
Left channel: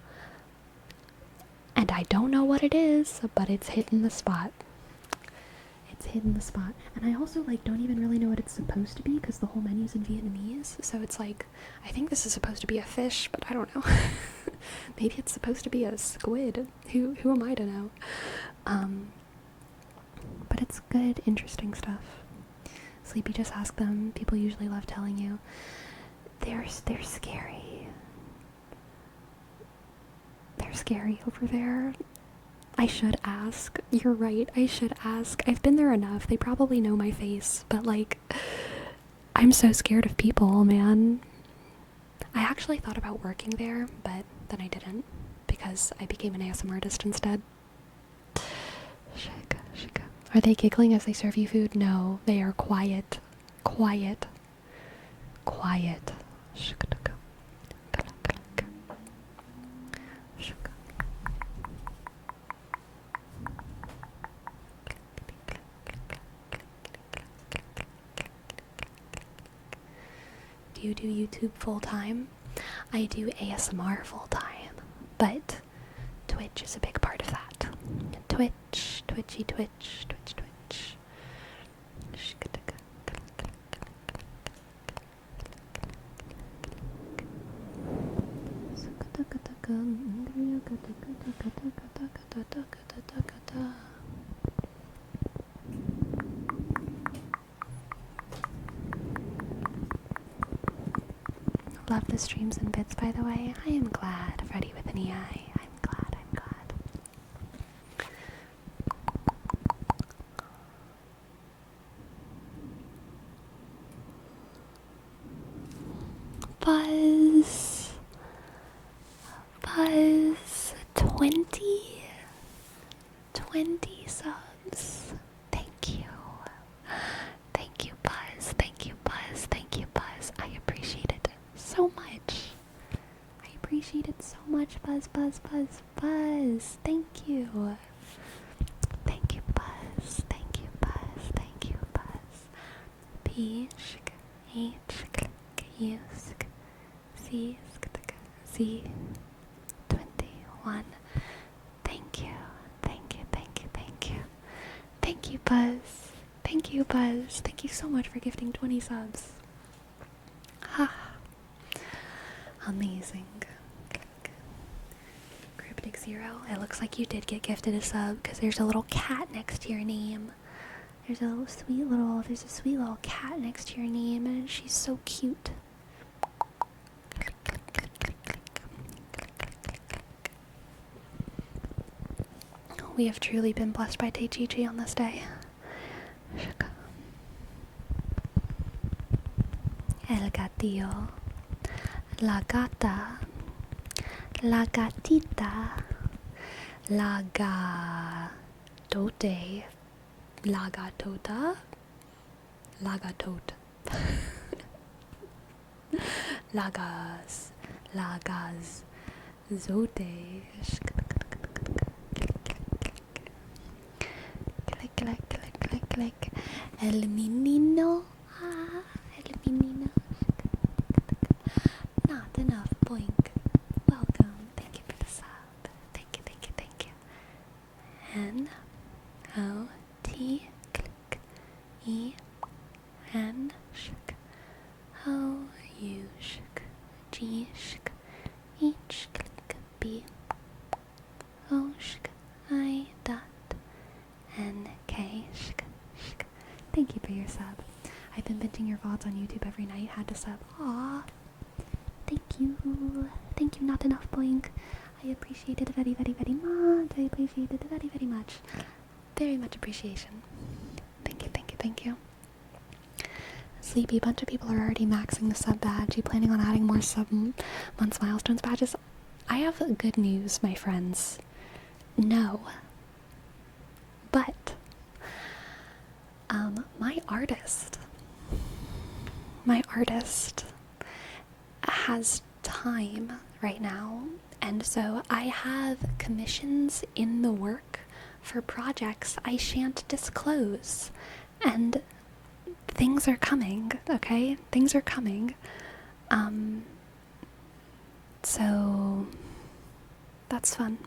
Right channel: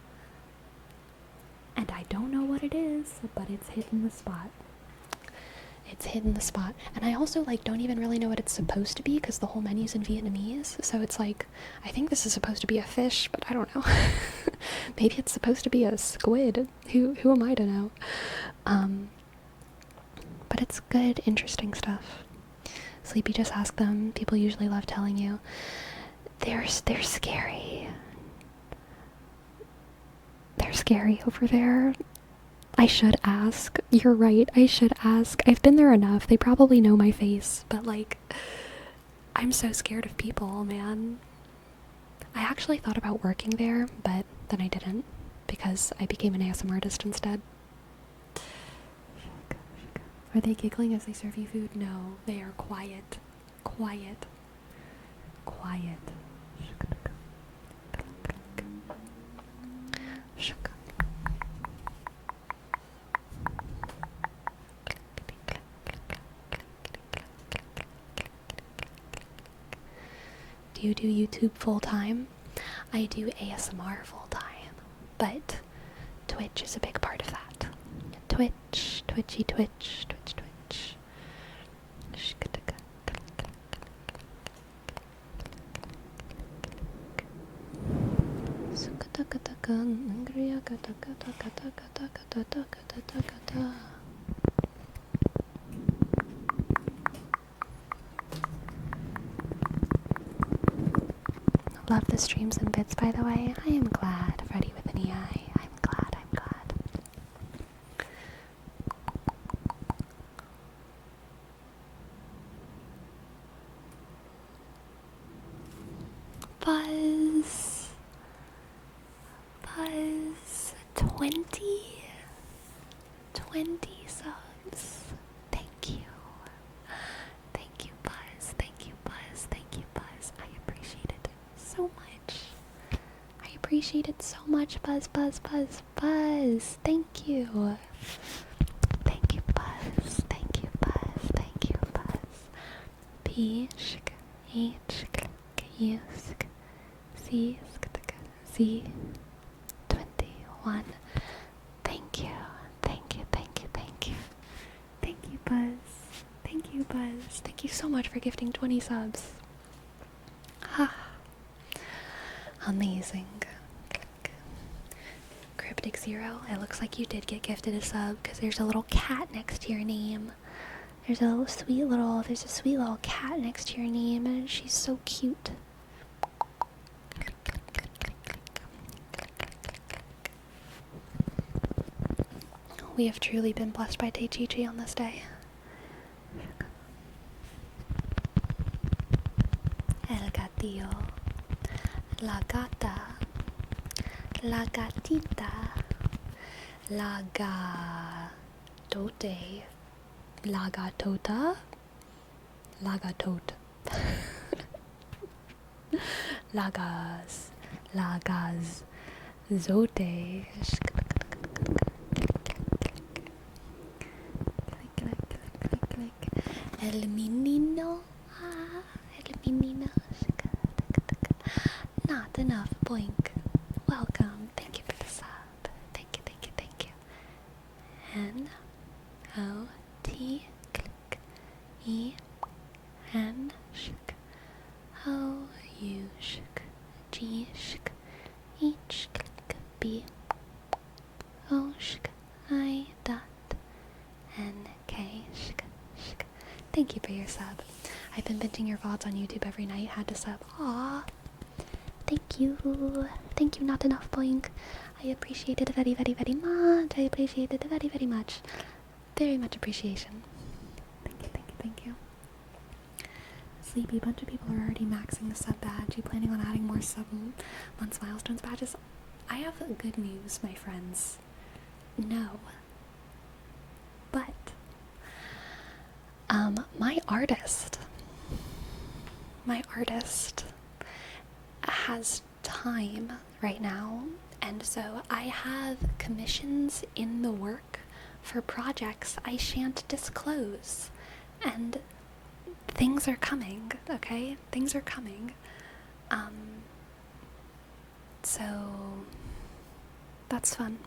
And I don't know what it is, but it's hitting the spot. It's hitting the spot. And I also, like, don't even really know what it's supposed to be, because the whole menu's in Vietnamese. So it's like, I think this is supposed to be a fish, but I don't know. Maybe it's supposed to be a squid. Who am I to know? But it's good, interesting stuff. Sleepy, just ask them. People usually love telling you. They're scary. They're scary over there. I should ask. You're right, I should ask. I've been there enough. They probably know my face, but like, I'm so scared of people, man. I actually thought about working there, but then I didn't, because I became an ASMR artist instead. Are they giggling as they serve you food? No, they are quiet. Quiet. Quiet. Do you do YouTube full-time? I do ASMR full-time, but Twitch is a big part of that. Twitch, Twitchy Twitch, Twitch, Twitch. Love the streams and bits, by the way. I am glad. Freddy with an EI. I'm glad. Buzz. 20 subs. Thank you. Thank you, Buzz. Thank you, Buzz. Thank you, Buzz. I appreciate it so much. I appreciate it so much, Buzz. Thank you. Thank you, Buzz. Thank you, Buzz. Thank you, Buzz. P sh H U C C 21. Thank you. Thank you, Buzz. Thank you, Buzz. Thank you so much for gifting 20 subs. Ha. Amazing. Cryptic Zero, it looks like you did get gifted a sub, because there's a little cat next to your name. There's a sweet little cat next to your name, and she's so cute. We have truly been blessed by Teichichi on this day. El gatillo. La gata. La gatita. La gatote. La gatota. La gatot. Lagaz. Zote. El menino. El menino. Not enough. Boink. Welcome. Thank you for the sub. Thank you, thank you, thank you. N-O-T click E-N shk O-U shk G shk H click B O shk I dot N-K shk shk. Thank you for your sub. I've been binging your VODs on YouTube every night. Had to sub. Aww. Thank you. Thank you, not enough boink. I appreciate it very, very, very much. I appreciate it very, very much. Very much appreciation. Thank you, thank you, thank you. Sleepy, a bunch of people are already maxing the sub badge. You planning on adding more sub months milestones badges? I have good news, my friends. No. But, my artist has time right now, and so I have commissions in the work for projects I shan't disclose, and things are coming, okay? Things are coming. So that's fun.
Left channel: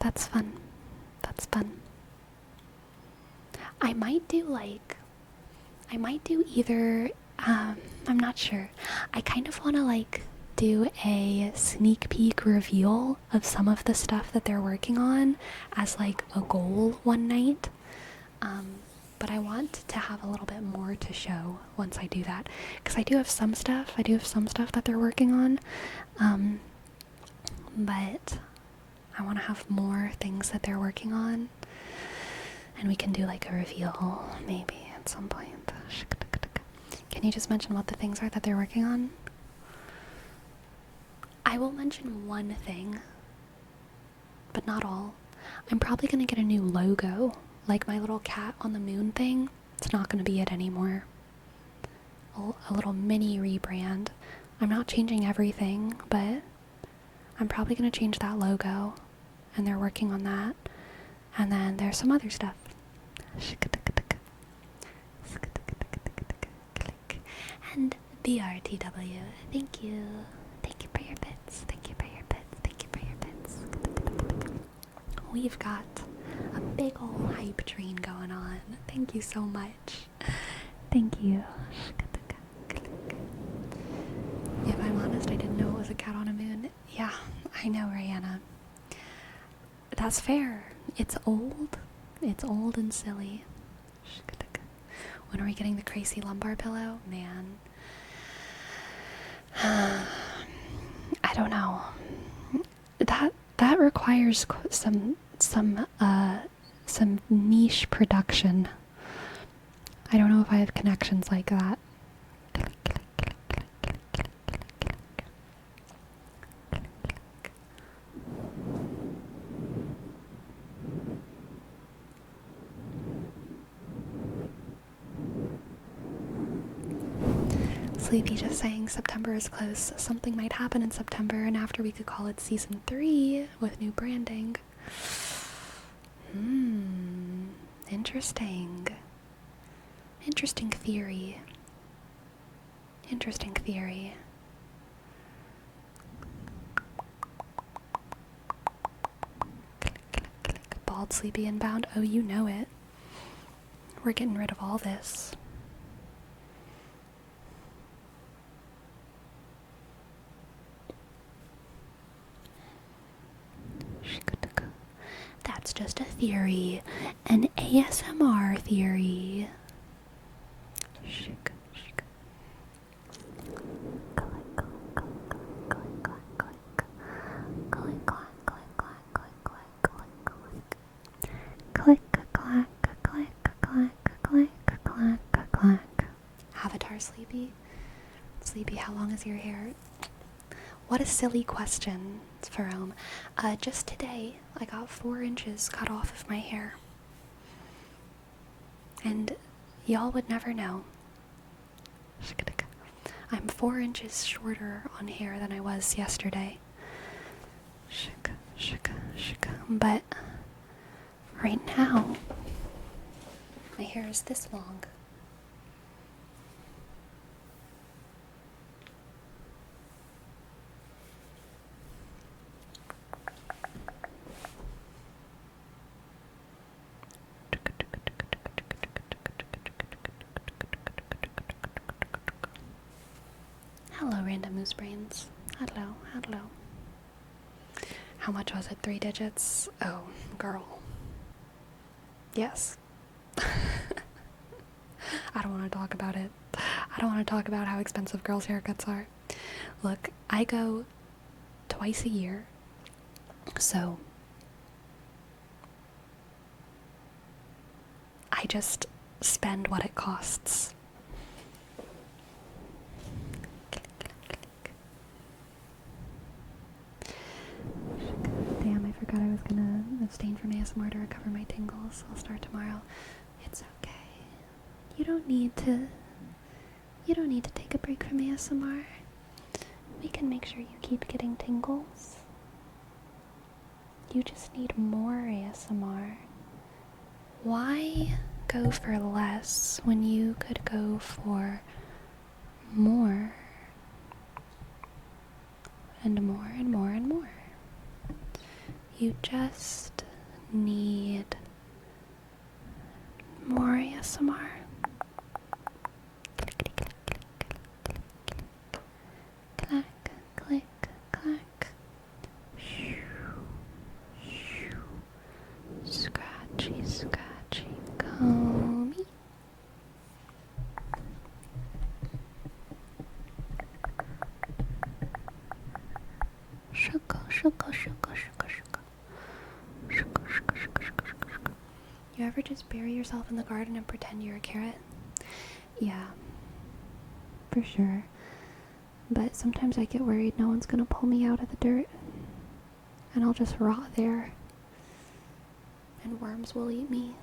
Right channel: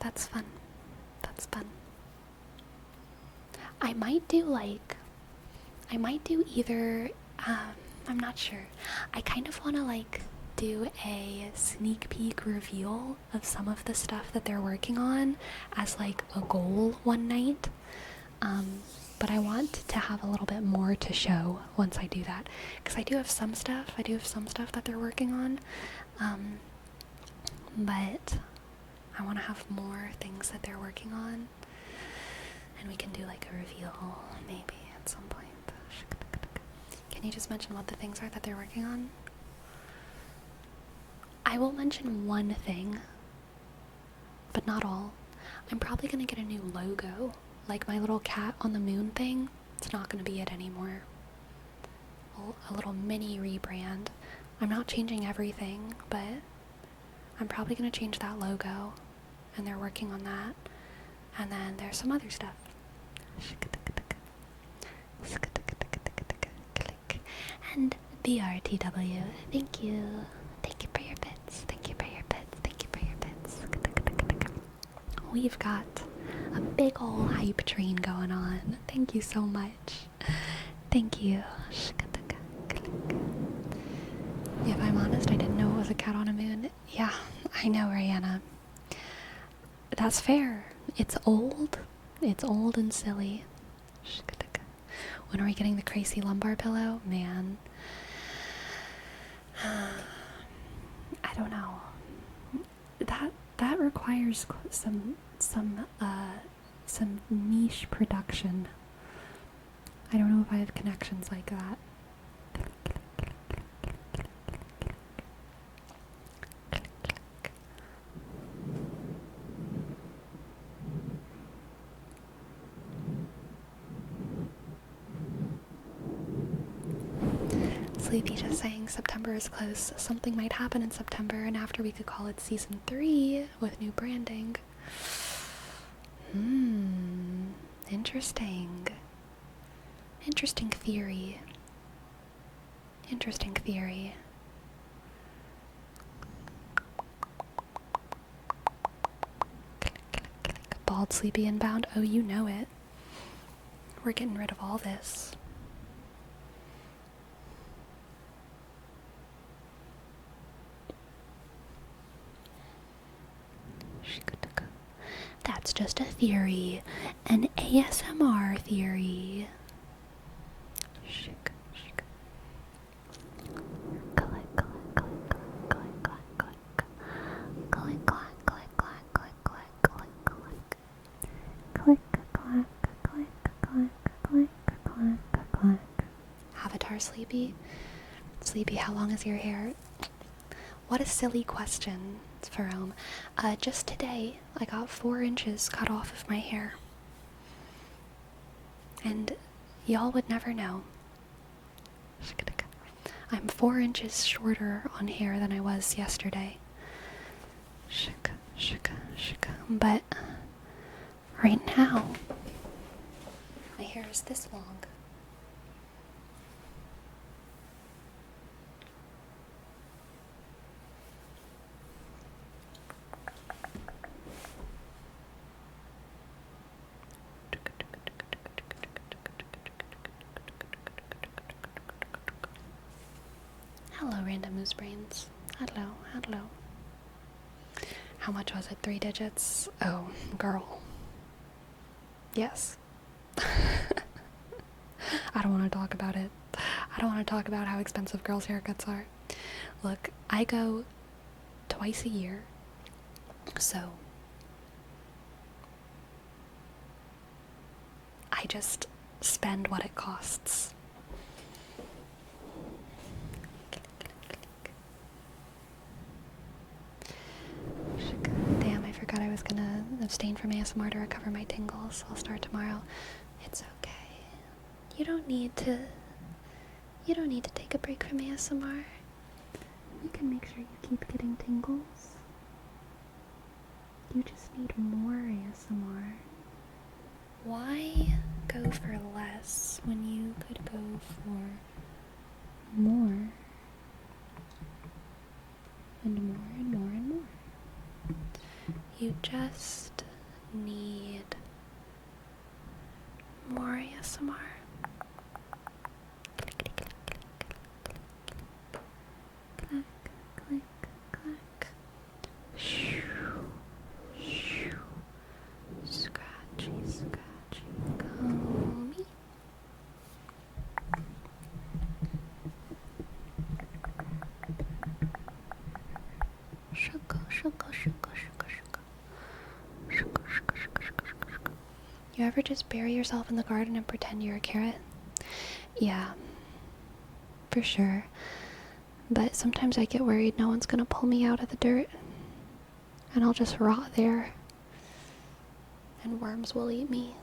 That's fun. That's fun. I might do either, I'm not sure. I kind of want to do a sneak peek reveal of some of the stuff that they're working on as a goal one night. But I want to have a little bit more to show once I do that, because I do have some stuff that they're working on, but I want to have more things that they're working on, and we can do a reveal maybe at some point. Can you just mention what the things are that they're working on? I will mention one thing, but not all. I'm probably going to get a new logo, like my little cat on the moon thing. It's not going to be it anymore. A little mini rebrand. I'm not changing everything, but I'm probably going to change that logo, and they're working on that. And then there's some other stuff. And BRTW, thank you. Thank you for your bits. Thank you for your bits. Thank you for your bits. We've got a big ol' hype train going on. Thank you so much. Thank you. If I'm honest, I didn't know it was a cat on a moon. Yeah, I know, Rihanna. That's fair. It's old. It's old and silly. When are we getting the crazy lumbar pillow? Man. I don't know. That requires some niche production. I don't know if I have connections like that. Sleepy just saying September is close. Something might happen in September, and after we could call it season 3 with new branding. Interesting. Interesting theory. Interesting theory. Bald Sleepy inbound. Oh, you know it. We're getting rid of all this. That's just a theory. An ASMR theory. Avatar Sleepy? Sleepy, how long is your hair? What a silly question, Ferome. Just today, I got 4 inches cut off of my hair. And y'all would never know. I'm 4 inches shorter on hair than I was yesterday. But right now, My hair is this long. Hello, random moose brains. Hello, hello. How much was it? 3 digits? Oh, girl. Yes. I don't want to talk about it. I don't want to talk about how expensive girls' haircuts are. Look, I go twice a year, so I just spend what it costs. Damn, I forgot I was gonna abstain from ASMR to recover my tingles. I'll start tomorrow. It's okay. You don't need to take a break from ASMR. We can make sure you keep getting tingles. You just need more ASMR. Why go for less when you could go for more? And more and more and more. You just need more ASMR. Click, click, click. Shoo, shoo. Scratchy, scratchy, comey. Shuka, shuka, shuka, shuka, shuka. Shuka, shuka, shuka, shuka, shuka, shuka. You ever just bury yourself in the garden and pretend you're a carrot? Yeah, for sure. But sometimes I get worried no one's gonna pull me out of the dirt. And I'll just rot there. And worms will eat me.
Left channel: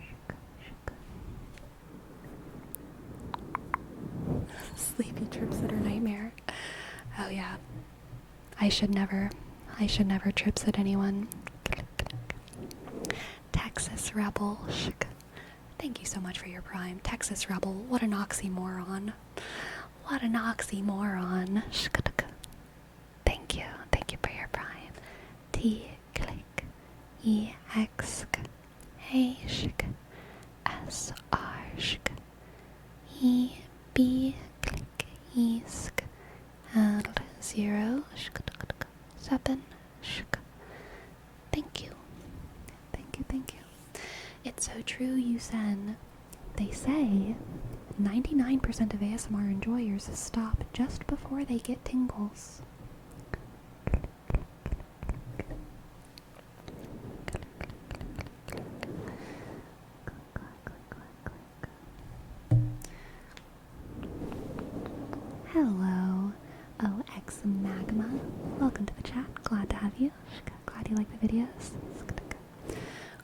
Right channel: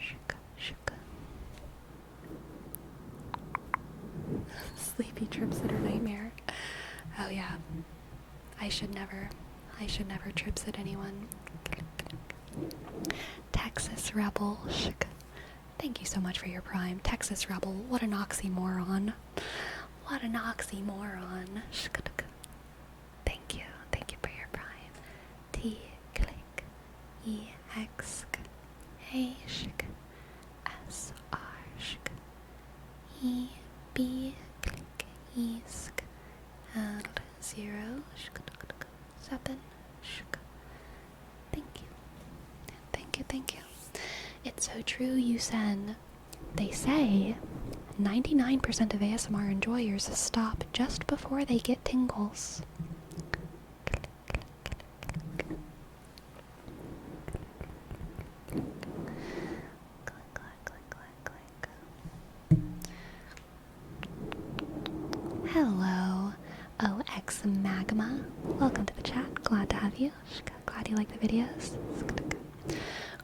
Shuka, shuka. Sleepy trip sitter nightmare. Oh yeah. I should never trip sit anyone. Texas Rebel. Shuka. Thank you so much for your prime. Texas Rebel. What an oxymoron. What an oxymoron. Shka. Thank you. Thank you for your prime. T click E X A shk S R shk E B click E sk L 0 shk 7 shk. Thank you. Thank you, thank you. It's so true, Yusen. They say 99% of ASMR enjoyers stop just before they get tingles. Hello, OX Magma. Welcome to the chat. Glad to have you. Glad you like the videos.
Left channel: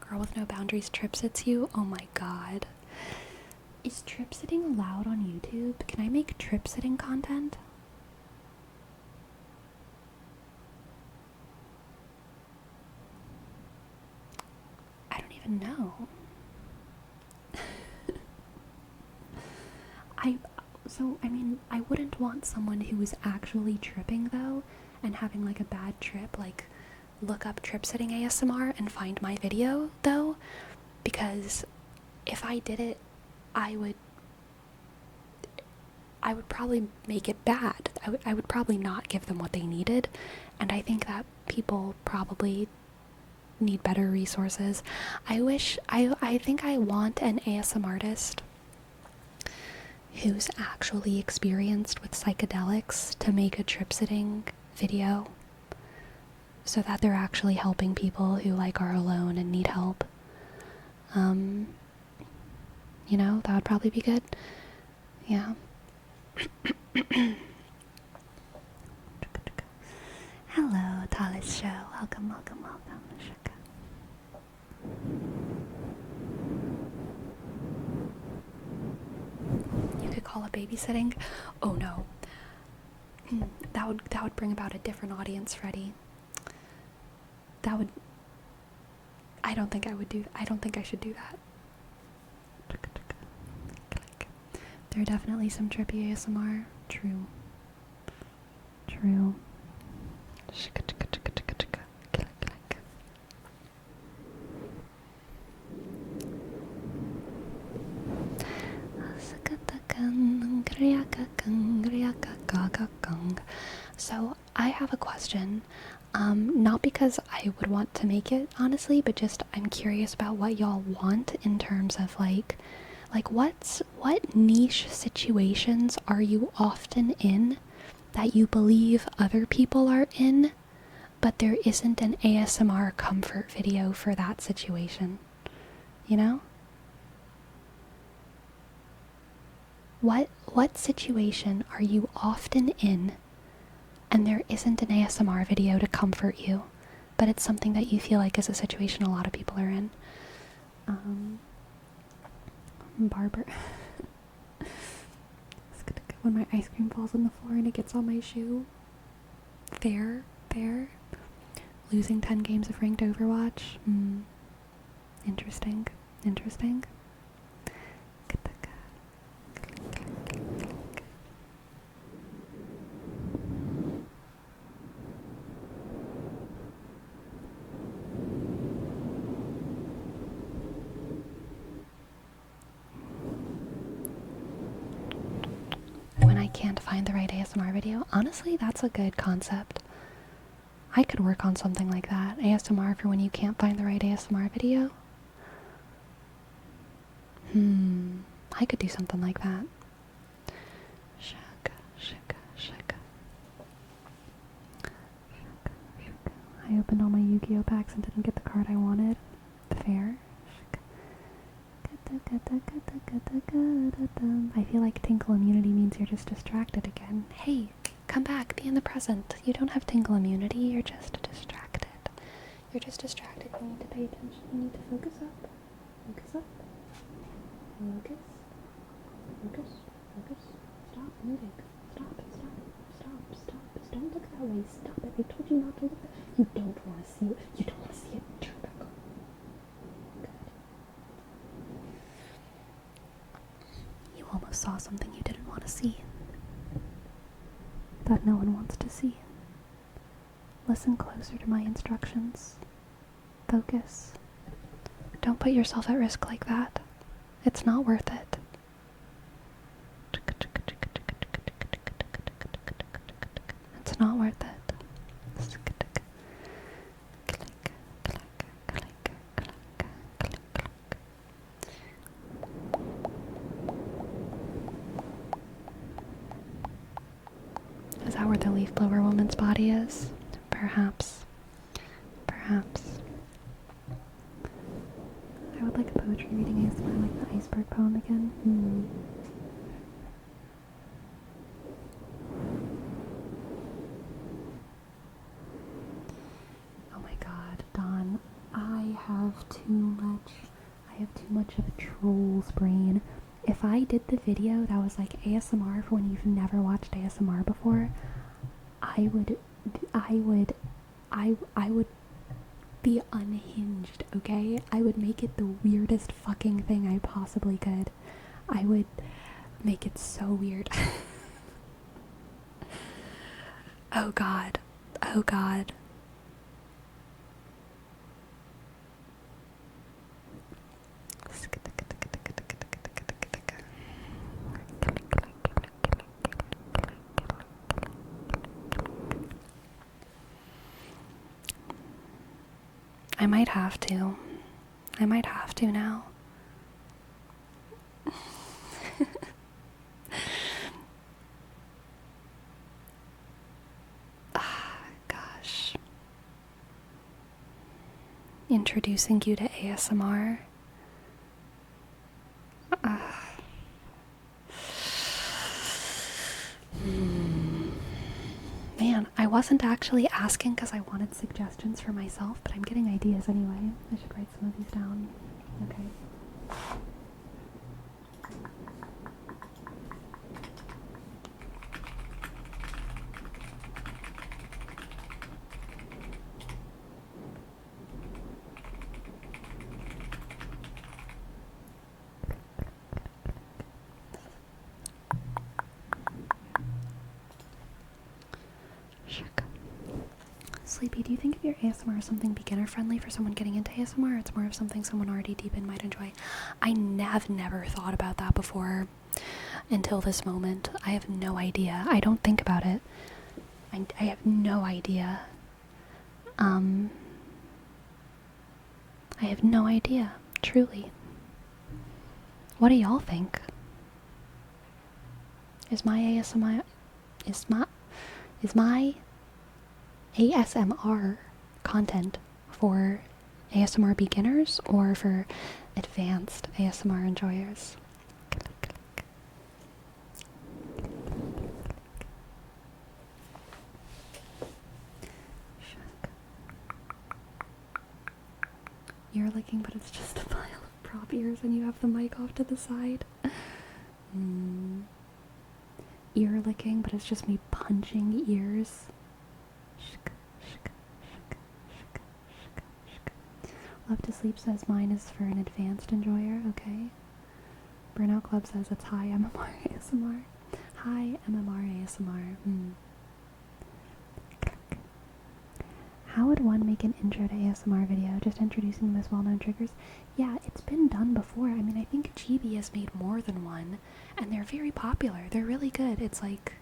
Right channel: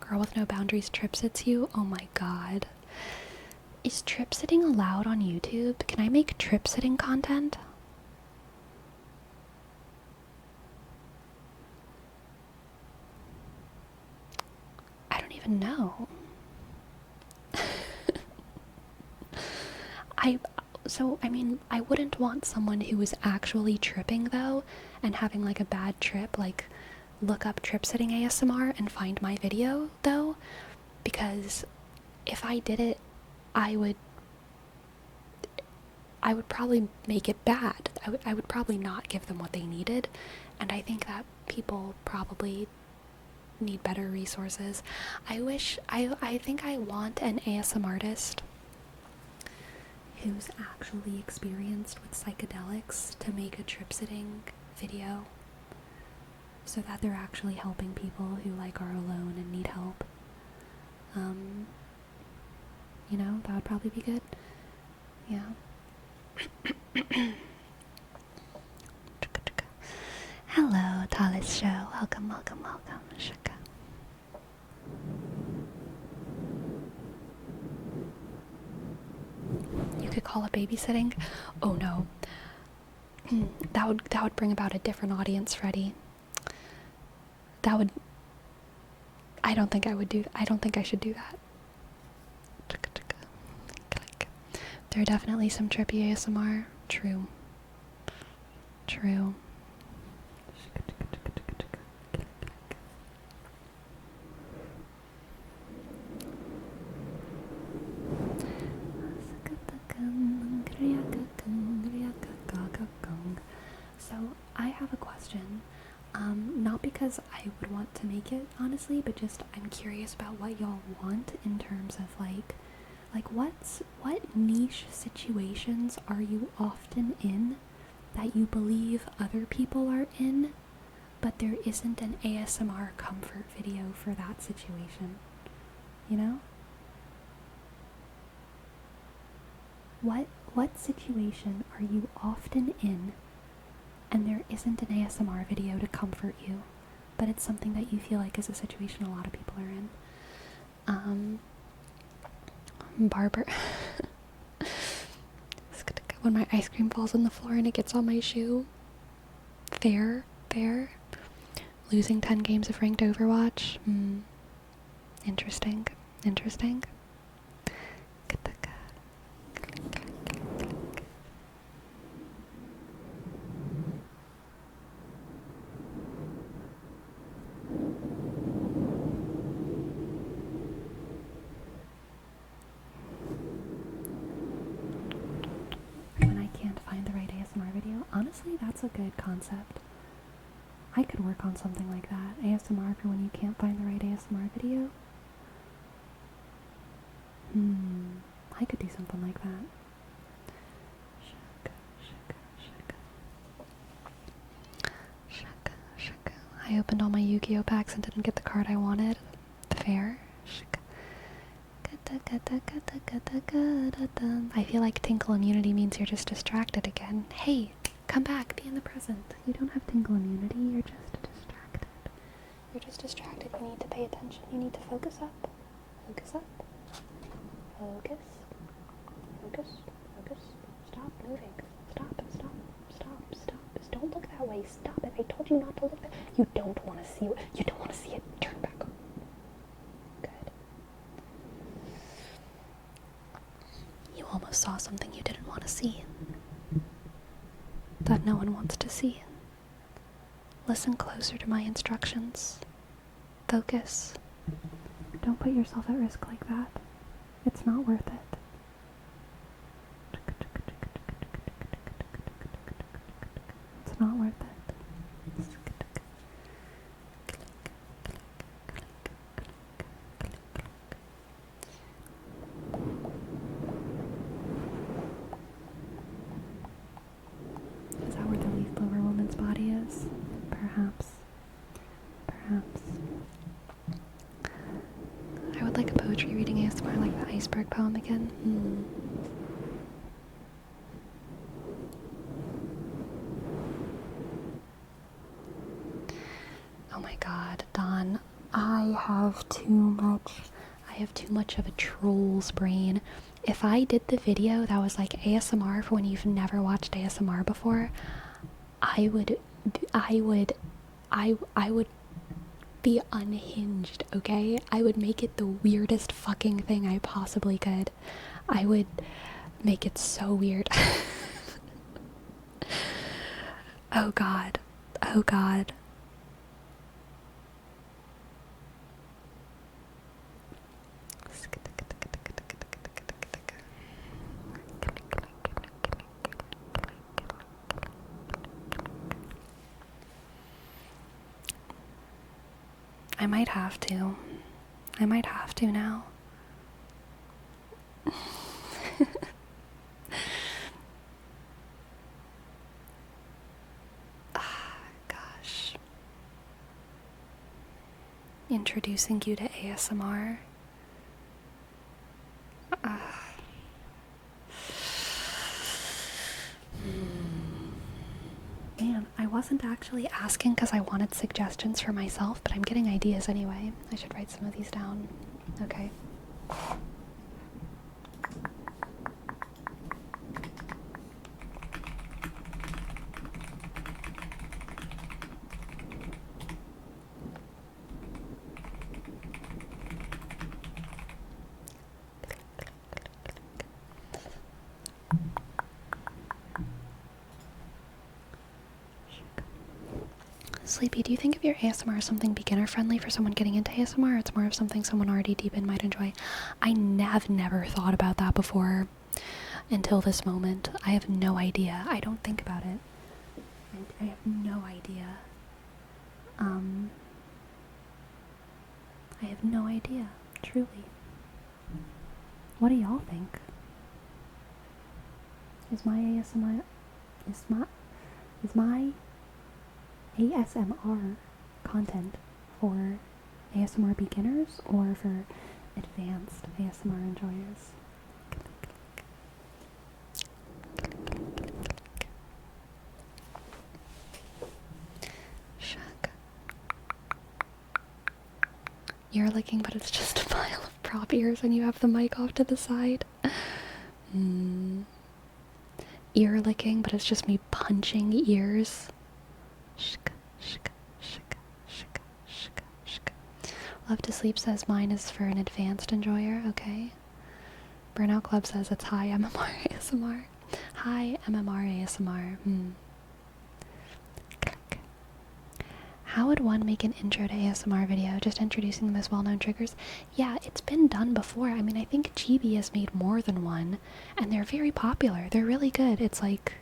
Girl with no boundaries trip sits you. Oh my god. Is trip sitting allowed on YouTube? Can I make trip sitting content? I don't even know. I wouldn't want someone who was actually tripping though and having like a bad trip, like look up trip sitting ASMR and find my video though, because if I did it, I would probably make it bad. I would probably not give them what they needed, and I think that people probably need better resources. I think I want an ASMR artist who's actually experienced with psychedelics to make a trip sitting video so that they're actually helping people who like are alone and need help. You know, that would probably be good. Yeah. Hello, Talis Show. Welcome, welcome, welcome. Shaka. You could call it babysitting. Oh no. That would bring about a different audience, Freddie. I don't think I should do that. There are definitely some trippy ASMR. True. So I have a question. Not because I would want to make it, honestly, but just I'm curious about what y'all want in terms of like what niche situations are you often in that you believe other people are in, but there isn't an ASMR comfort video for that situation, you know? What situation are you often in and there isn't an ASMR video to comfort you, but it's something that you feel like is a situation a lot of people are in? Barber. When my ice cream falls on the floor and it gets on my shoe. Fair. Losing 10 games of ranked Overwatch. Interesting. When I can't find the right ASMR video. Honestly, that's a good concept. I could work on something like that. ASMR for when you can't find the right ASMR video. I could do something like that. Shaka. I opened all my Yu-Gi-Oh packs and didn't get the card I wanted. Fair. I feel like tinkle immunity means you're just distracted again. Hey, come back, be in the present. You don't have tinkle immunity, you're just distracted. You need to pay attention. You need to focus up. Focus. Stop moving. Stop. Don't look that way. Stop it. I told you not to look that way. You don't want to see it. Turn back on. Good. You almost saw something you didn't want to see. That no one wants to see. Listen closer to my instructions. Focus. Don't put yourself at risk like that. It's not worth it. It's not worth it. Is that where the leaf blower woman's body is? Perhaps. I would like a poetry reading ASMR like the iceberg poem again. Oh my god, Dawn. I have too much of a troll's brain. If I did the video that was like ASMR for when you've never watched ASMR before, I would be unhinged, okay? I would make it the weirdest fucking thing I possibly could. I would make it so weird. Oh god. I might have to now. Gosh. Introducing you to ASMR. Man, I wasn't actually asking because I wanted suggestions for myself, but I'm getting ideas anyway. I should write some of these down. Okay. Sleepy, do you think of your ASMR as something beginner friendly for someone getting into ASMR, or it's more of something someone already deep in might enjoy? I have never thought about that before until this moment. I have no idea. I don't think about it. I have no idea. I have no idea, truly. What do y'all think? Is my ASMR content for ASMR beginners or for advanced ASMR enjoyers? Ear licking, but it's just a pile of prop ears and you have the mic off to the side. Ear licking, but it's just me punching ears. Love to Sleep says mine is for an advanced enjoyer. Okay. Burnout Club says it's high MMR ASMR. High MMR ASMR. How would one make an intro to ASMR video? Just introducing the most well-known triggers? Yeah, it's been done before. I mean, I think Chibi has made more than one, and they're very popular. They're really good. It's like,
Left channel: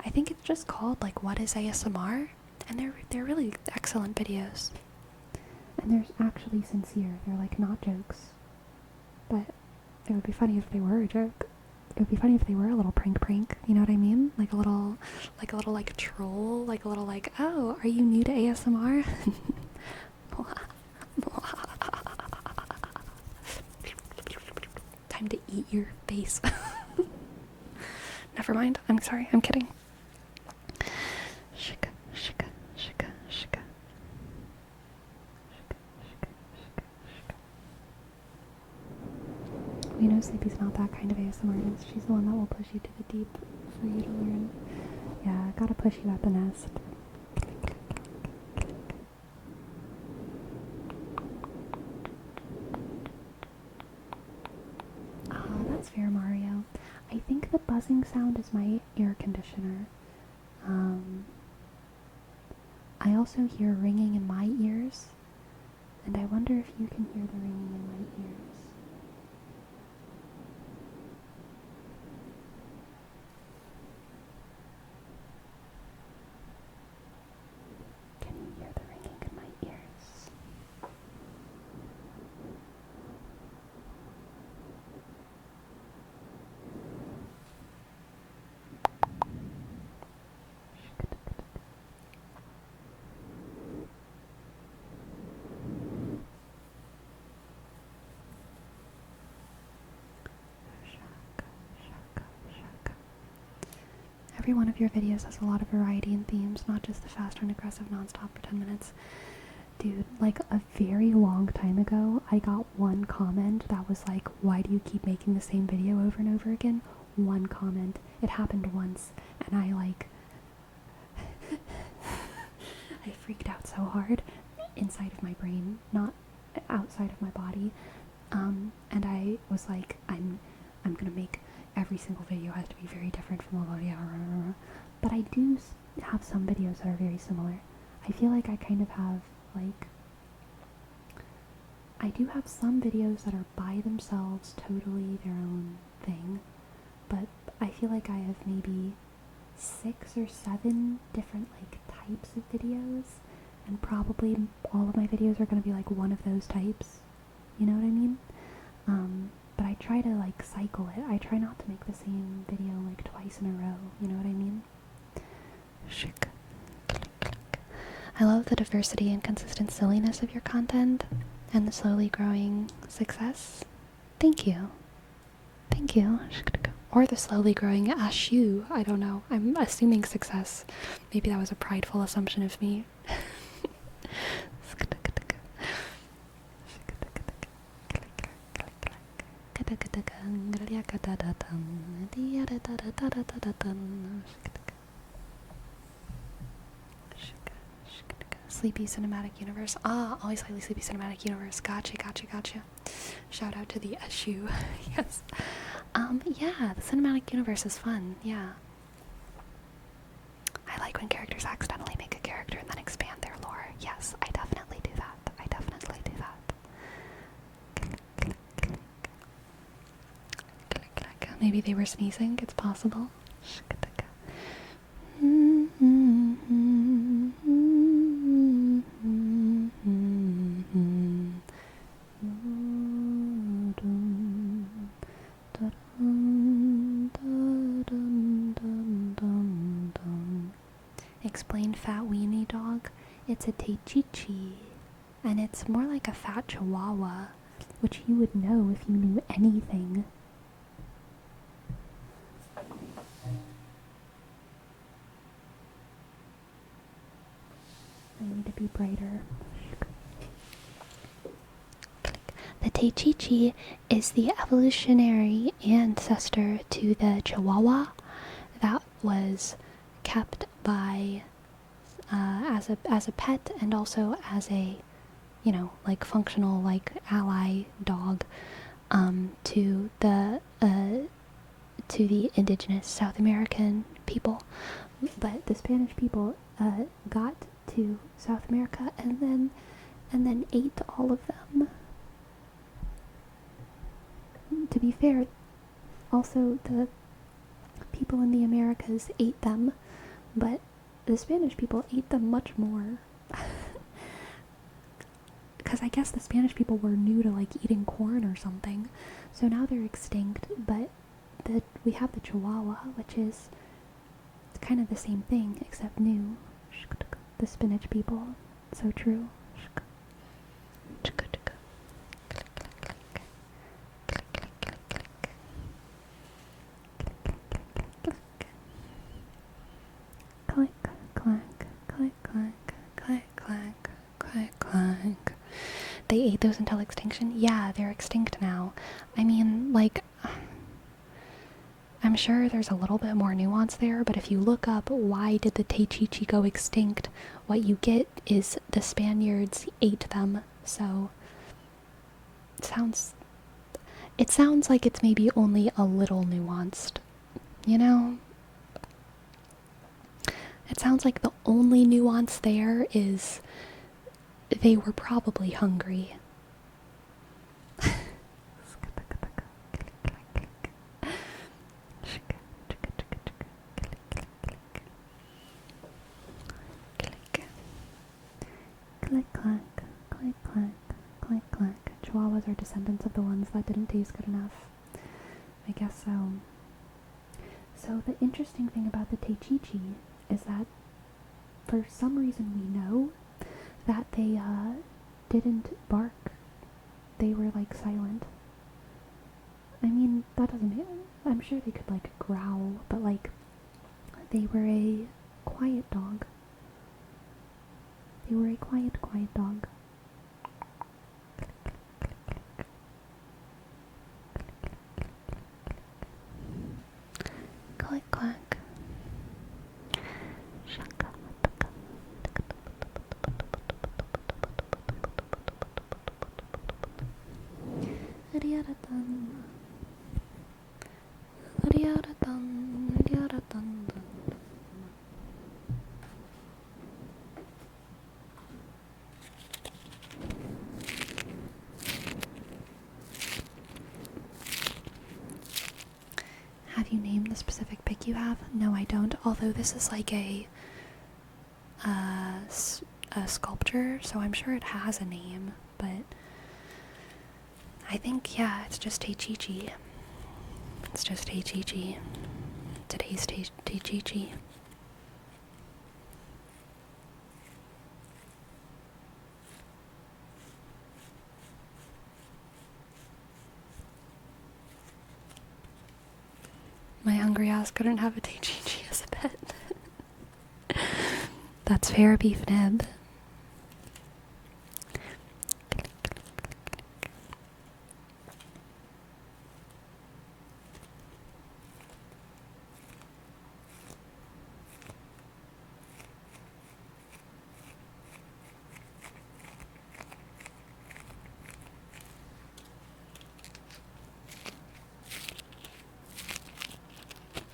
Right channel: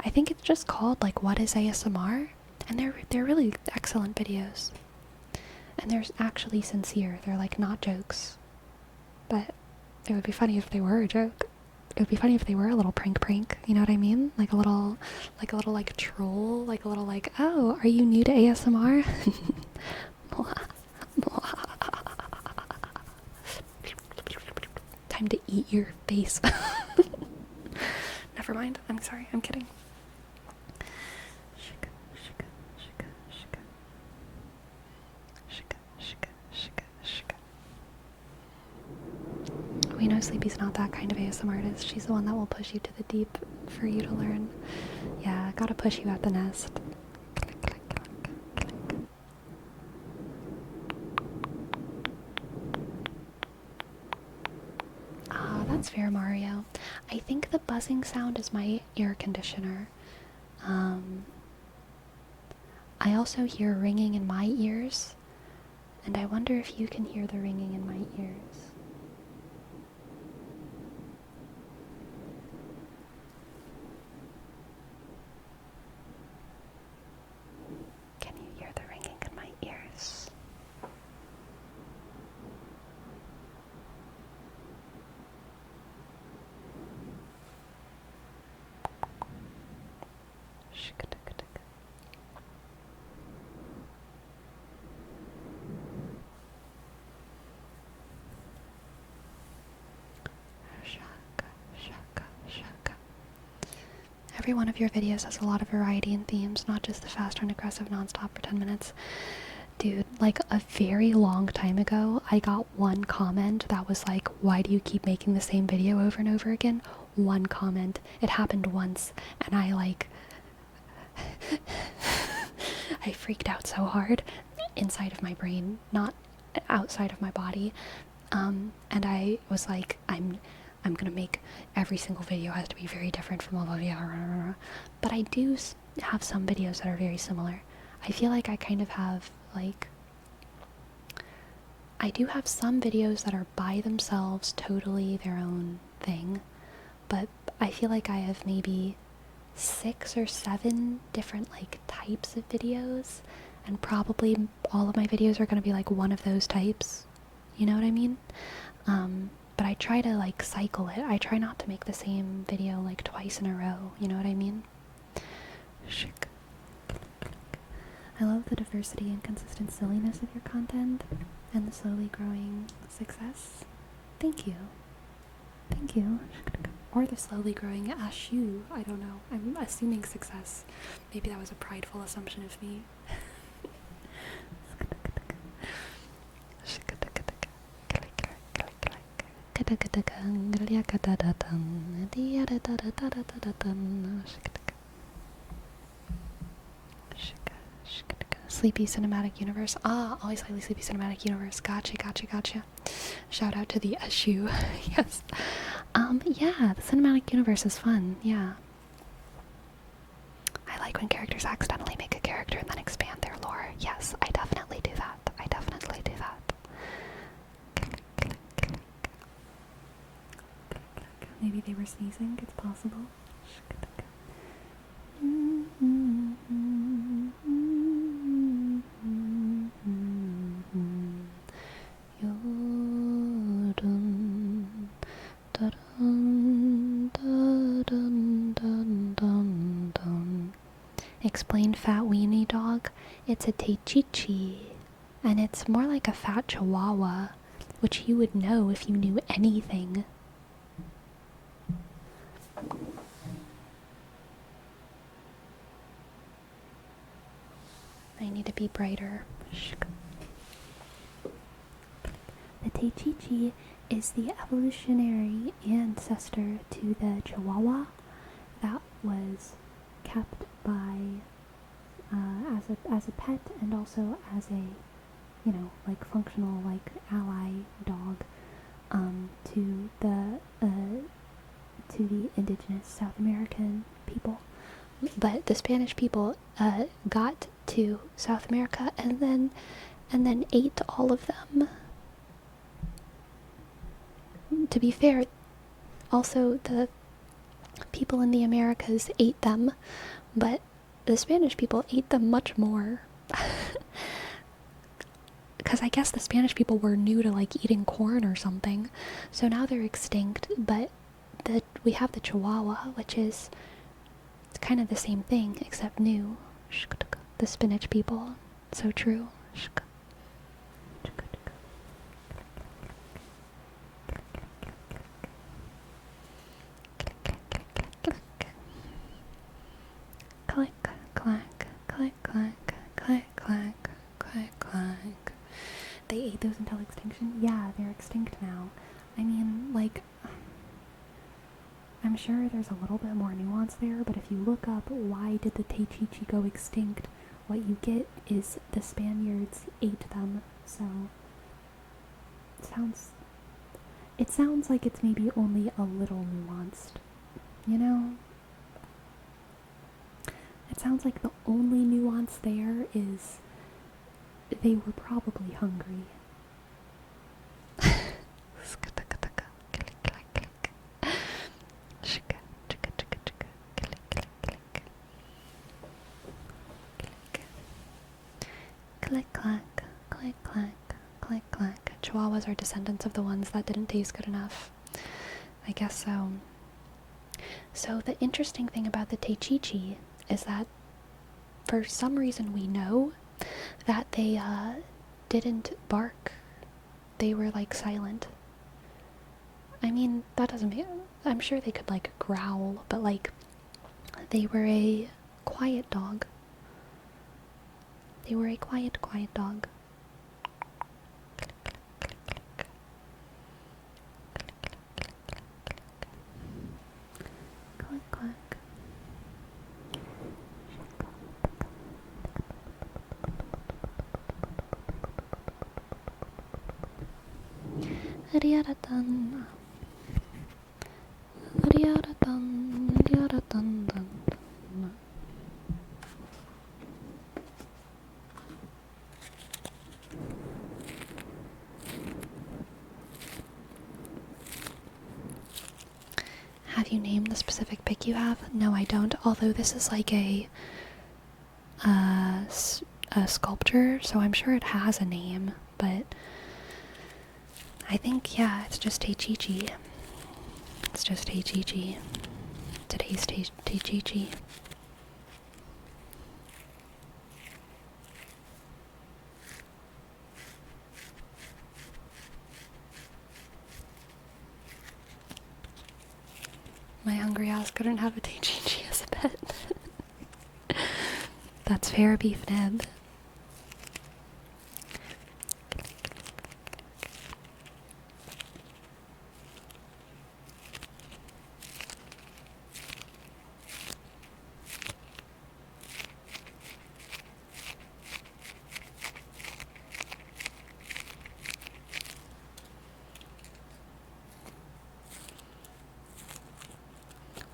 I think it's just called, like, What is ASMR? And they're really excellent videos. And they're actually sincere. They're, like, not jokes. But it would be funny if they were a joke. It would be funny if they were a little prank, you know what I mean? Like a little troll, like a little like, oh, are you new to ASMR? Time to eat your face. Never mind, I'm sorry, I'm kidding. We know Sleepy's not that kind of ASMR artist. She's the one that will push you to the deep for you to learn. Yeah, gotta push you at the nest. Ah, that's fair, Mario. I think the buzzing sound is my ear conditioner. I also hear ringing in my ears, and I wonder if you can hear the ringing in my ears. Every one of your videos has a lot of variety and themes, not just the fast and aggressive nonstop for 10 minutes. Dude, like a very long time ago, I got one comment that was like, why do you keep making the same video over and over again? One comment. It happened once, and I like... I freaked out so hard inside of my brain, not outside of my body. And I was like, I'm gonna make every single video has to be very different from all the other. But I do have some videos that are very similar. I feel like I kind of have, like, I do have some videos that are by themselves, totally their own thing, but I feel like I have maybe 6 or 7 different, like, types of videos, and probably all of my videos are gonna be, like, one of those types, you know what I mean? But I try to, like, cycle it. I try not to make the same video, like, twice in a row, you know what I mean? I love the diversity and consistent silliness of your content, and the slowly growing success. Thank you. Thank you. Or the slowly growing ashu. I don't know. I'm assuming success. Maybe that was a prideful assumption of me. Sleepy Cinematic Universe. Ah, always highly Sleepy Cinematic Universe. Gotcha. Shout out to the Ashu. Yes. Yeah, the Cinematic Universe is fun. Yeah. I I like when characters accidentally make a character and then expand their lore. Yes, I definitely do that. I definitely do that. Maybe they were sneezing. It's possible. Explain fat weenie dog. It's a Teichichi, and it's more like a fat chihuahua, which you would know if you knew anything. I need to be brighter. The Teichichi is the evolutionary ancestor to the Chihuahua that was kept by as a pet and also as a, you know, like functional like ally dog to the indigenous South American people. But the Spanish people got to South America and then ate all of them. To be fair, also the people in the Americas ate them, but the Spanish people ate them much more. Because I guess the Spanish people were new to like eating corn or something, so now they're extinct. But we have the Chihuahua, which is kind of the same thing except new. The spinach people, so true. Click, clack, click, clack, click, clack, click, clack. They ate those until extinction? Yeah, they're extinct now. I mean, like, I'm sure there's a little bit more nuance there, but if you look up why did the Teichichi go extinct, what you get is the Spaniards ate them. So it sounds like it's maybe only a little nuanced, you know? It sounds like the only nuance there is they were probably hungry. Click, clack, click, clack, click, clack. Chihuahuas are descendants of the ones that didn't taste good enough. I guess so. So the interesting thing about the Teichichi is that for some reason we know that they didn't bark. They were like silent. I mean, that doesn't mean, I'm sure they could like growl, but like they were a quiet dog. They were a quiet dog. Click, clack. Riada-dun. Riada-dun. Riada-dun-dun. Have you named the specific pic you have? No, I don't. Although this is like a sculpture, so I'm sure it has a name. But I think, yeah, it's just Teichichi. It's just Teichichi. Today's Teichichi. My hungry ass couldn't have a Teichichi as a pet. That's fair beef nib.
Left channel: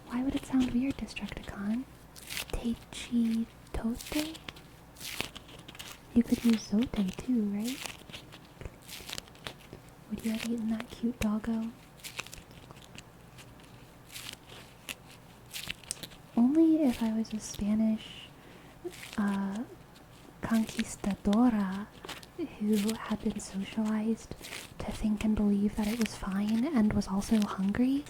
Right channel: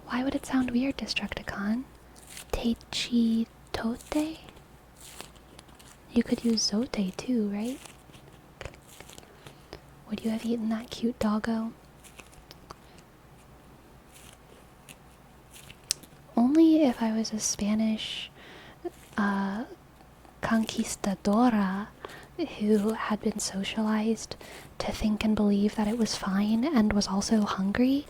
Why would it sound weird, Destructicon? Teichi tote? You could use zote too, right? Would you have eaten that cute doggo? Only if I was a Spanish conquistadora who had been socialized to think and believe that it was fine and was also hungry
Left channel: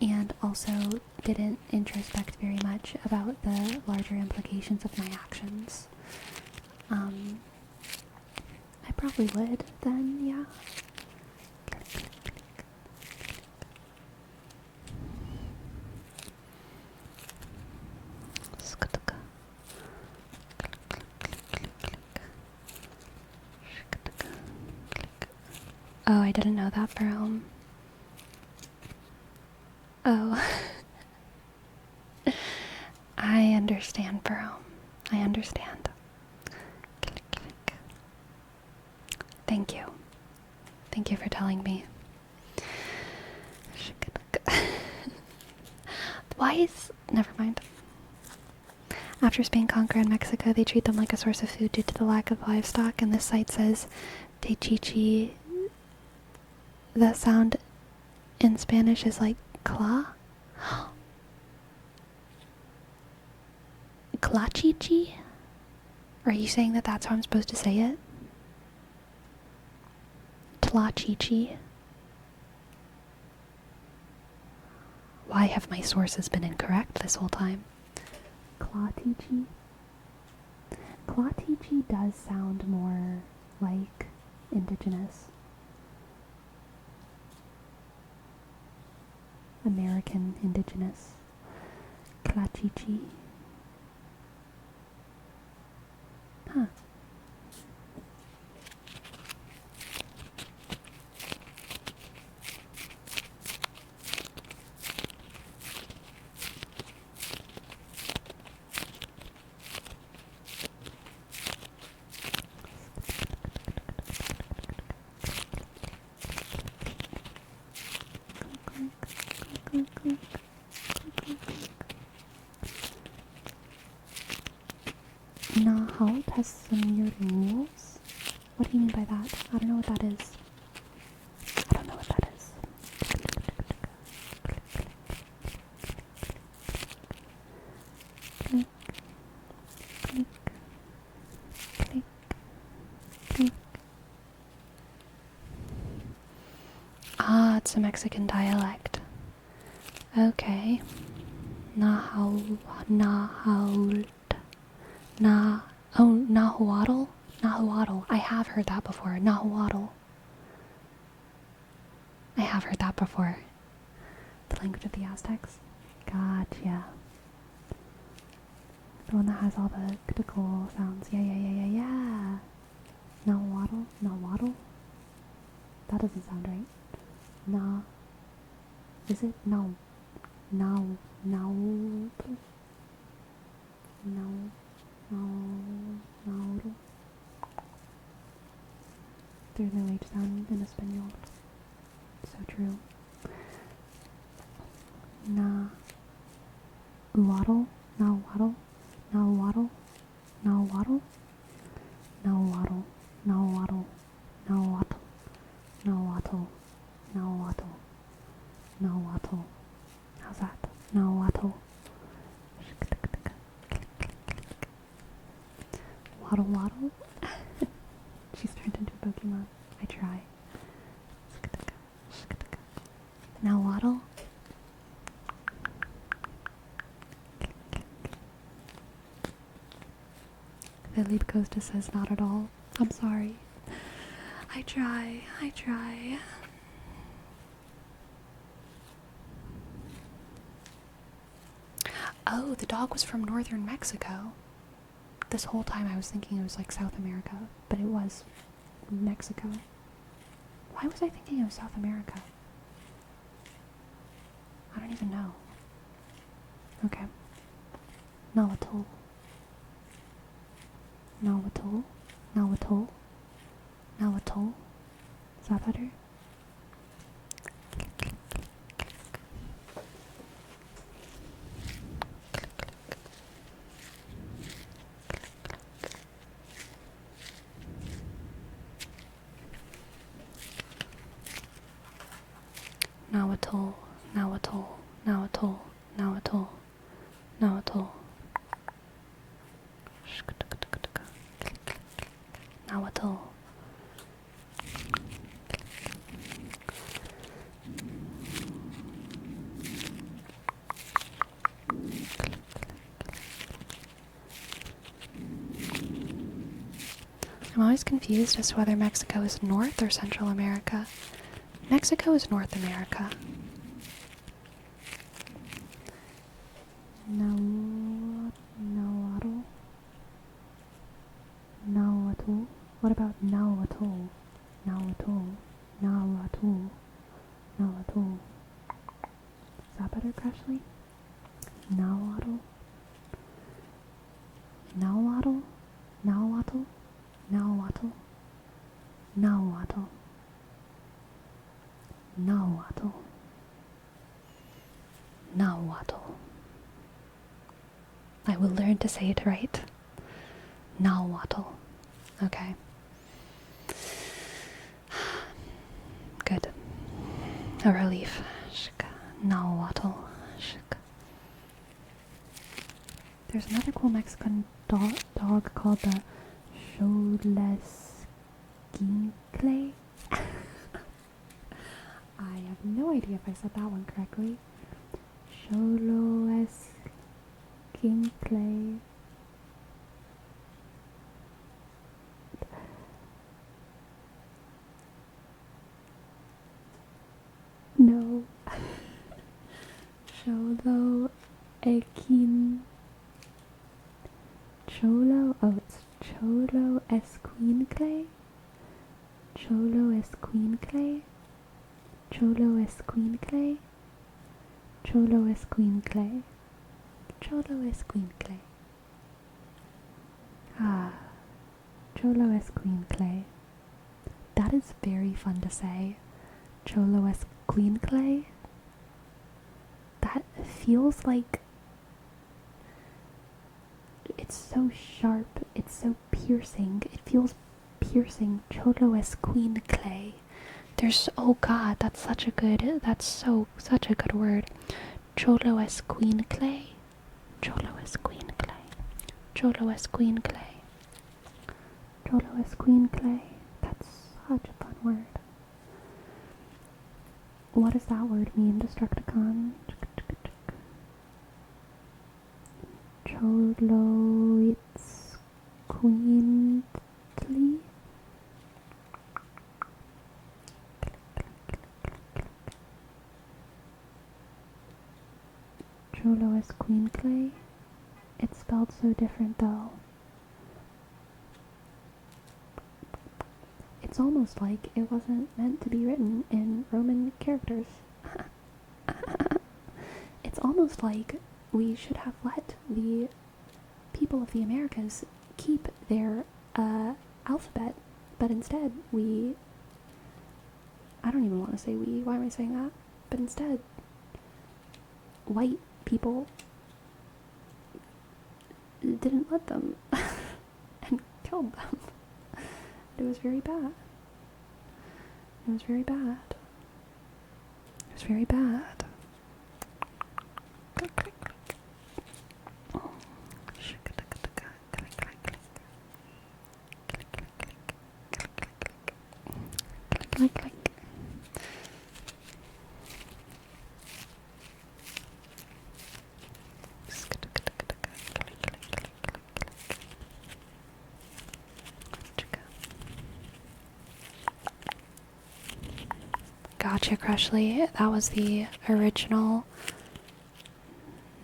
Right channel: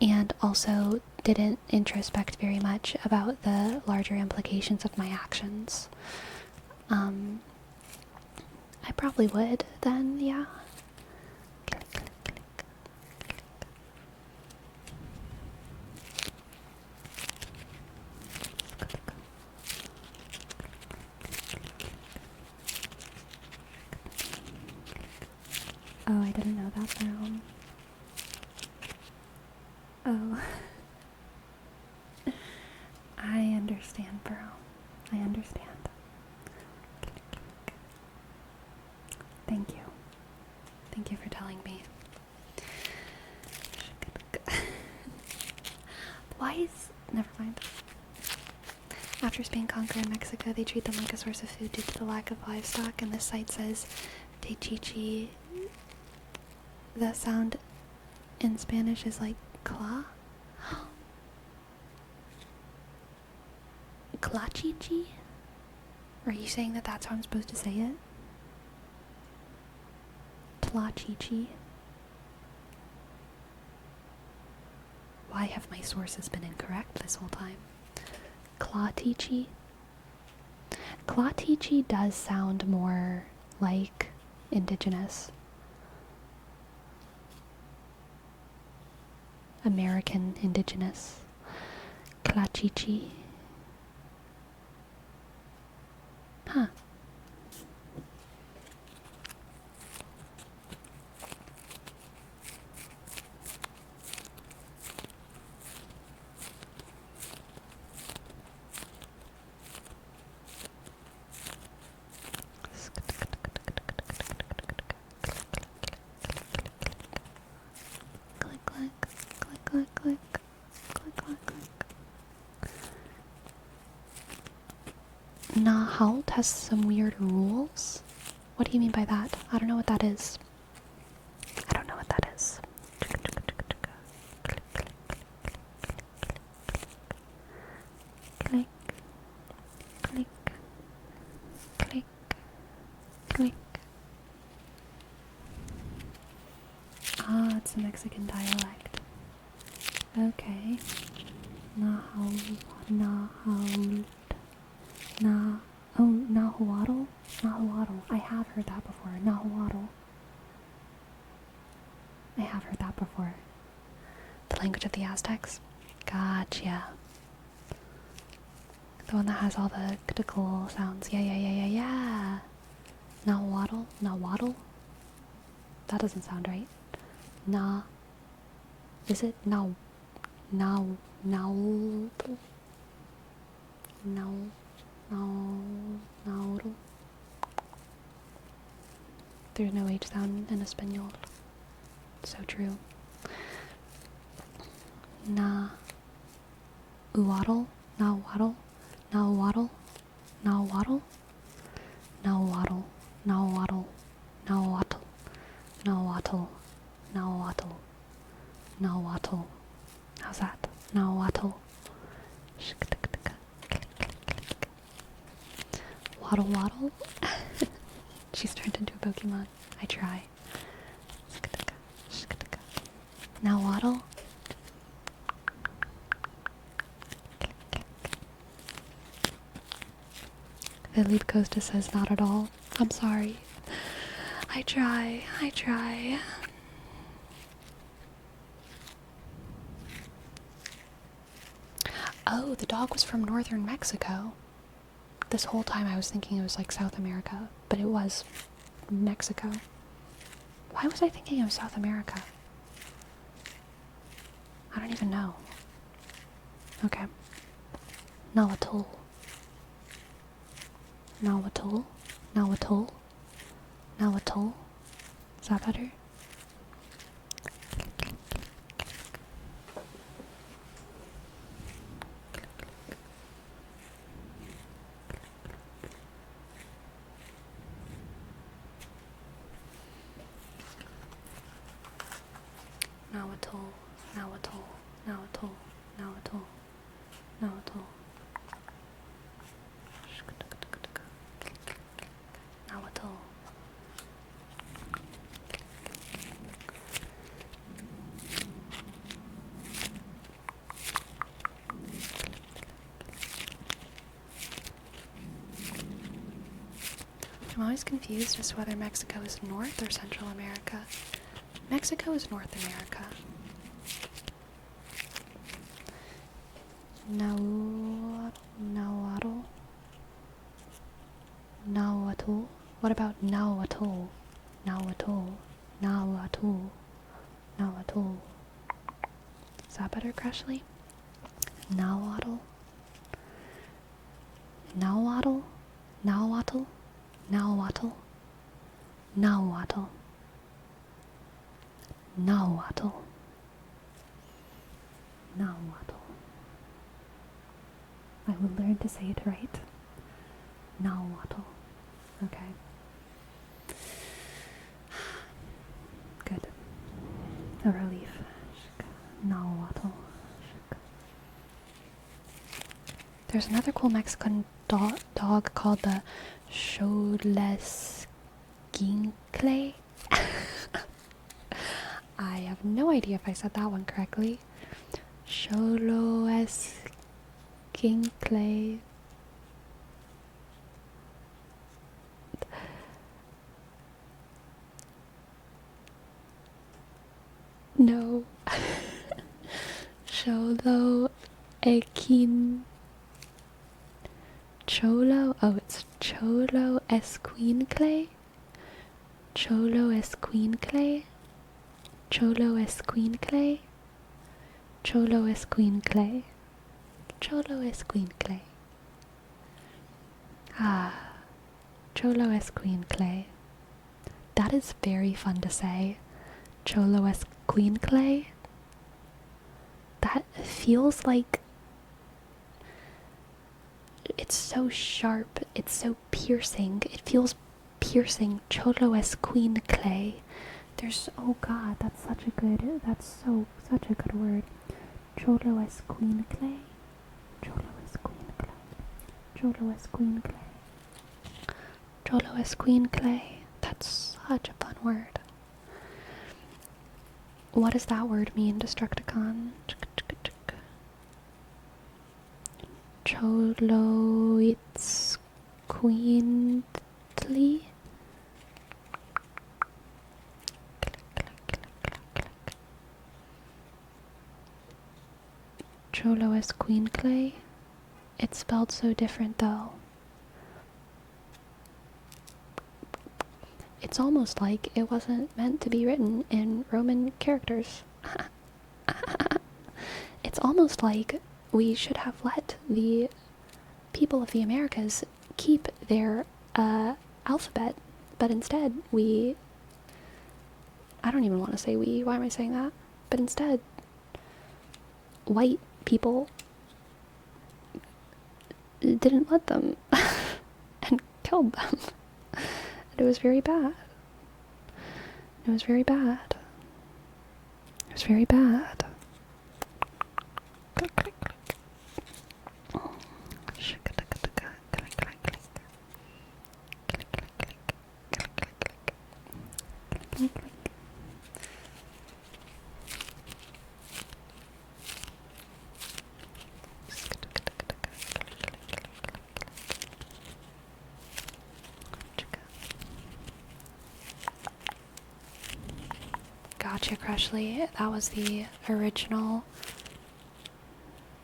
and also didn't introspect very much about the larger implications of my actions. I probably would then, yeah. Oh, I didn't know that, Jerome. Oh. I understand, Jerome. I understand. Thank you. Thank you for telling me. Why is... Never mind. After Spain conquered in Mexico, they treat them like a source of food due to the lack of livestock, and this site says Techichi. That sound in Spanish is like cla? Clachichi? Are you saying that that's how I'm supposed to say it? Tlachichi? Why have my sources been incorrect this whole time? Clatichi? Clatichi does sound more like indigenous. American indigenous. Clachichi. Huh. Nahalt has some weird rules? What do you mean by that? I don't know what that is. I don't know what that is. Click, click, click, click. Ah, it's a Mexican dialect. Okay. Nahuatl. Nahuatl? Nahuatl. I have heard that before. Nahuatl. I have heard that before. The language of the Aztecs. Gotcha. The one that has all the critical sounds. Yeah. Nahuatl? Nahuatl? That doesn't sound right. Na. Is it? Now. There's no H sound in Espanol. So true. Nahuatl. Nahuatl. Nahuatl. Nahuatl. Nahuatl. Nahuatl. Nahuatl. Nahuatl. Nahuatl. Nahuatl. How's that? Nahuatl. Waddle waddle. She's turned into a Pokemon. I try. Now waddle. Philip Costa says not at all. I'm sorry. I try. Oh, the dog was from northern Mexico. This whole time I was thinking it was like South America, but it was Mexico. Why was I thinking it was South America? I don't even know. Okay. Nahuatl. Nahuatl. Nahuatl. Nahuatl. Is that better? Nahuatl. Nahuatl. I'm always confused as to whether Mexico is North or Central America. Mexico is North America. Nahuatl. Nahuatl. What about Nahuatl? Nahuatl. Nahuatl. Nahuatl. Is that better, Crushly? Nahuatl. Nahuatl. Nahuatl. Nahuatl. Nahuatl. Nahuatl. Nahuatl. I will learn to say it right. Nahuatl. Okay. Good. A relief. Nahuatl. There's another cool Mexican dog called the Xolesquinkle. I have no idea if I said that one correctly. Xolesquinkle. No. Cholo Equin. Cholo? Oh, it's Cholo Esquincle? Cholo Esquincle? Cholo Esquincle? Cholo Esquincle? Cholo Esquincle. Ah, Cholo Esquincle. That is very fun to say. Cholo Esquincle. That feels like it's so sharp, it's so piercing. It feels piercing. Cholo Esquincle. There's, oh god, that's such a good word. Cholo Esquincle. Cholo Esquincle. Cholo Esquincle. Cholo Esquincle. That's such a fun word. What does that word mean, Destructicon? Cholo it's queently. Cholo Esquincle. It's spelled so different though. It's almost like it wasn't meant to be written in Roman characters. It's almost like we should have let the people of the Americas keep their alphabet, but instead I don't even want to say we, why am I saying that? But instead, white people didn't let them and killed them. It was very bad. It was very bad. It was very bad. Click, click, click. Oh. Click, click, click. Click, click, click. Click, click, click. Click, click, click. Click, click, click. Gotcha, Crushly. That was the original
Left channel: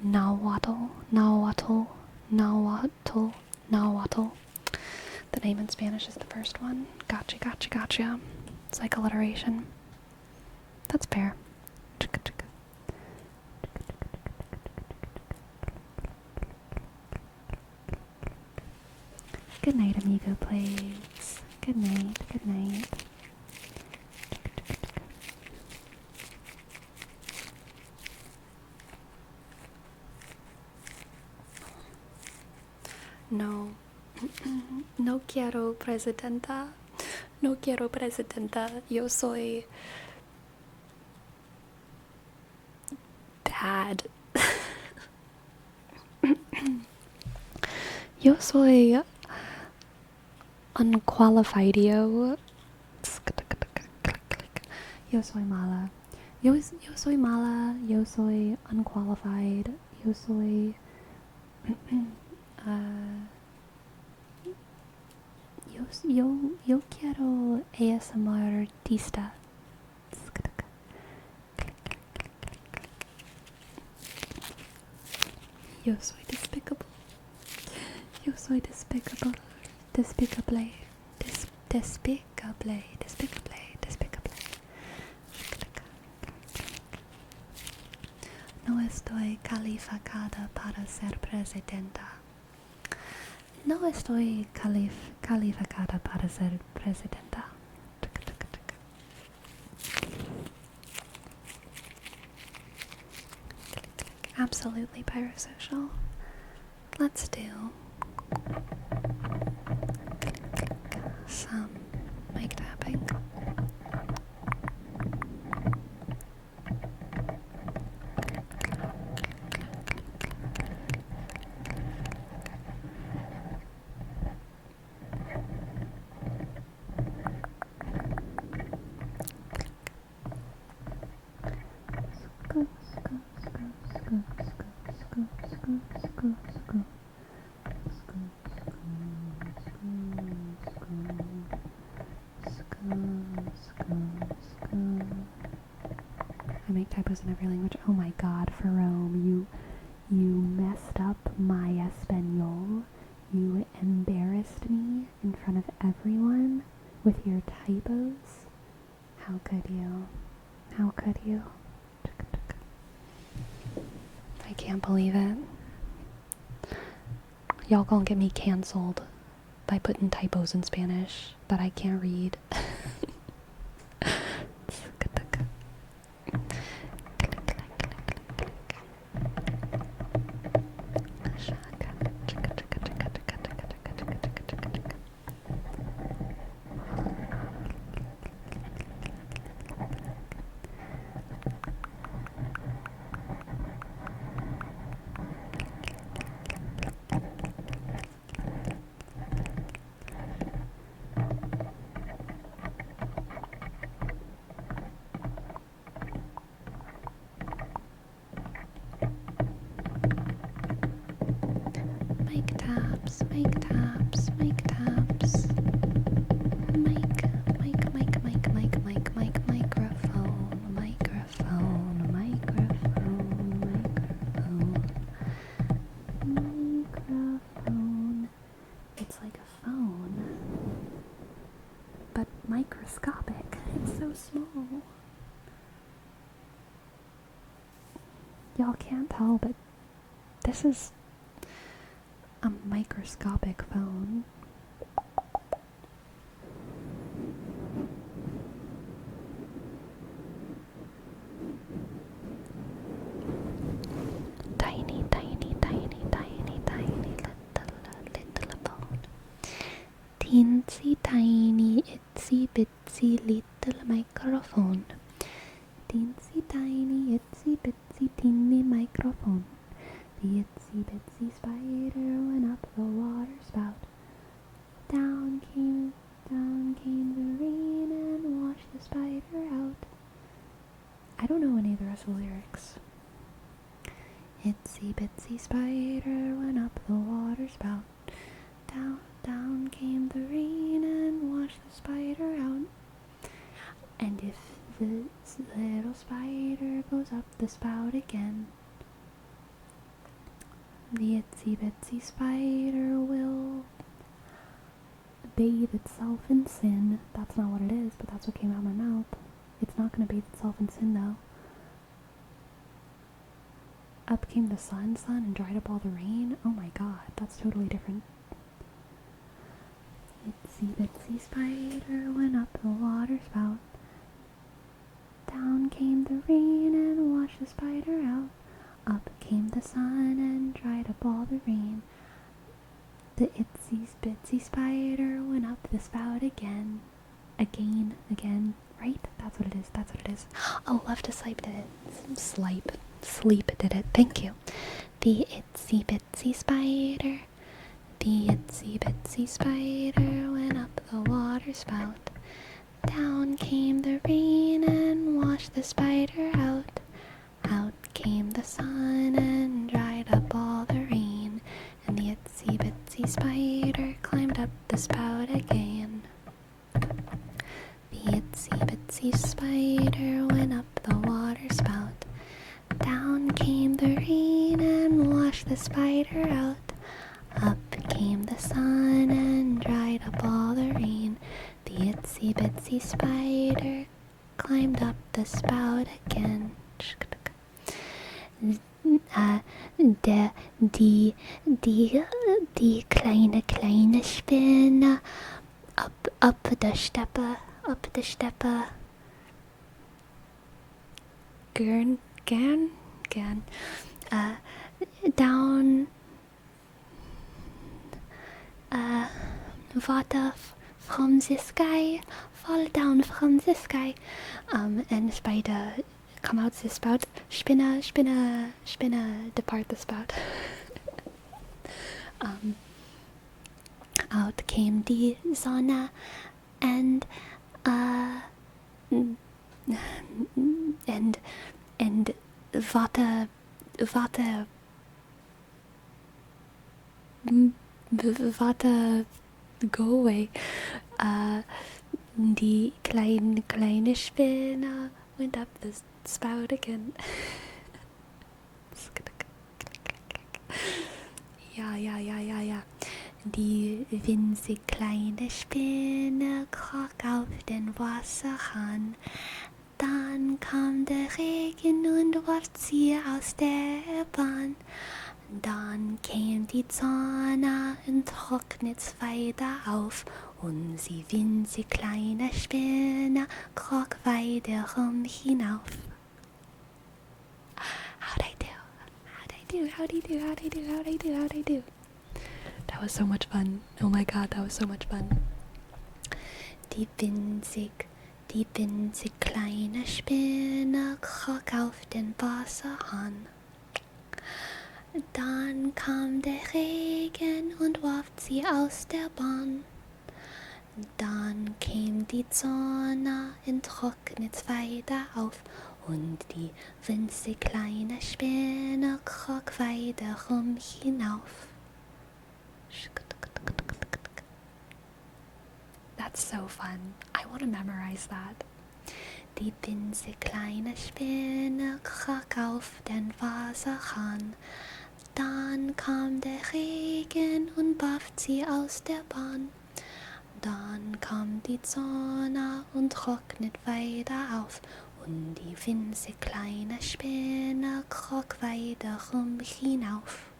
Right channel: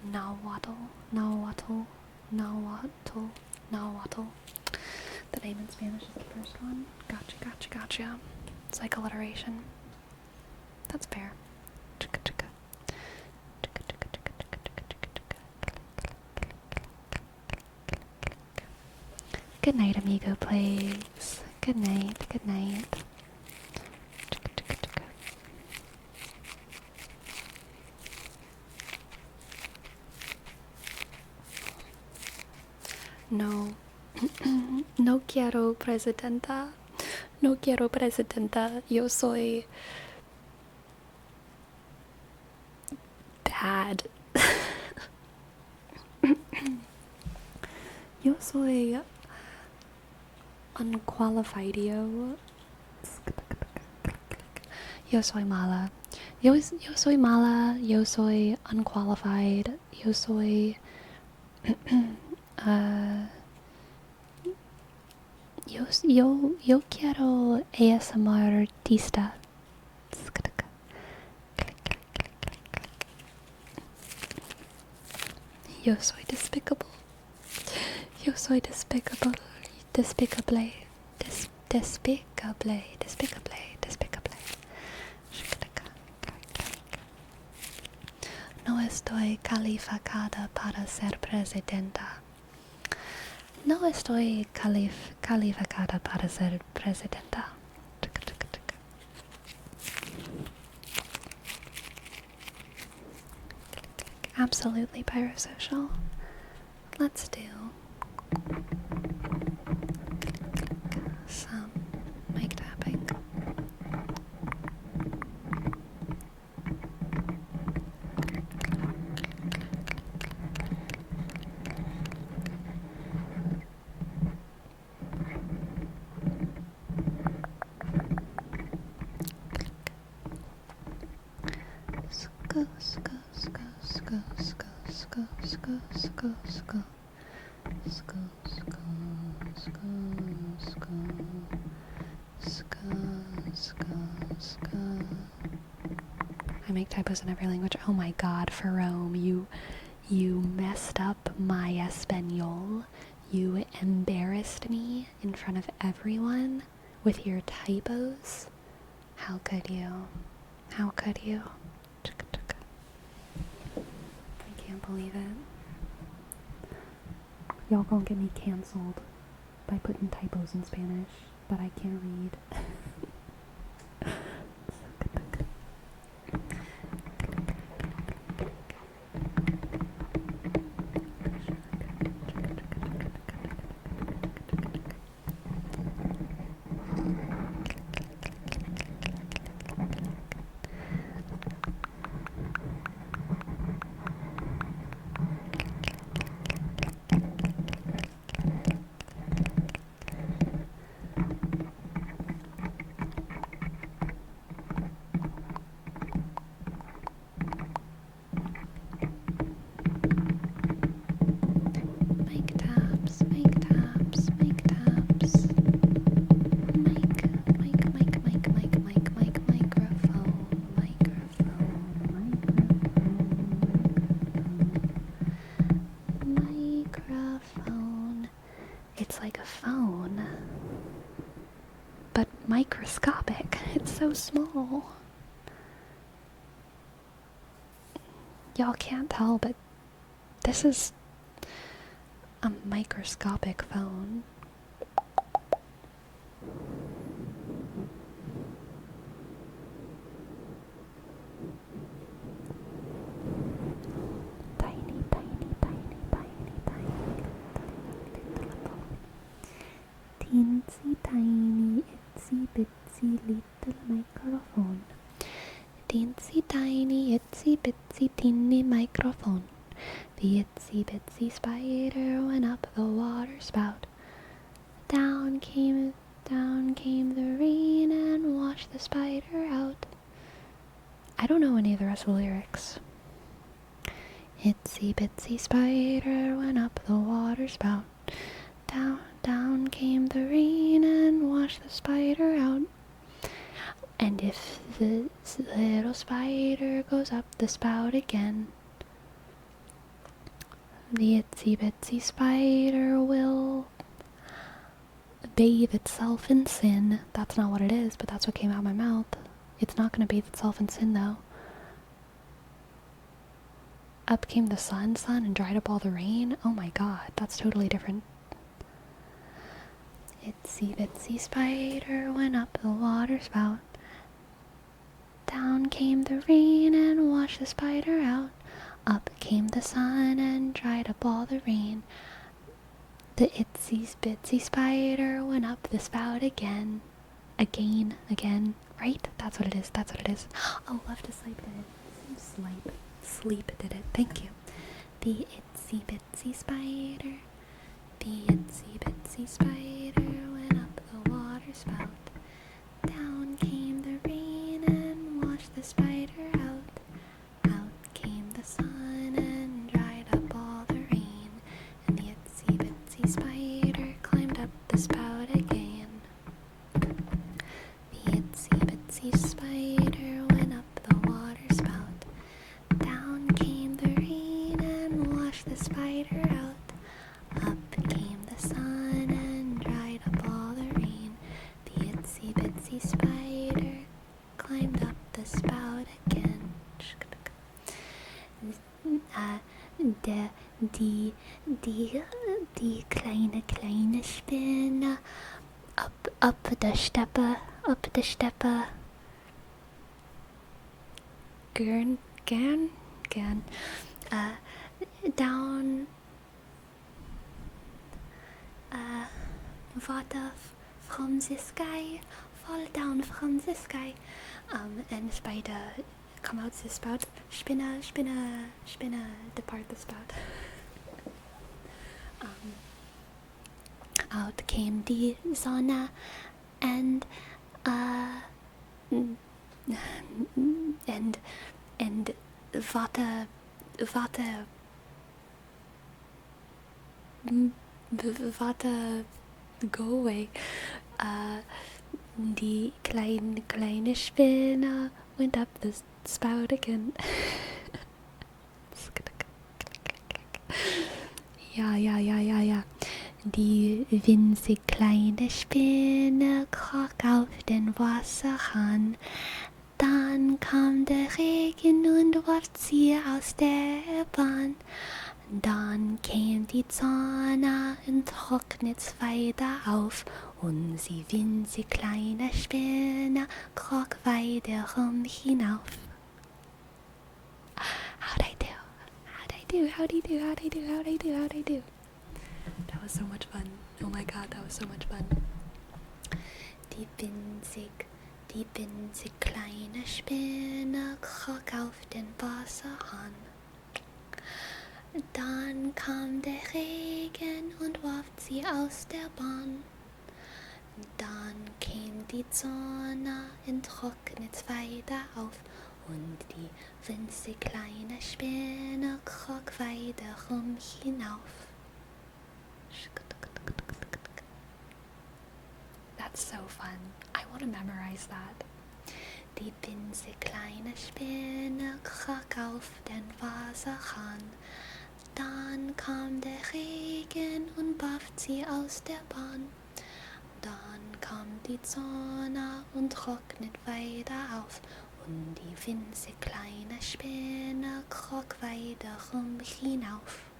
Nahuatl. Nahuatl. Nahuatl. Nahuatl. The name in Spanish is the first one. Gotcha, gotcha, gotcha. It's like alliteration. That's fair. Good night, amigo plagues. Good night, good night. No. No quiero presidenta. No quiero presidenta. Yo soy bad. Yo soy unqualified. Yo soy mala. Yo soy mala. Yo soy unqualified. Yo soy. Yo quiero ASMR artista. Yo soy despicable. Yo soy despicable. Despicable. Despicable. No estoy calificada para ser presidenta. No estoy calificada para ser presidenta. Absolutely pyrosocial. Let's do some mic tapping. I make typos in every language. Oh my god, Ferome, you messed up my Espanol. You embarrassed me in front of everyone with your typos. How could you? How could you? I can't believe it. Y'all gonna get me cancelled by putting typos in Spanish that I can't read. Mic taps, mic taps, mic taps. Microphone. It's like a phone, but microscopic. It's so small. Y'all can't tell, but this is a microscopic phone. Tiny, tiny, tiny, tiny, tiny, little phone. Teensy tiny, itsy bitsy little microphone. Teensy tiny, itsy bitsy teeny microphone. The itsy bitsy spider went up the water spout. Down came the rain and washed the spider out. I don't know any of the rest of the lyrics. Itsy bitsy spider went up the water spout. Down came the rain and washed the spider out. And if the little spider goes up the spout again, the itsy bitsy spider will bathe itself in sin. That's not what it is, but that's what came out of my mouth. It's not going to bathe itself in sin, though. Up came the sun, and dried up all the rain. Oh my god, that's totally different. Itsy bitsy spider went up the water spout. Down came the rain and washed the spider out. Up came the sun and dried up all the rain. The itsy bitsy spider went up the spout again. Again. Right? That's what it is. Oh, love to sleep did it. Sleep did it. Thank you. The itsy bitsy spider. The itsy bitsy spider went up the water spout. Down came the rain and washed the spider out. Out came the sun and dried up all the rain. And the itsy bitsy spider climbed up the spout again. The itsy bitsy spider went up the water spout. Down came the rain and washed the spider out. Up came the sun and dried up all the rain. The itsy bitsy spider climbed up the spout again. Die kleine Spinne up the Steppe. Gern, down, water from the sky, fall down from the sky, and spider come out the spout, Spinne, depart the spout. Out came die Sonne, and Water, go away. Die kleine Spinne went up the spout again. Ja. Die winzig kleine Spinne kroch auf den Wasserhahn. Dann kam der Regen und warf sie aus der Bahn. Dann kam die Sonne und trocknet weiter auf. Und die winzig kleine Spinne kroch weiterum hinauf. How'd I do? That was so much fun. Oh my god, that was so much fun. Die winzig kleine Spinne kroch auf den Wasserhahn. Dann kam der Regen und warf sie aus der Bahn. Dann kam die Sonne und trocknet weiter auf. Und die winzig kleine Spinne kroch weiterum hinauf. That's so fun. I want to memorize that. Die winzig kleine Spinne kroch auf den Wasserhahn. Dann kam der Regen und warf sie aus der Bahn. Dann kam die Sonne und trocknet weiter auf. Und die winzig kleine Spinne kroch weiterum hinauf.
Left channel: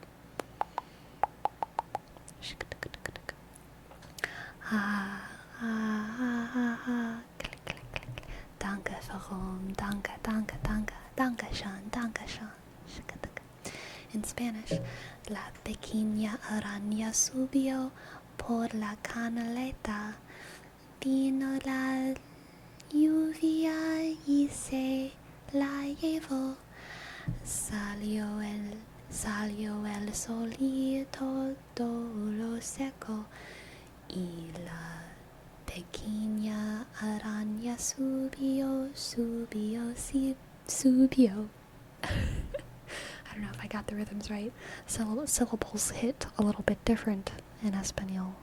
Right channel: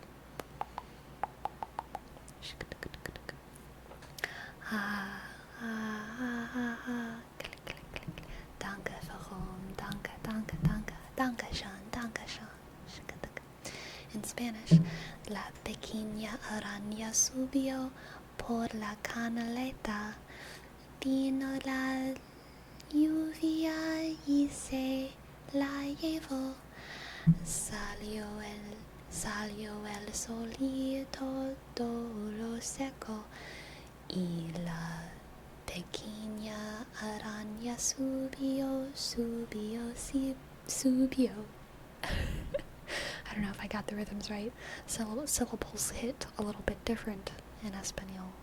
Danke, warum? Danke schön. In Spanish, la pequeña araña subió por la canaleta, vino la lluvia y se la llevó. Salió el solito, todo lo secó, y la pequeña araña subió. I don't know if I got the rhythms right. Syllables hit a little bit different in Espanol.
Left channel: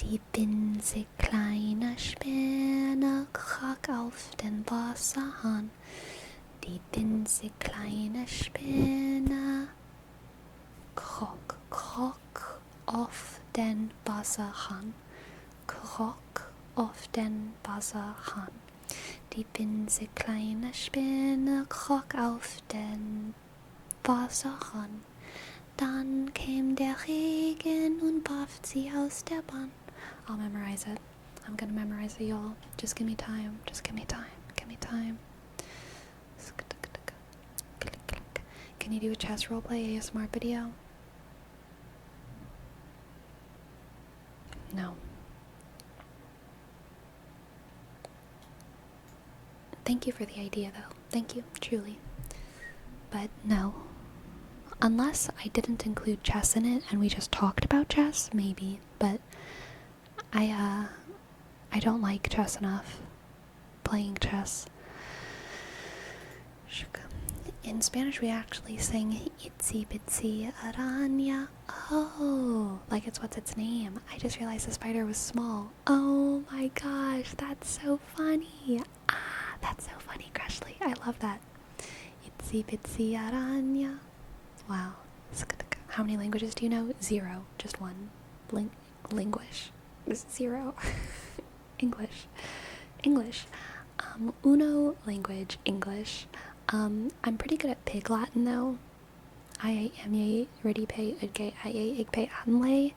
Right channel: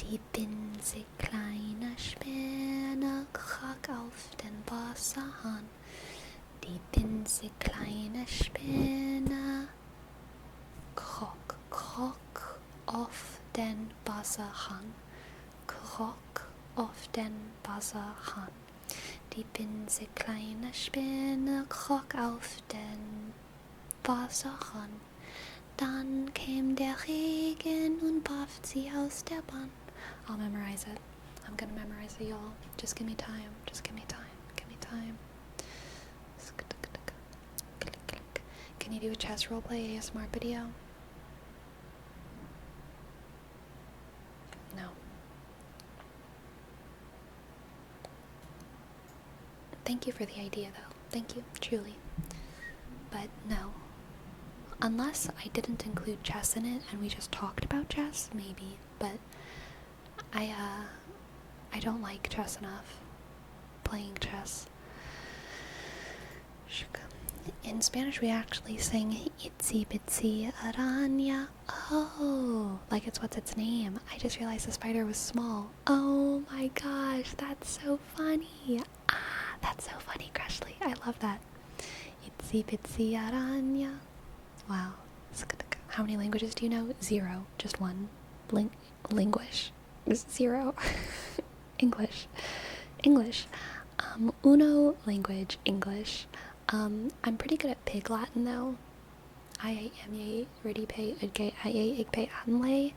Die winzig kleine Spinne kroch auf den Wasserhahn. Die winzig kleine Spinne kroch auf den Wasserhahn. Auf den Wasserhahn. Die winzig kleine Spinne kroch auf den Wasserhahn. Dann kam der Regen und warf sie aus der Bahn. I'll memorize it. I'm gonna memorize it, y'all. Just give me time. Can you do a chess roleplay ASMR video? No. Thank you for the idea, though. Thank you, truly. But no. Unless I didn't include chess in it and we just talked about chess, maybe. But I don't like chess enough. Playing chess. In Spanish, we actually sing itsy bitsy araña. Oh, like it's what's its name. I just realized the spider was small. Oh my gosh, that's so funny. Ah, that's so funny, Crushly. I love that. Itsy bitsy araña. Wow. How many languages do you know? 0. Just one. Linguish. 0. English. Uno language, English. I'm pretty good at Pig Latin though. I am ye ready pay again I pay anlay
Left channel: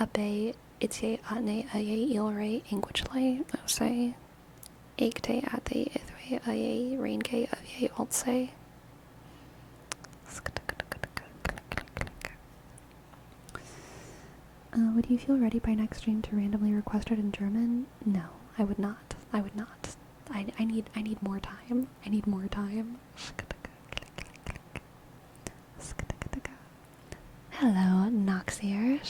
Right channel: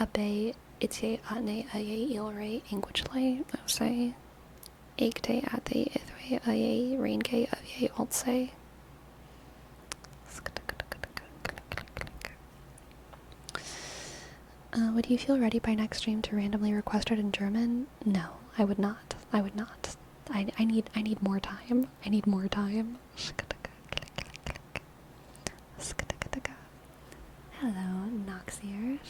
abe itsy atne aye ilray Englishly say egte at the ithway aye rainkay aye alt say. Would you feel ready by next stream to randomly request it in German? No, I would not. I need more time. Hello, Noxier.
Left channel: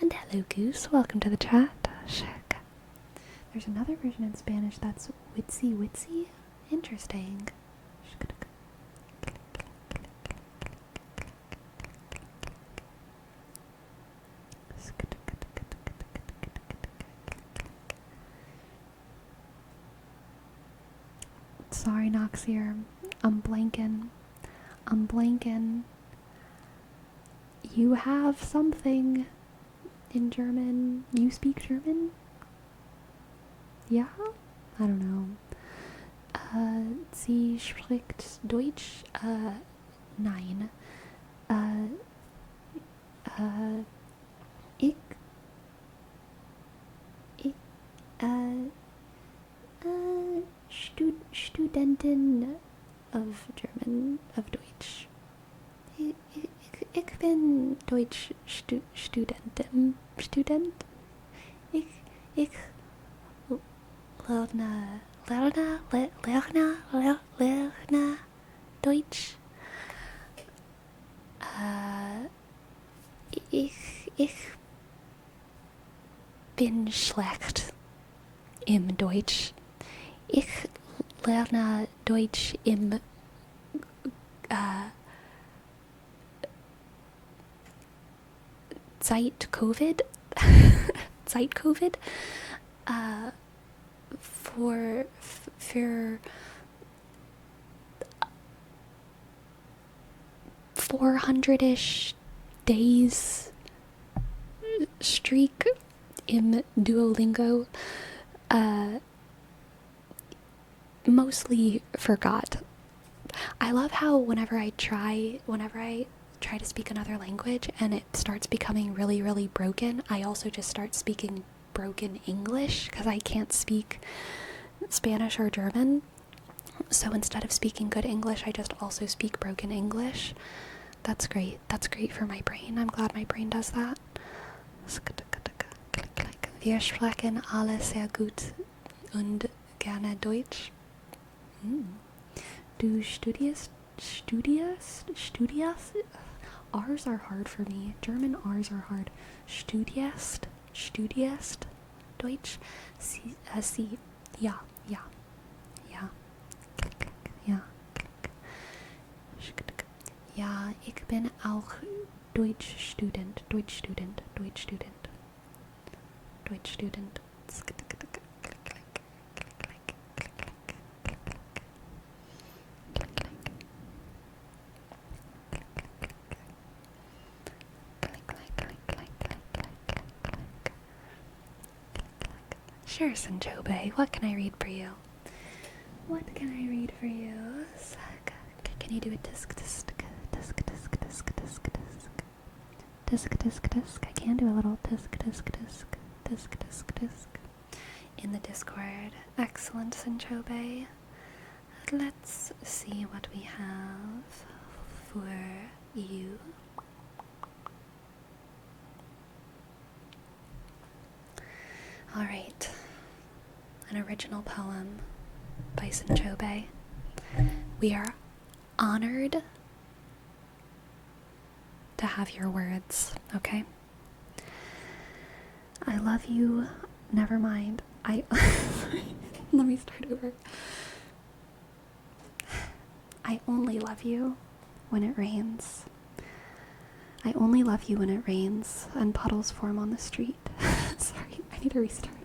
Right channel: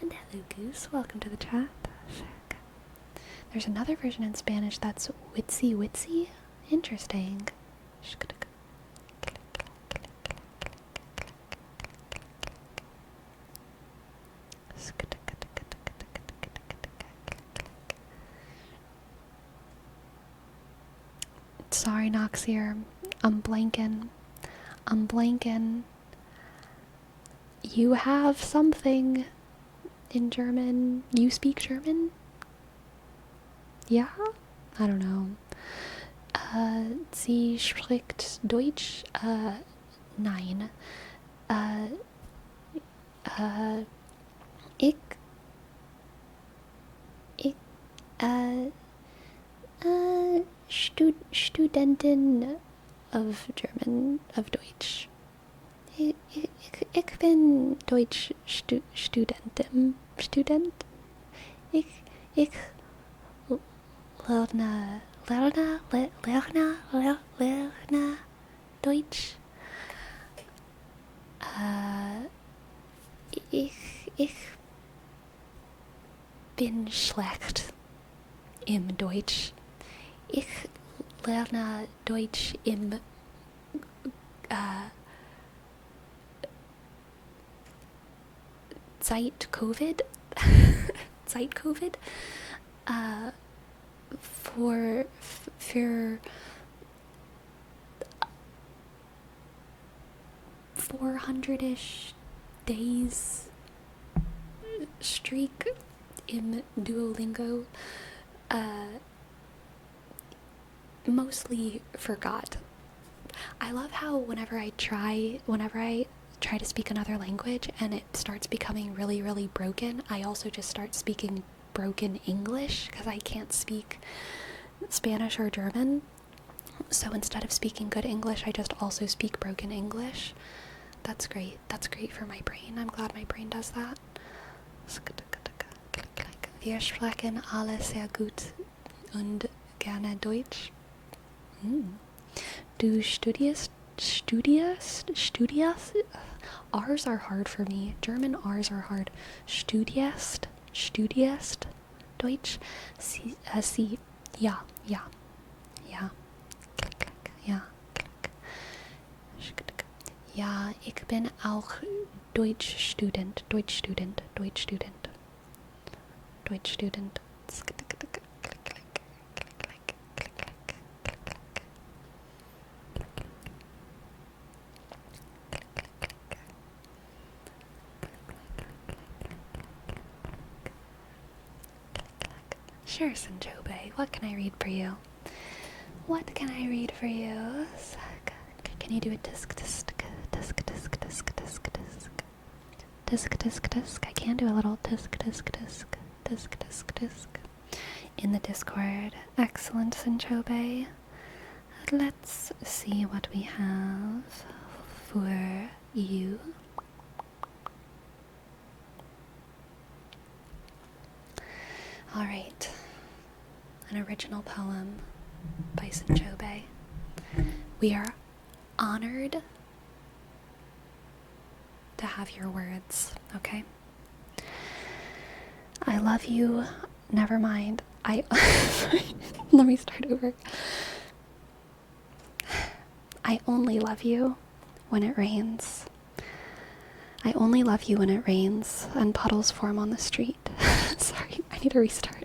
And hello, Goose. Welcome to the chat. There's another version in Spanish that's witsy. Interesting. Sorry, Noxier. I'm blanking. You have something in German. You speak German? Yeah? I don't know. Sie spricht Deutsch? Nein. Ich Studentin of German, of Deutsch. Ich bin Deutsch Student. Ich lerne Deutsch. Ich bin schlecht im Deutsch. Ich lerne Deutsch im Zeit Covid for 400-ish days streak in Duolingo. Mostly forgot. I love how whenever I try to speak another language and it starts becoming really, really broken, I also just start speaking broken English because I can't speak Spanish or German. So instead of speaking good English, I just also speak broken English. That's great. That's great for my brain. I'm glad my brain does that. Wir sprechen alle sehr gut und gerne Deutsch. Du studierst? R's are hard for me. German R's are hard. Studierst? Deutsch? Sie, ja. Ja, ich bin auch Deutschstudent. Sure, Sanchobe. What can I read for you? Can you do a disc? I can do a little disc. In the Discord. Excellent, Sanchobe. Let's see what we have for you. Alright. An original poem by Sanchobe. We are honored to have your words, okay? I love you. Never mind. Let me start over. I only love you when it rains. I only love you when it rains and puddles form on the street. Sorry, I need to restart.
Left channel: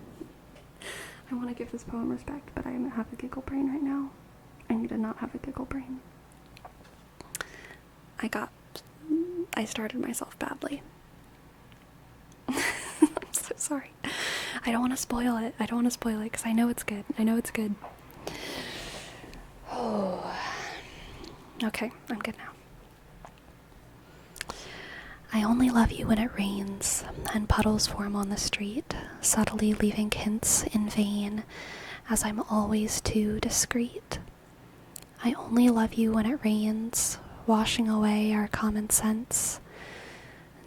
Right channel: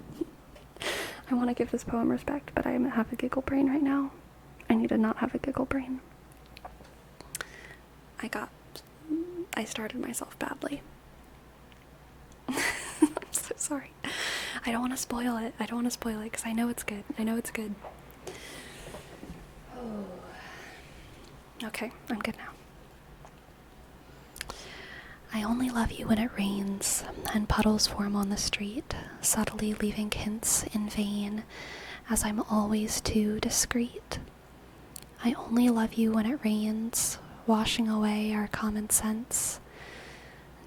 I want to give this poem respect, but I have a giggle brain right now. I need to not have a giggle brain. I started myself badly. I'm so sorry. I don't want to spoil it. Because I know it's good. Oh. Okay, I'm good now. I only love you when it rains and puddles form on the street, subtly leaving hints in vain, as I'm always too discreet. I only love you when it rains, washing away our common sense,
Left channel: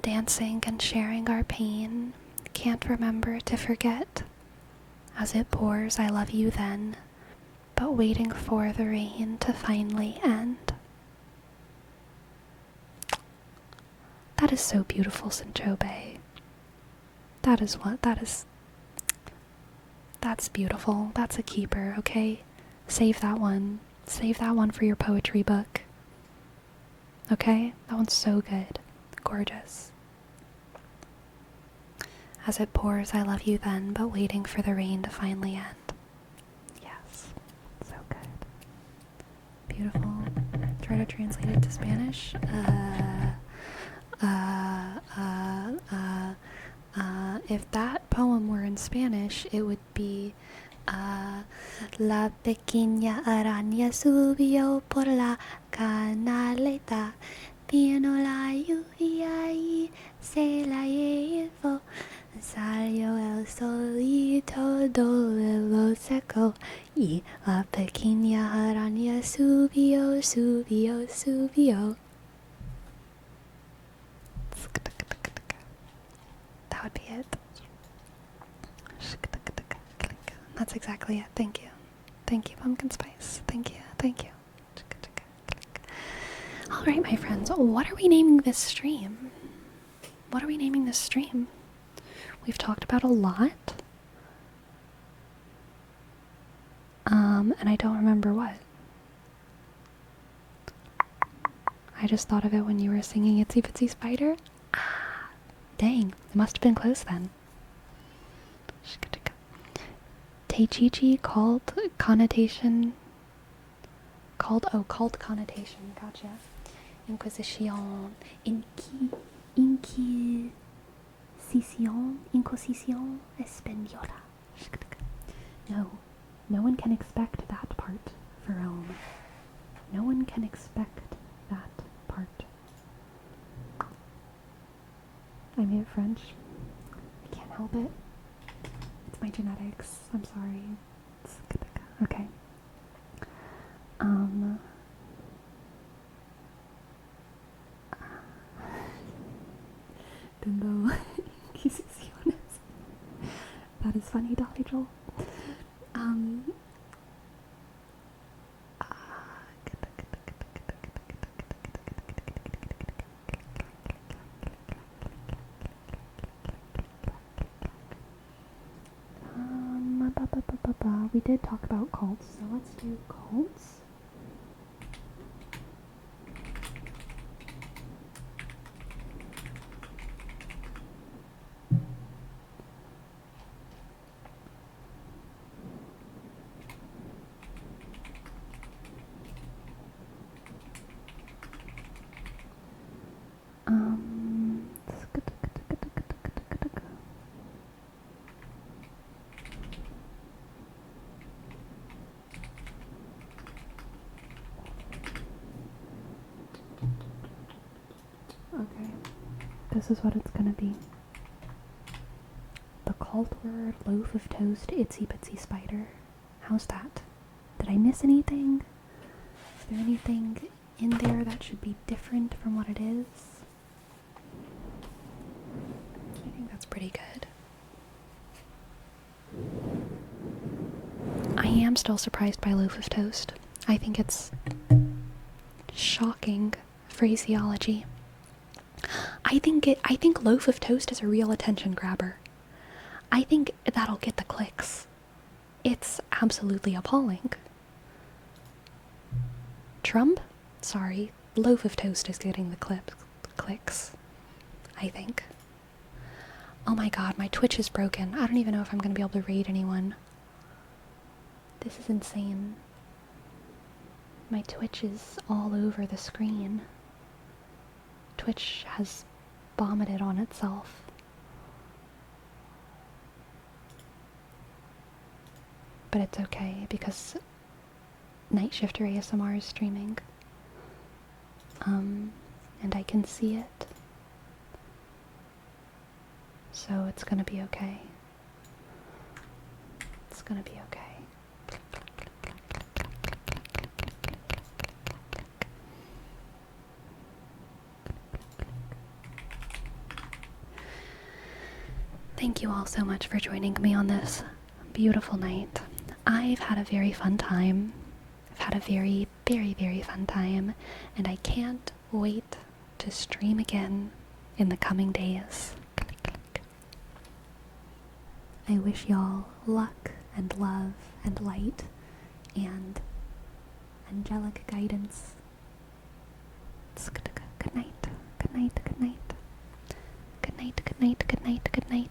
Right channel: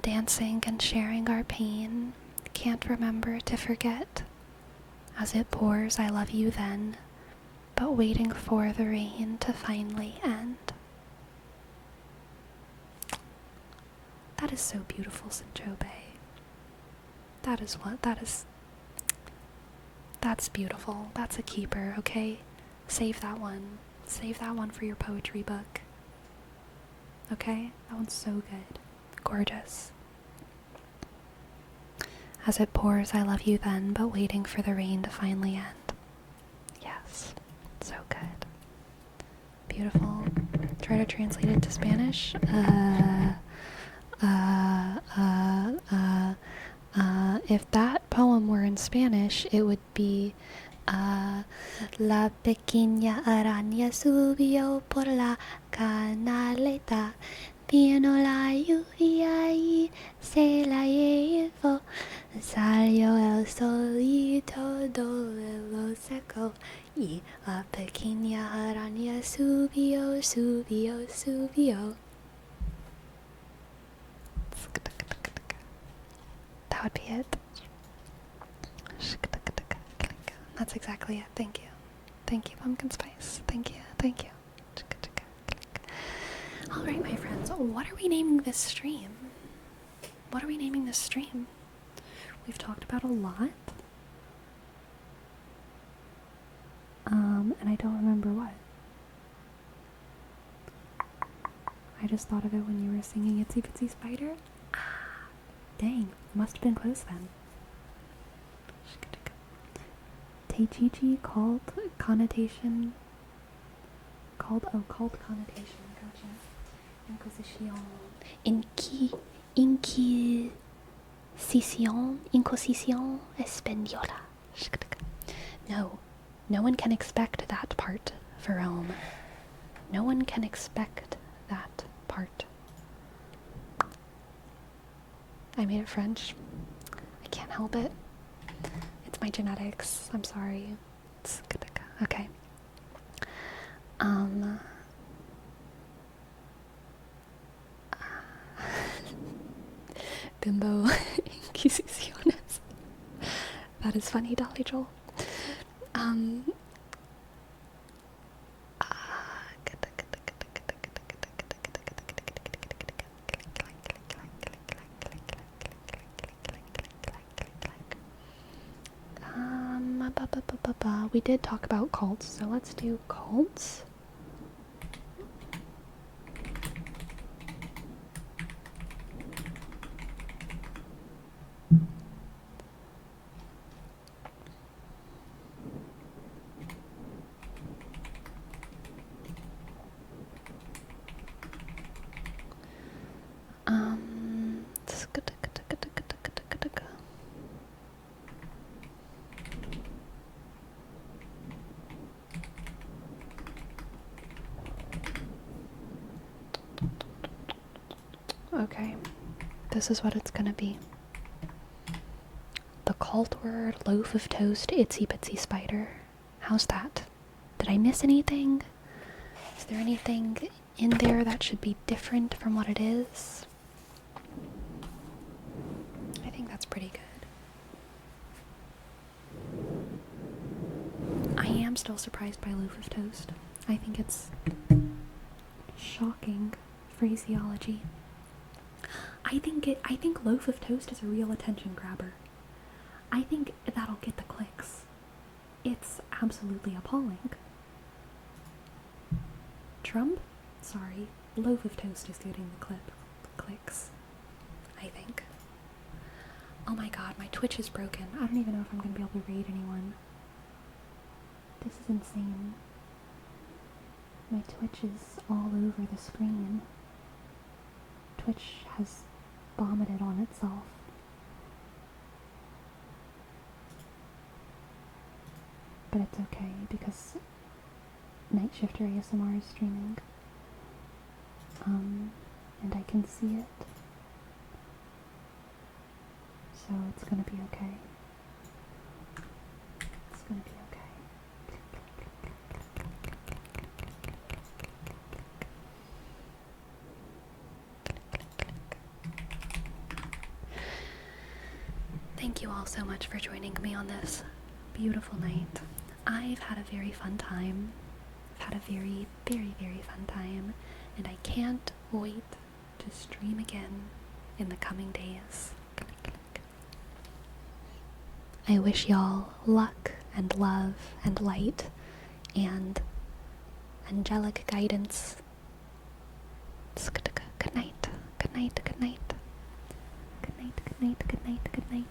dancing and sharing our pain, can't remember to forget. As it pours, I love you then, but waiting for the rain to finally end. That is so beautiful, Sinchobe. That's beautiful. That's a keeper, okay? Save that one. Save that one for your poetry book. Okay? That one's so good. Gorgeous. As it pours, I love you then, but waiting for the rain to finally end. Yes. So good. Beautiful. Try to translate it to Spanish. If that poem were in Spanish, it would be La pequeña araña subió por la canaleta, vino la lluvia y se la llevó, salió el sol y todo lo secó, y la pequeña araña subió, subió, subió. That would be it. That's exactly it. Thank you. Thank you, Pumpkin Spice. Thank you. Alright, my friends. What are we naming this stream? We've talked about a lot. And I don't remember what. I just thought of it when you were singing Itsy Bitsy Spider. Dang, it must have been close then. Teichichi called connotation. Called connotation. Gotcha. Inquisition. Inquisition española. No one can expect that part for Rome. No one can expect that part. I made it French. I can't help it. It's my genetics. I'm sorry. Okay. Bimbo Inquisiciones. That is funny, Dolly Joel. We did talk about cults, so let's do cults. Okay, this is what it's gonna be. The cult word, loaf of toast, itsy bitsy spider. How's that? Did I miss anything? Is there anything in there that should be different from what it is? I think that's pretty good. I am still surprised by loaf of toast. I think it's shocking phraseology. I think loaf of toast is a real attention grabber. I think that'll get the clicks. It's absolutely appalling. Trump? Sorry, loaf of toast is getting the clicks, I think. Oh my god, my Twitch is broken. I don't even know if I'm gonna be able to raid anyone. This is insane. My Twitch is all over the screen. Twitch has vomited on itself. But it's okay because Night Shifter ASMR is streaming. And I can see it. So it's gonna be okay. It's gonna be okay. Thank you all so much for joining me on this beautiful night. I've had a very fun time. I've had a very, very, very fun time, and I can't wait to stream again in the coming days. I wish y'all luck and love and light and angelic guidance. Good night, good night, good night. Good night, good night, good night, good night.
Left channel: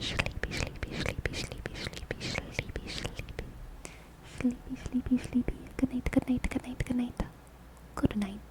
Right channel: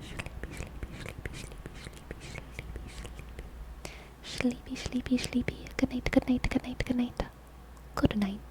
Sleepy, sleepy, sleepy, sleepy, sleepy, sleepy, sleepy. Sleepy, sleepy, sleepy. Good night, good night, good night, good night. Good night.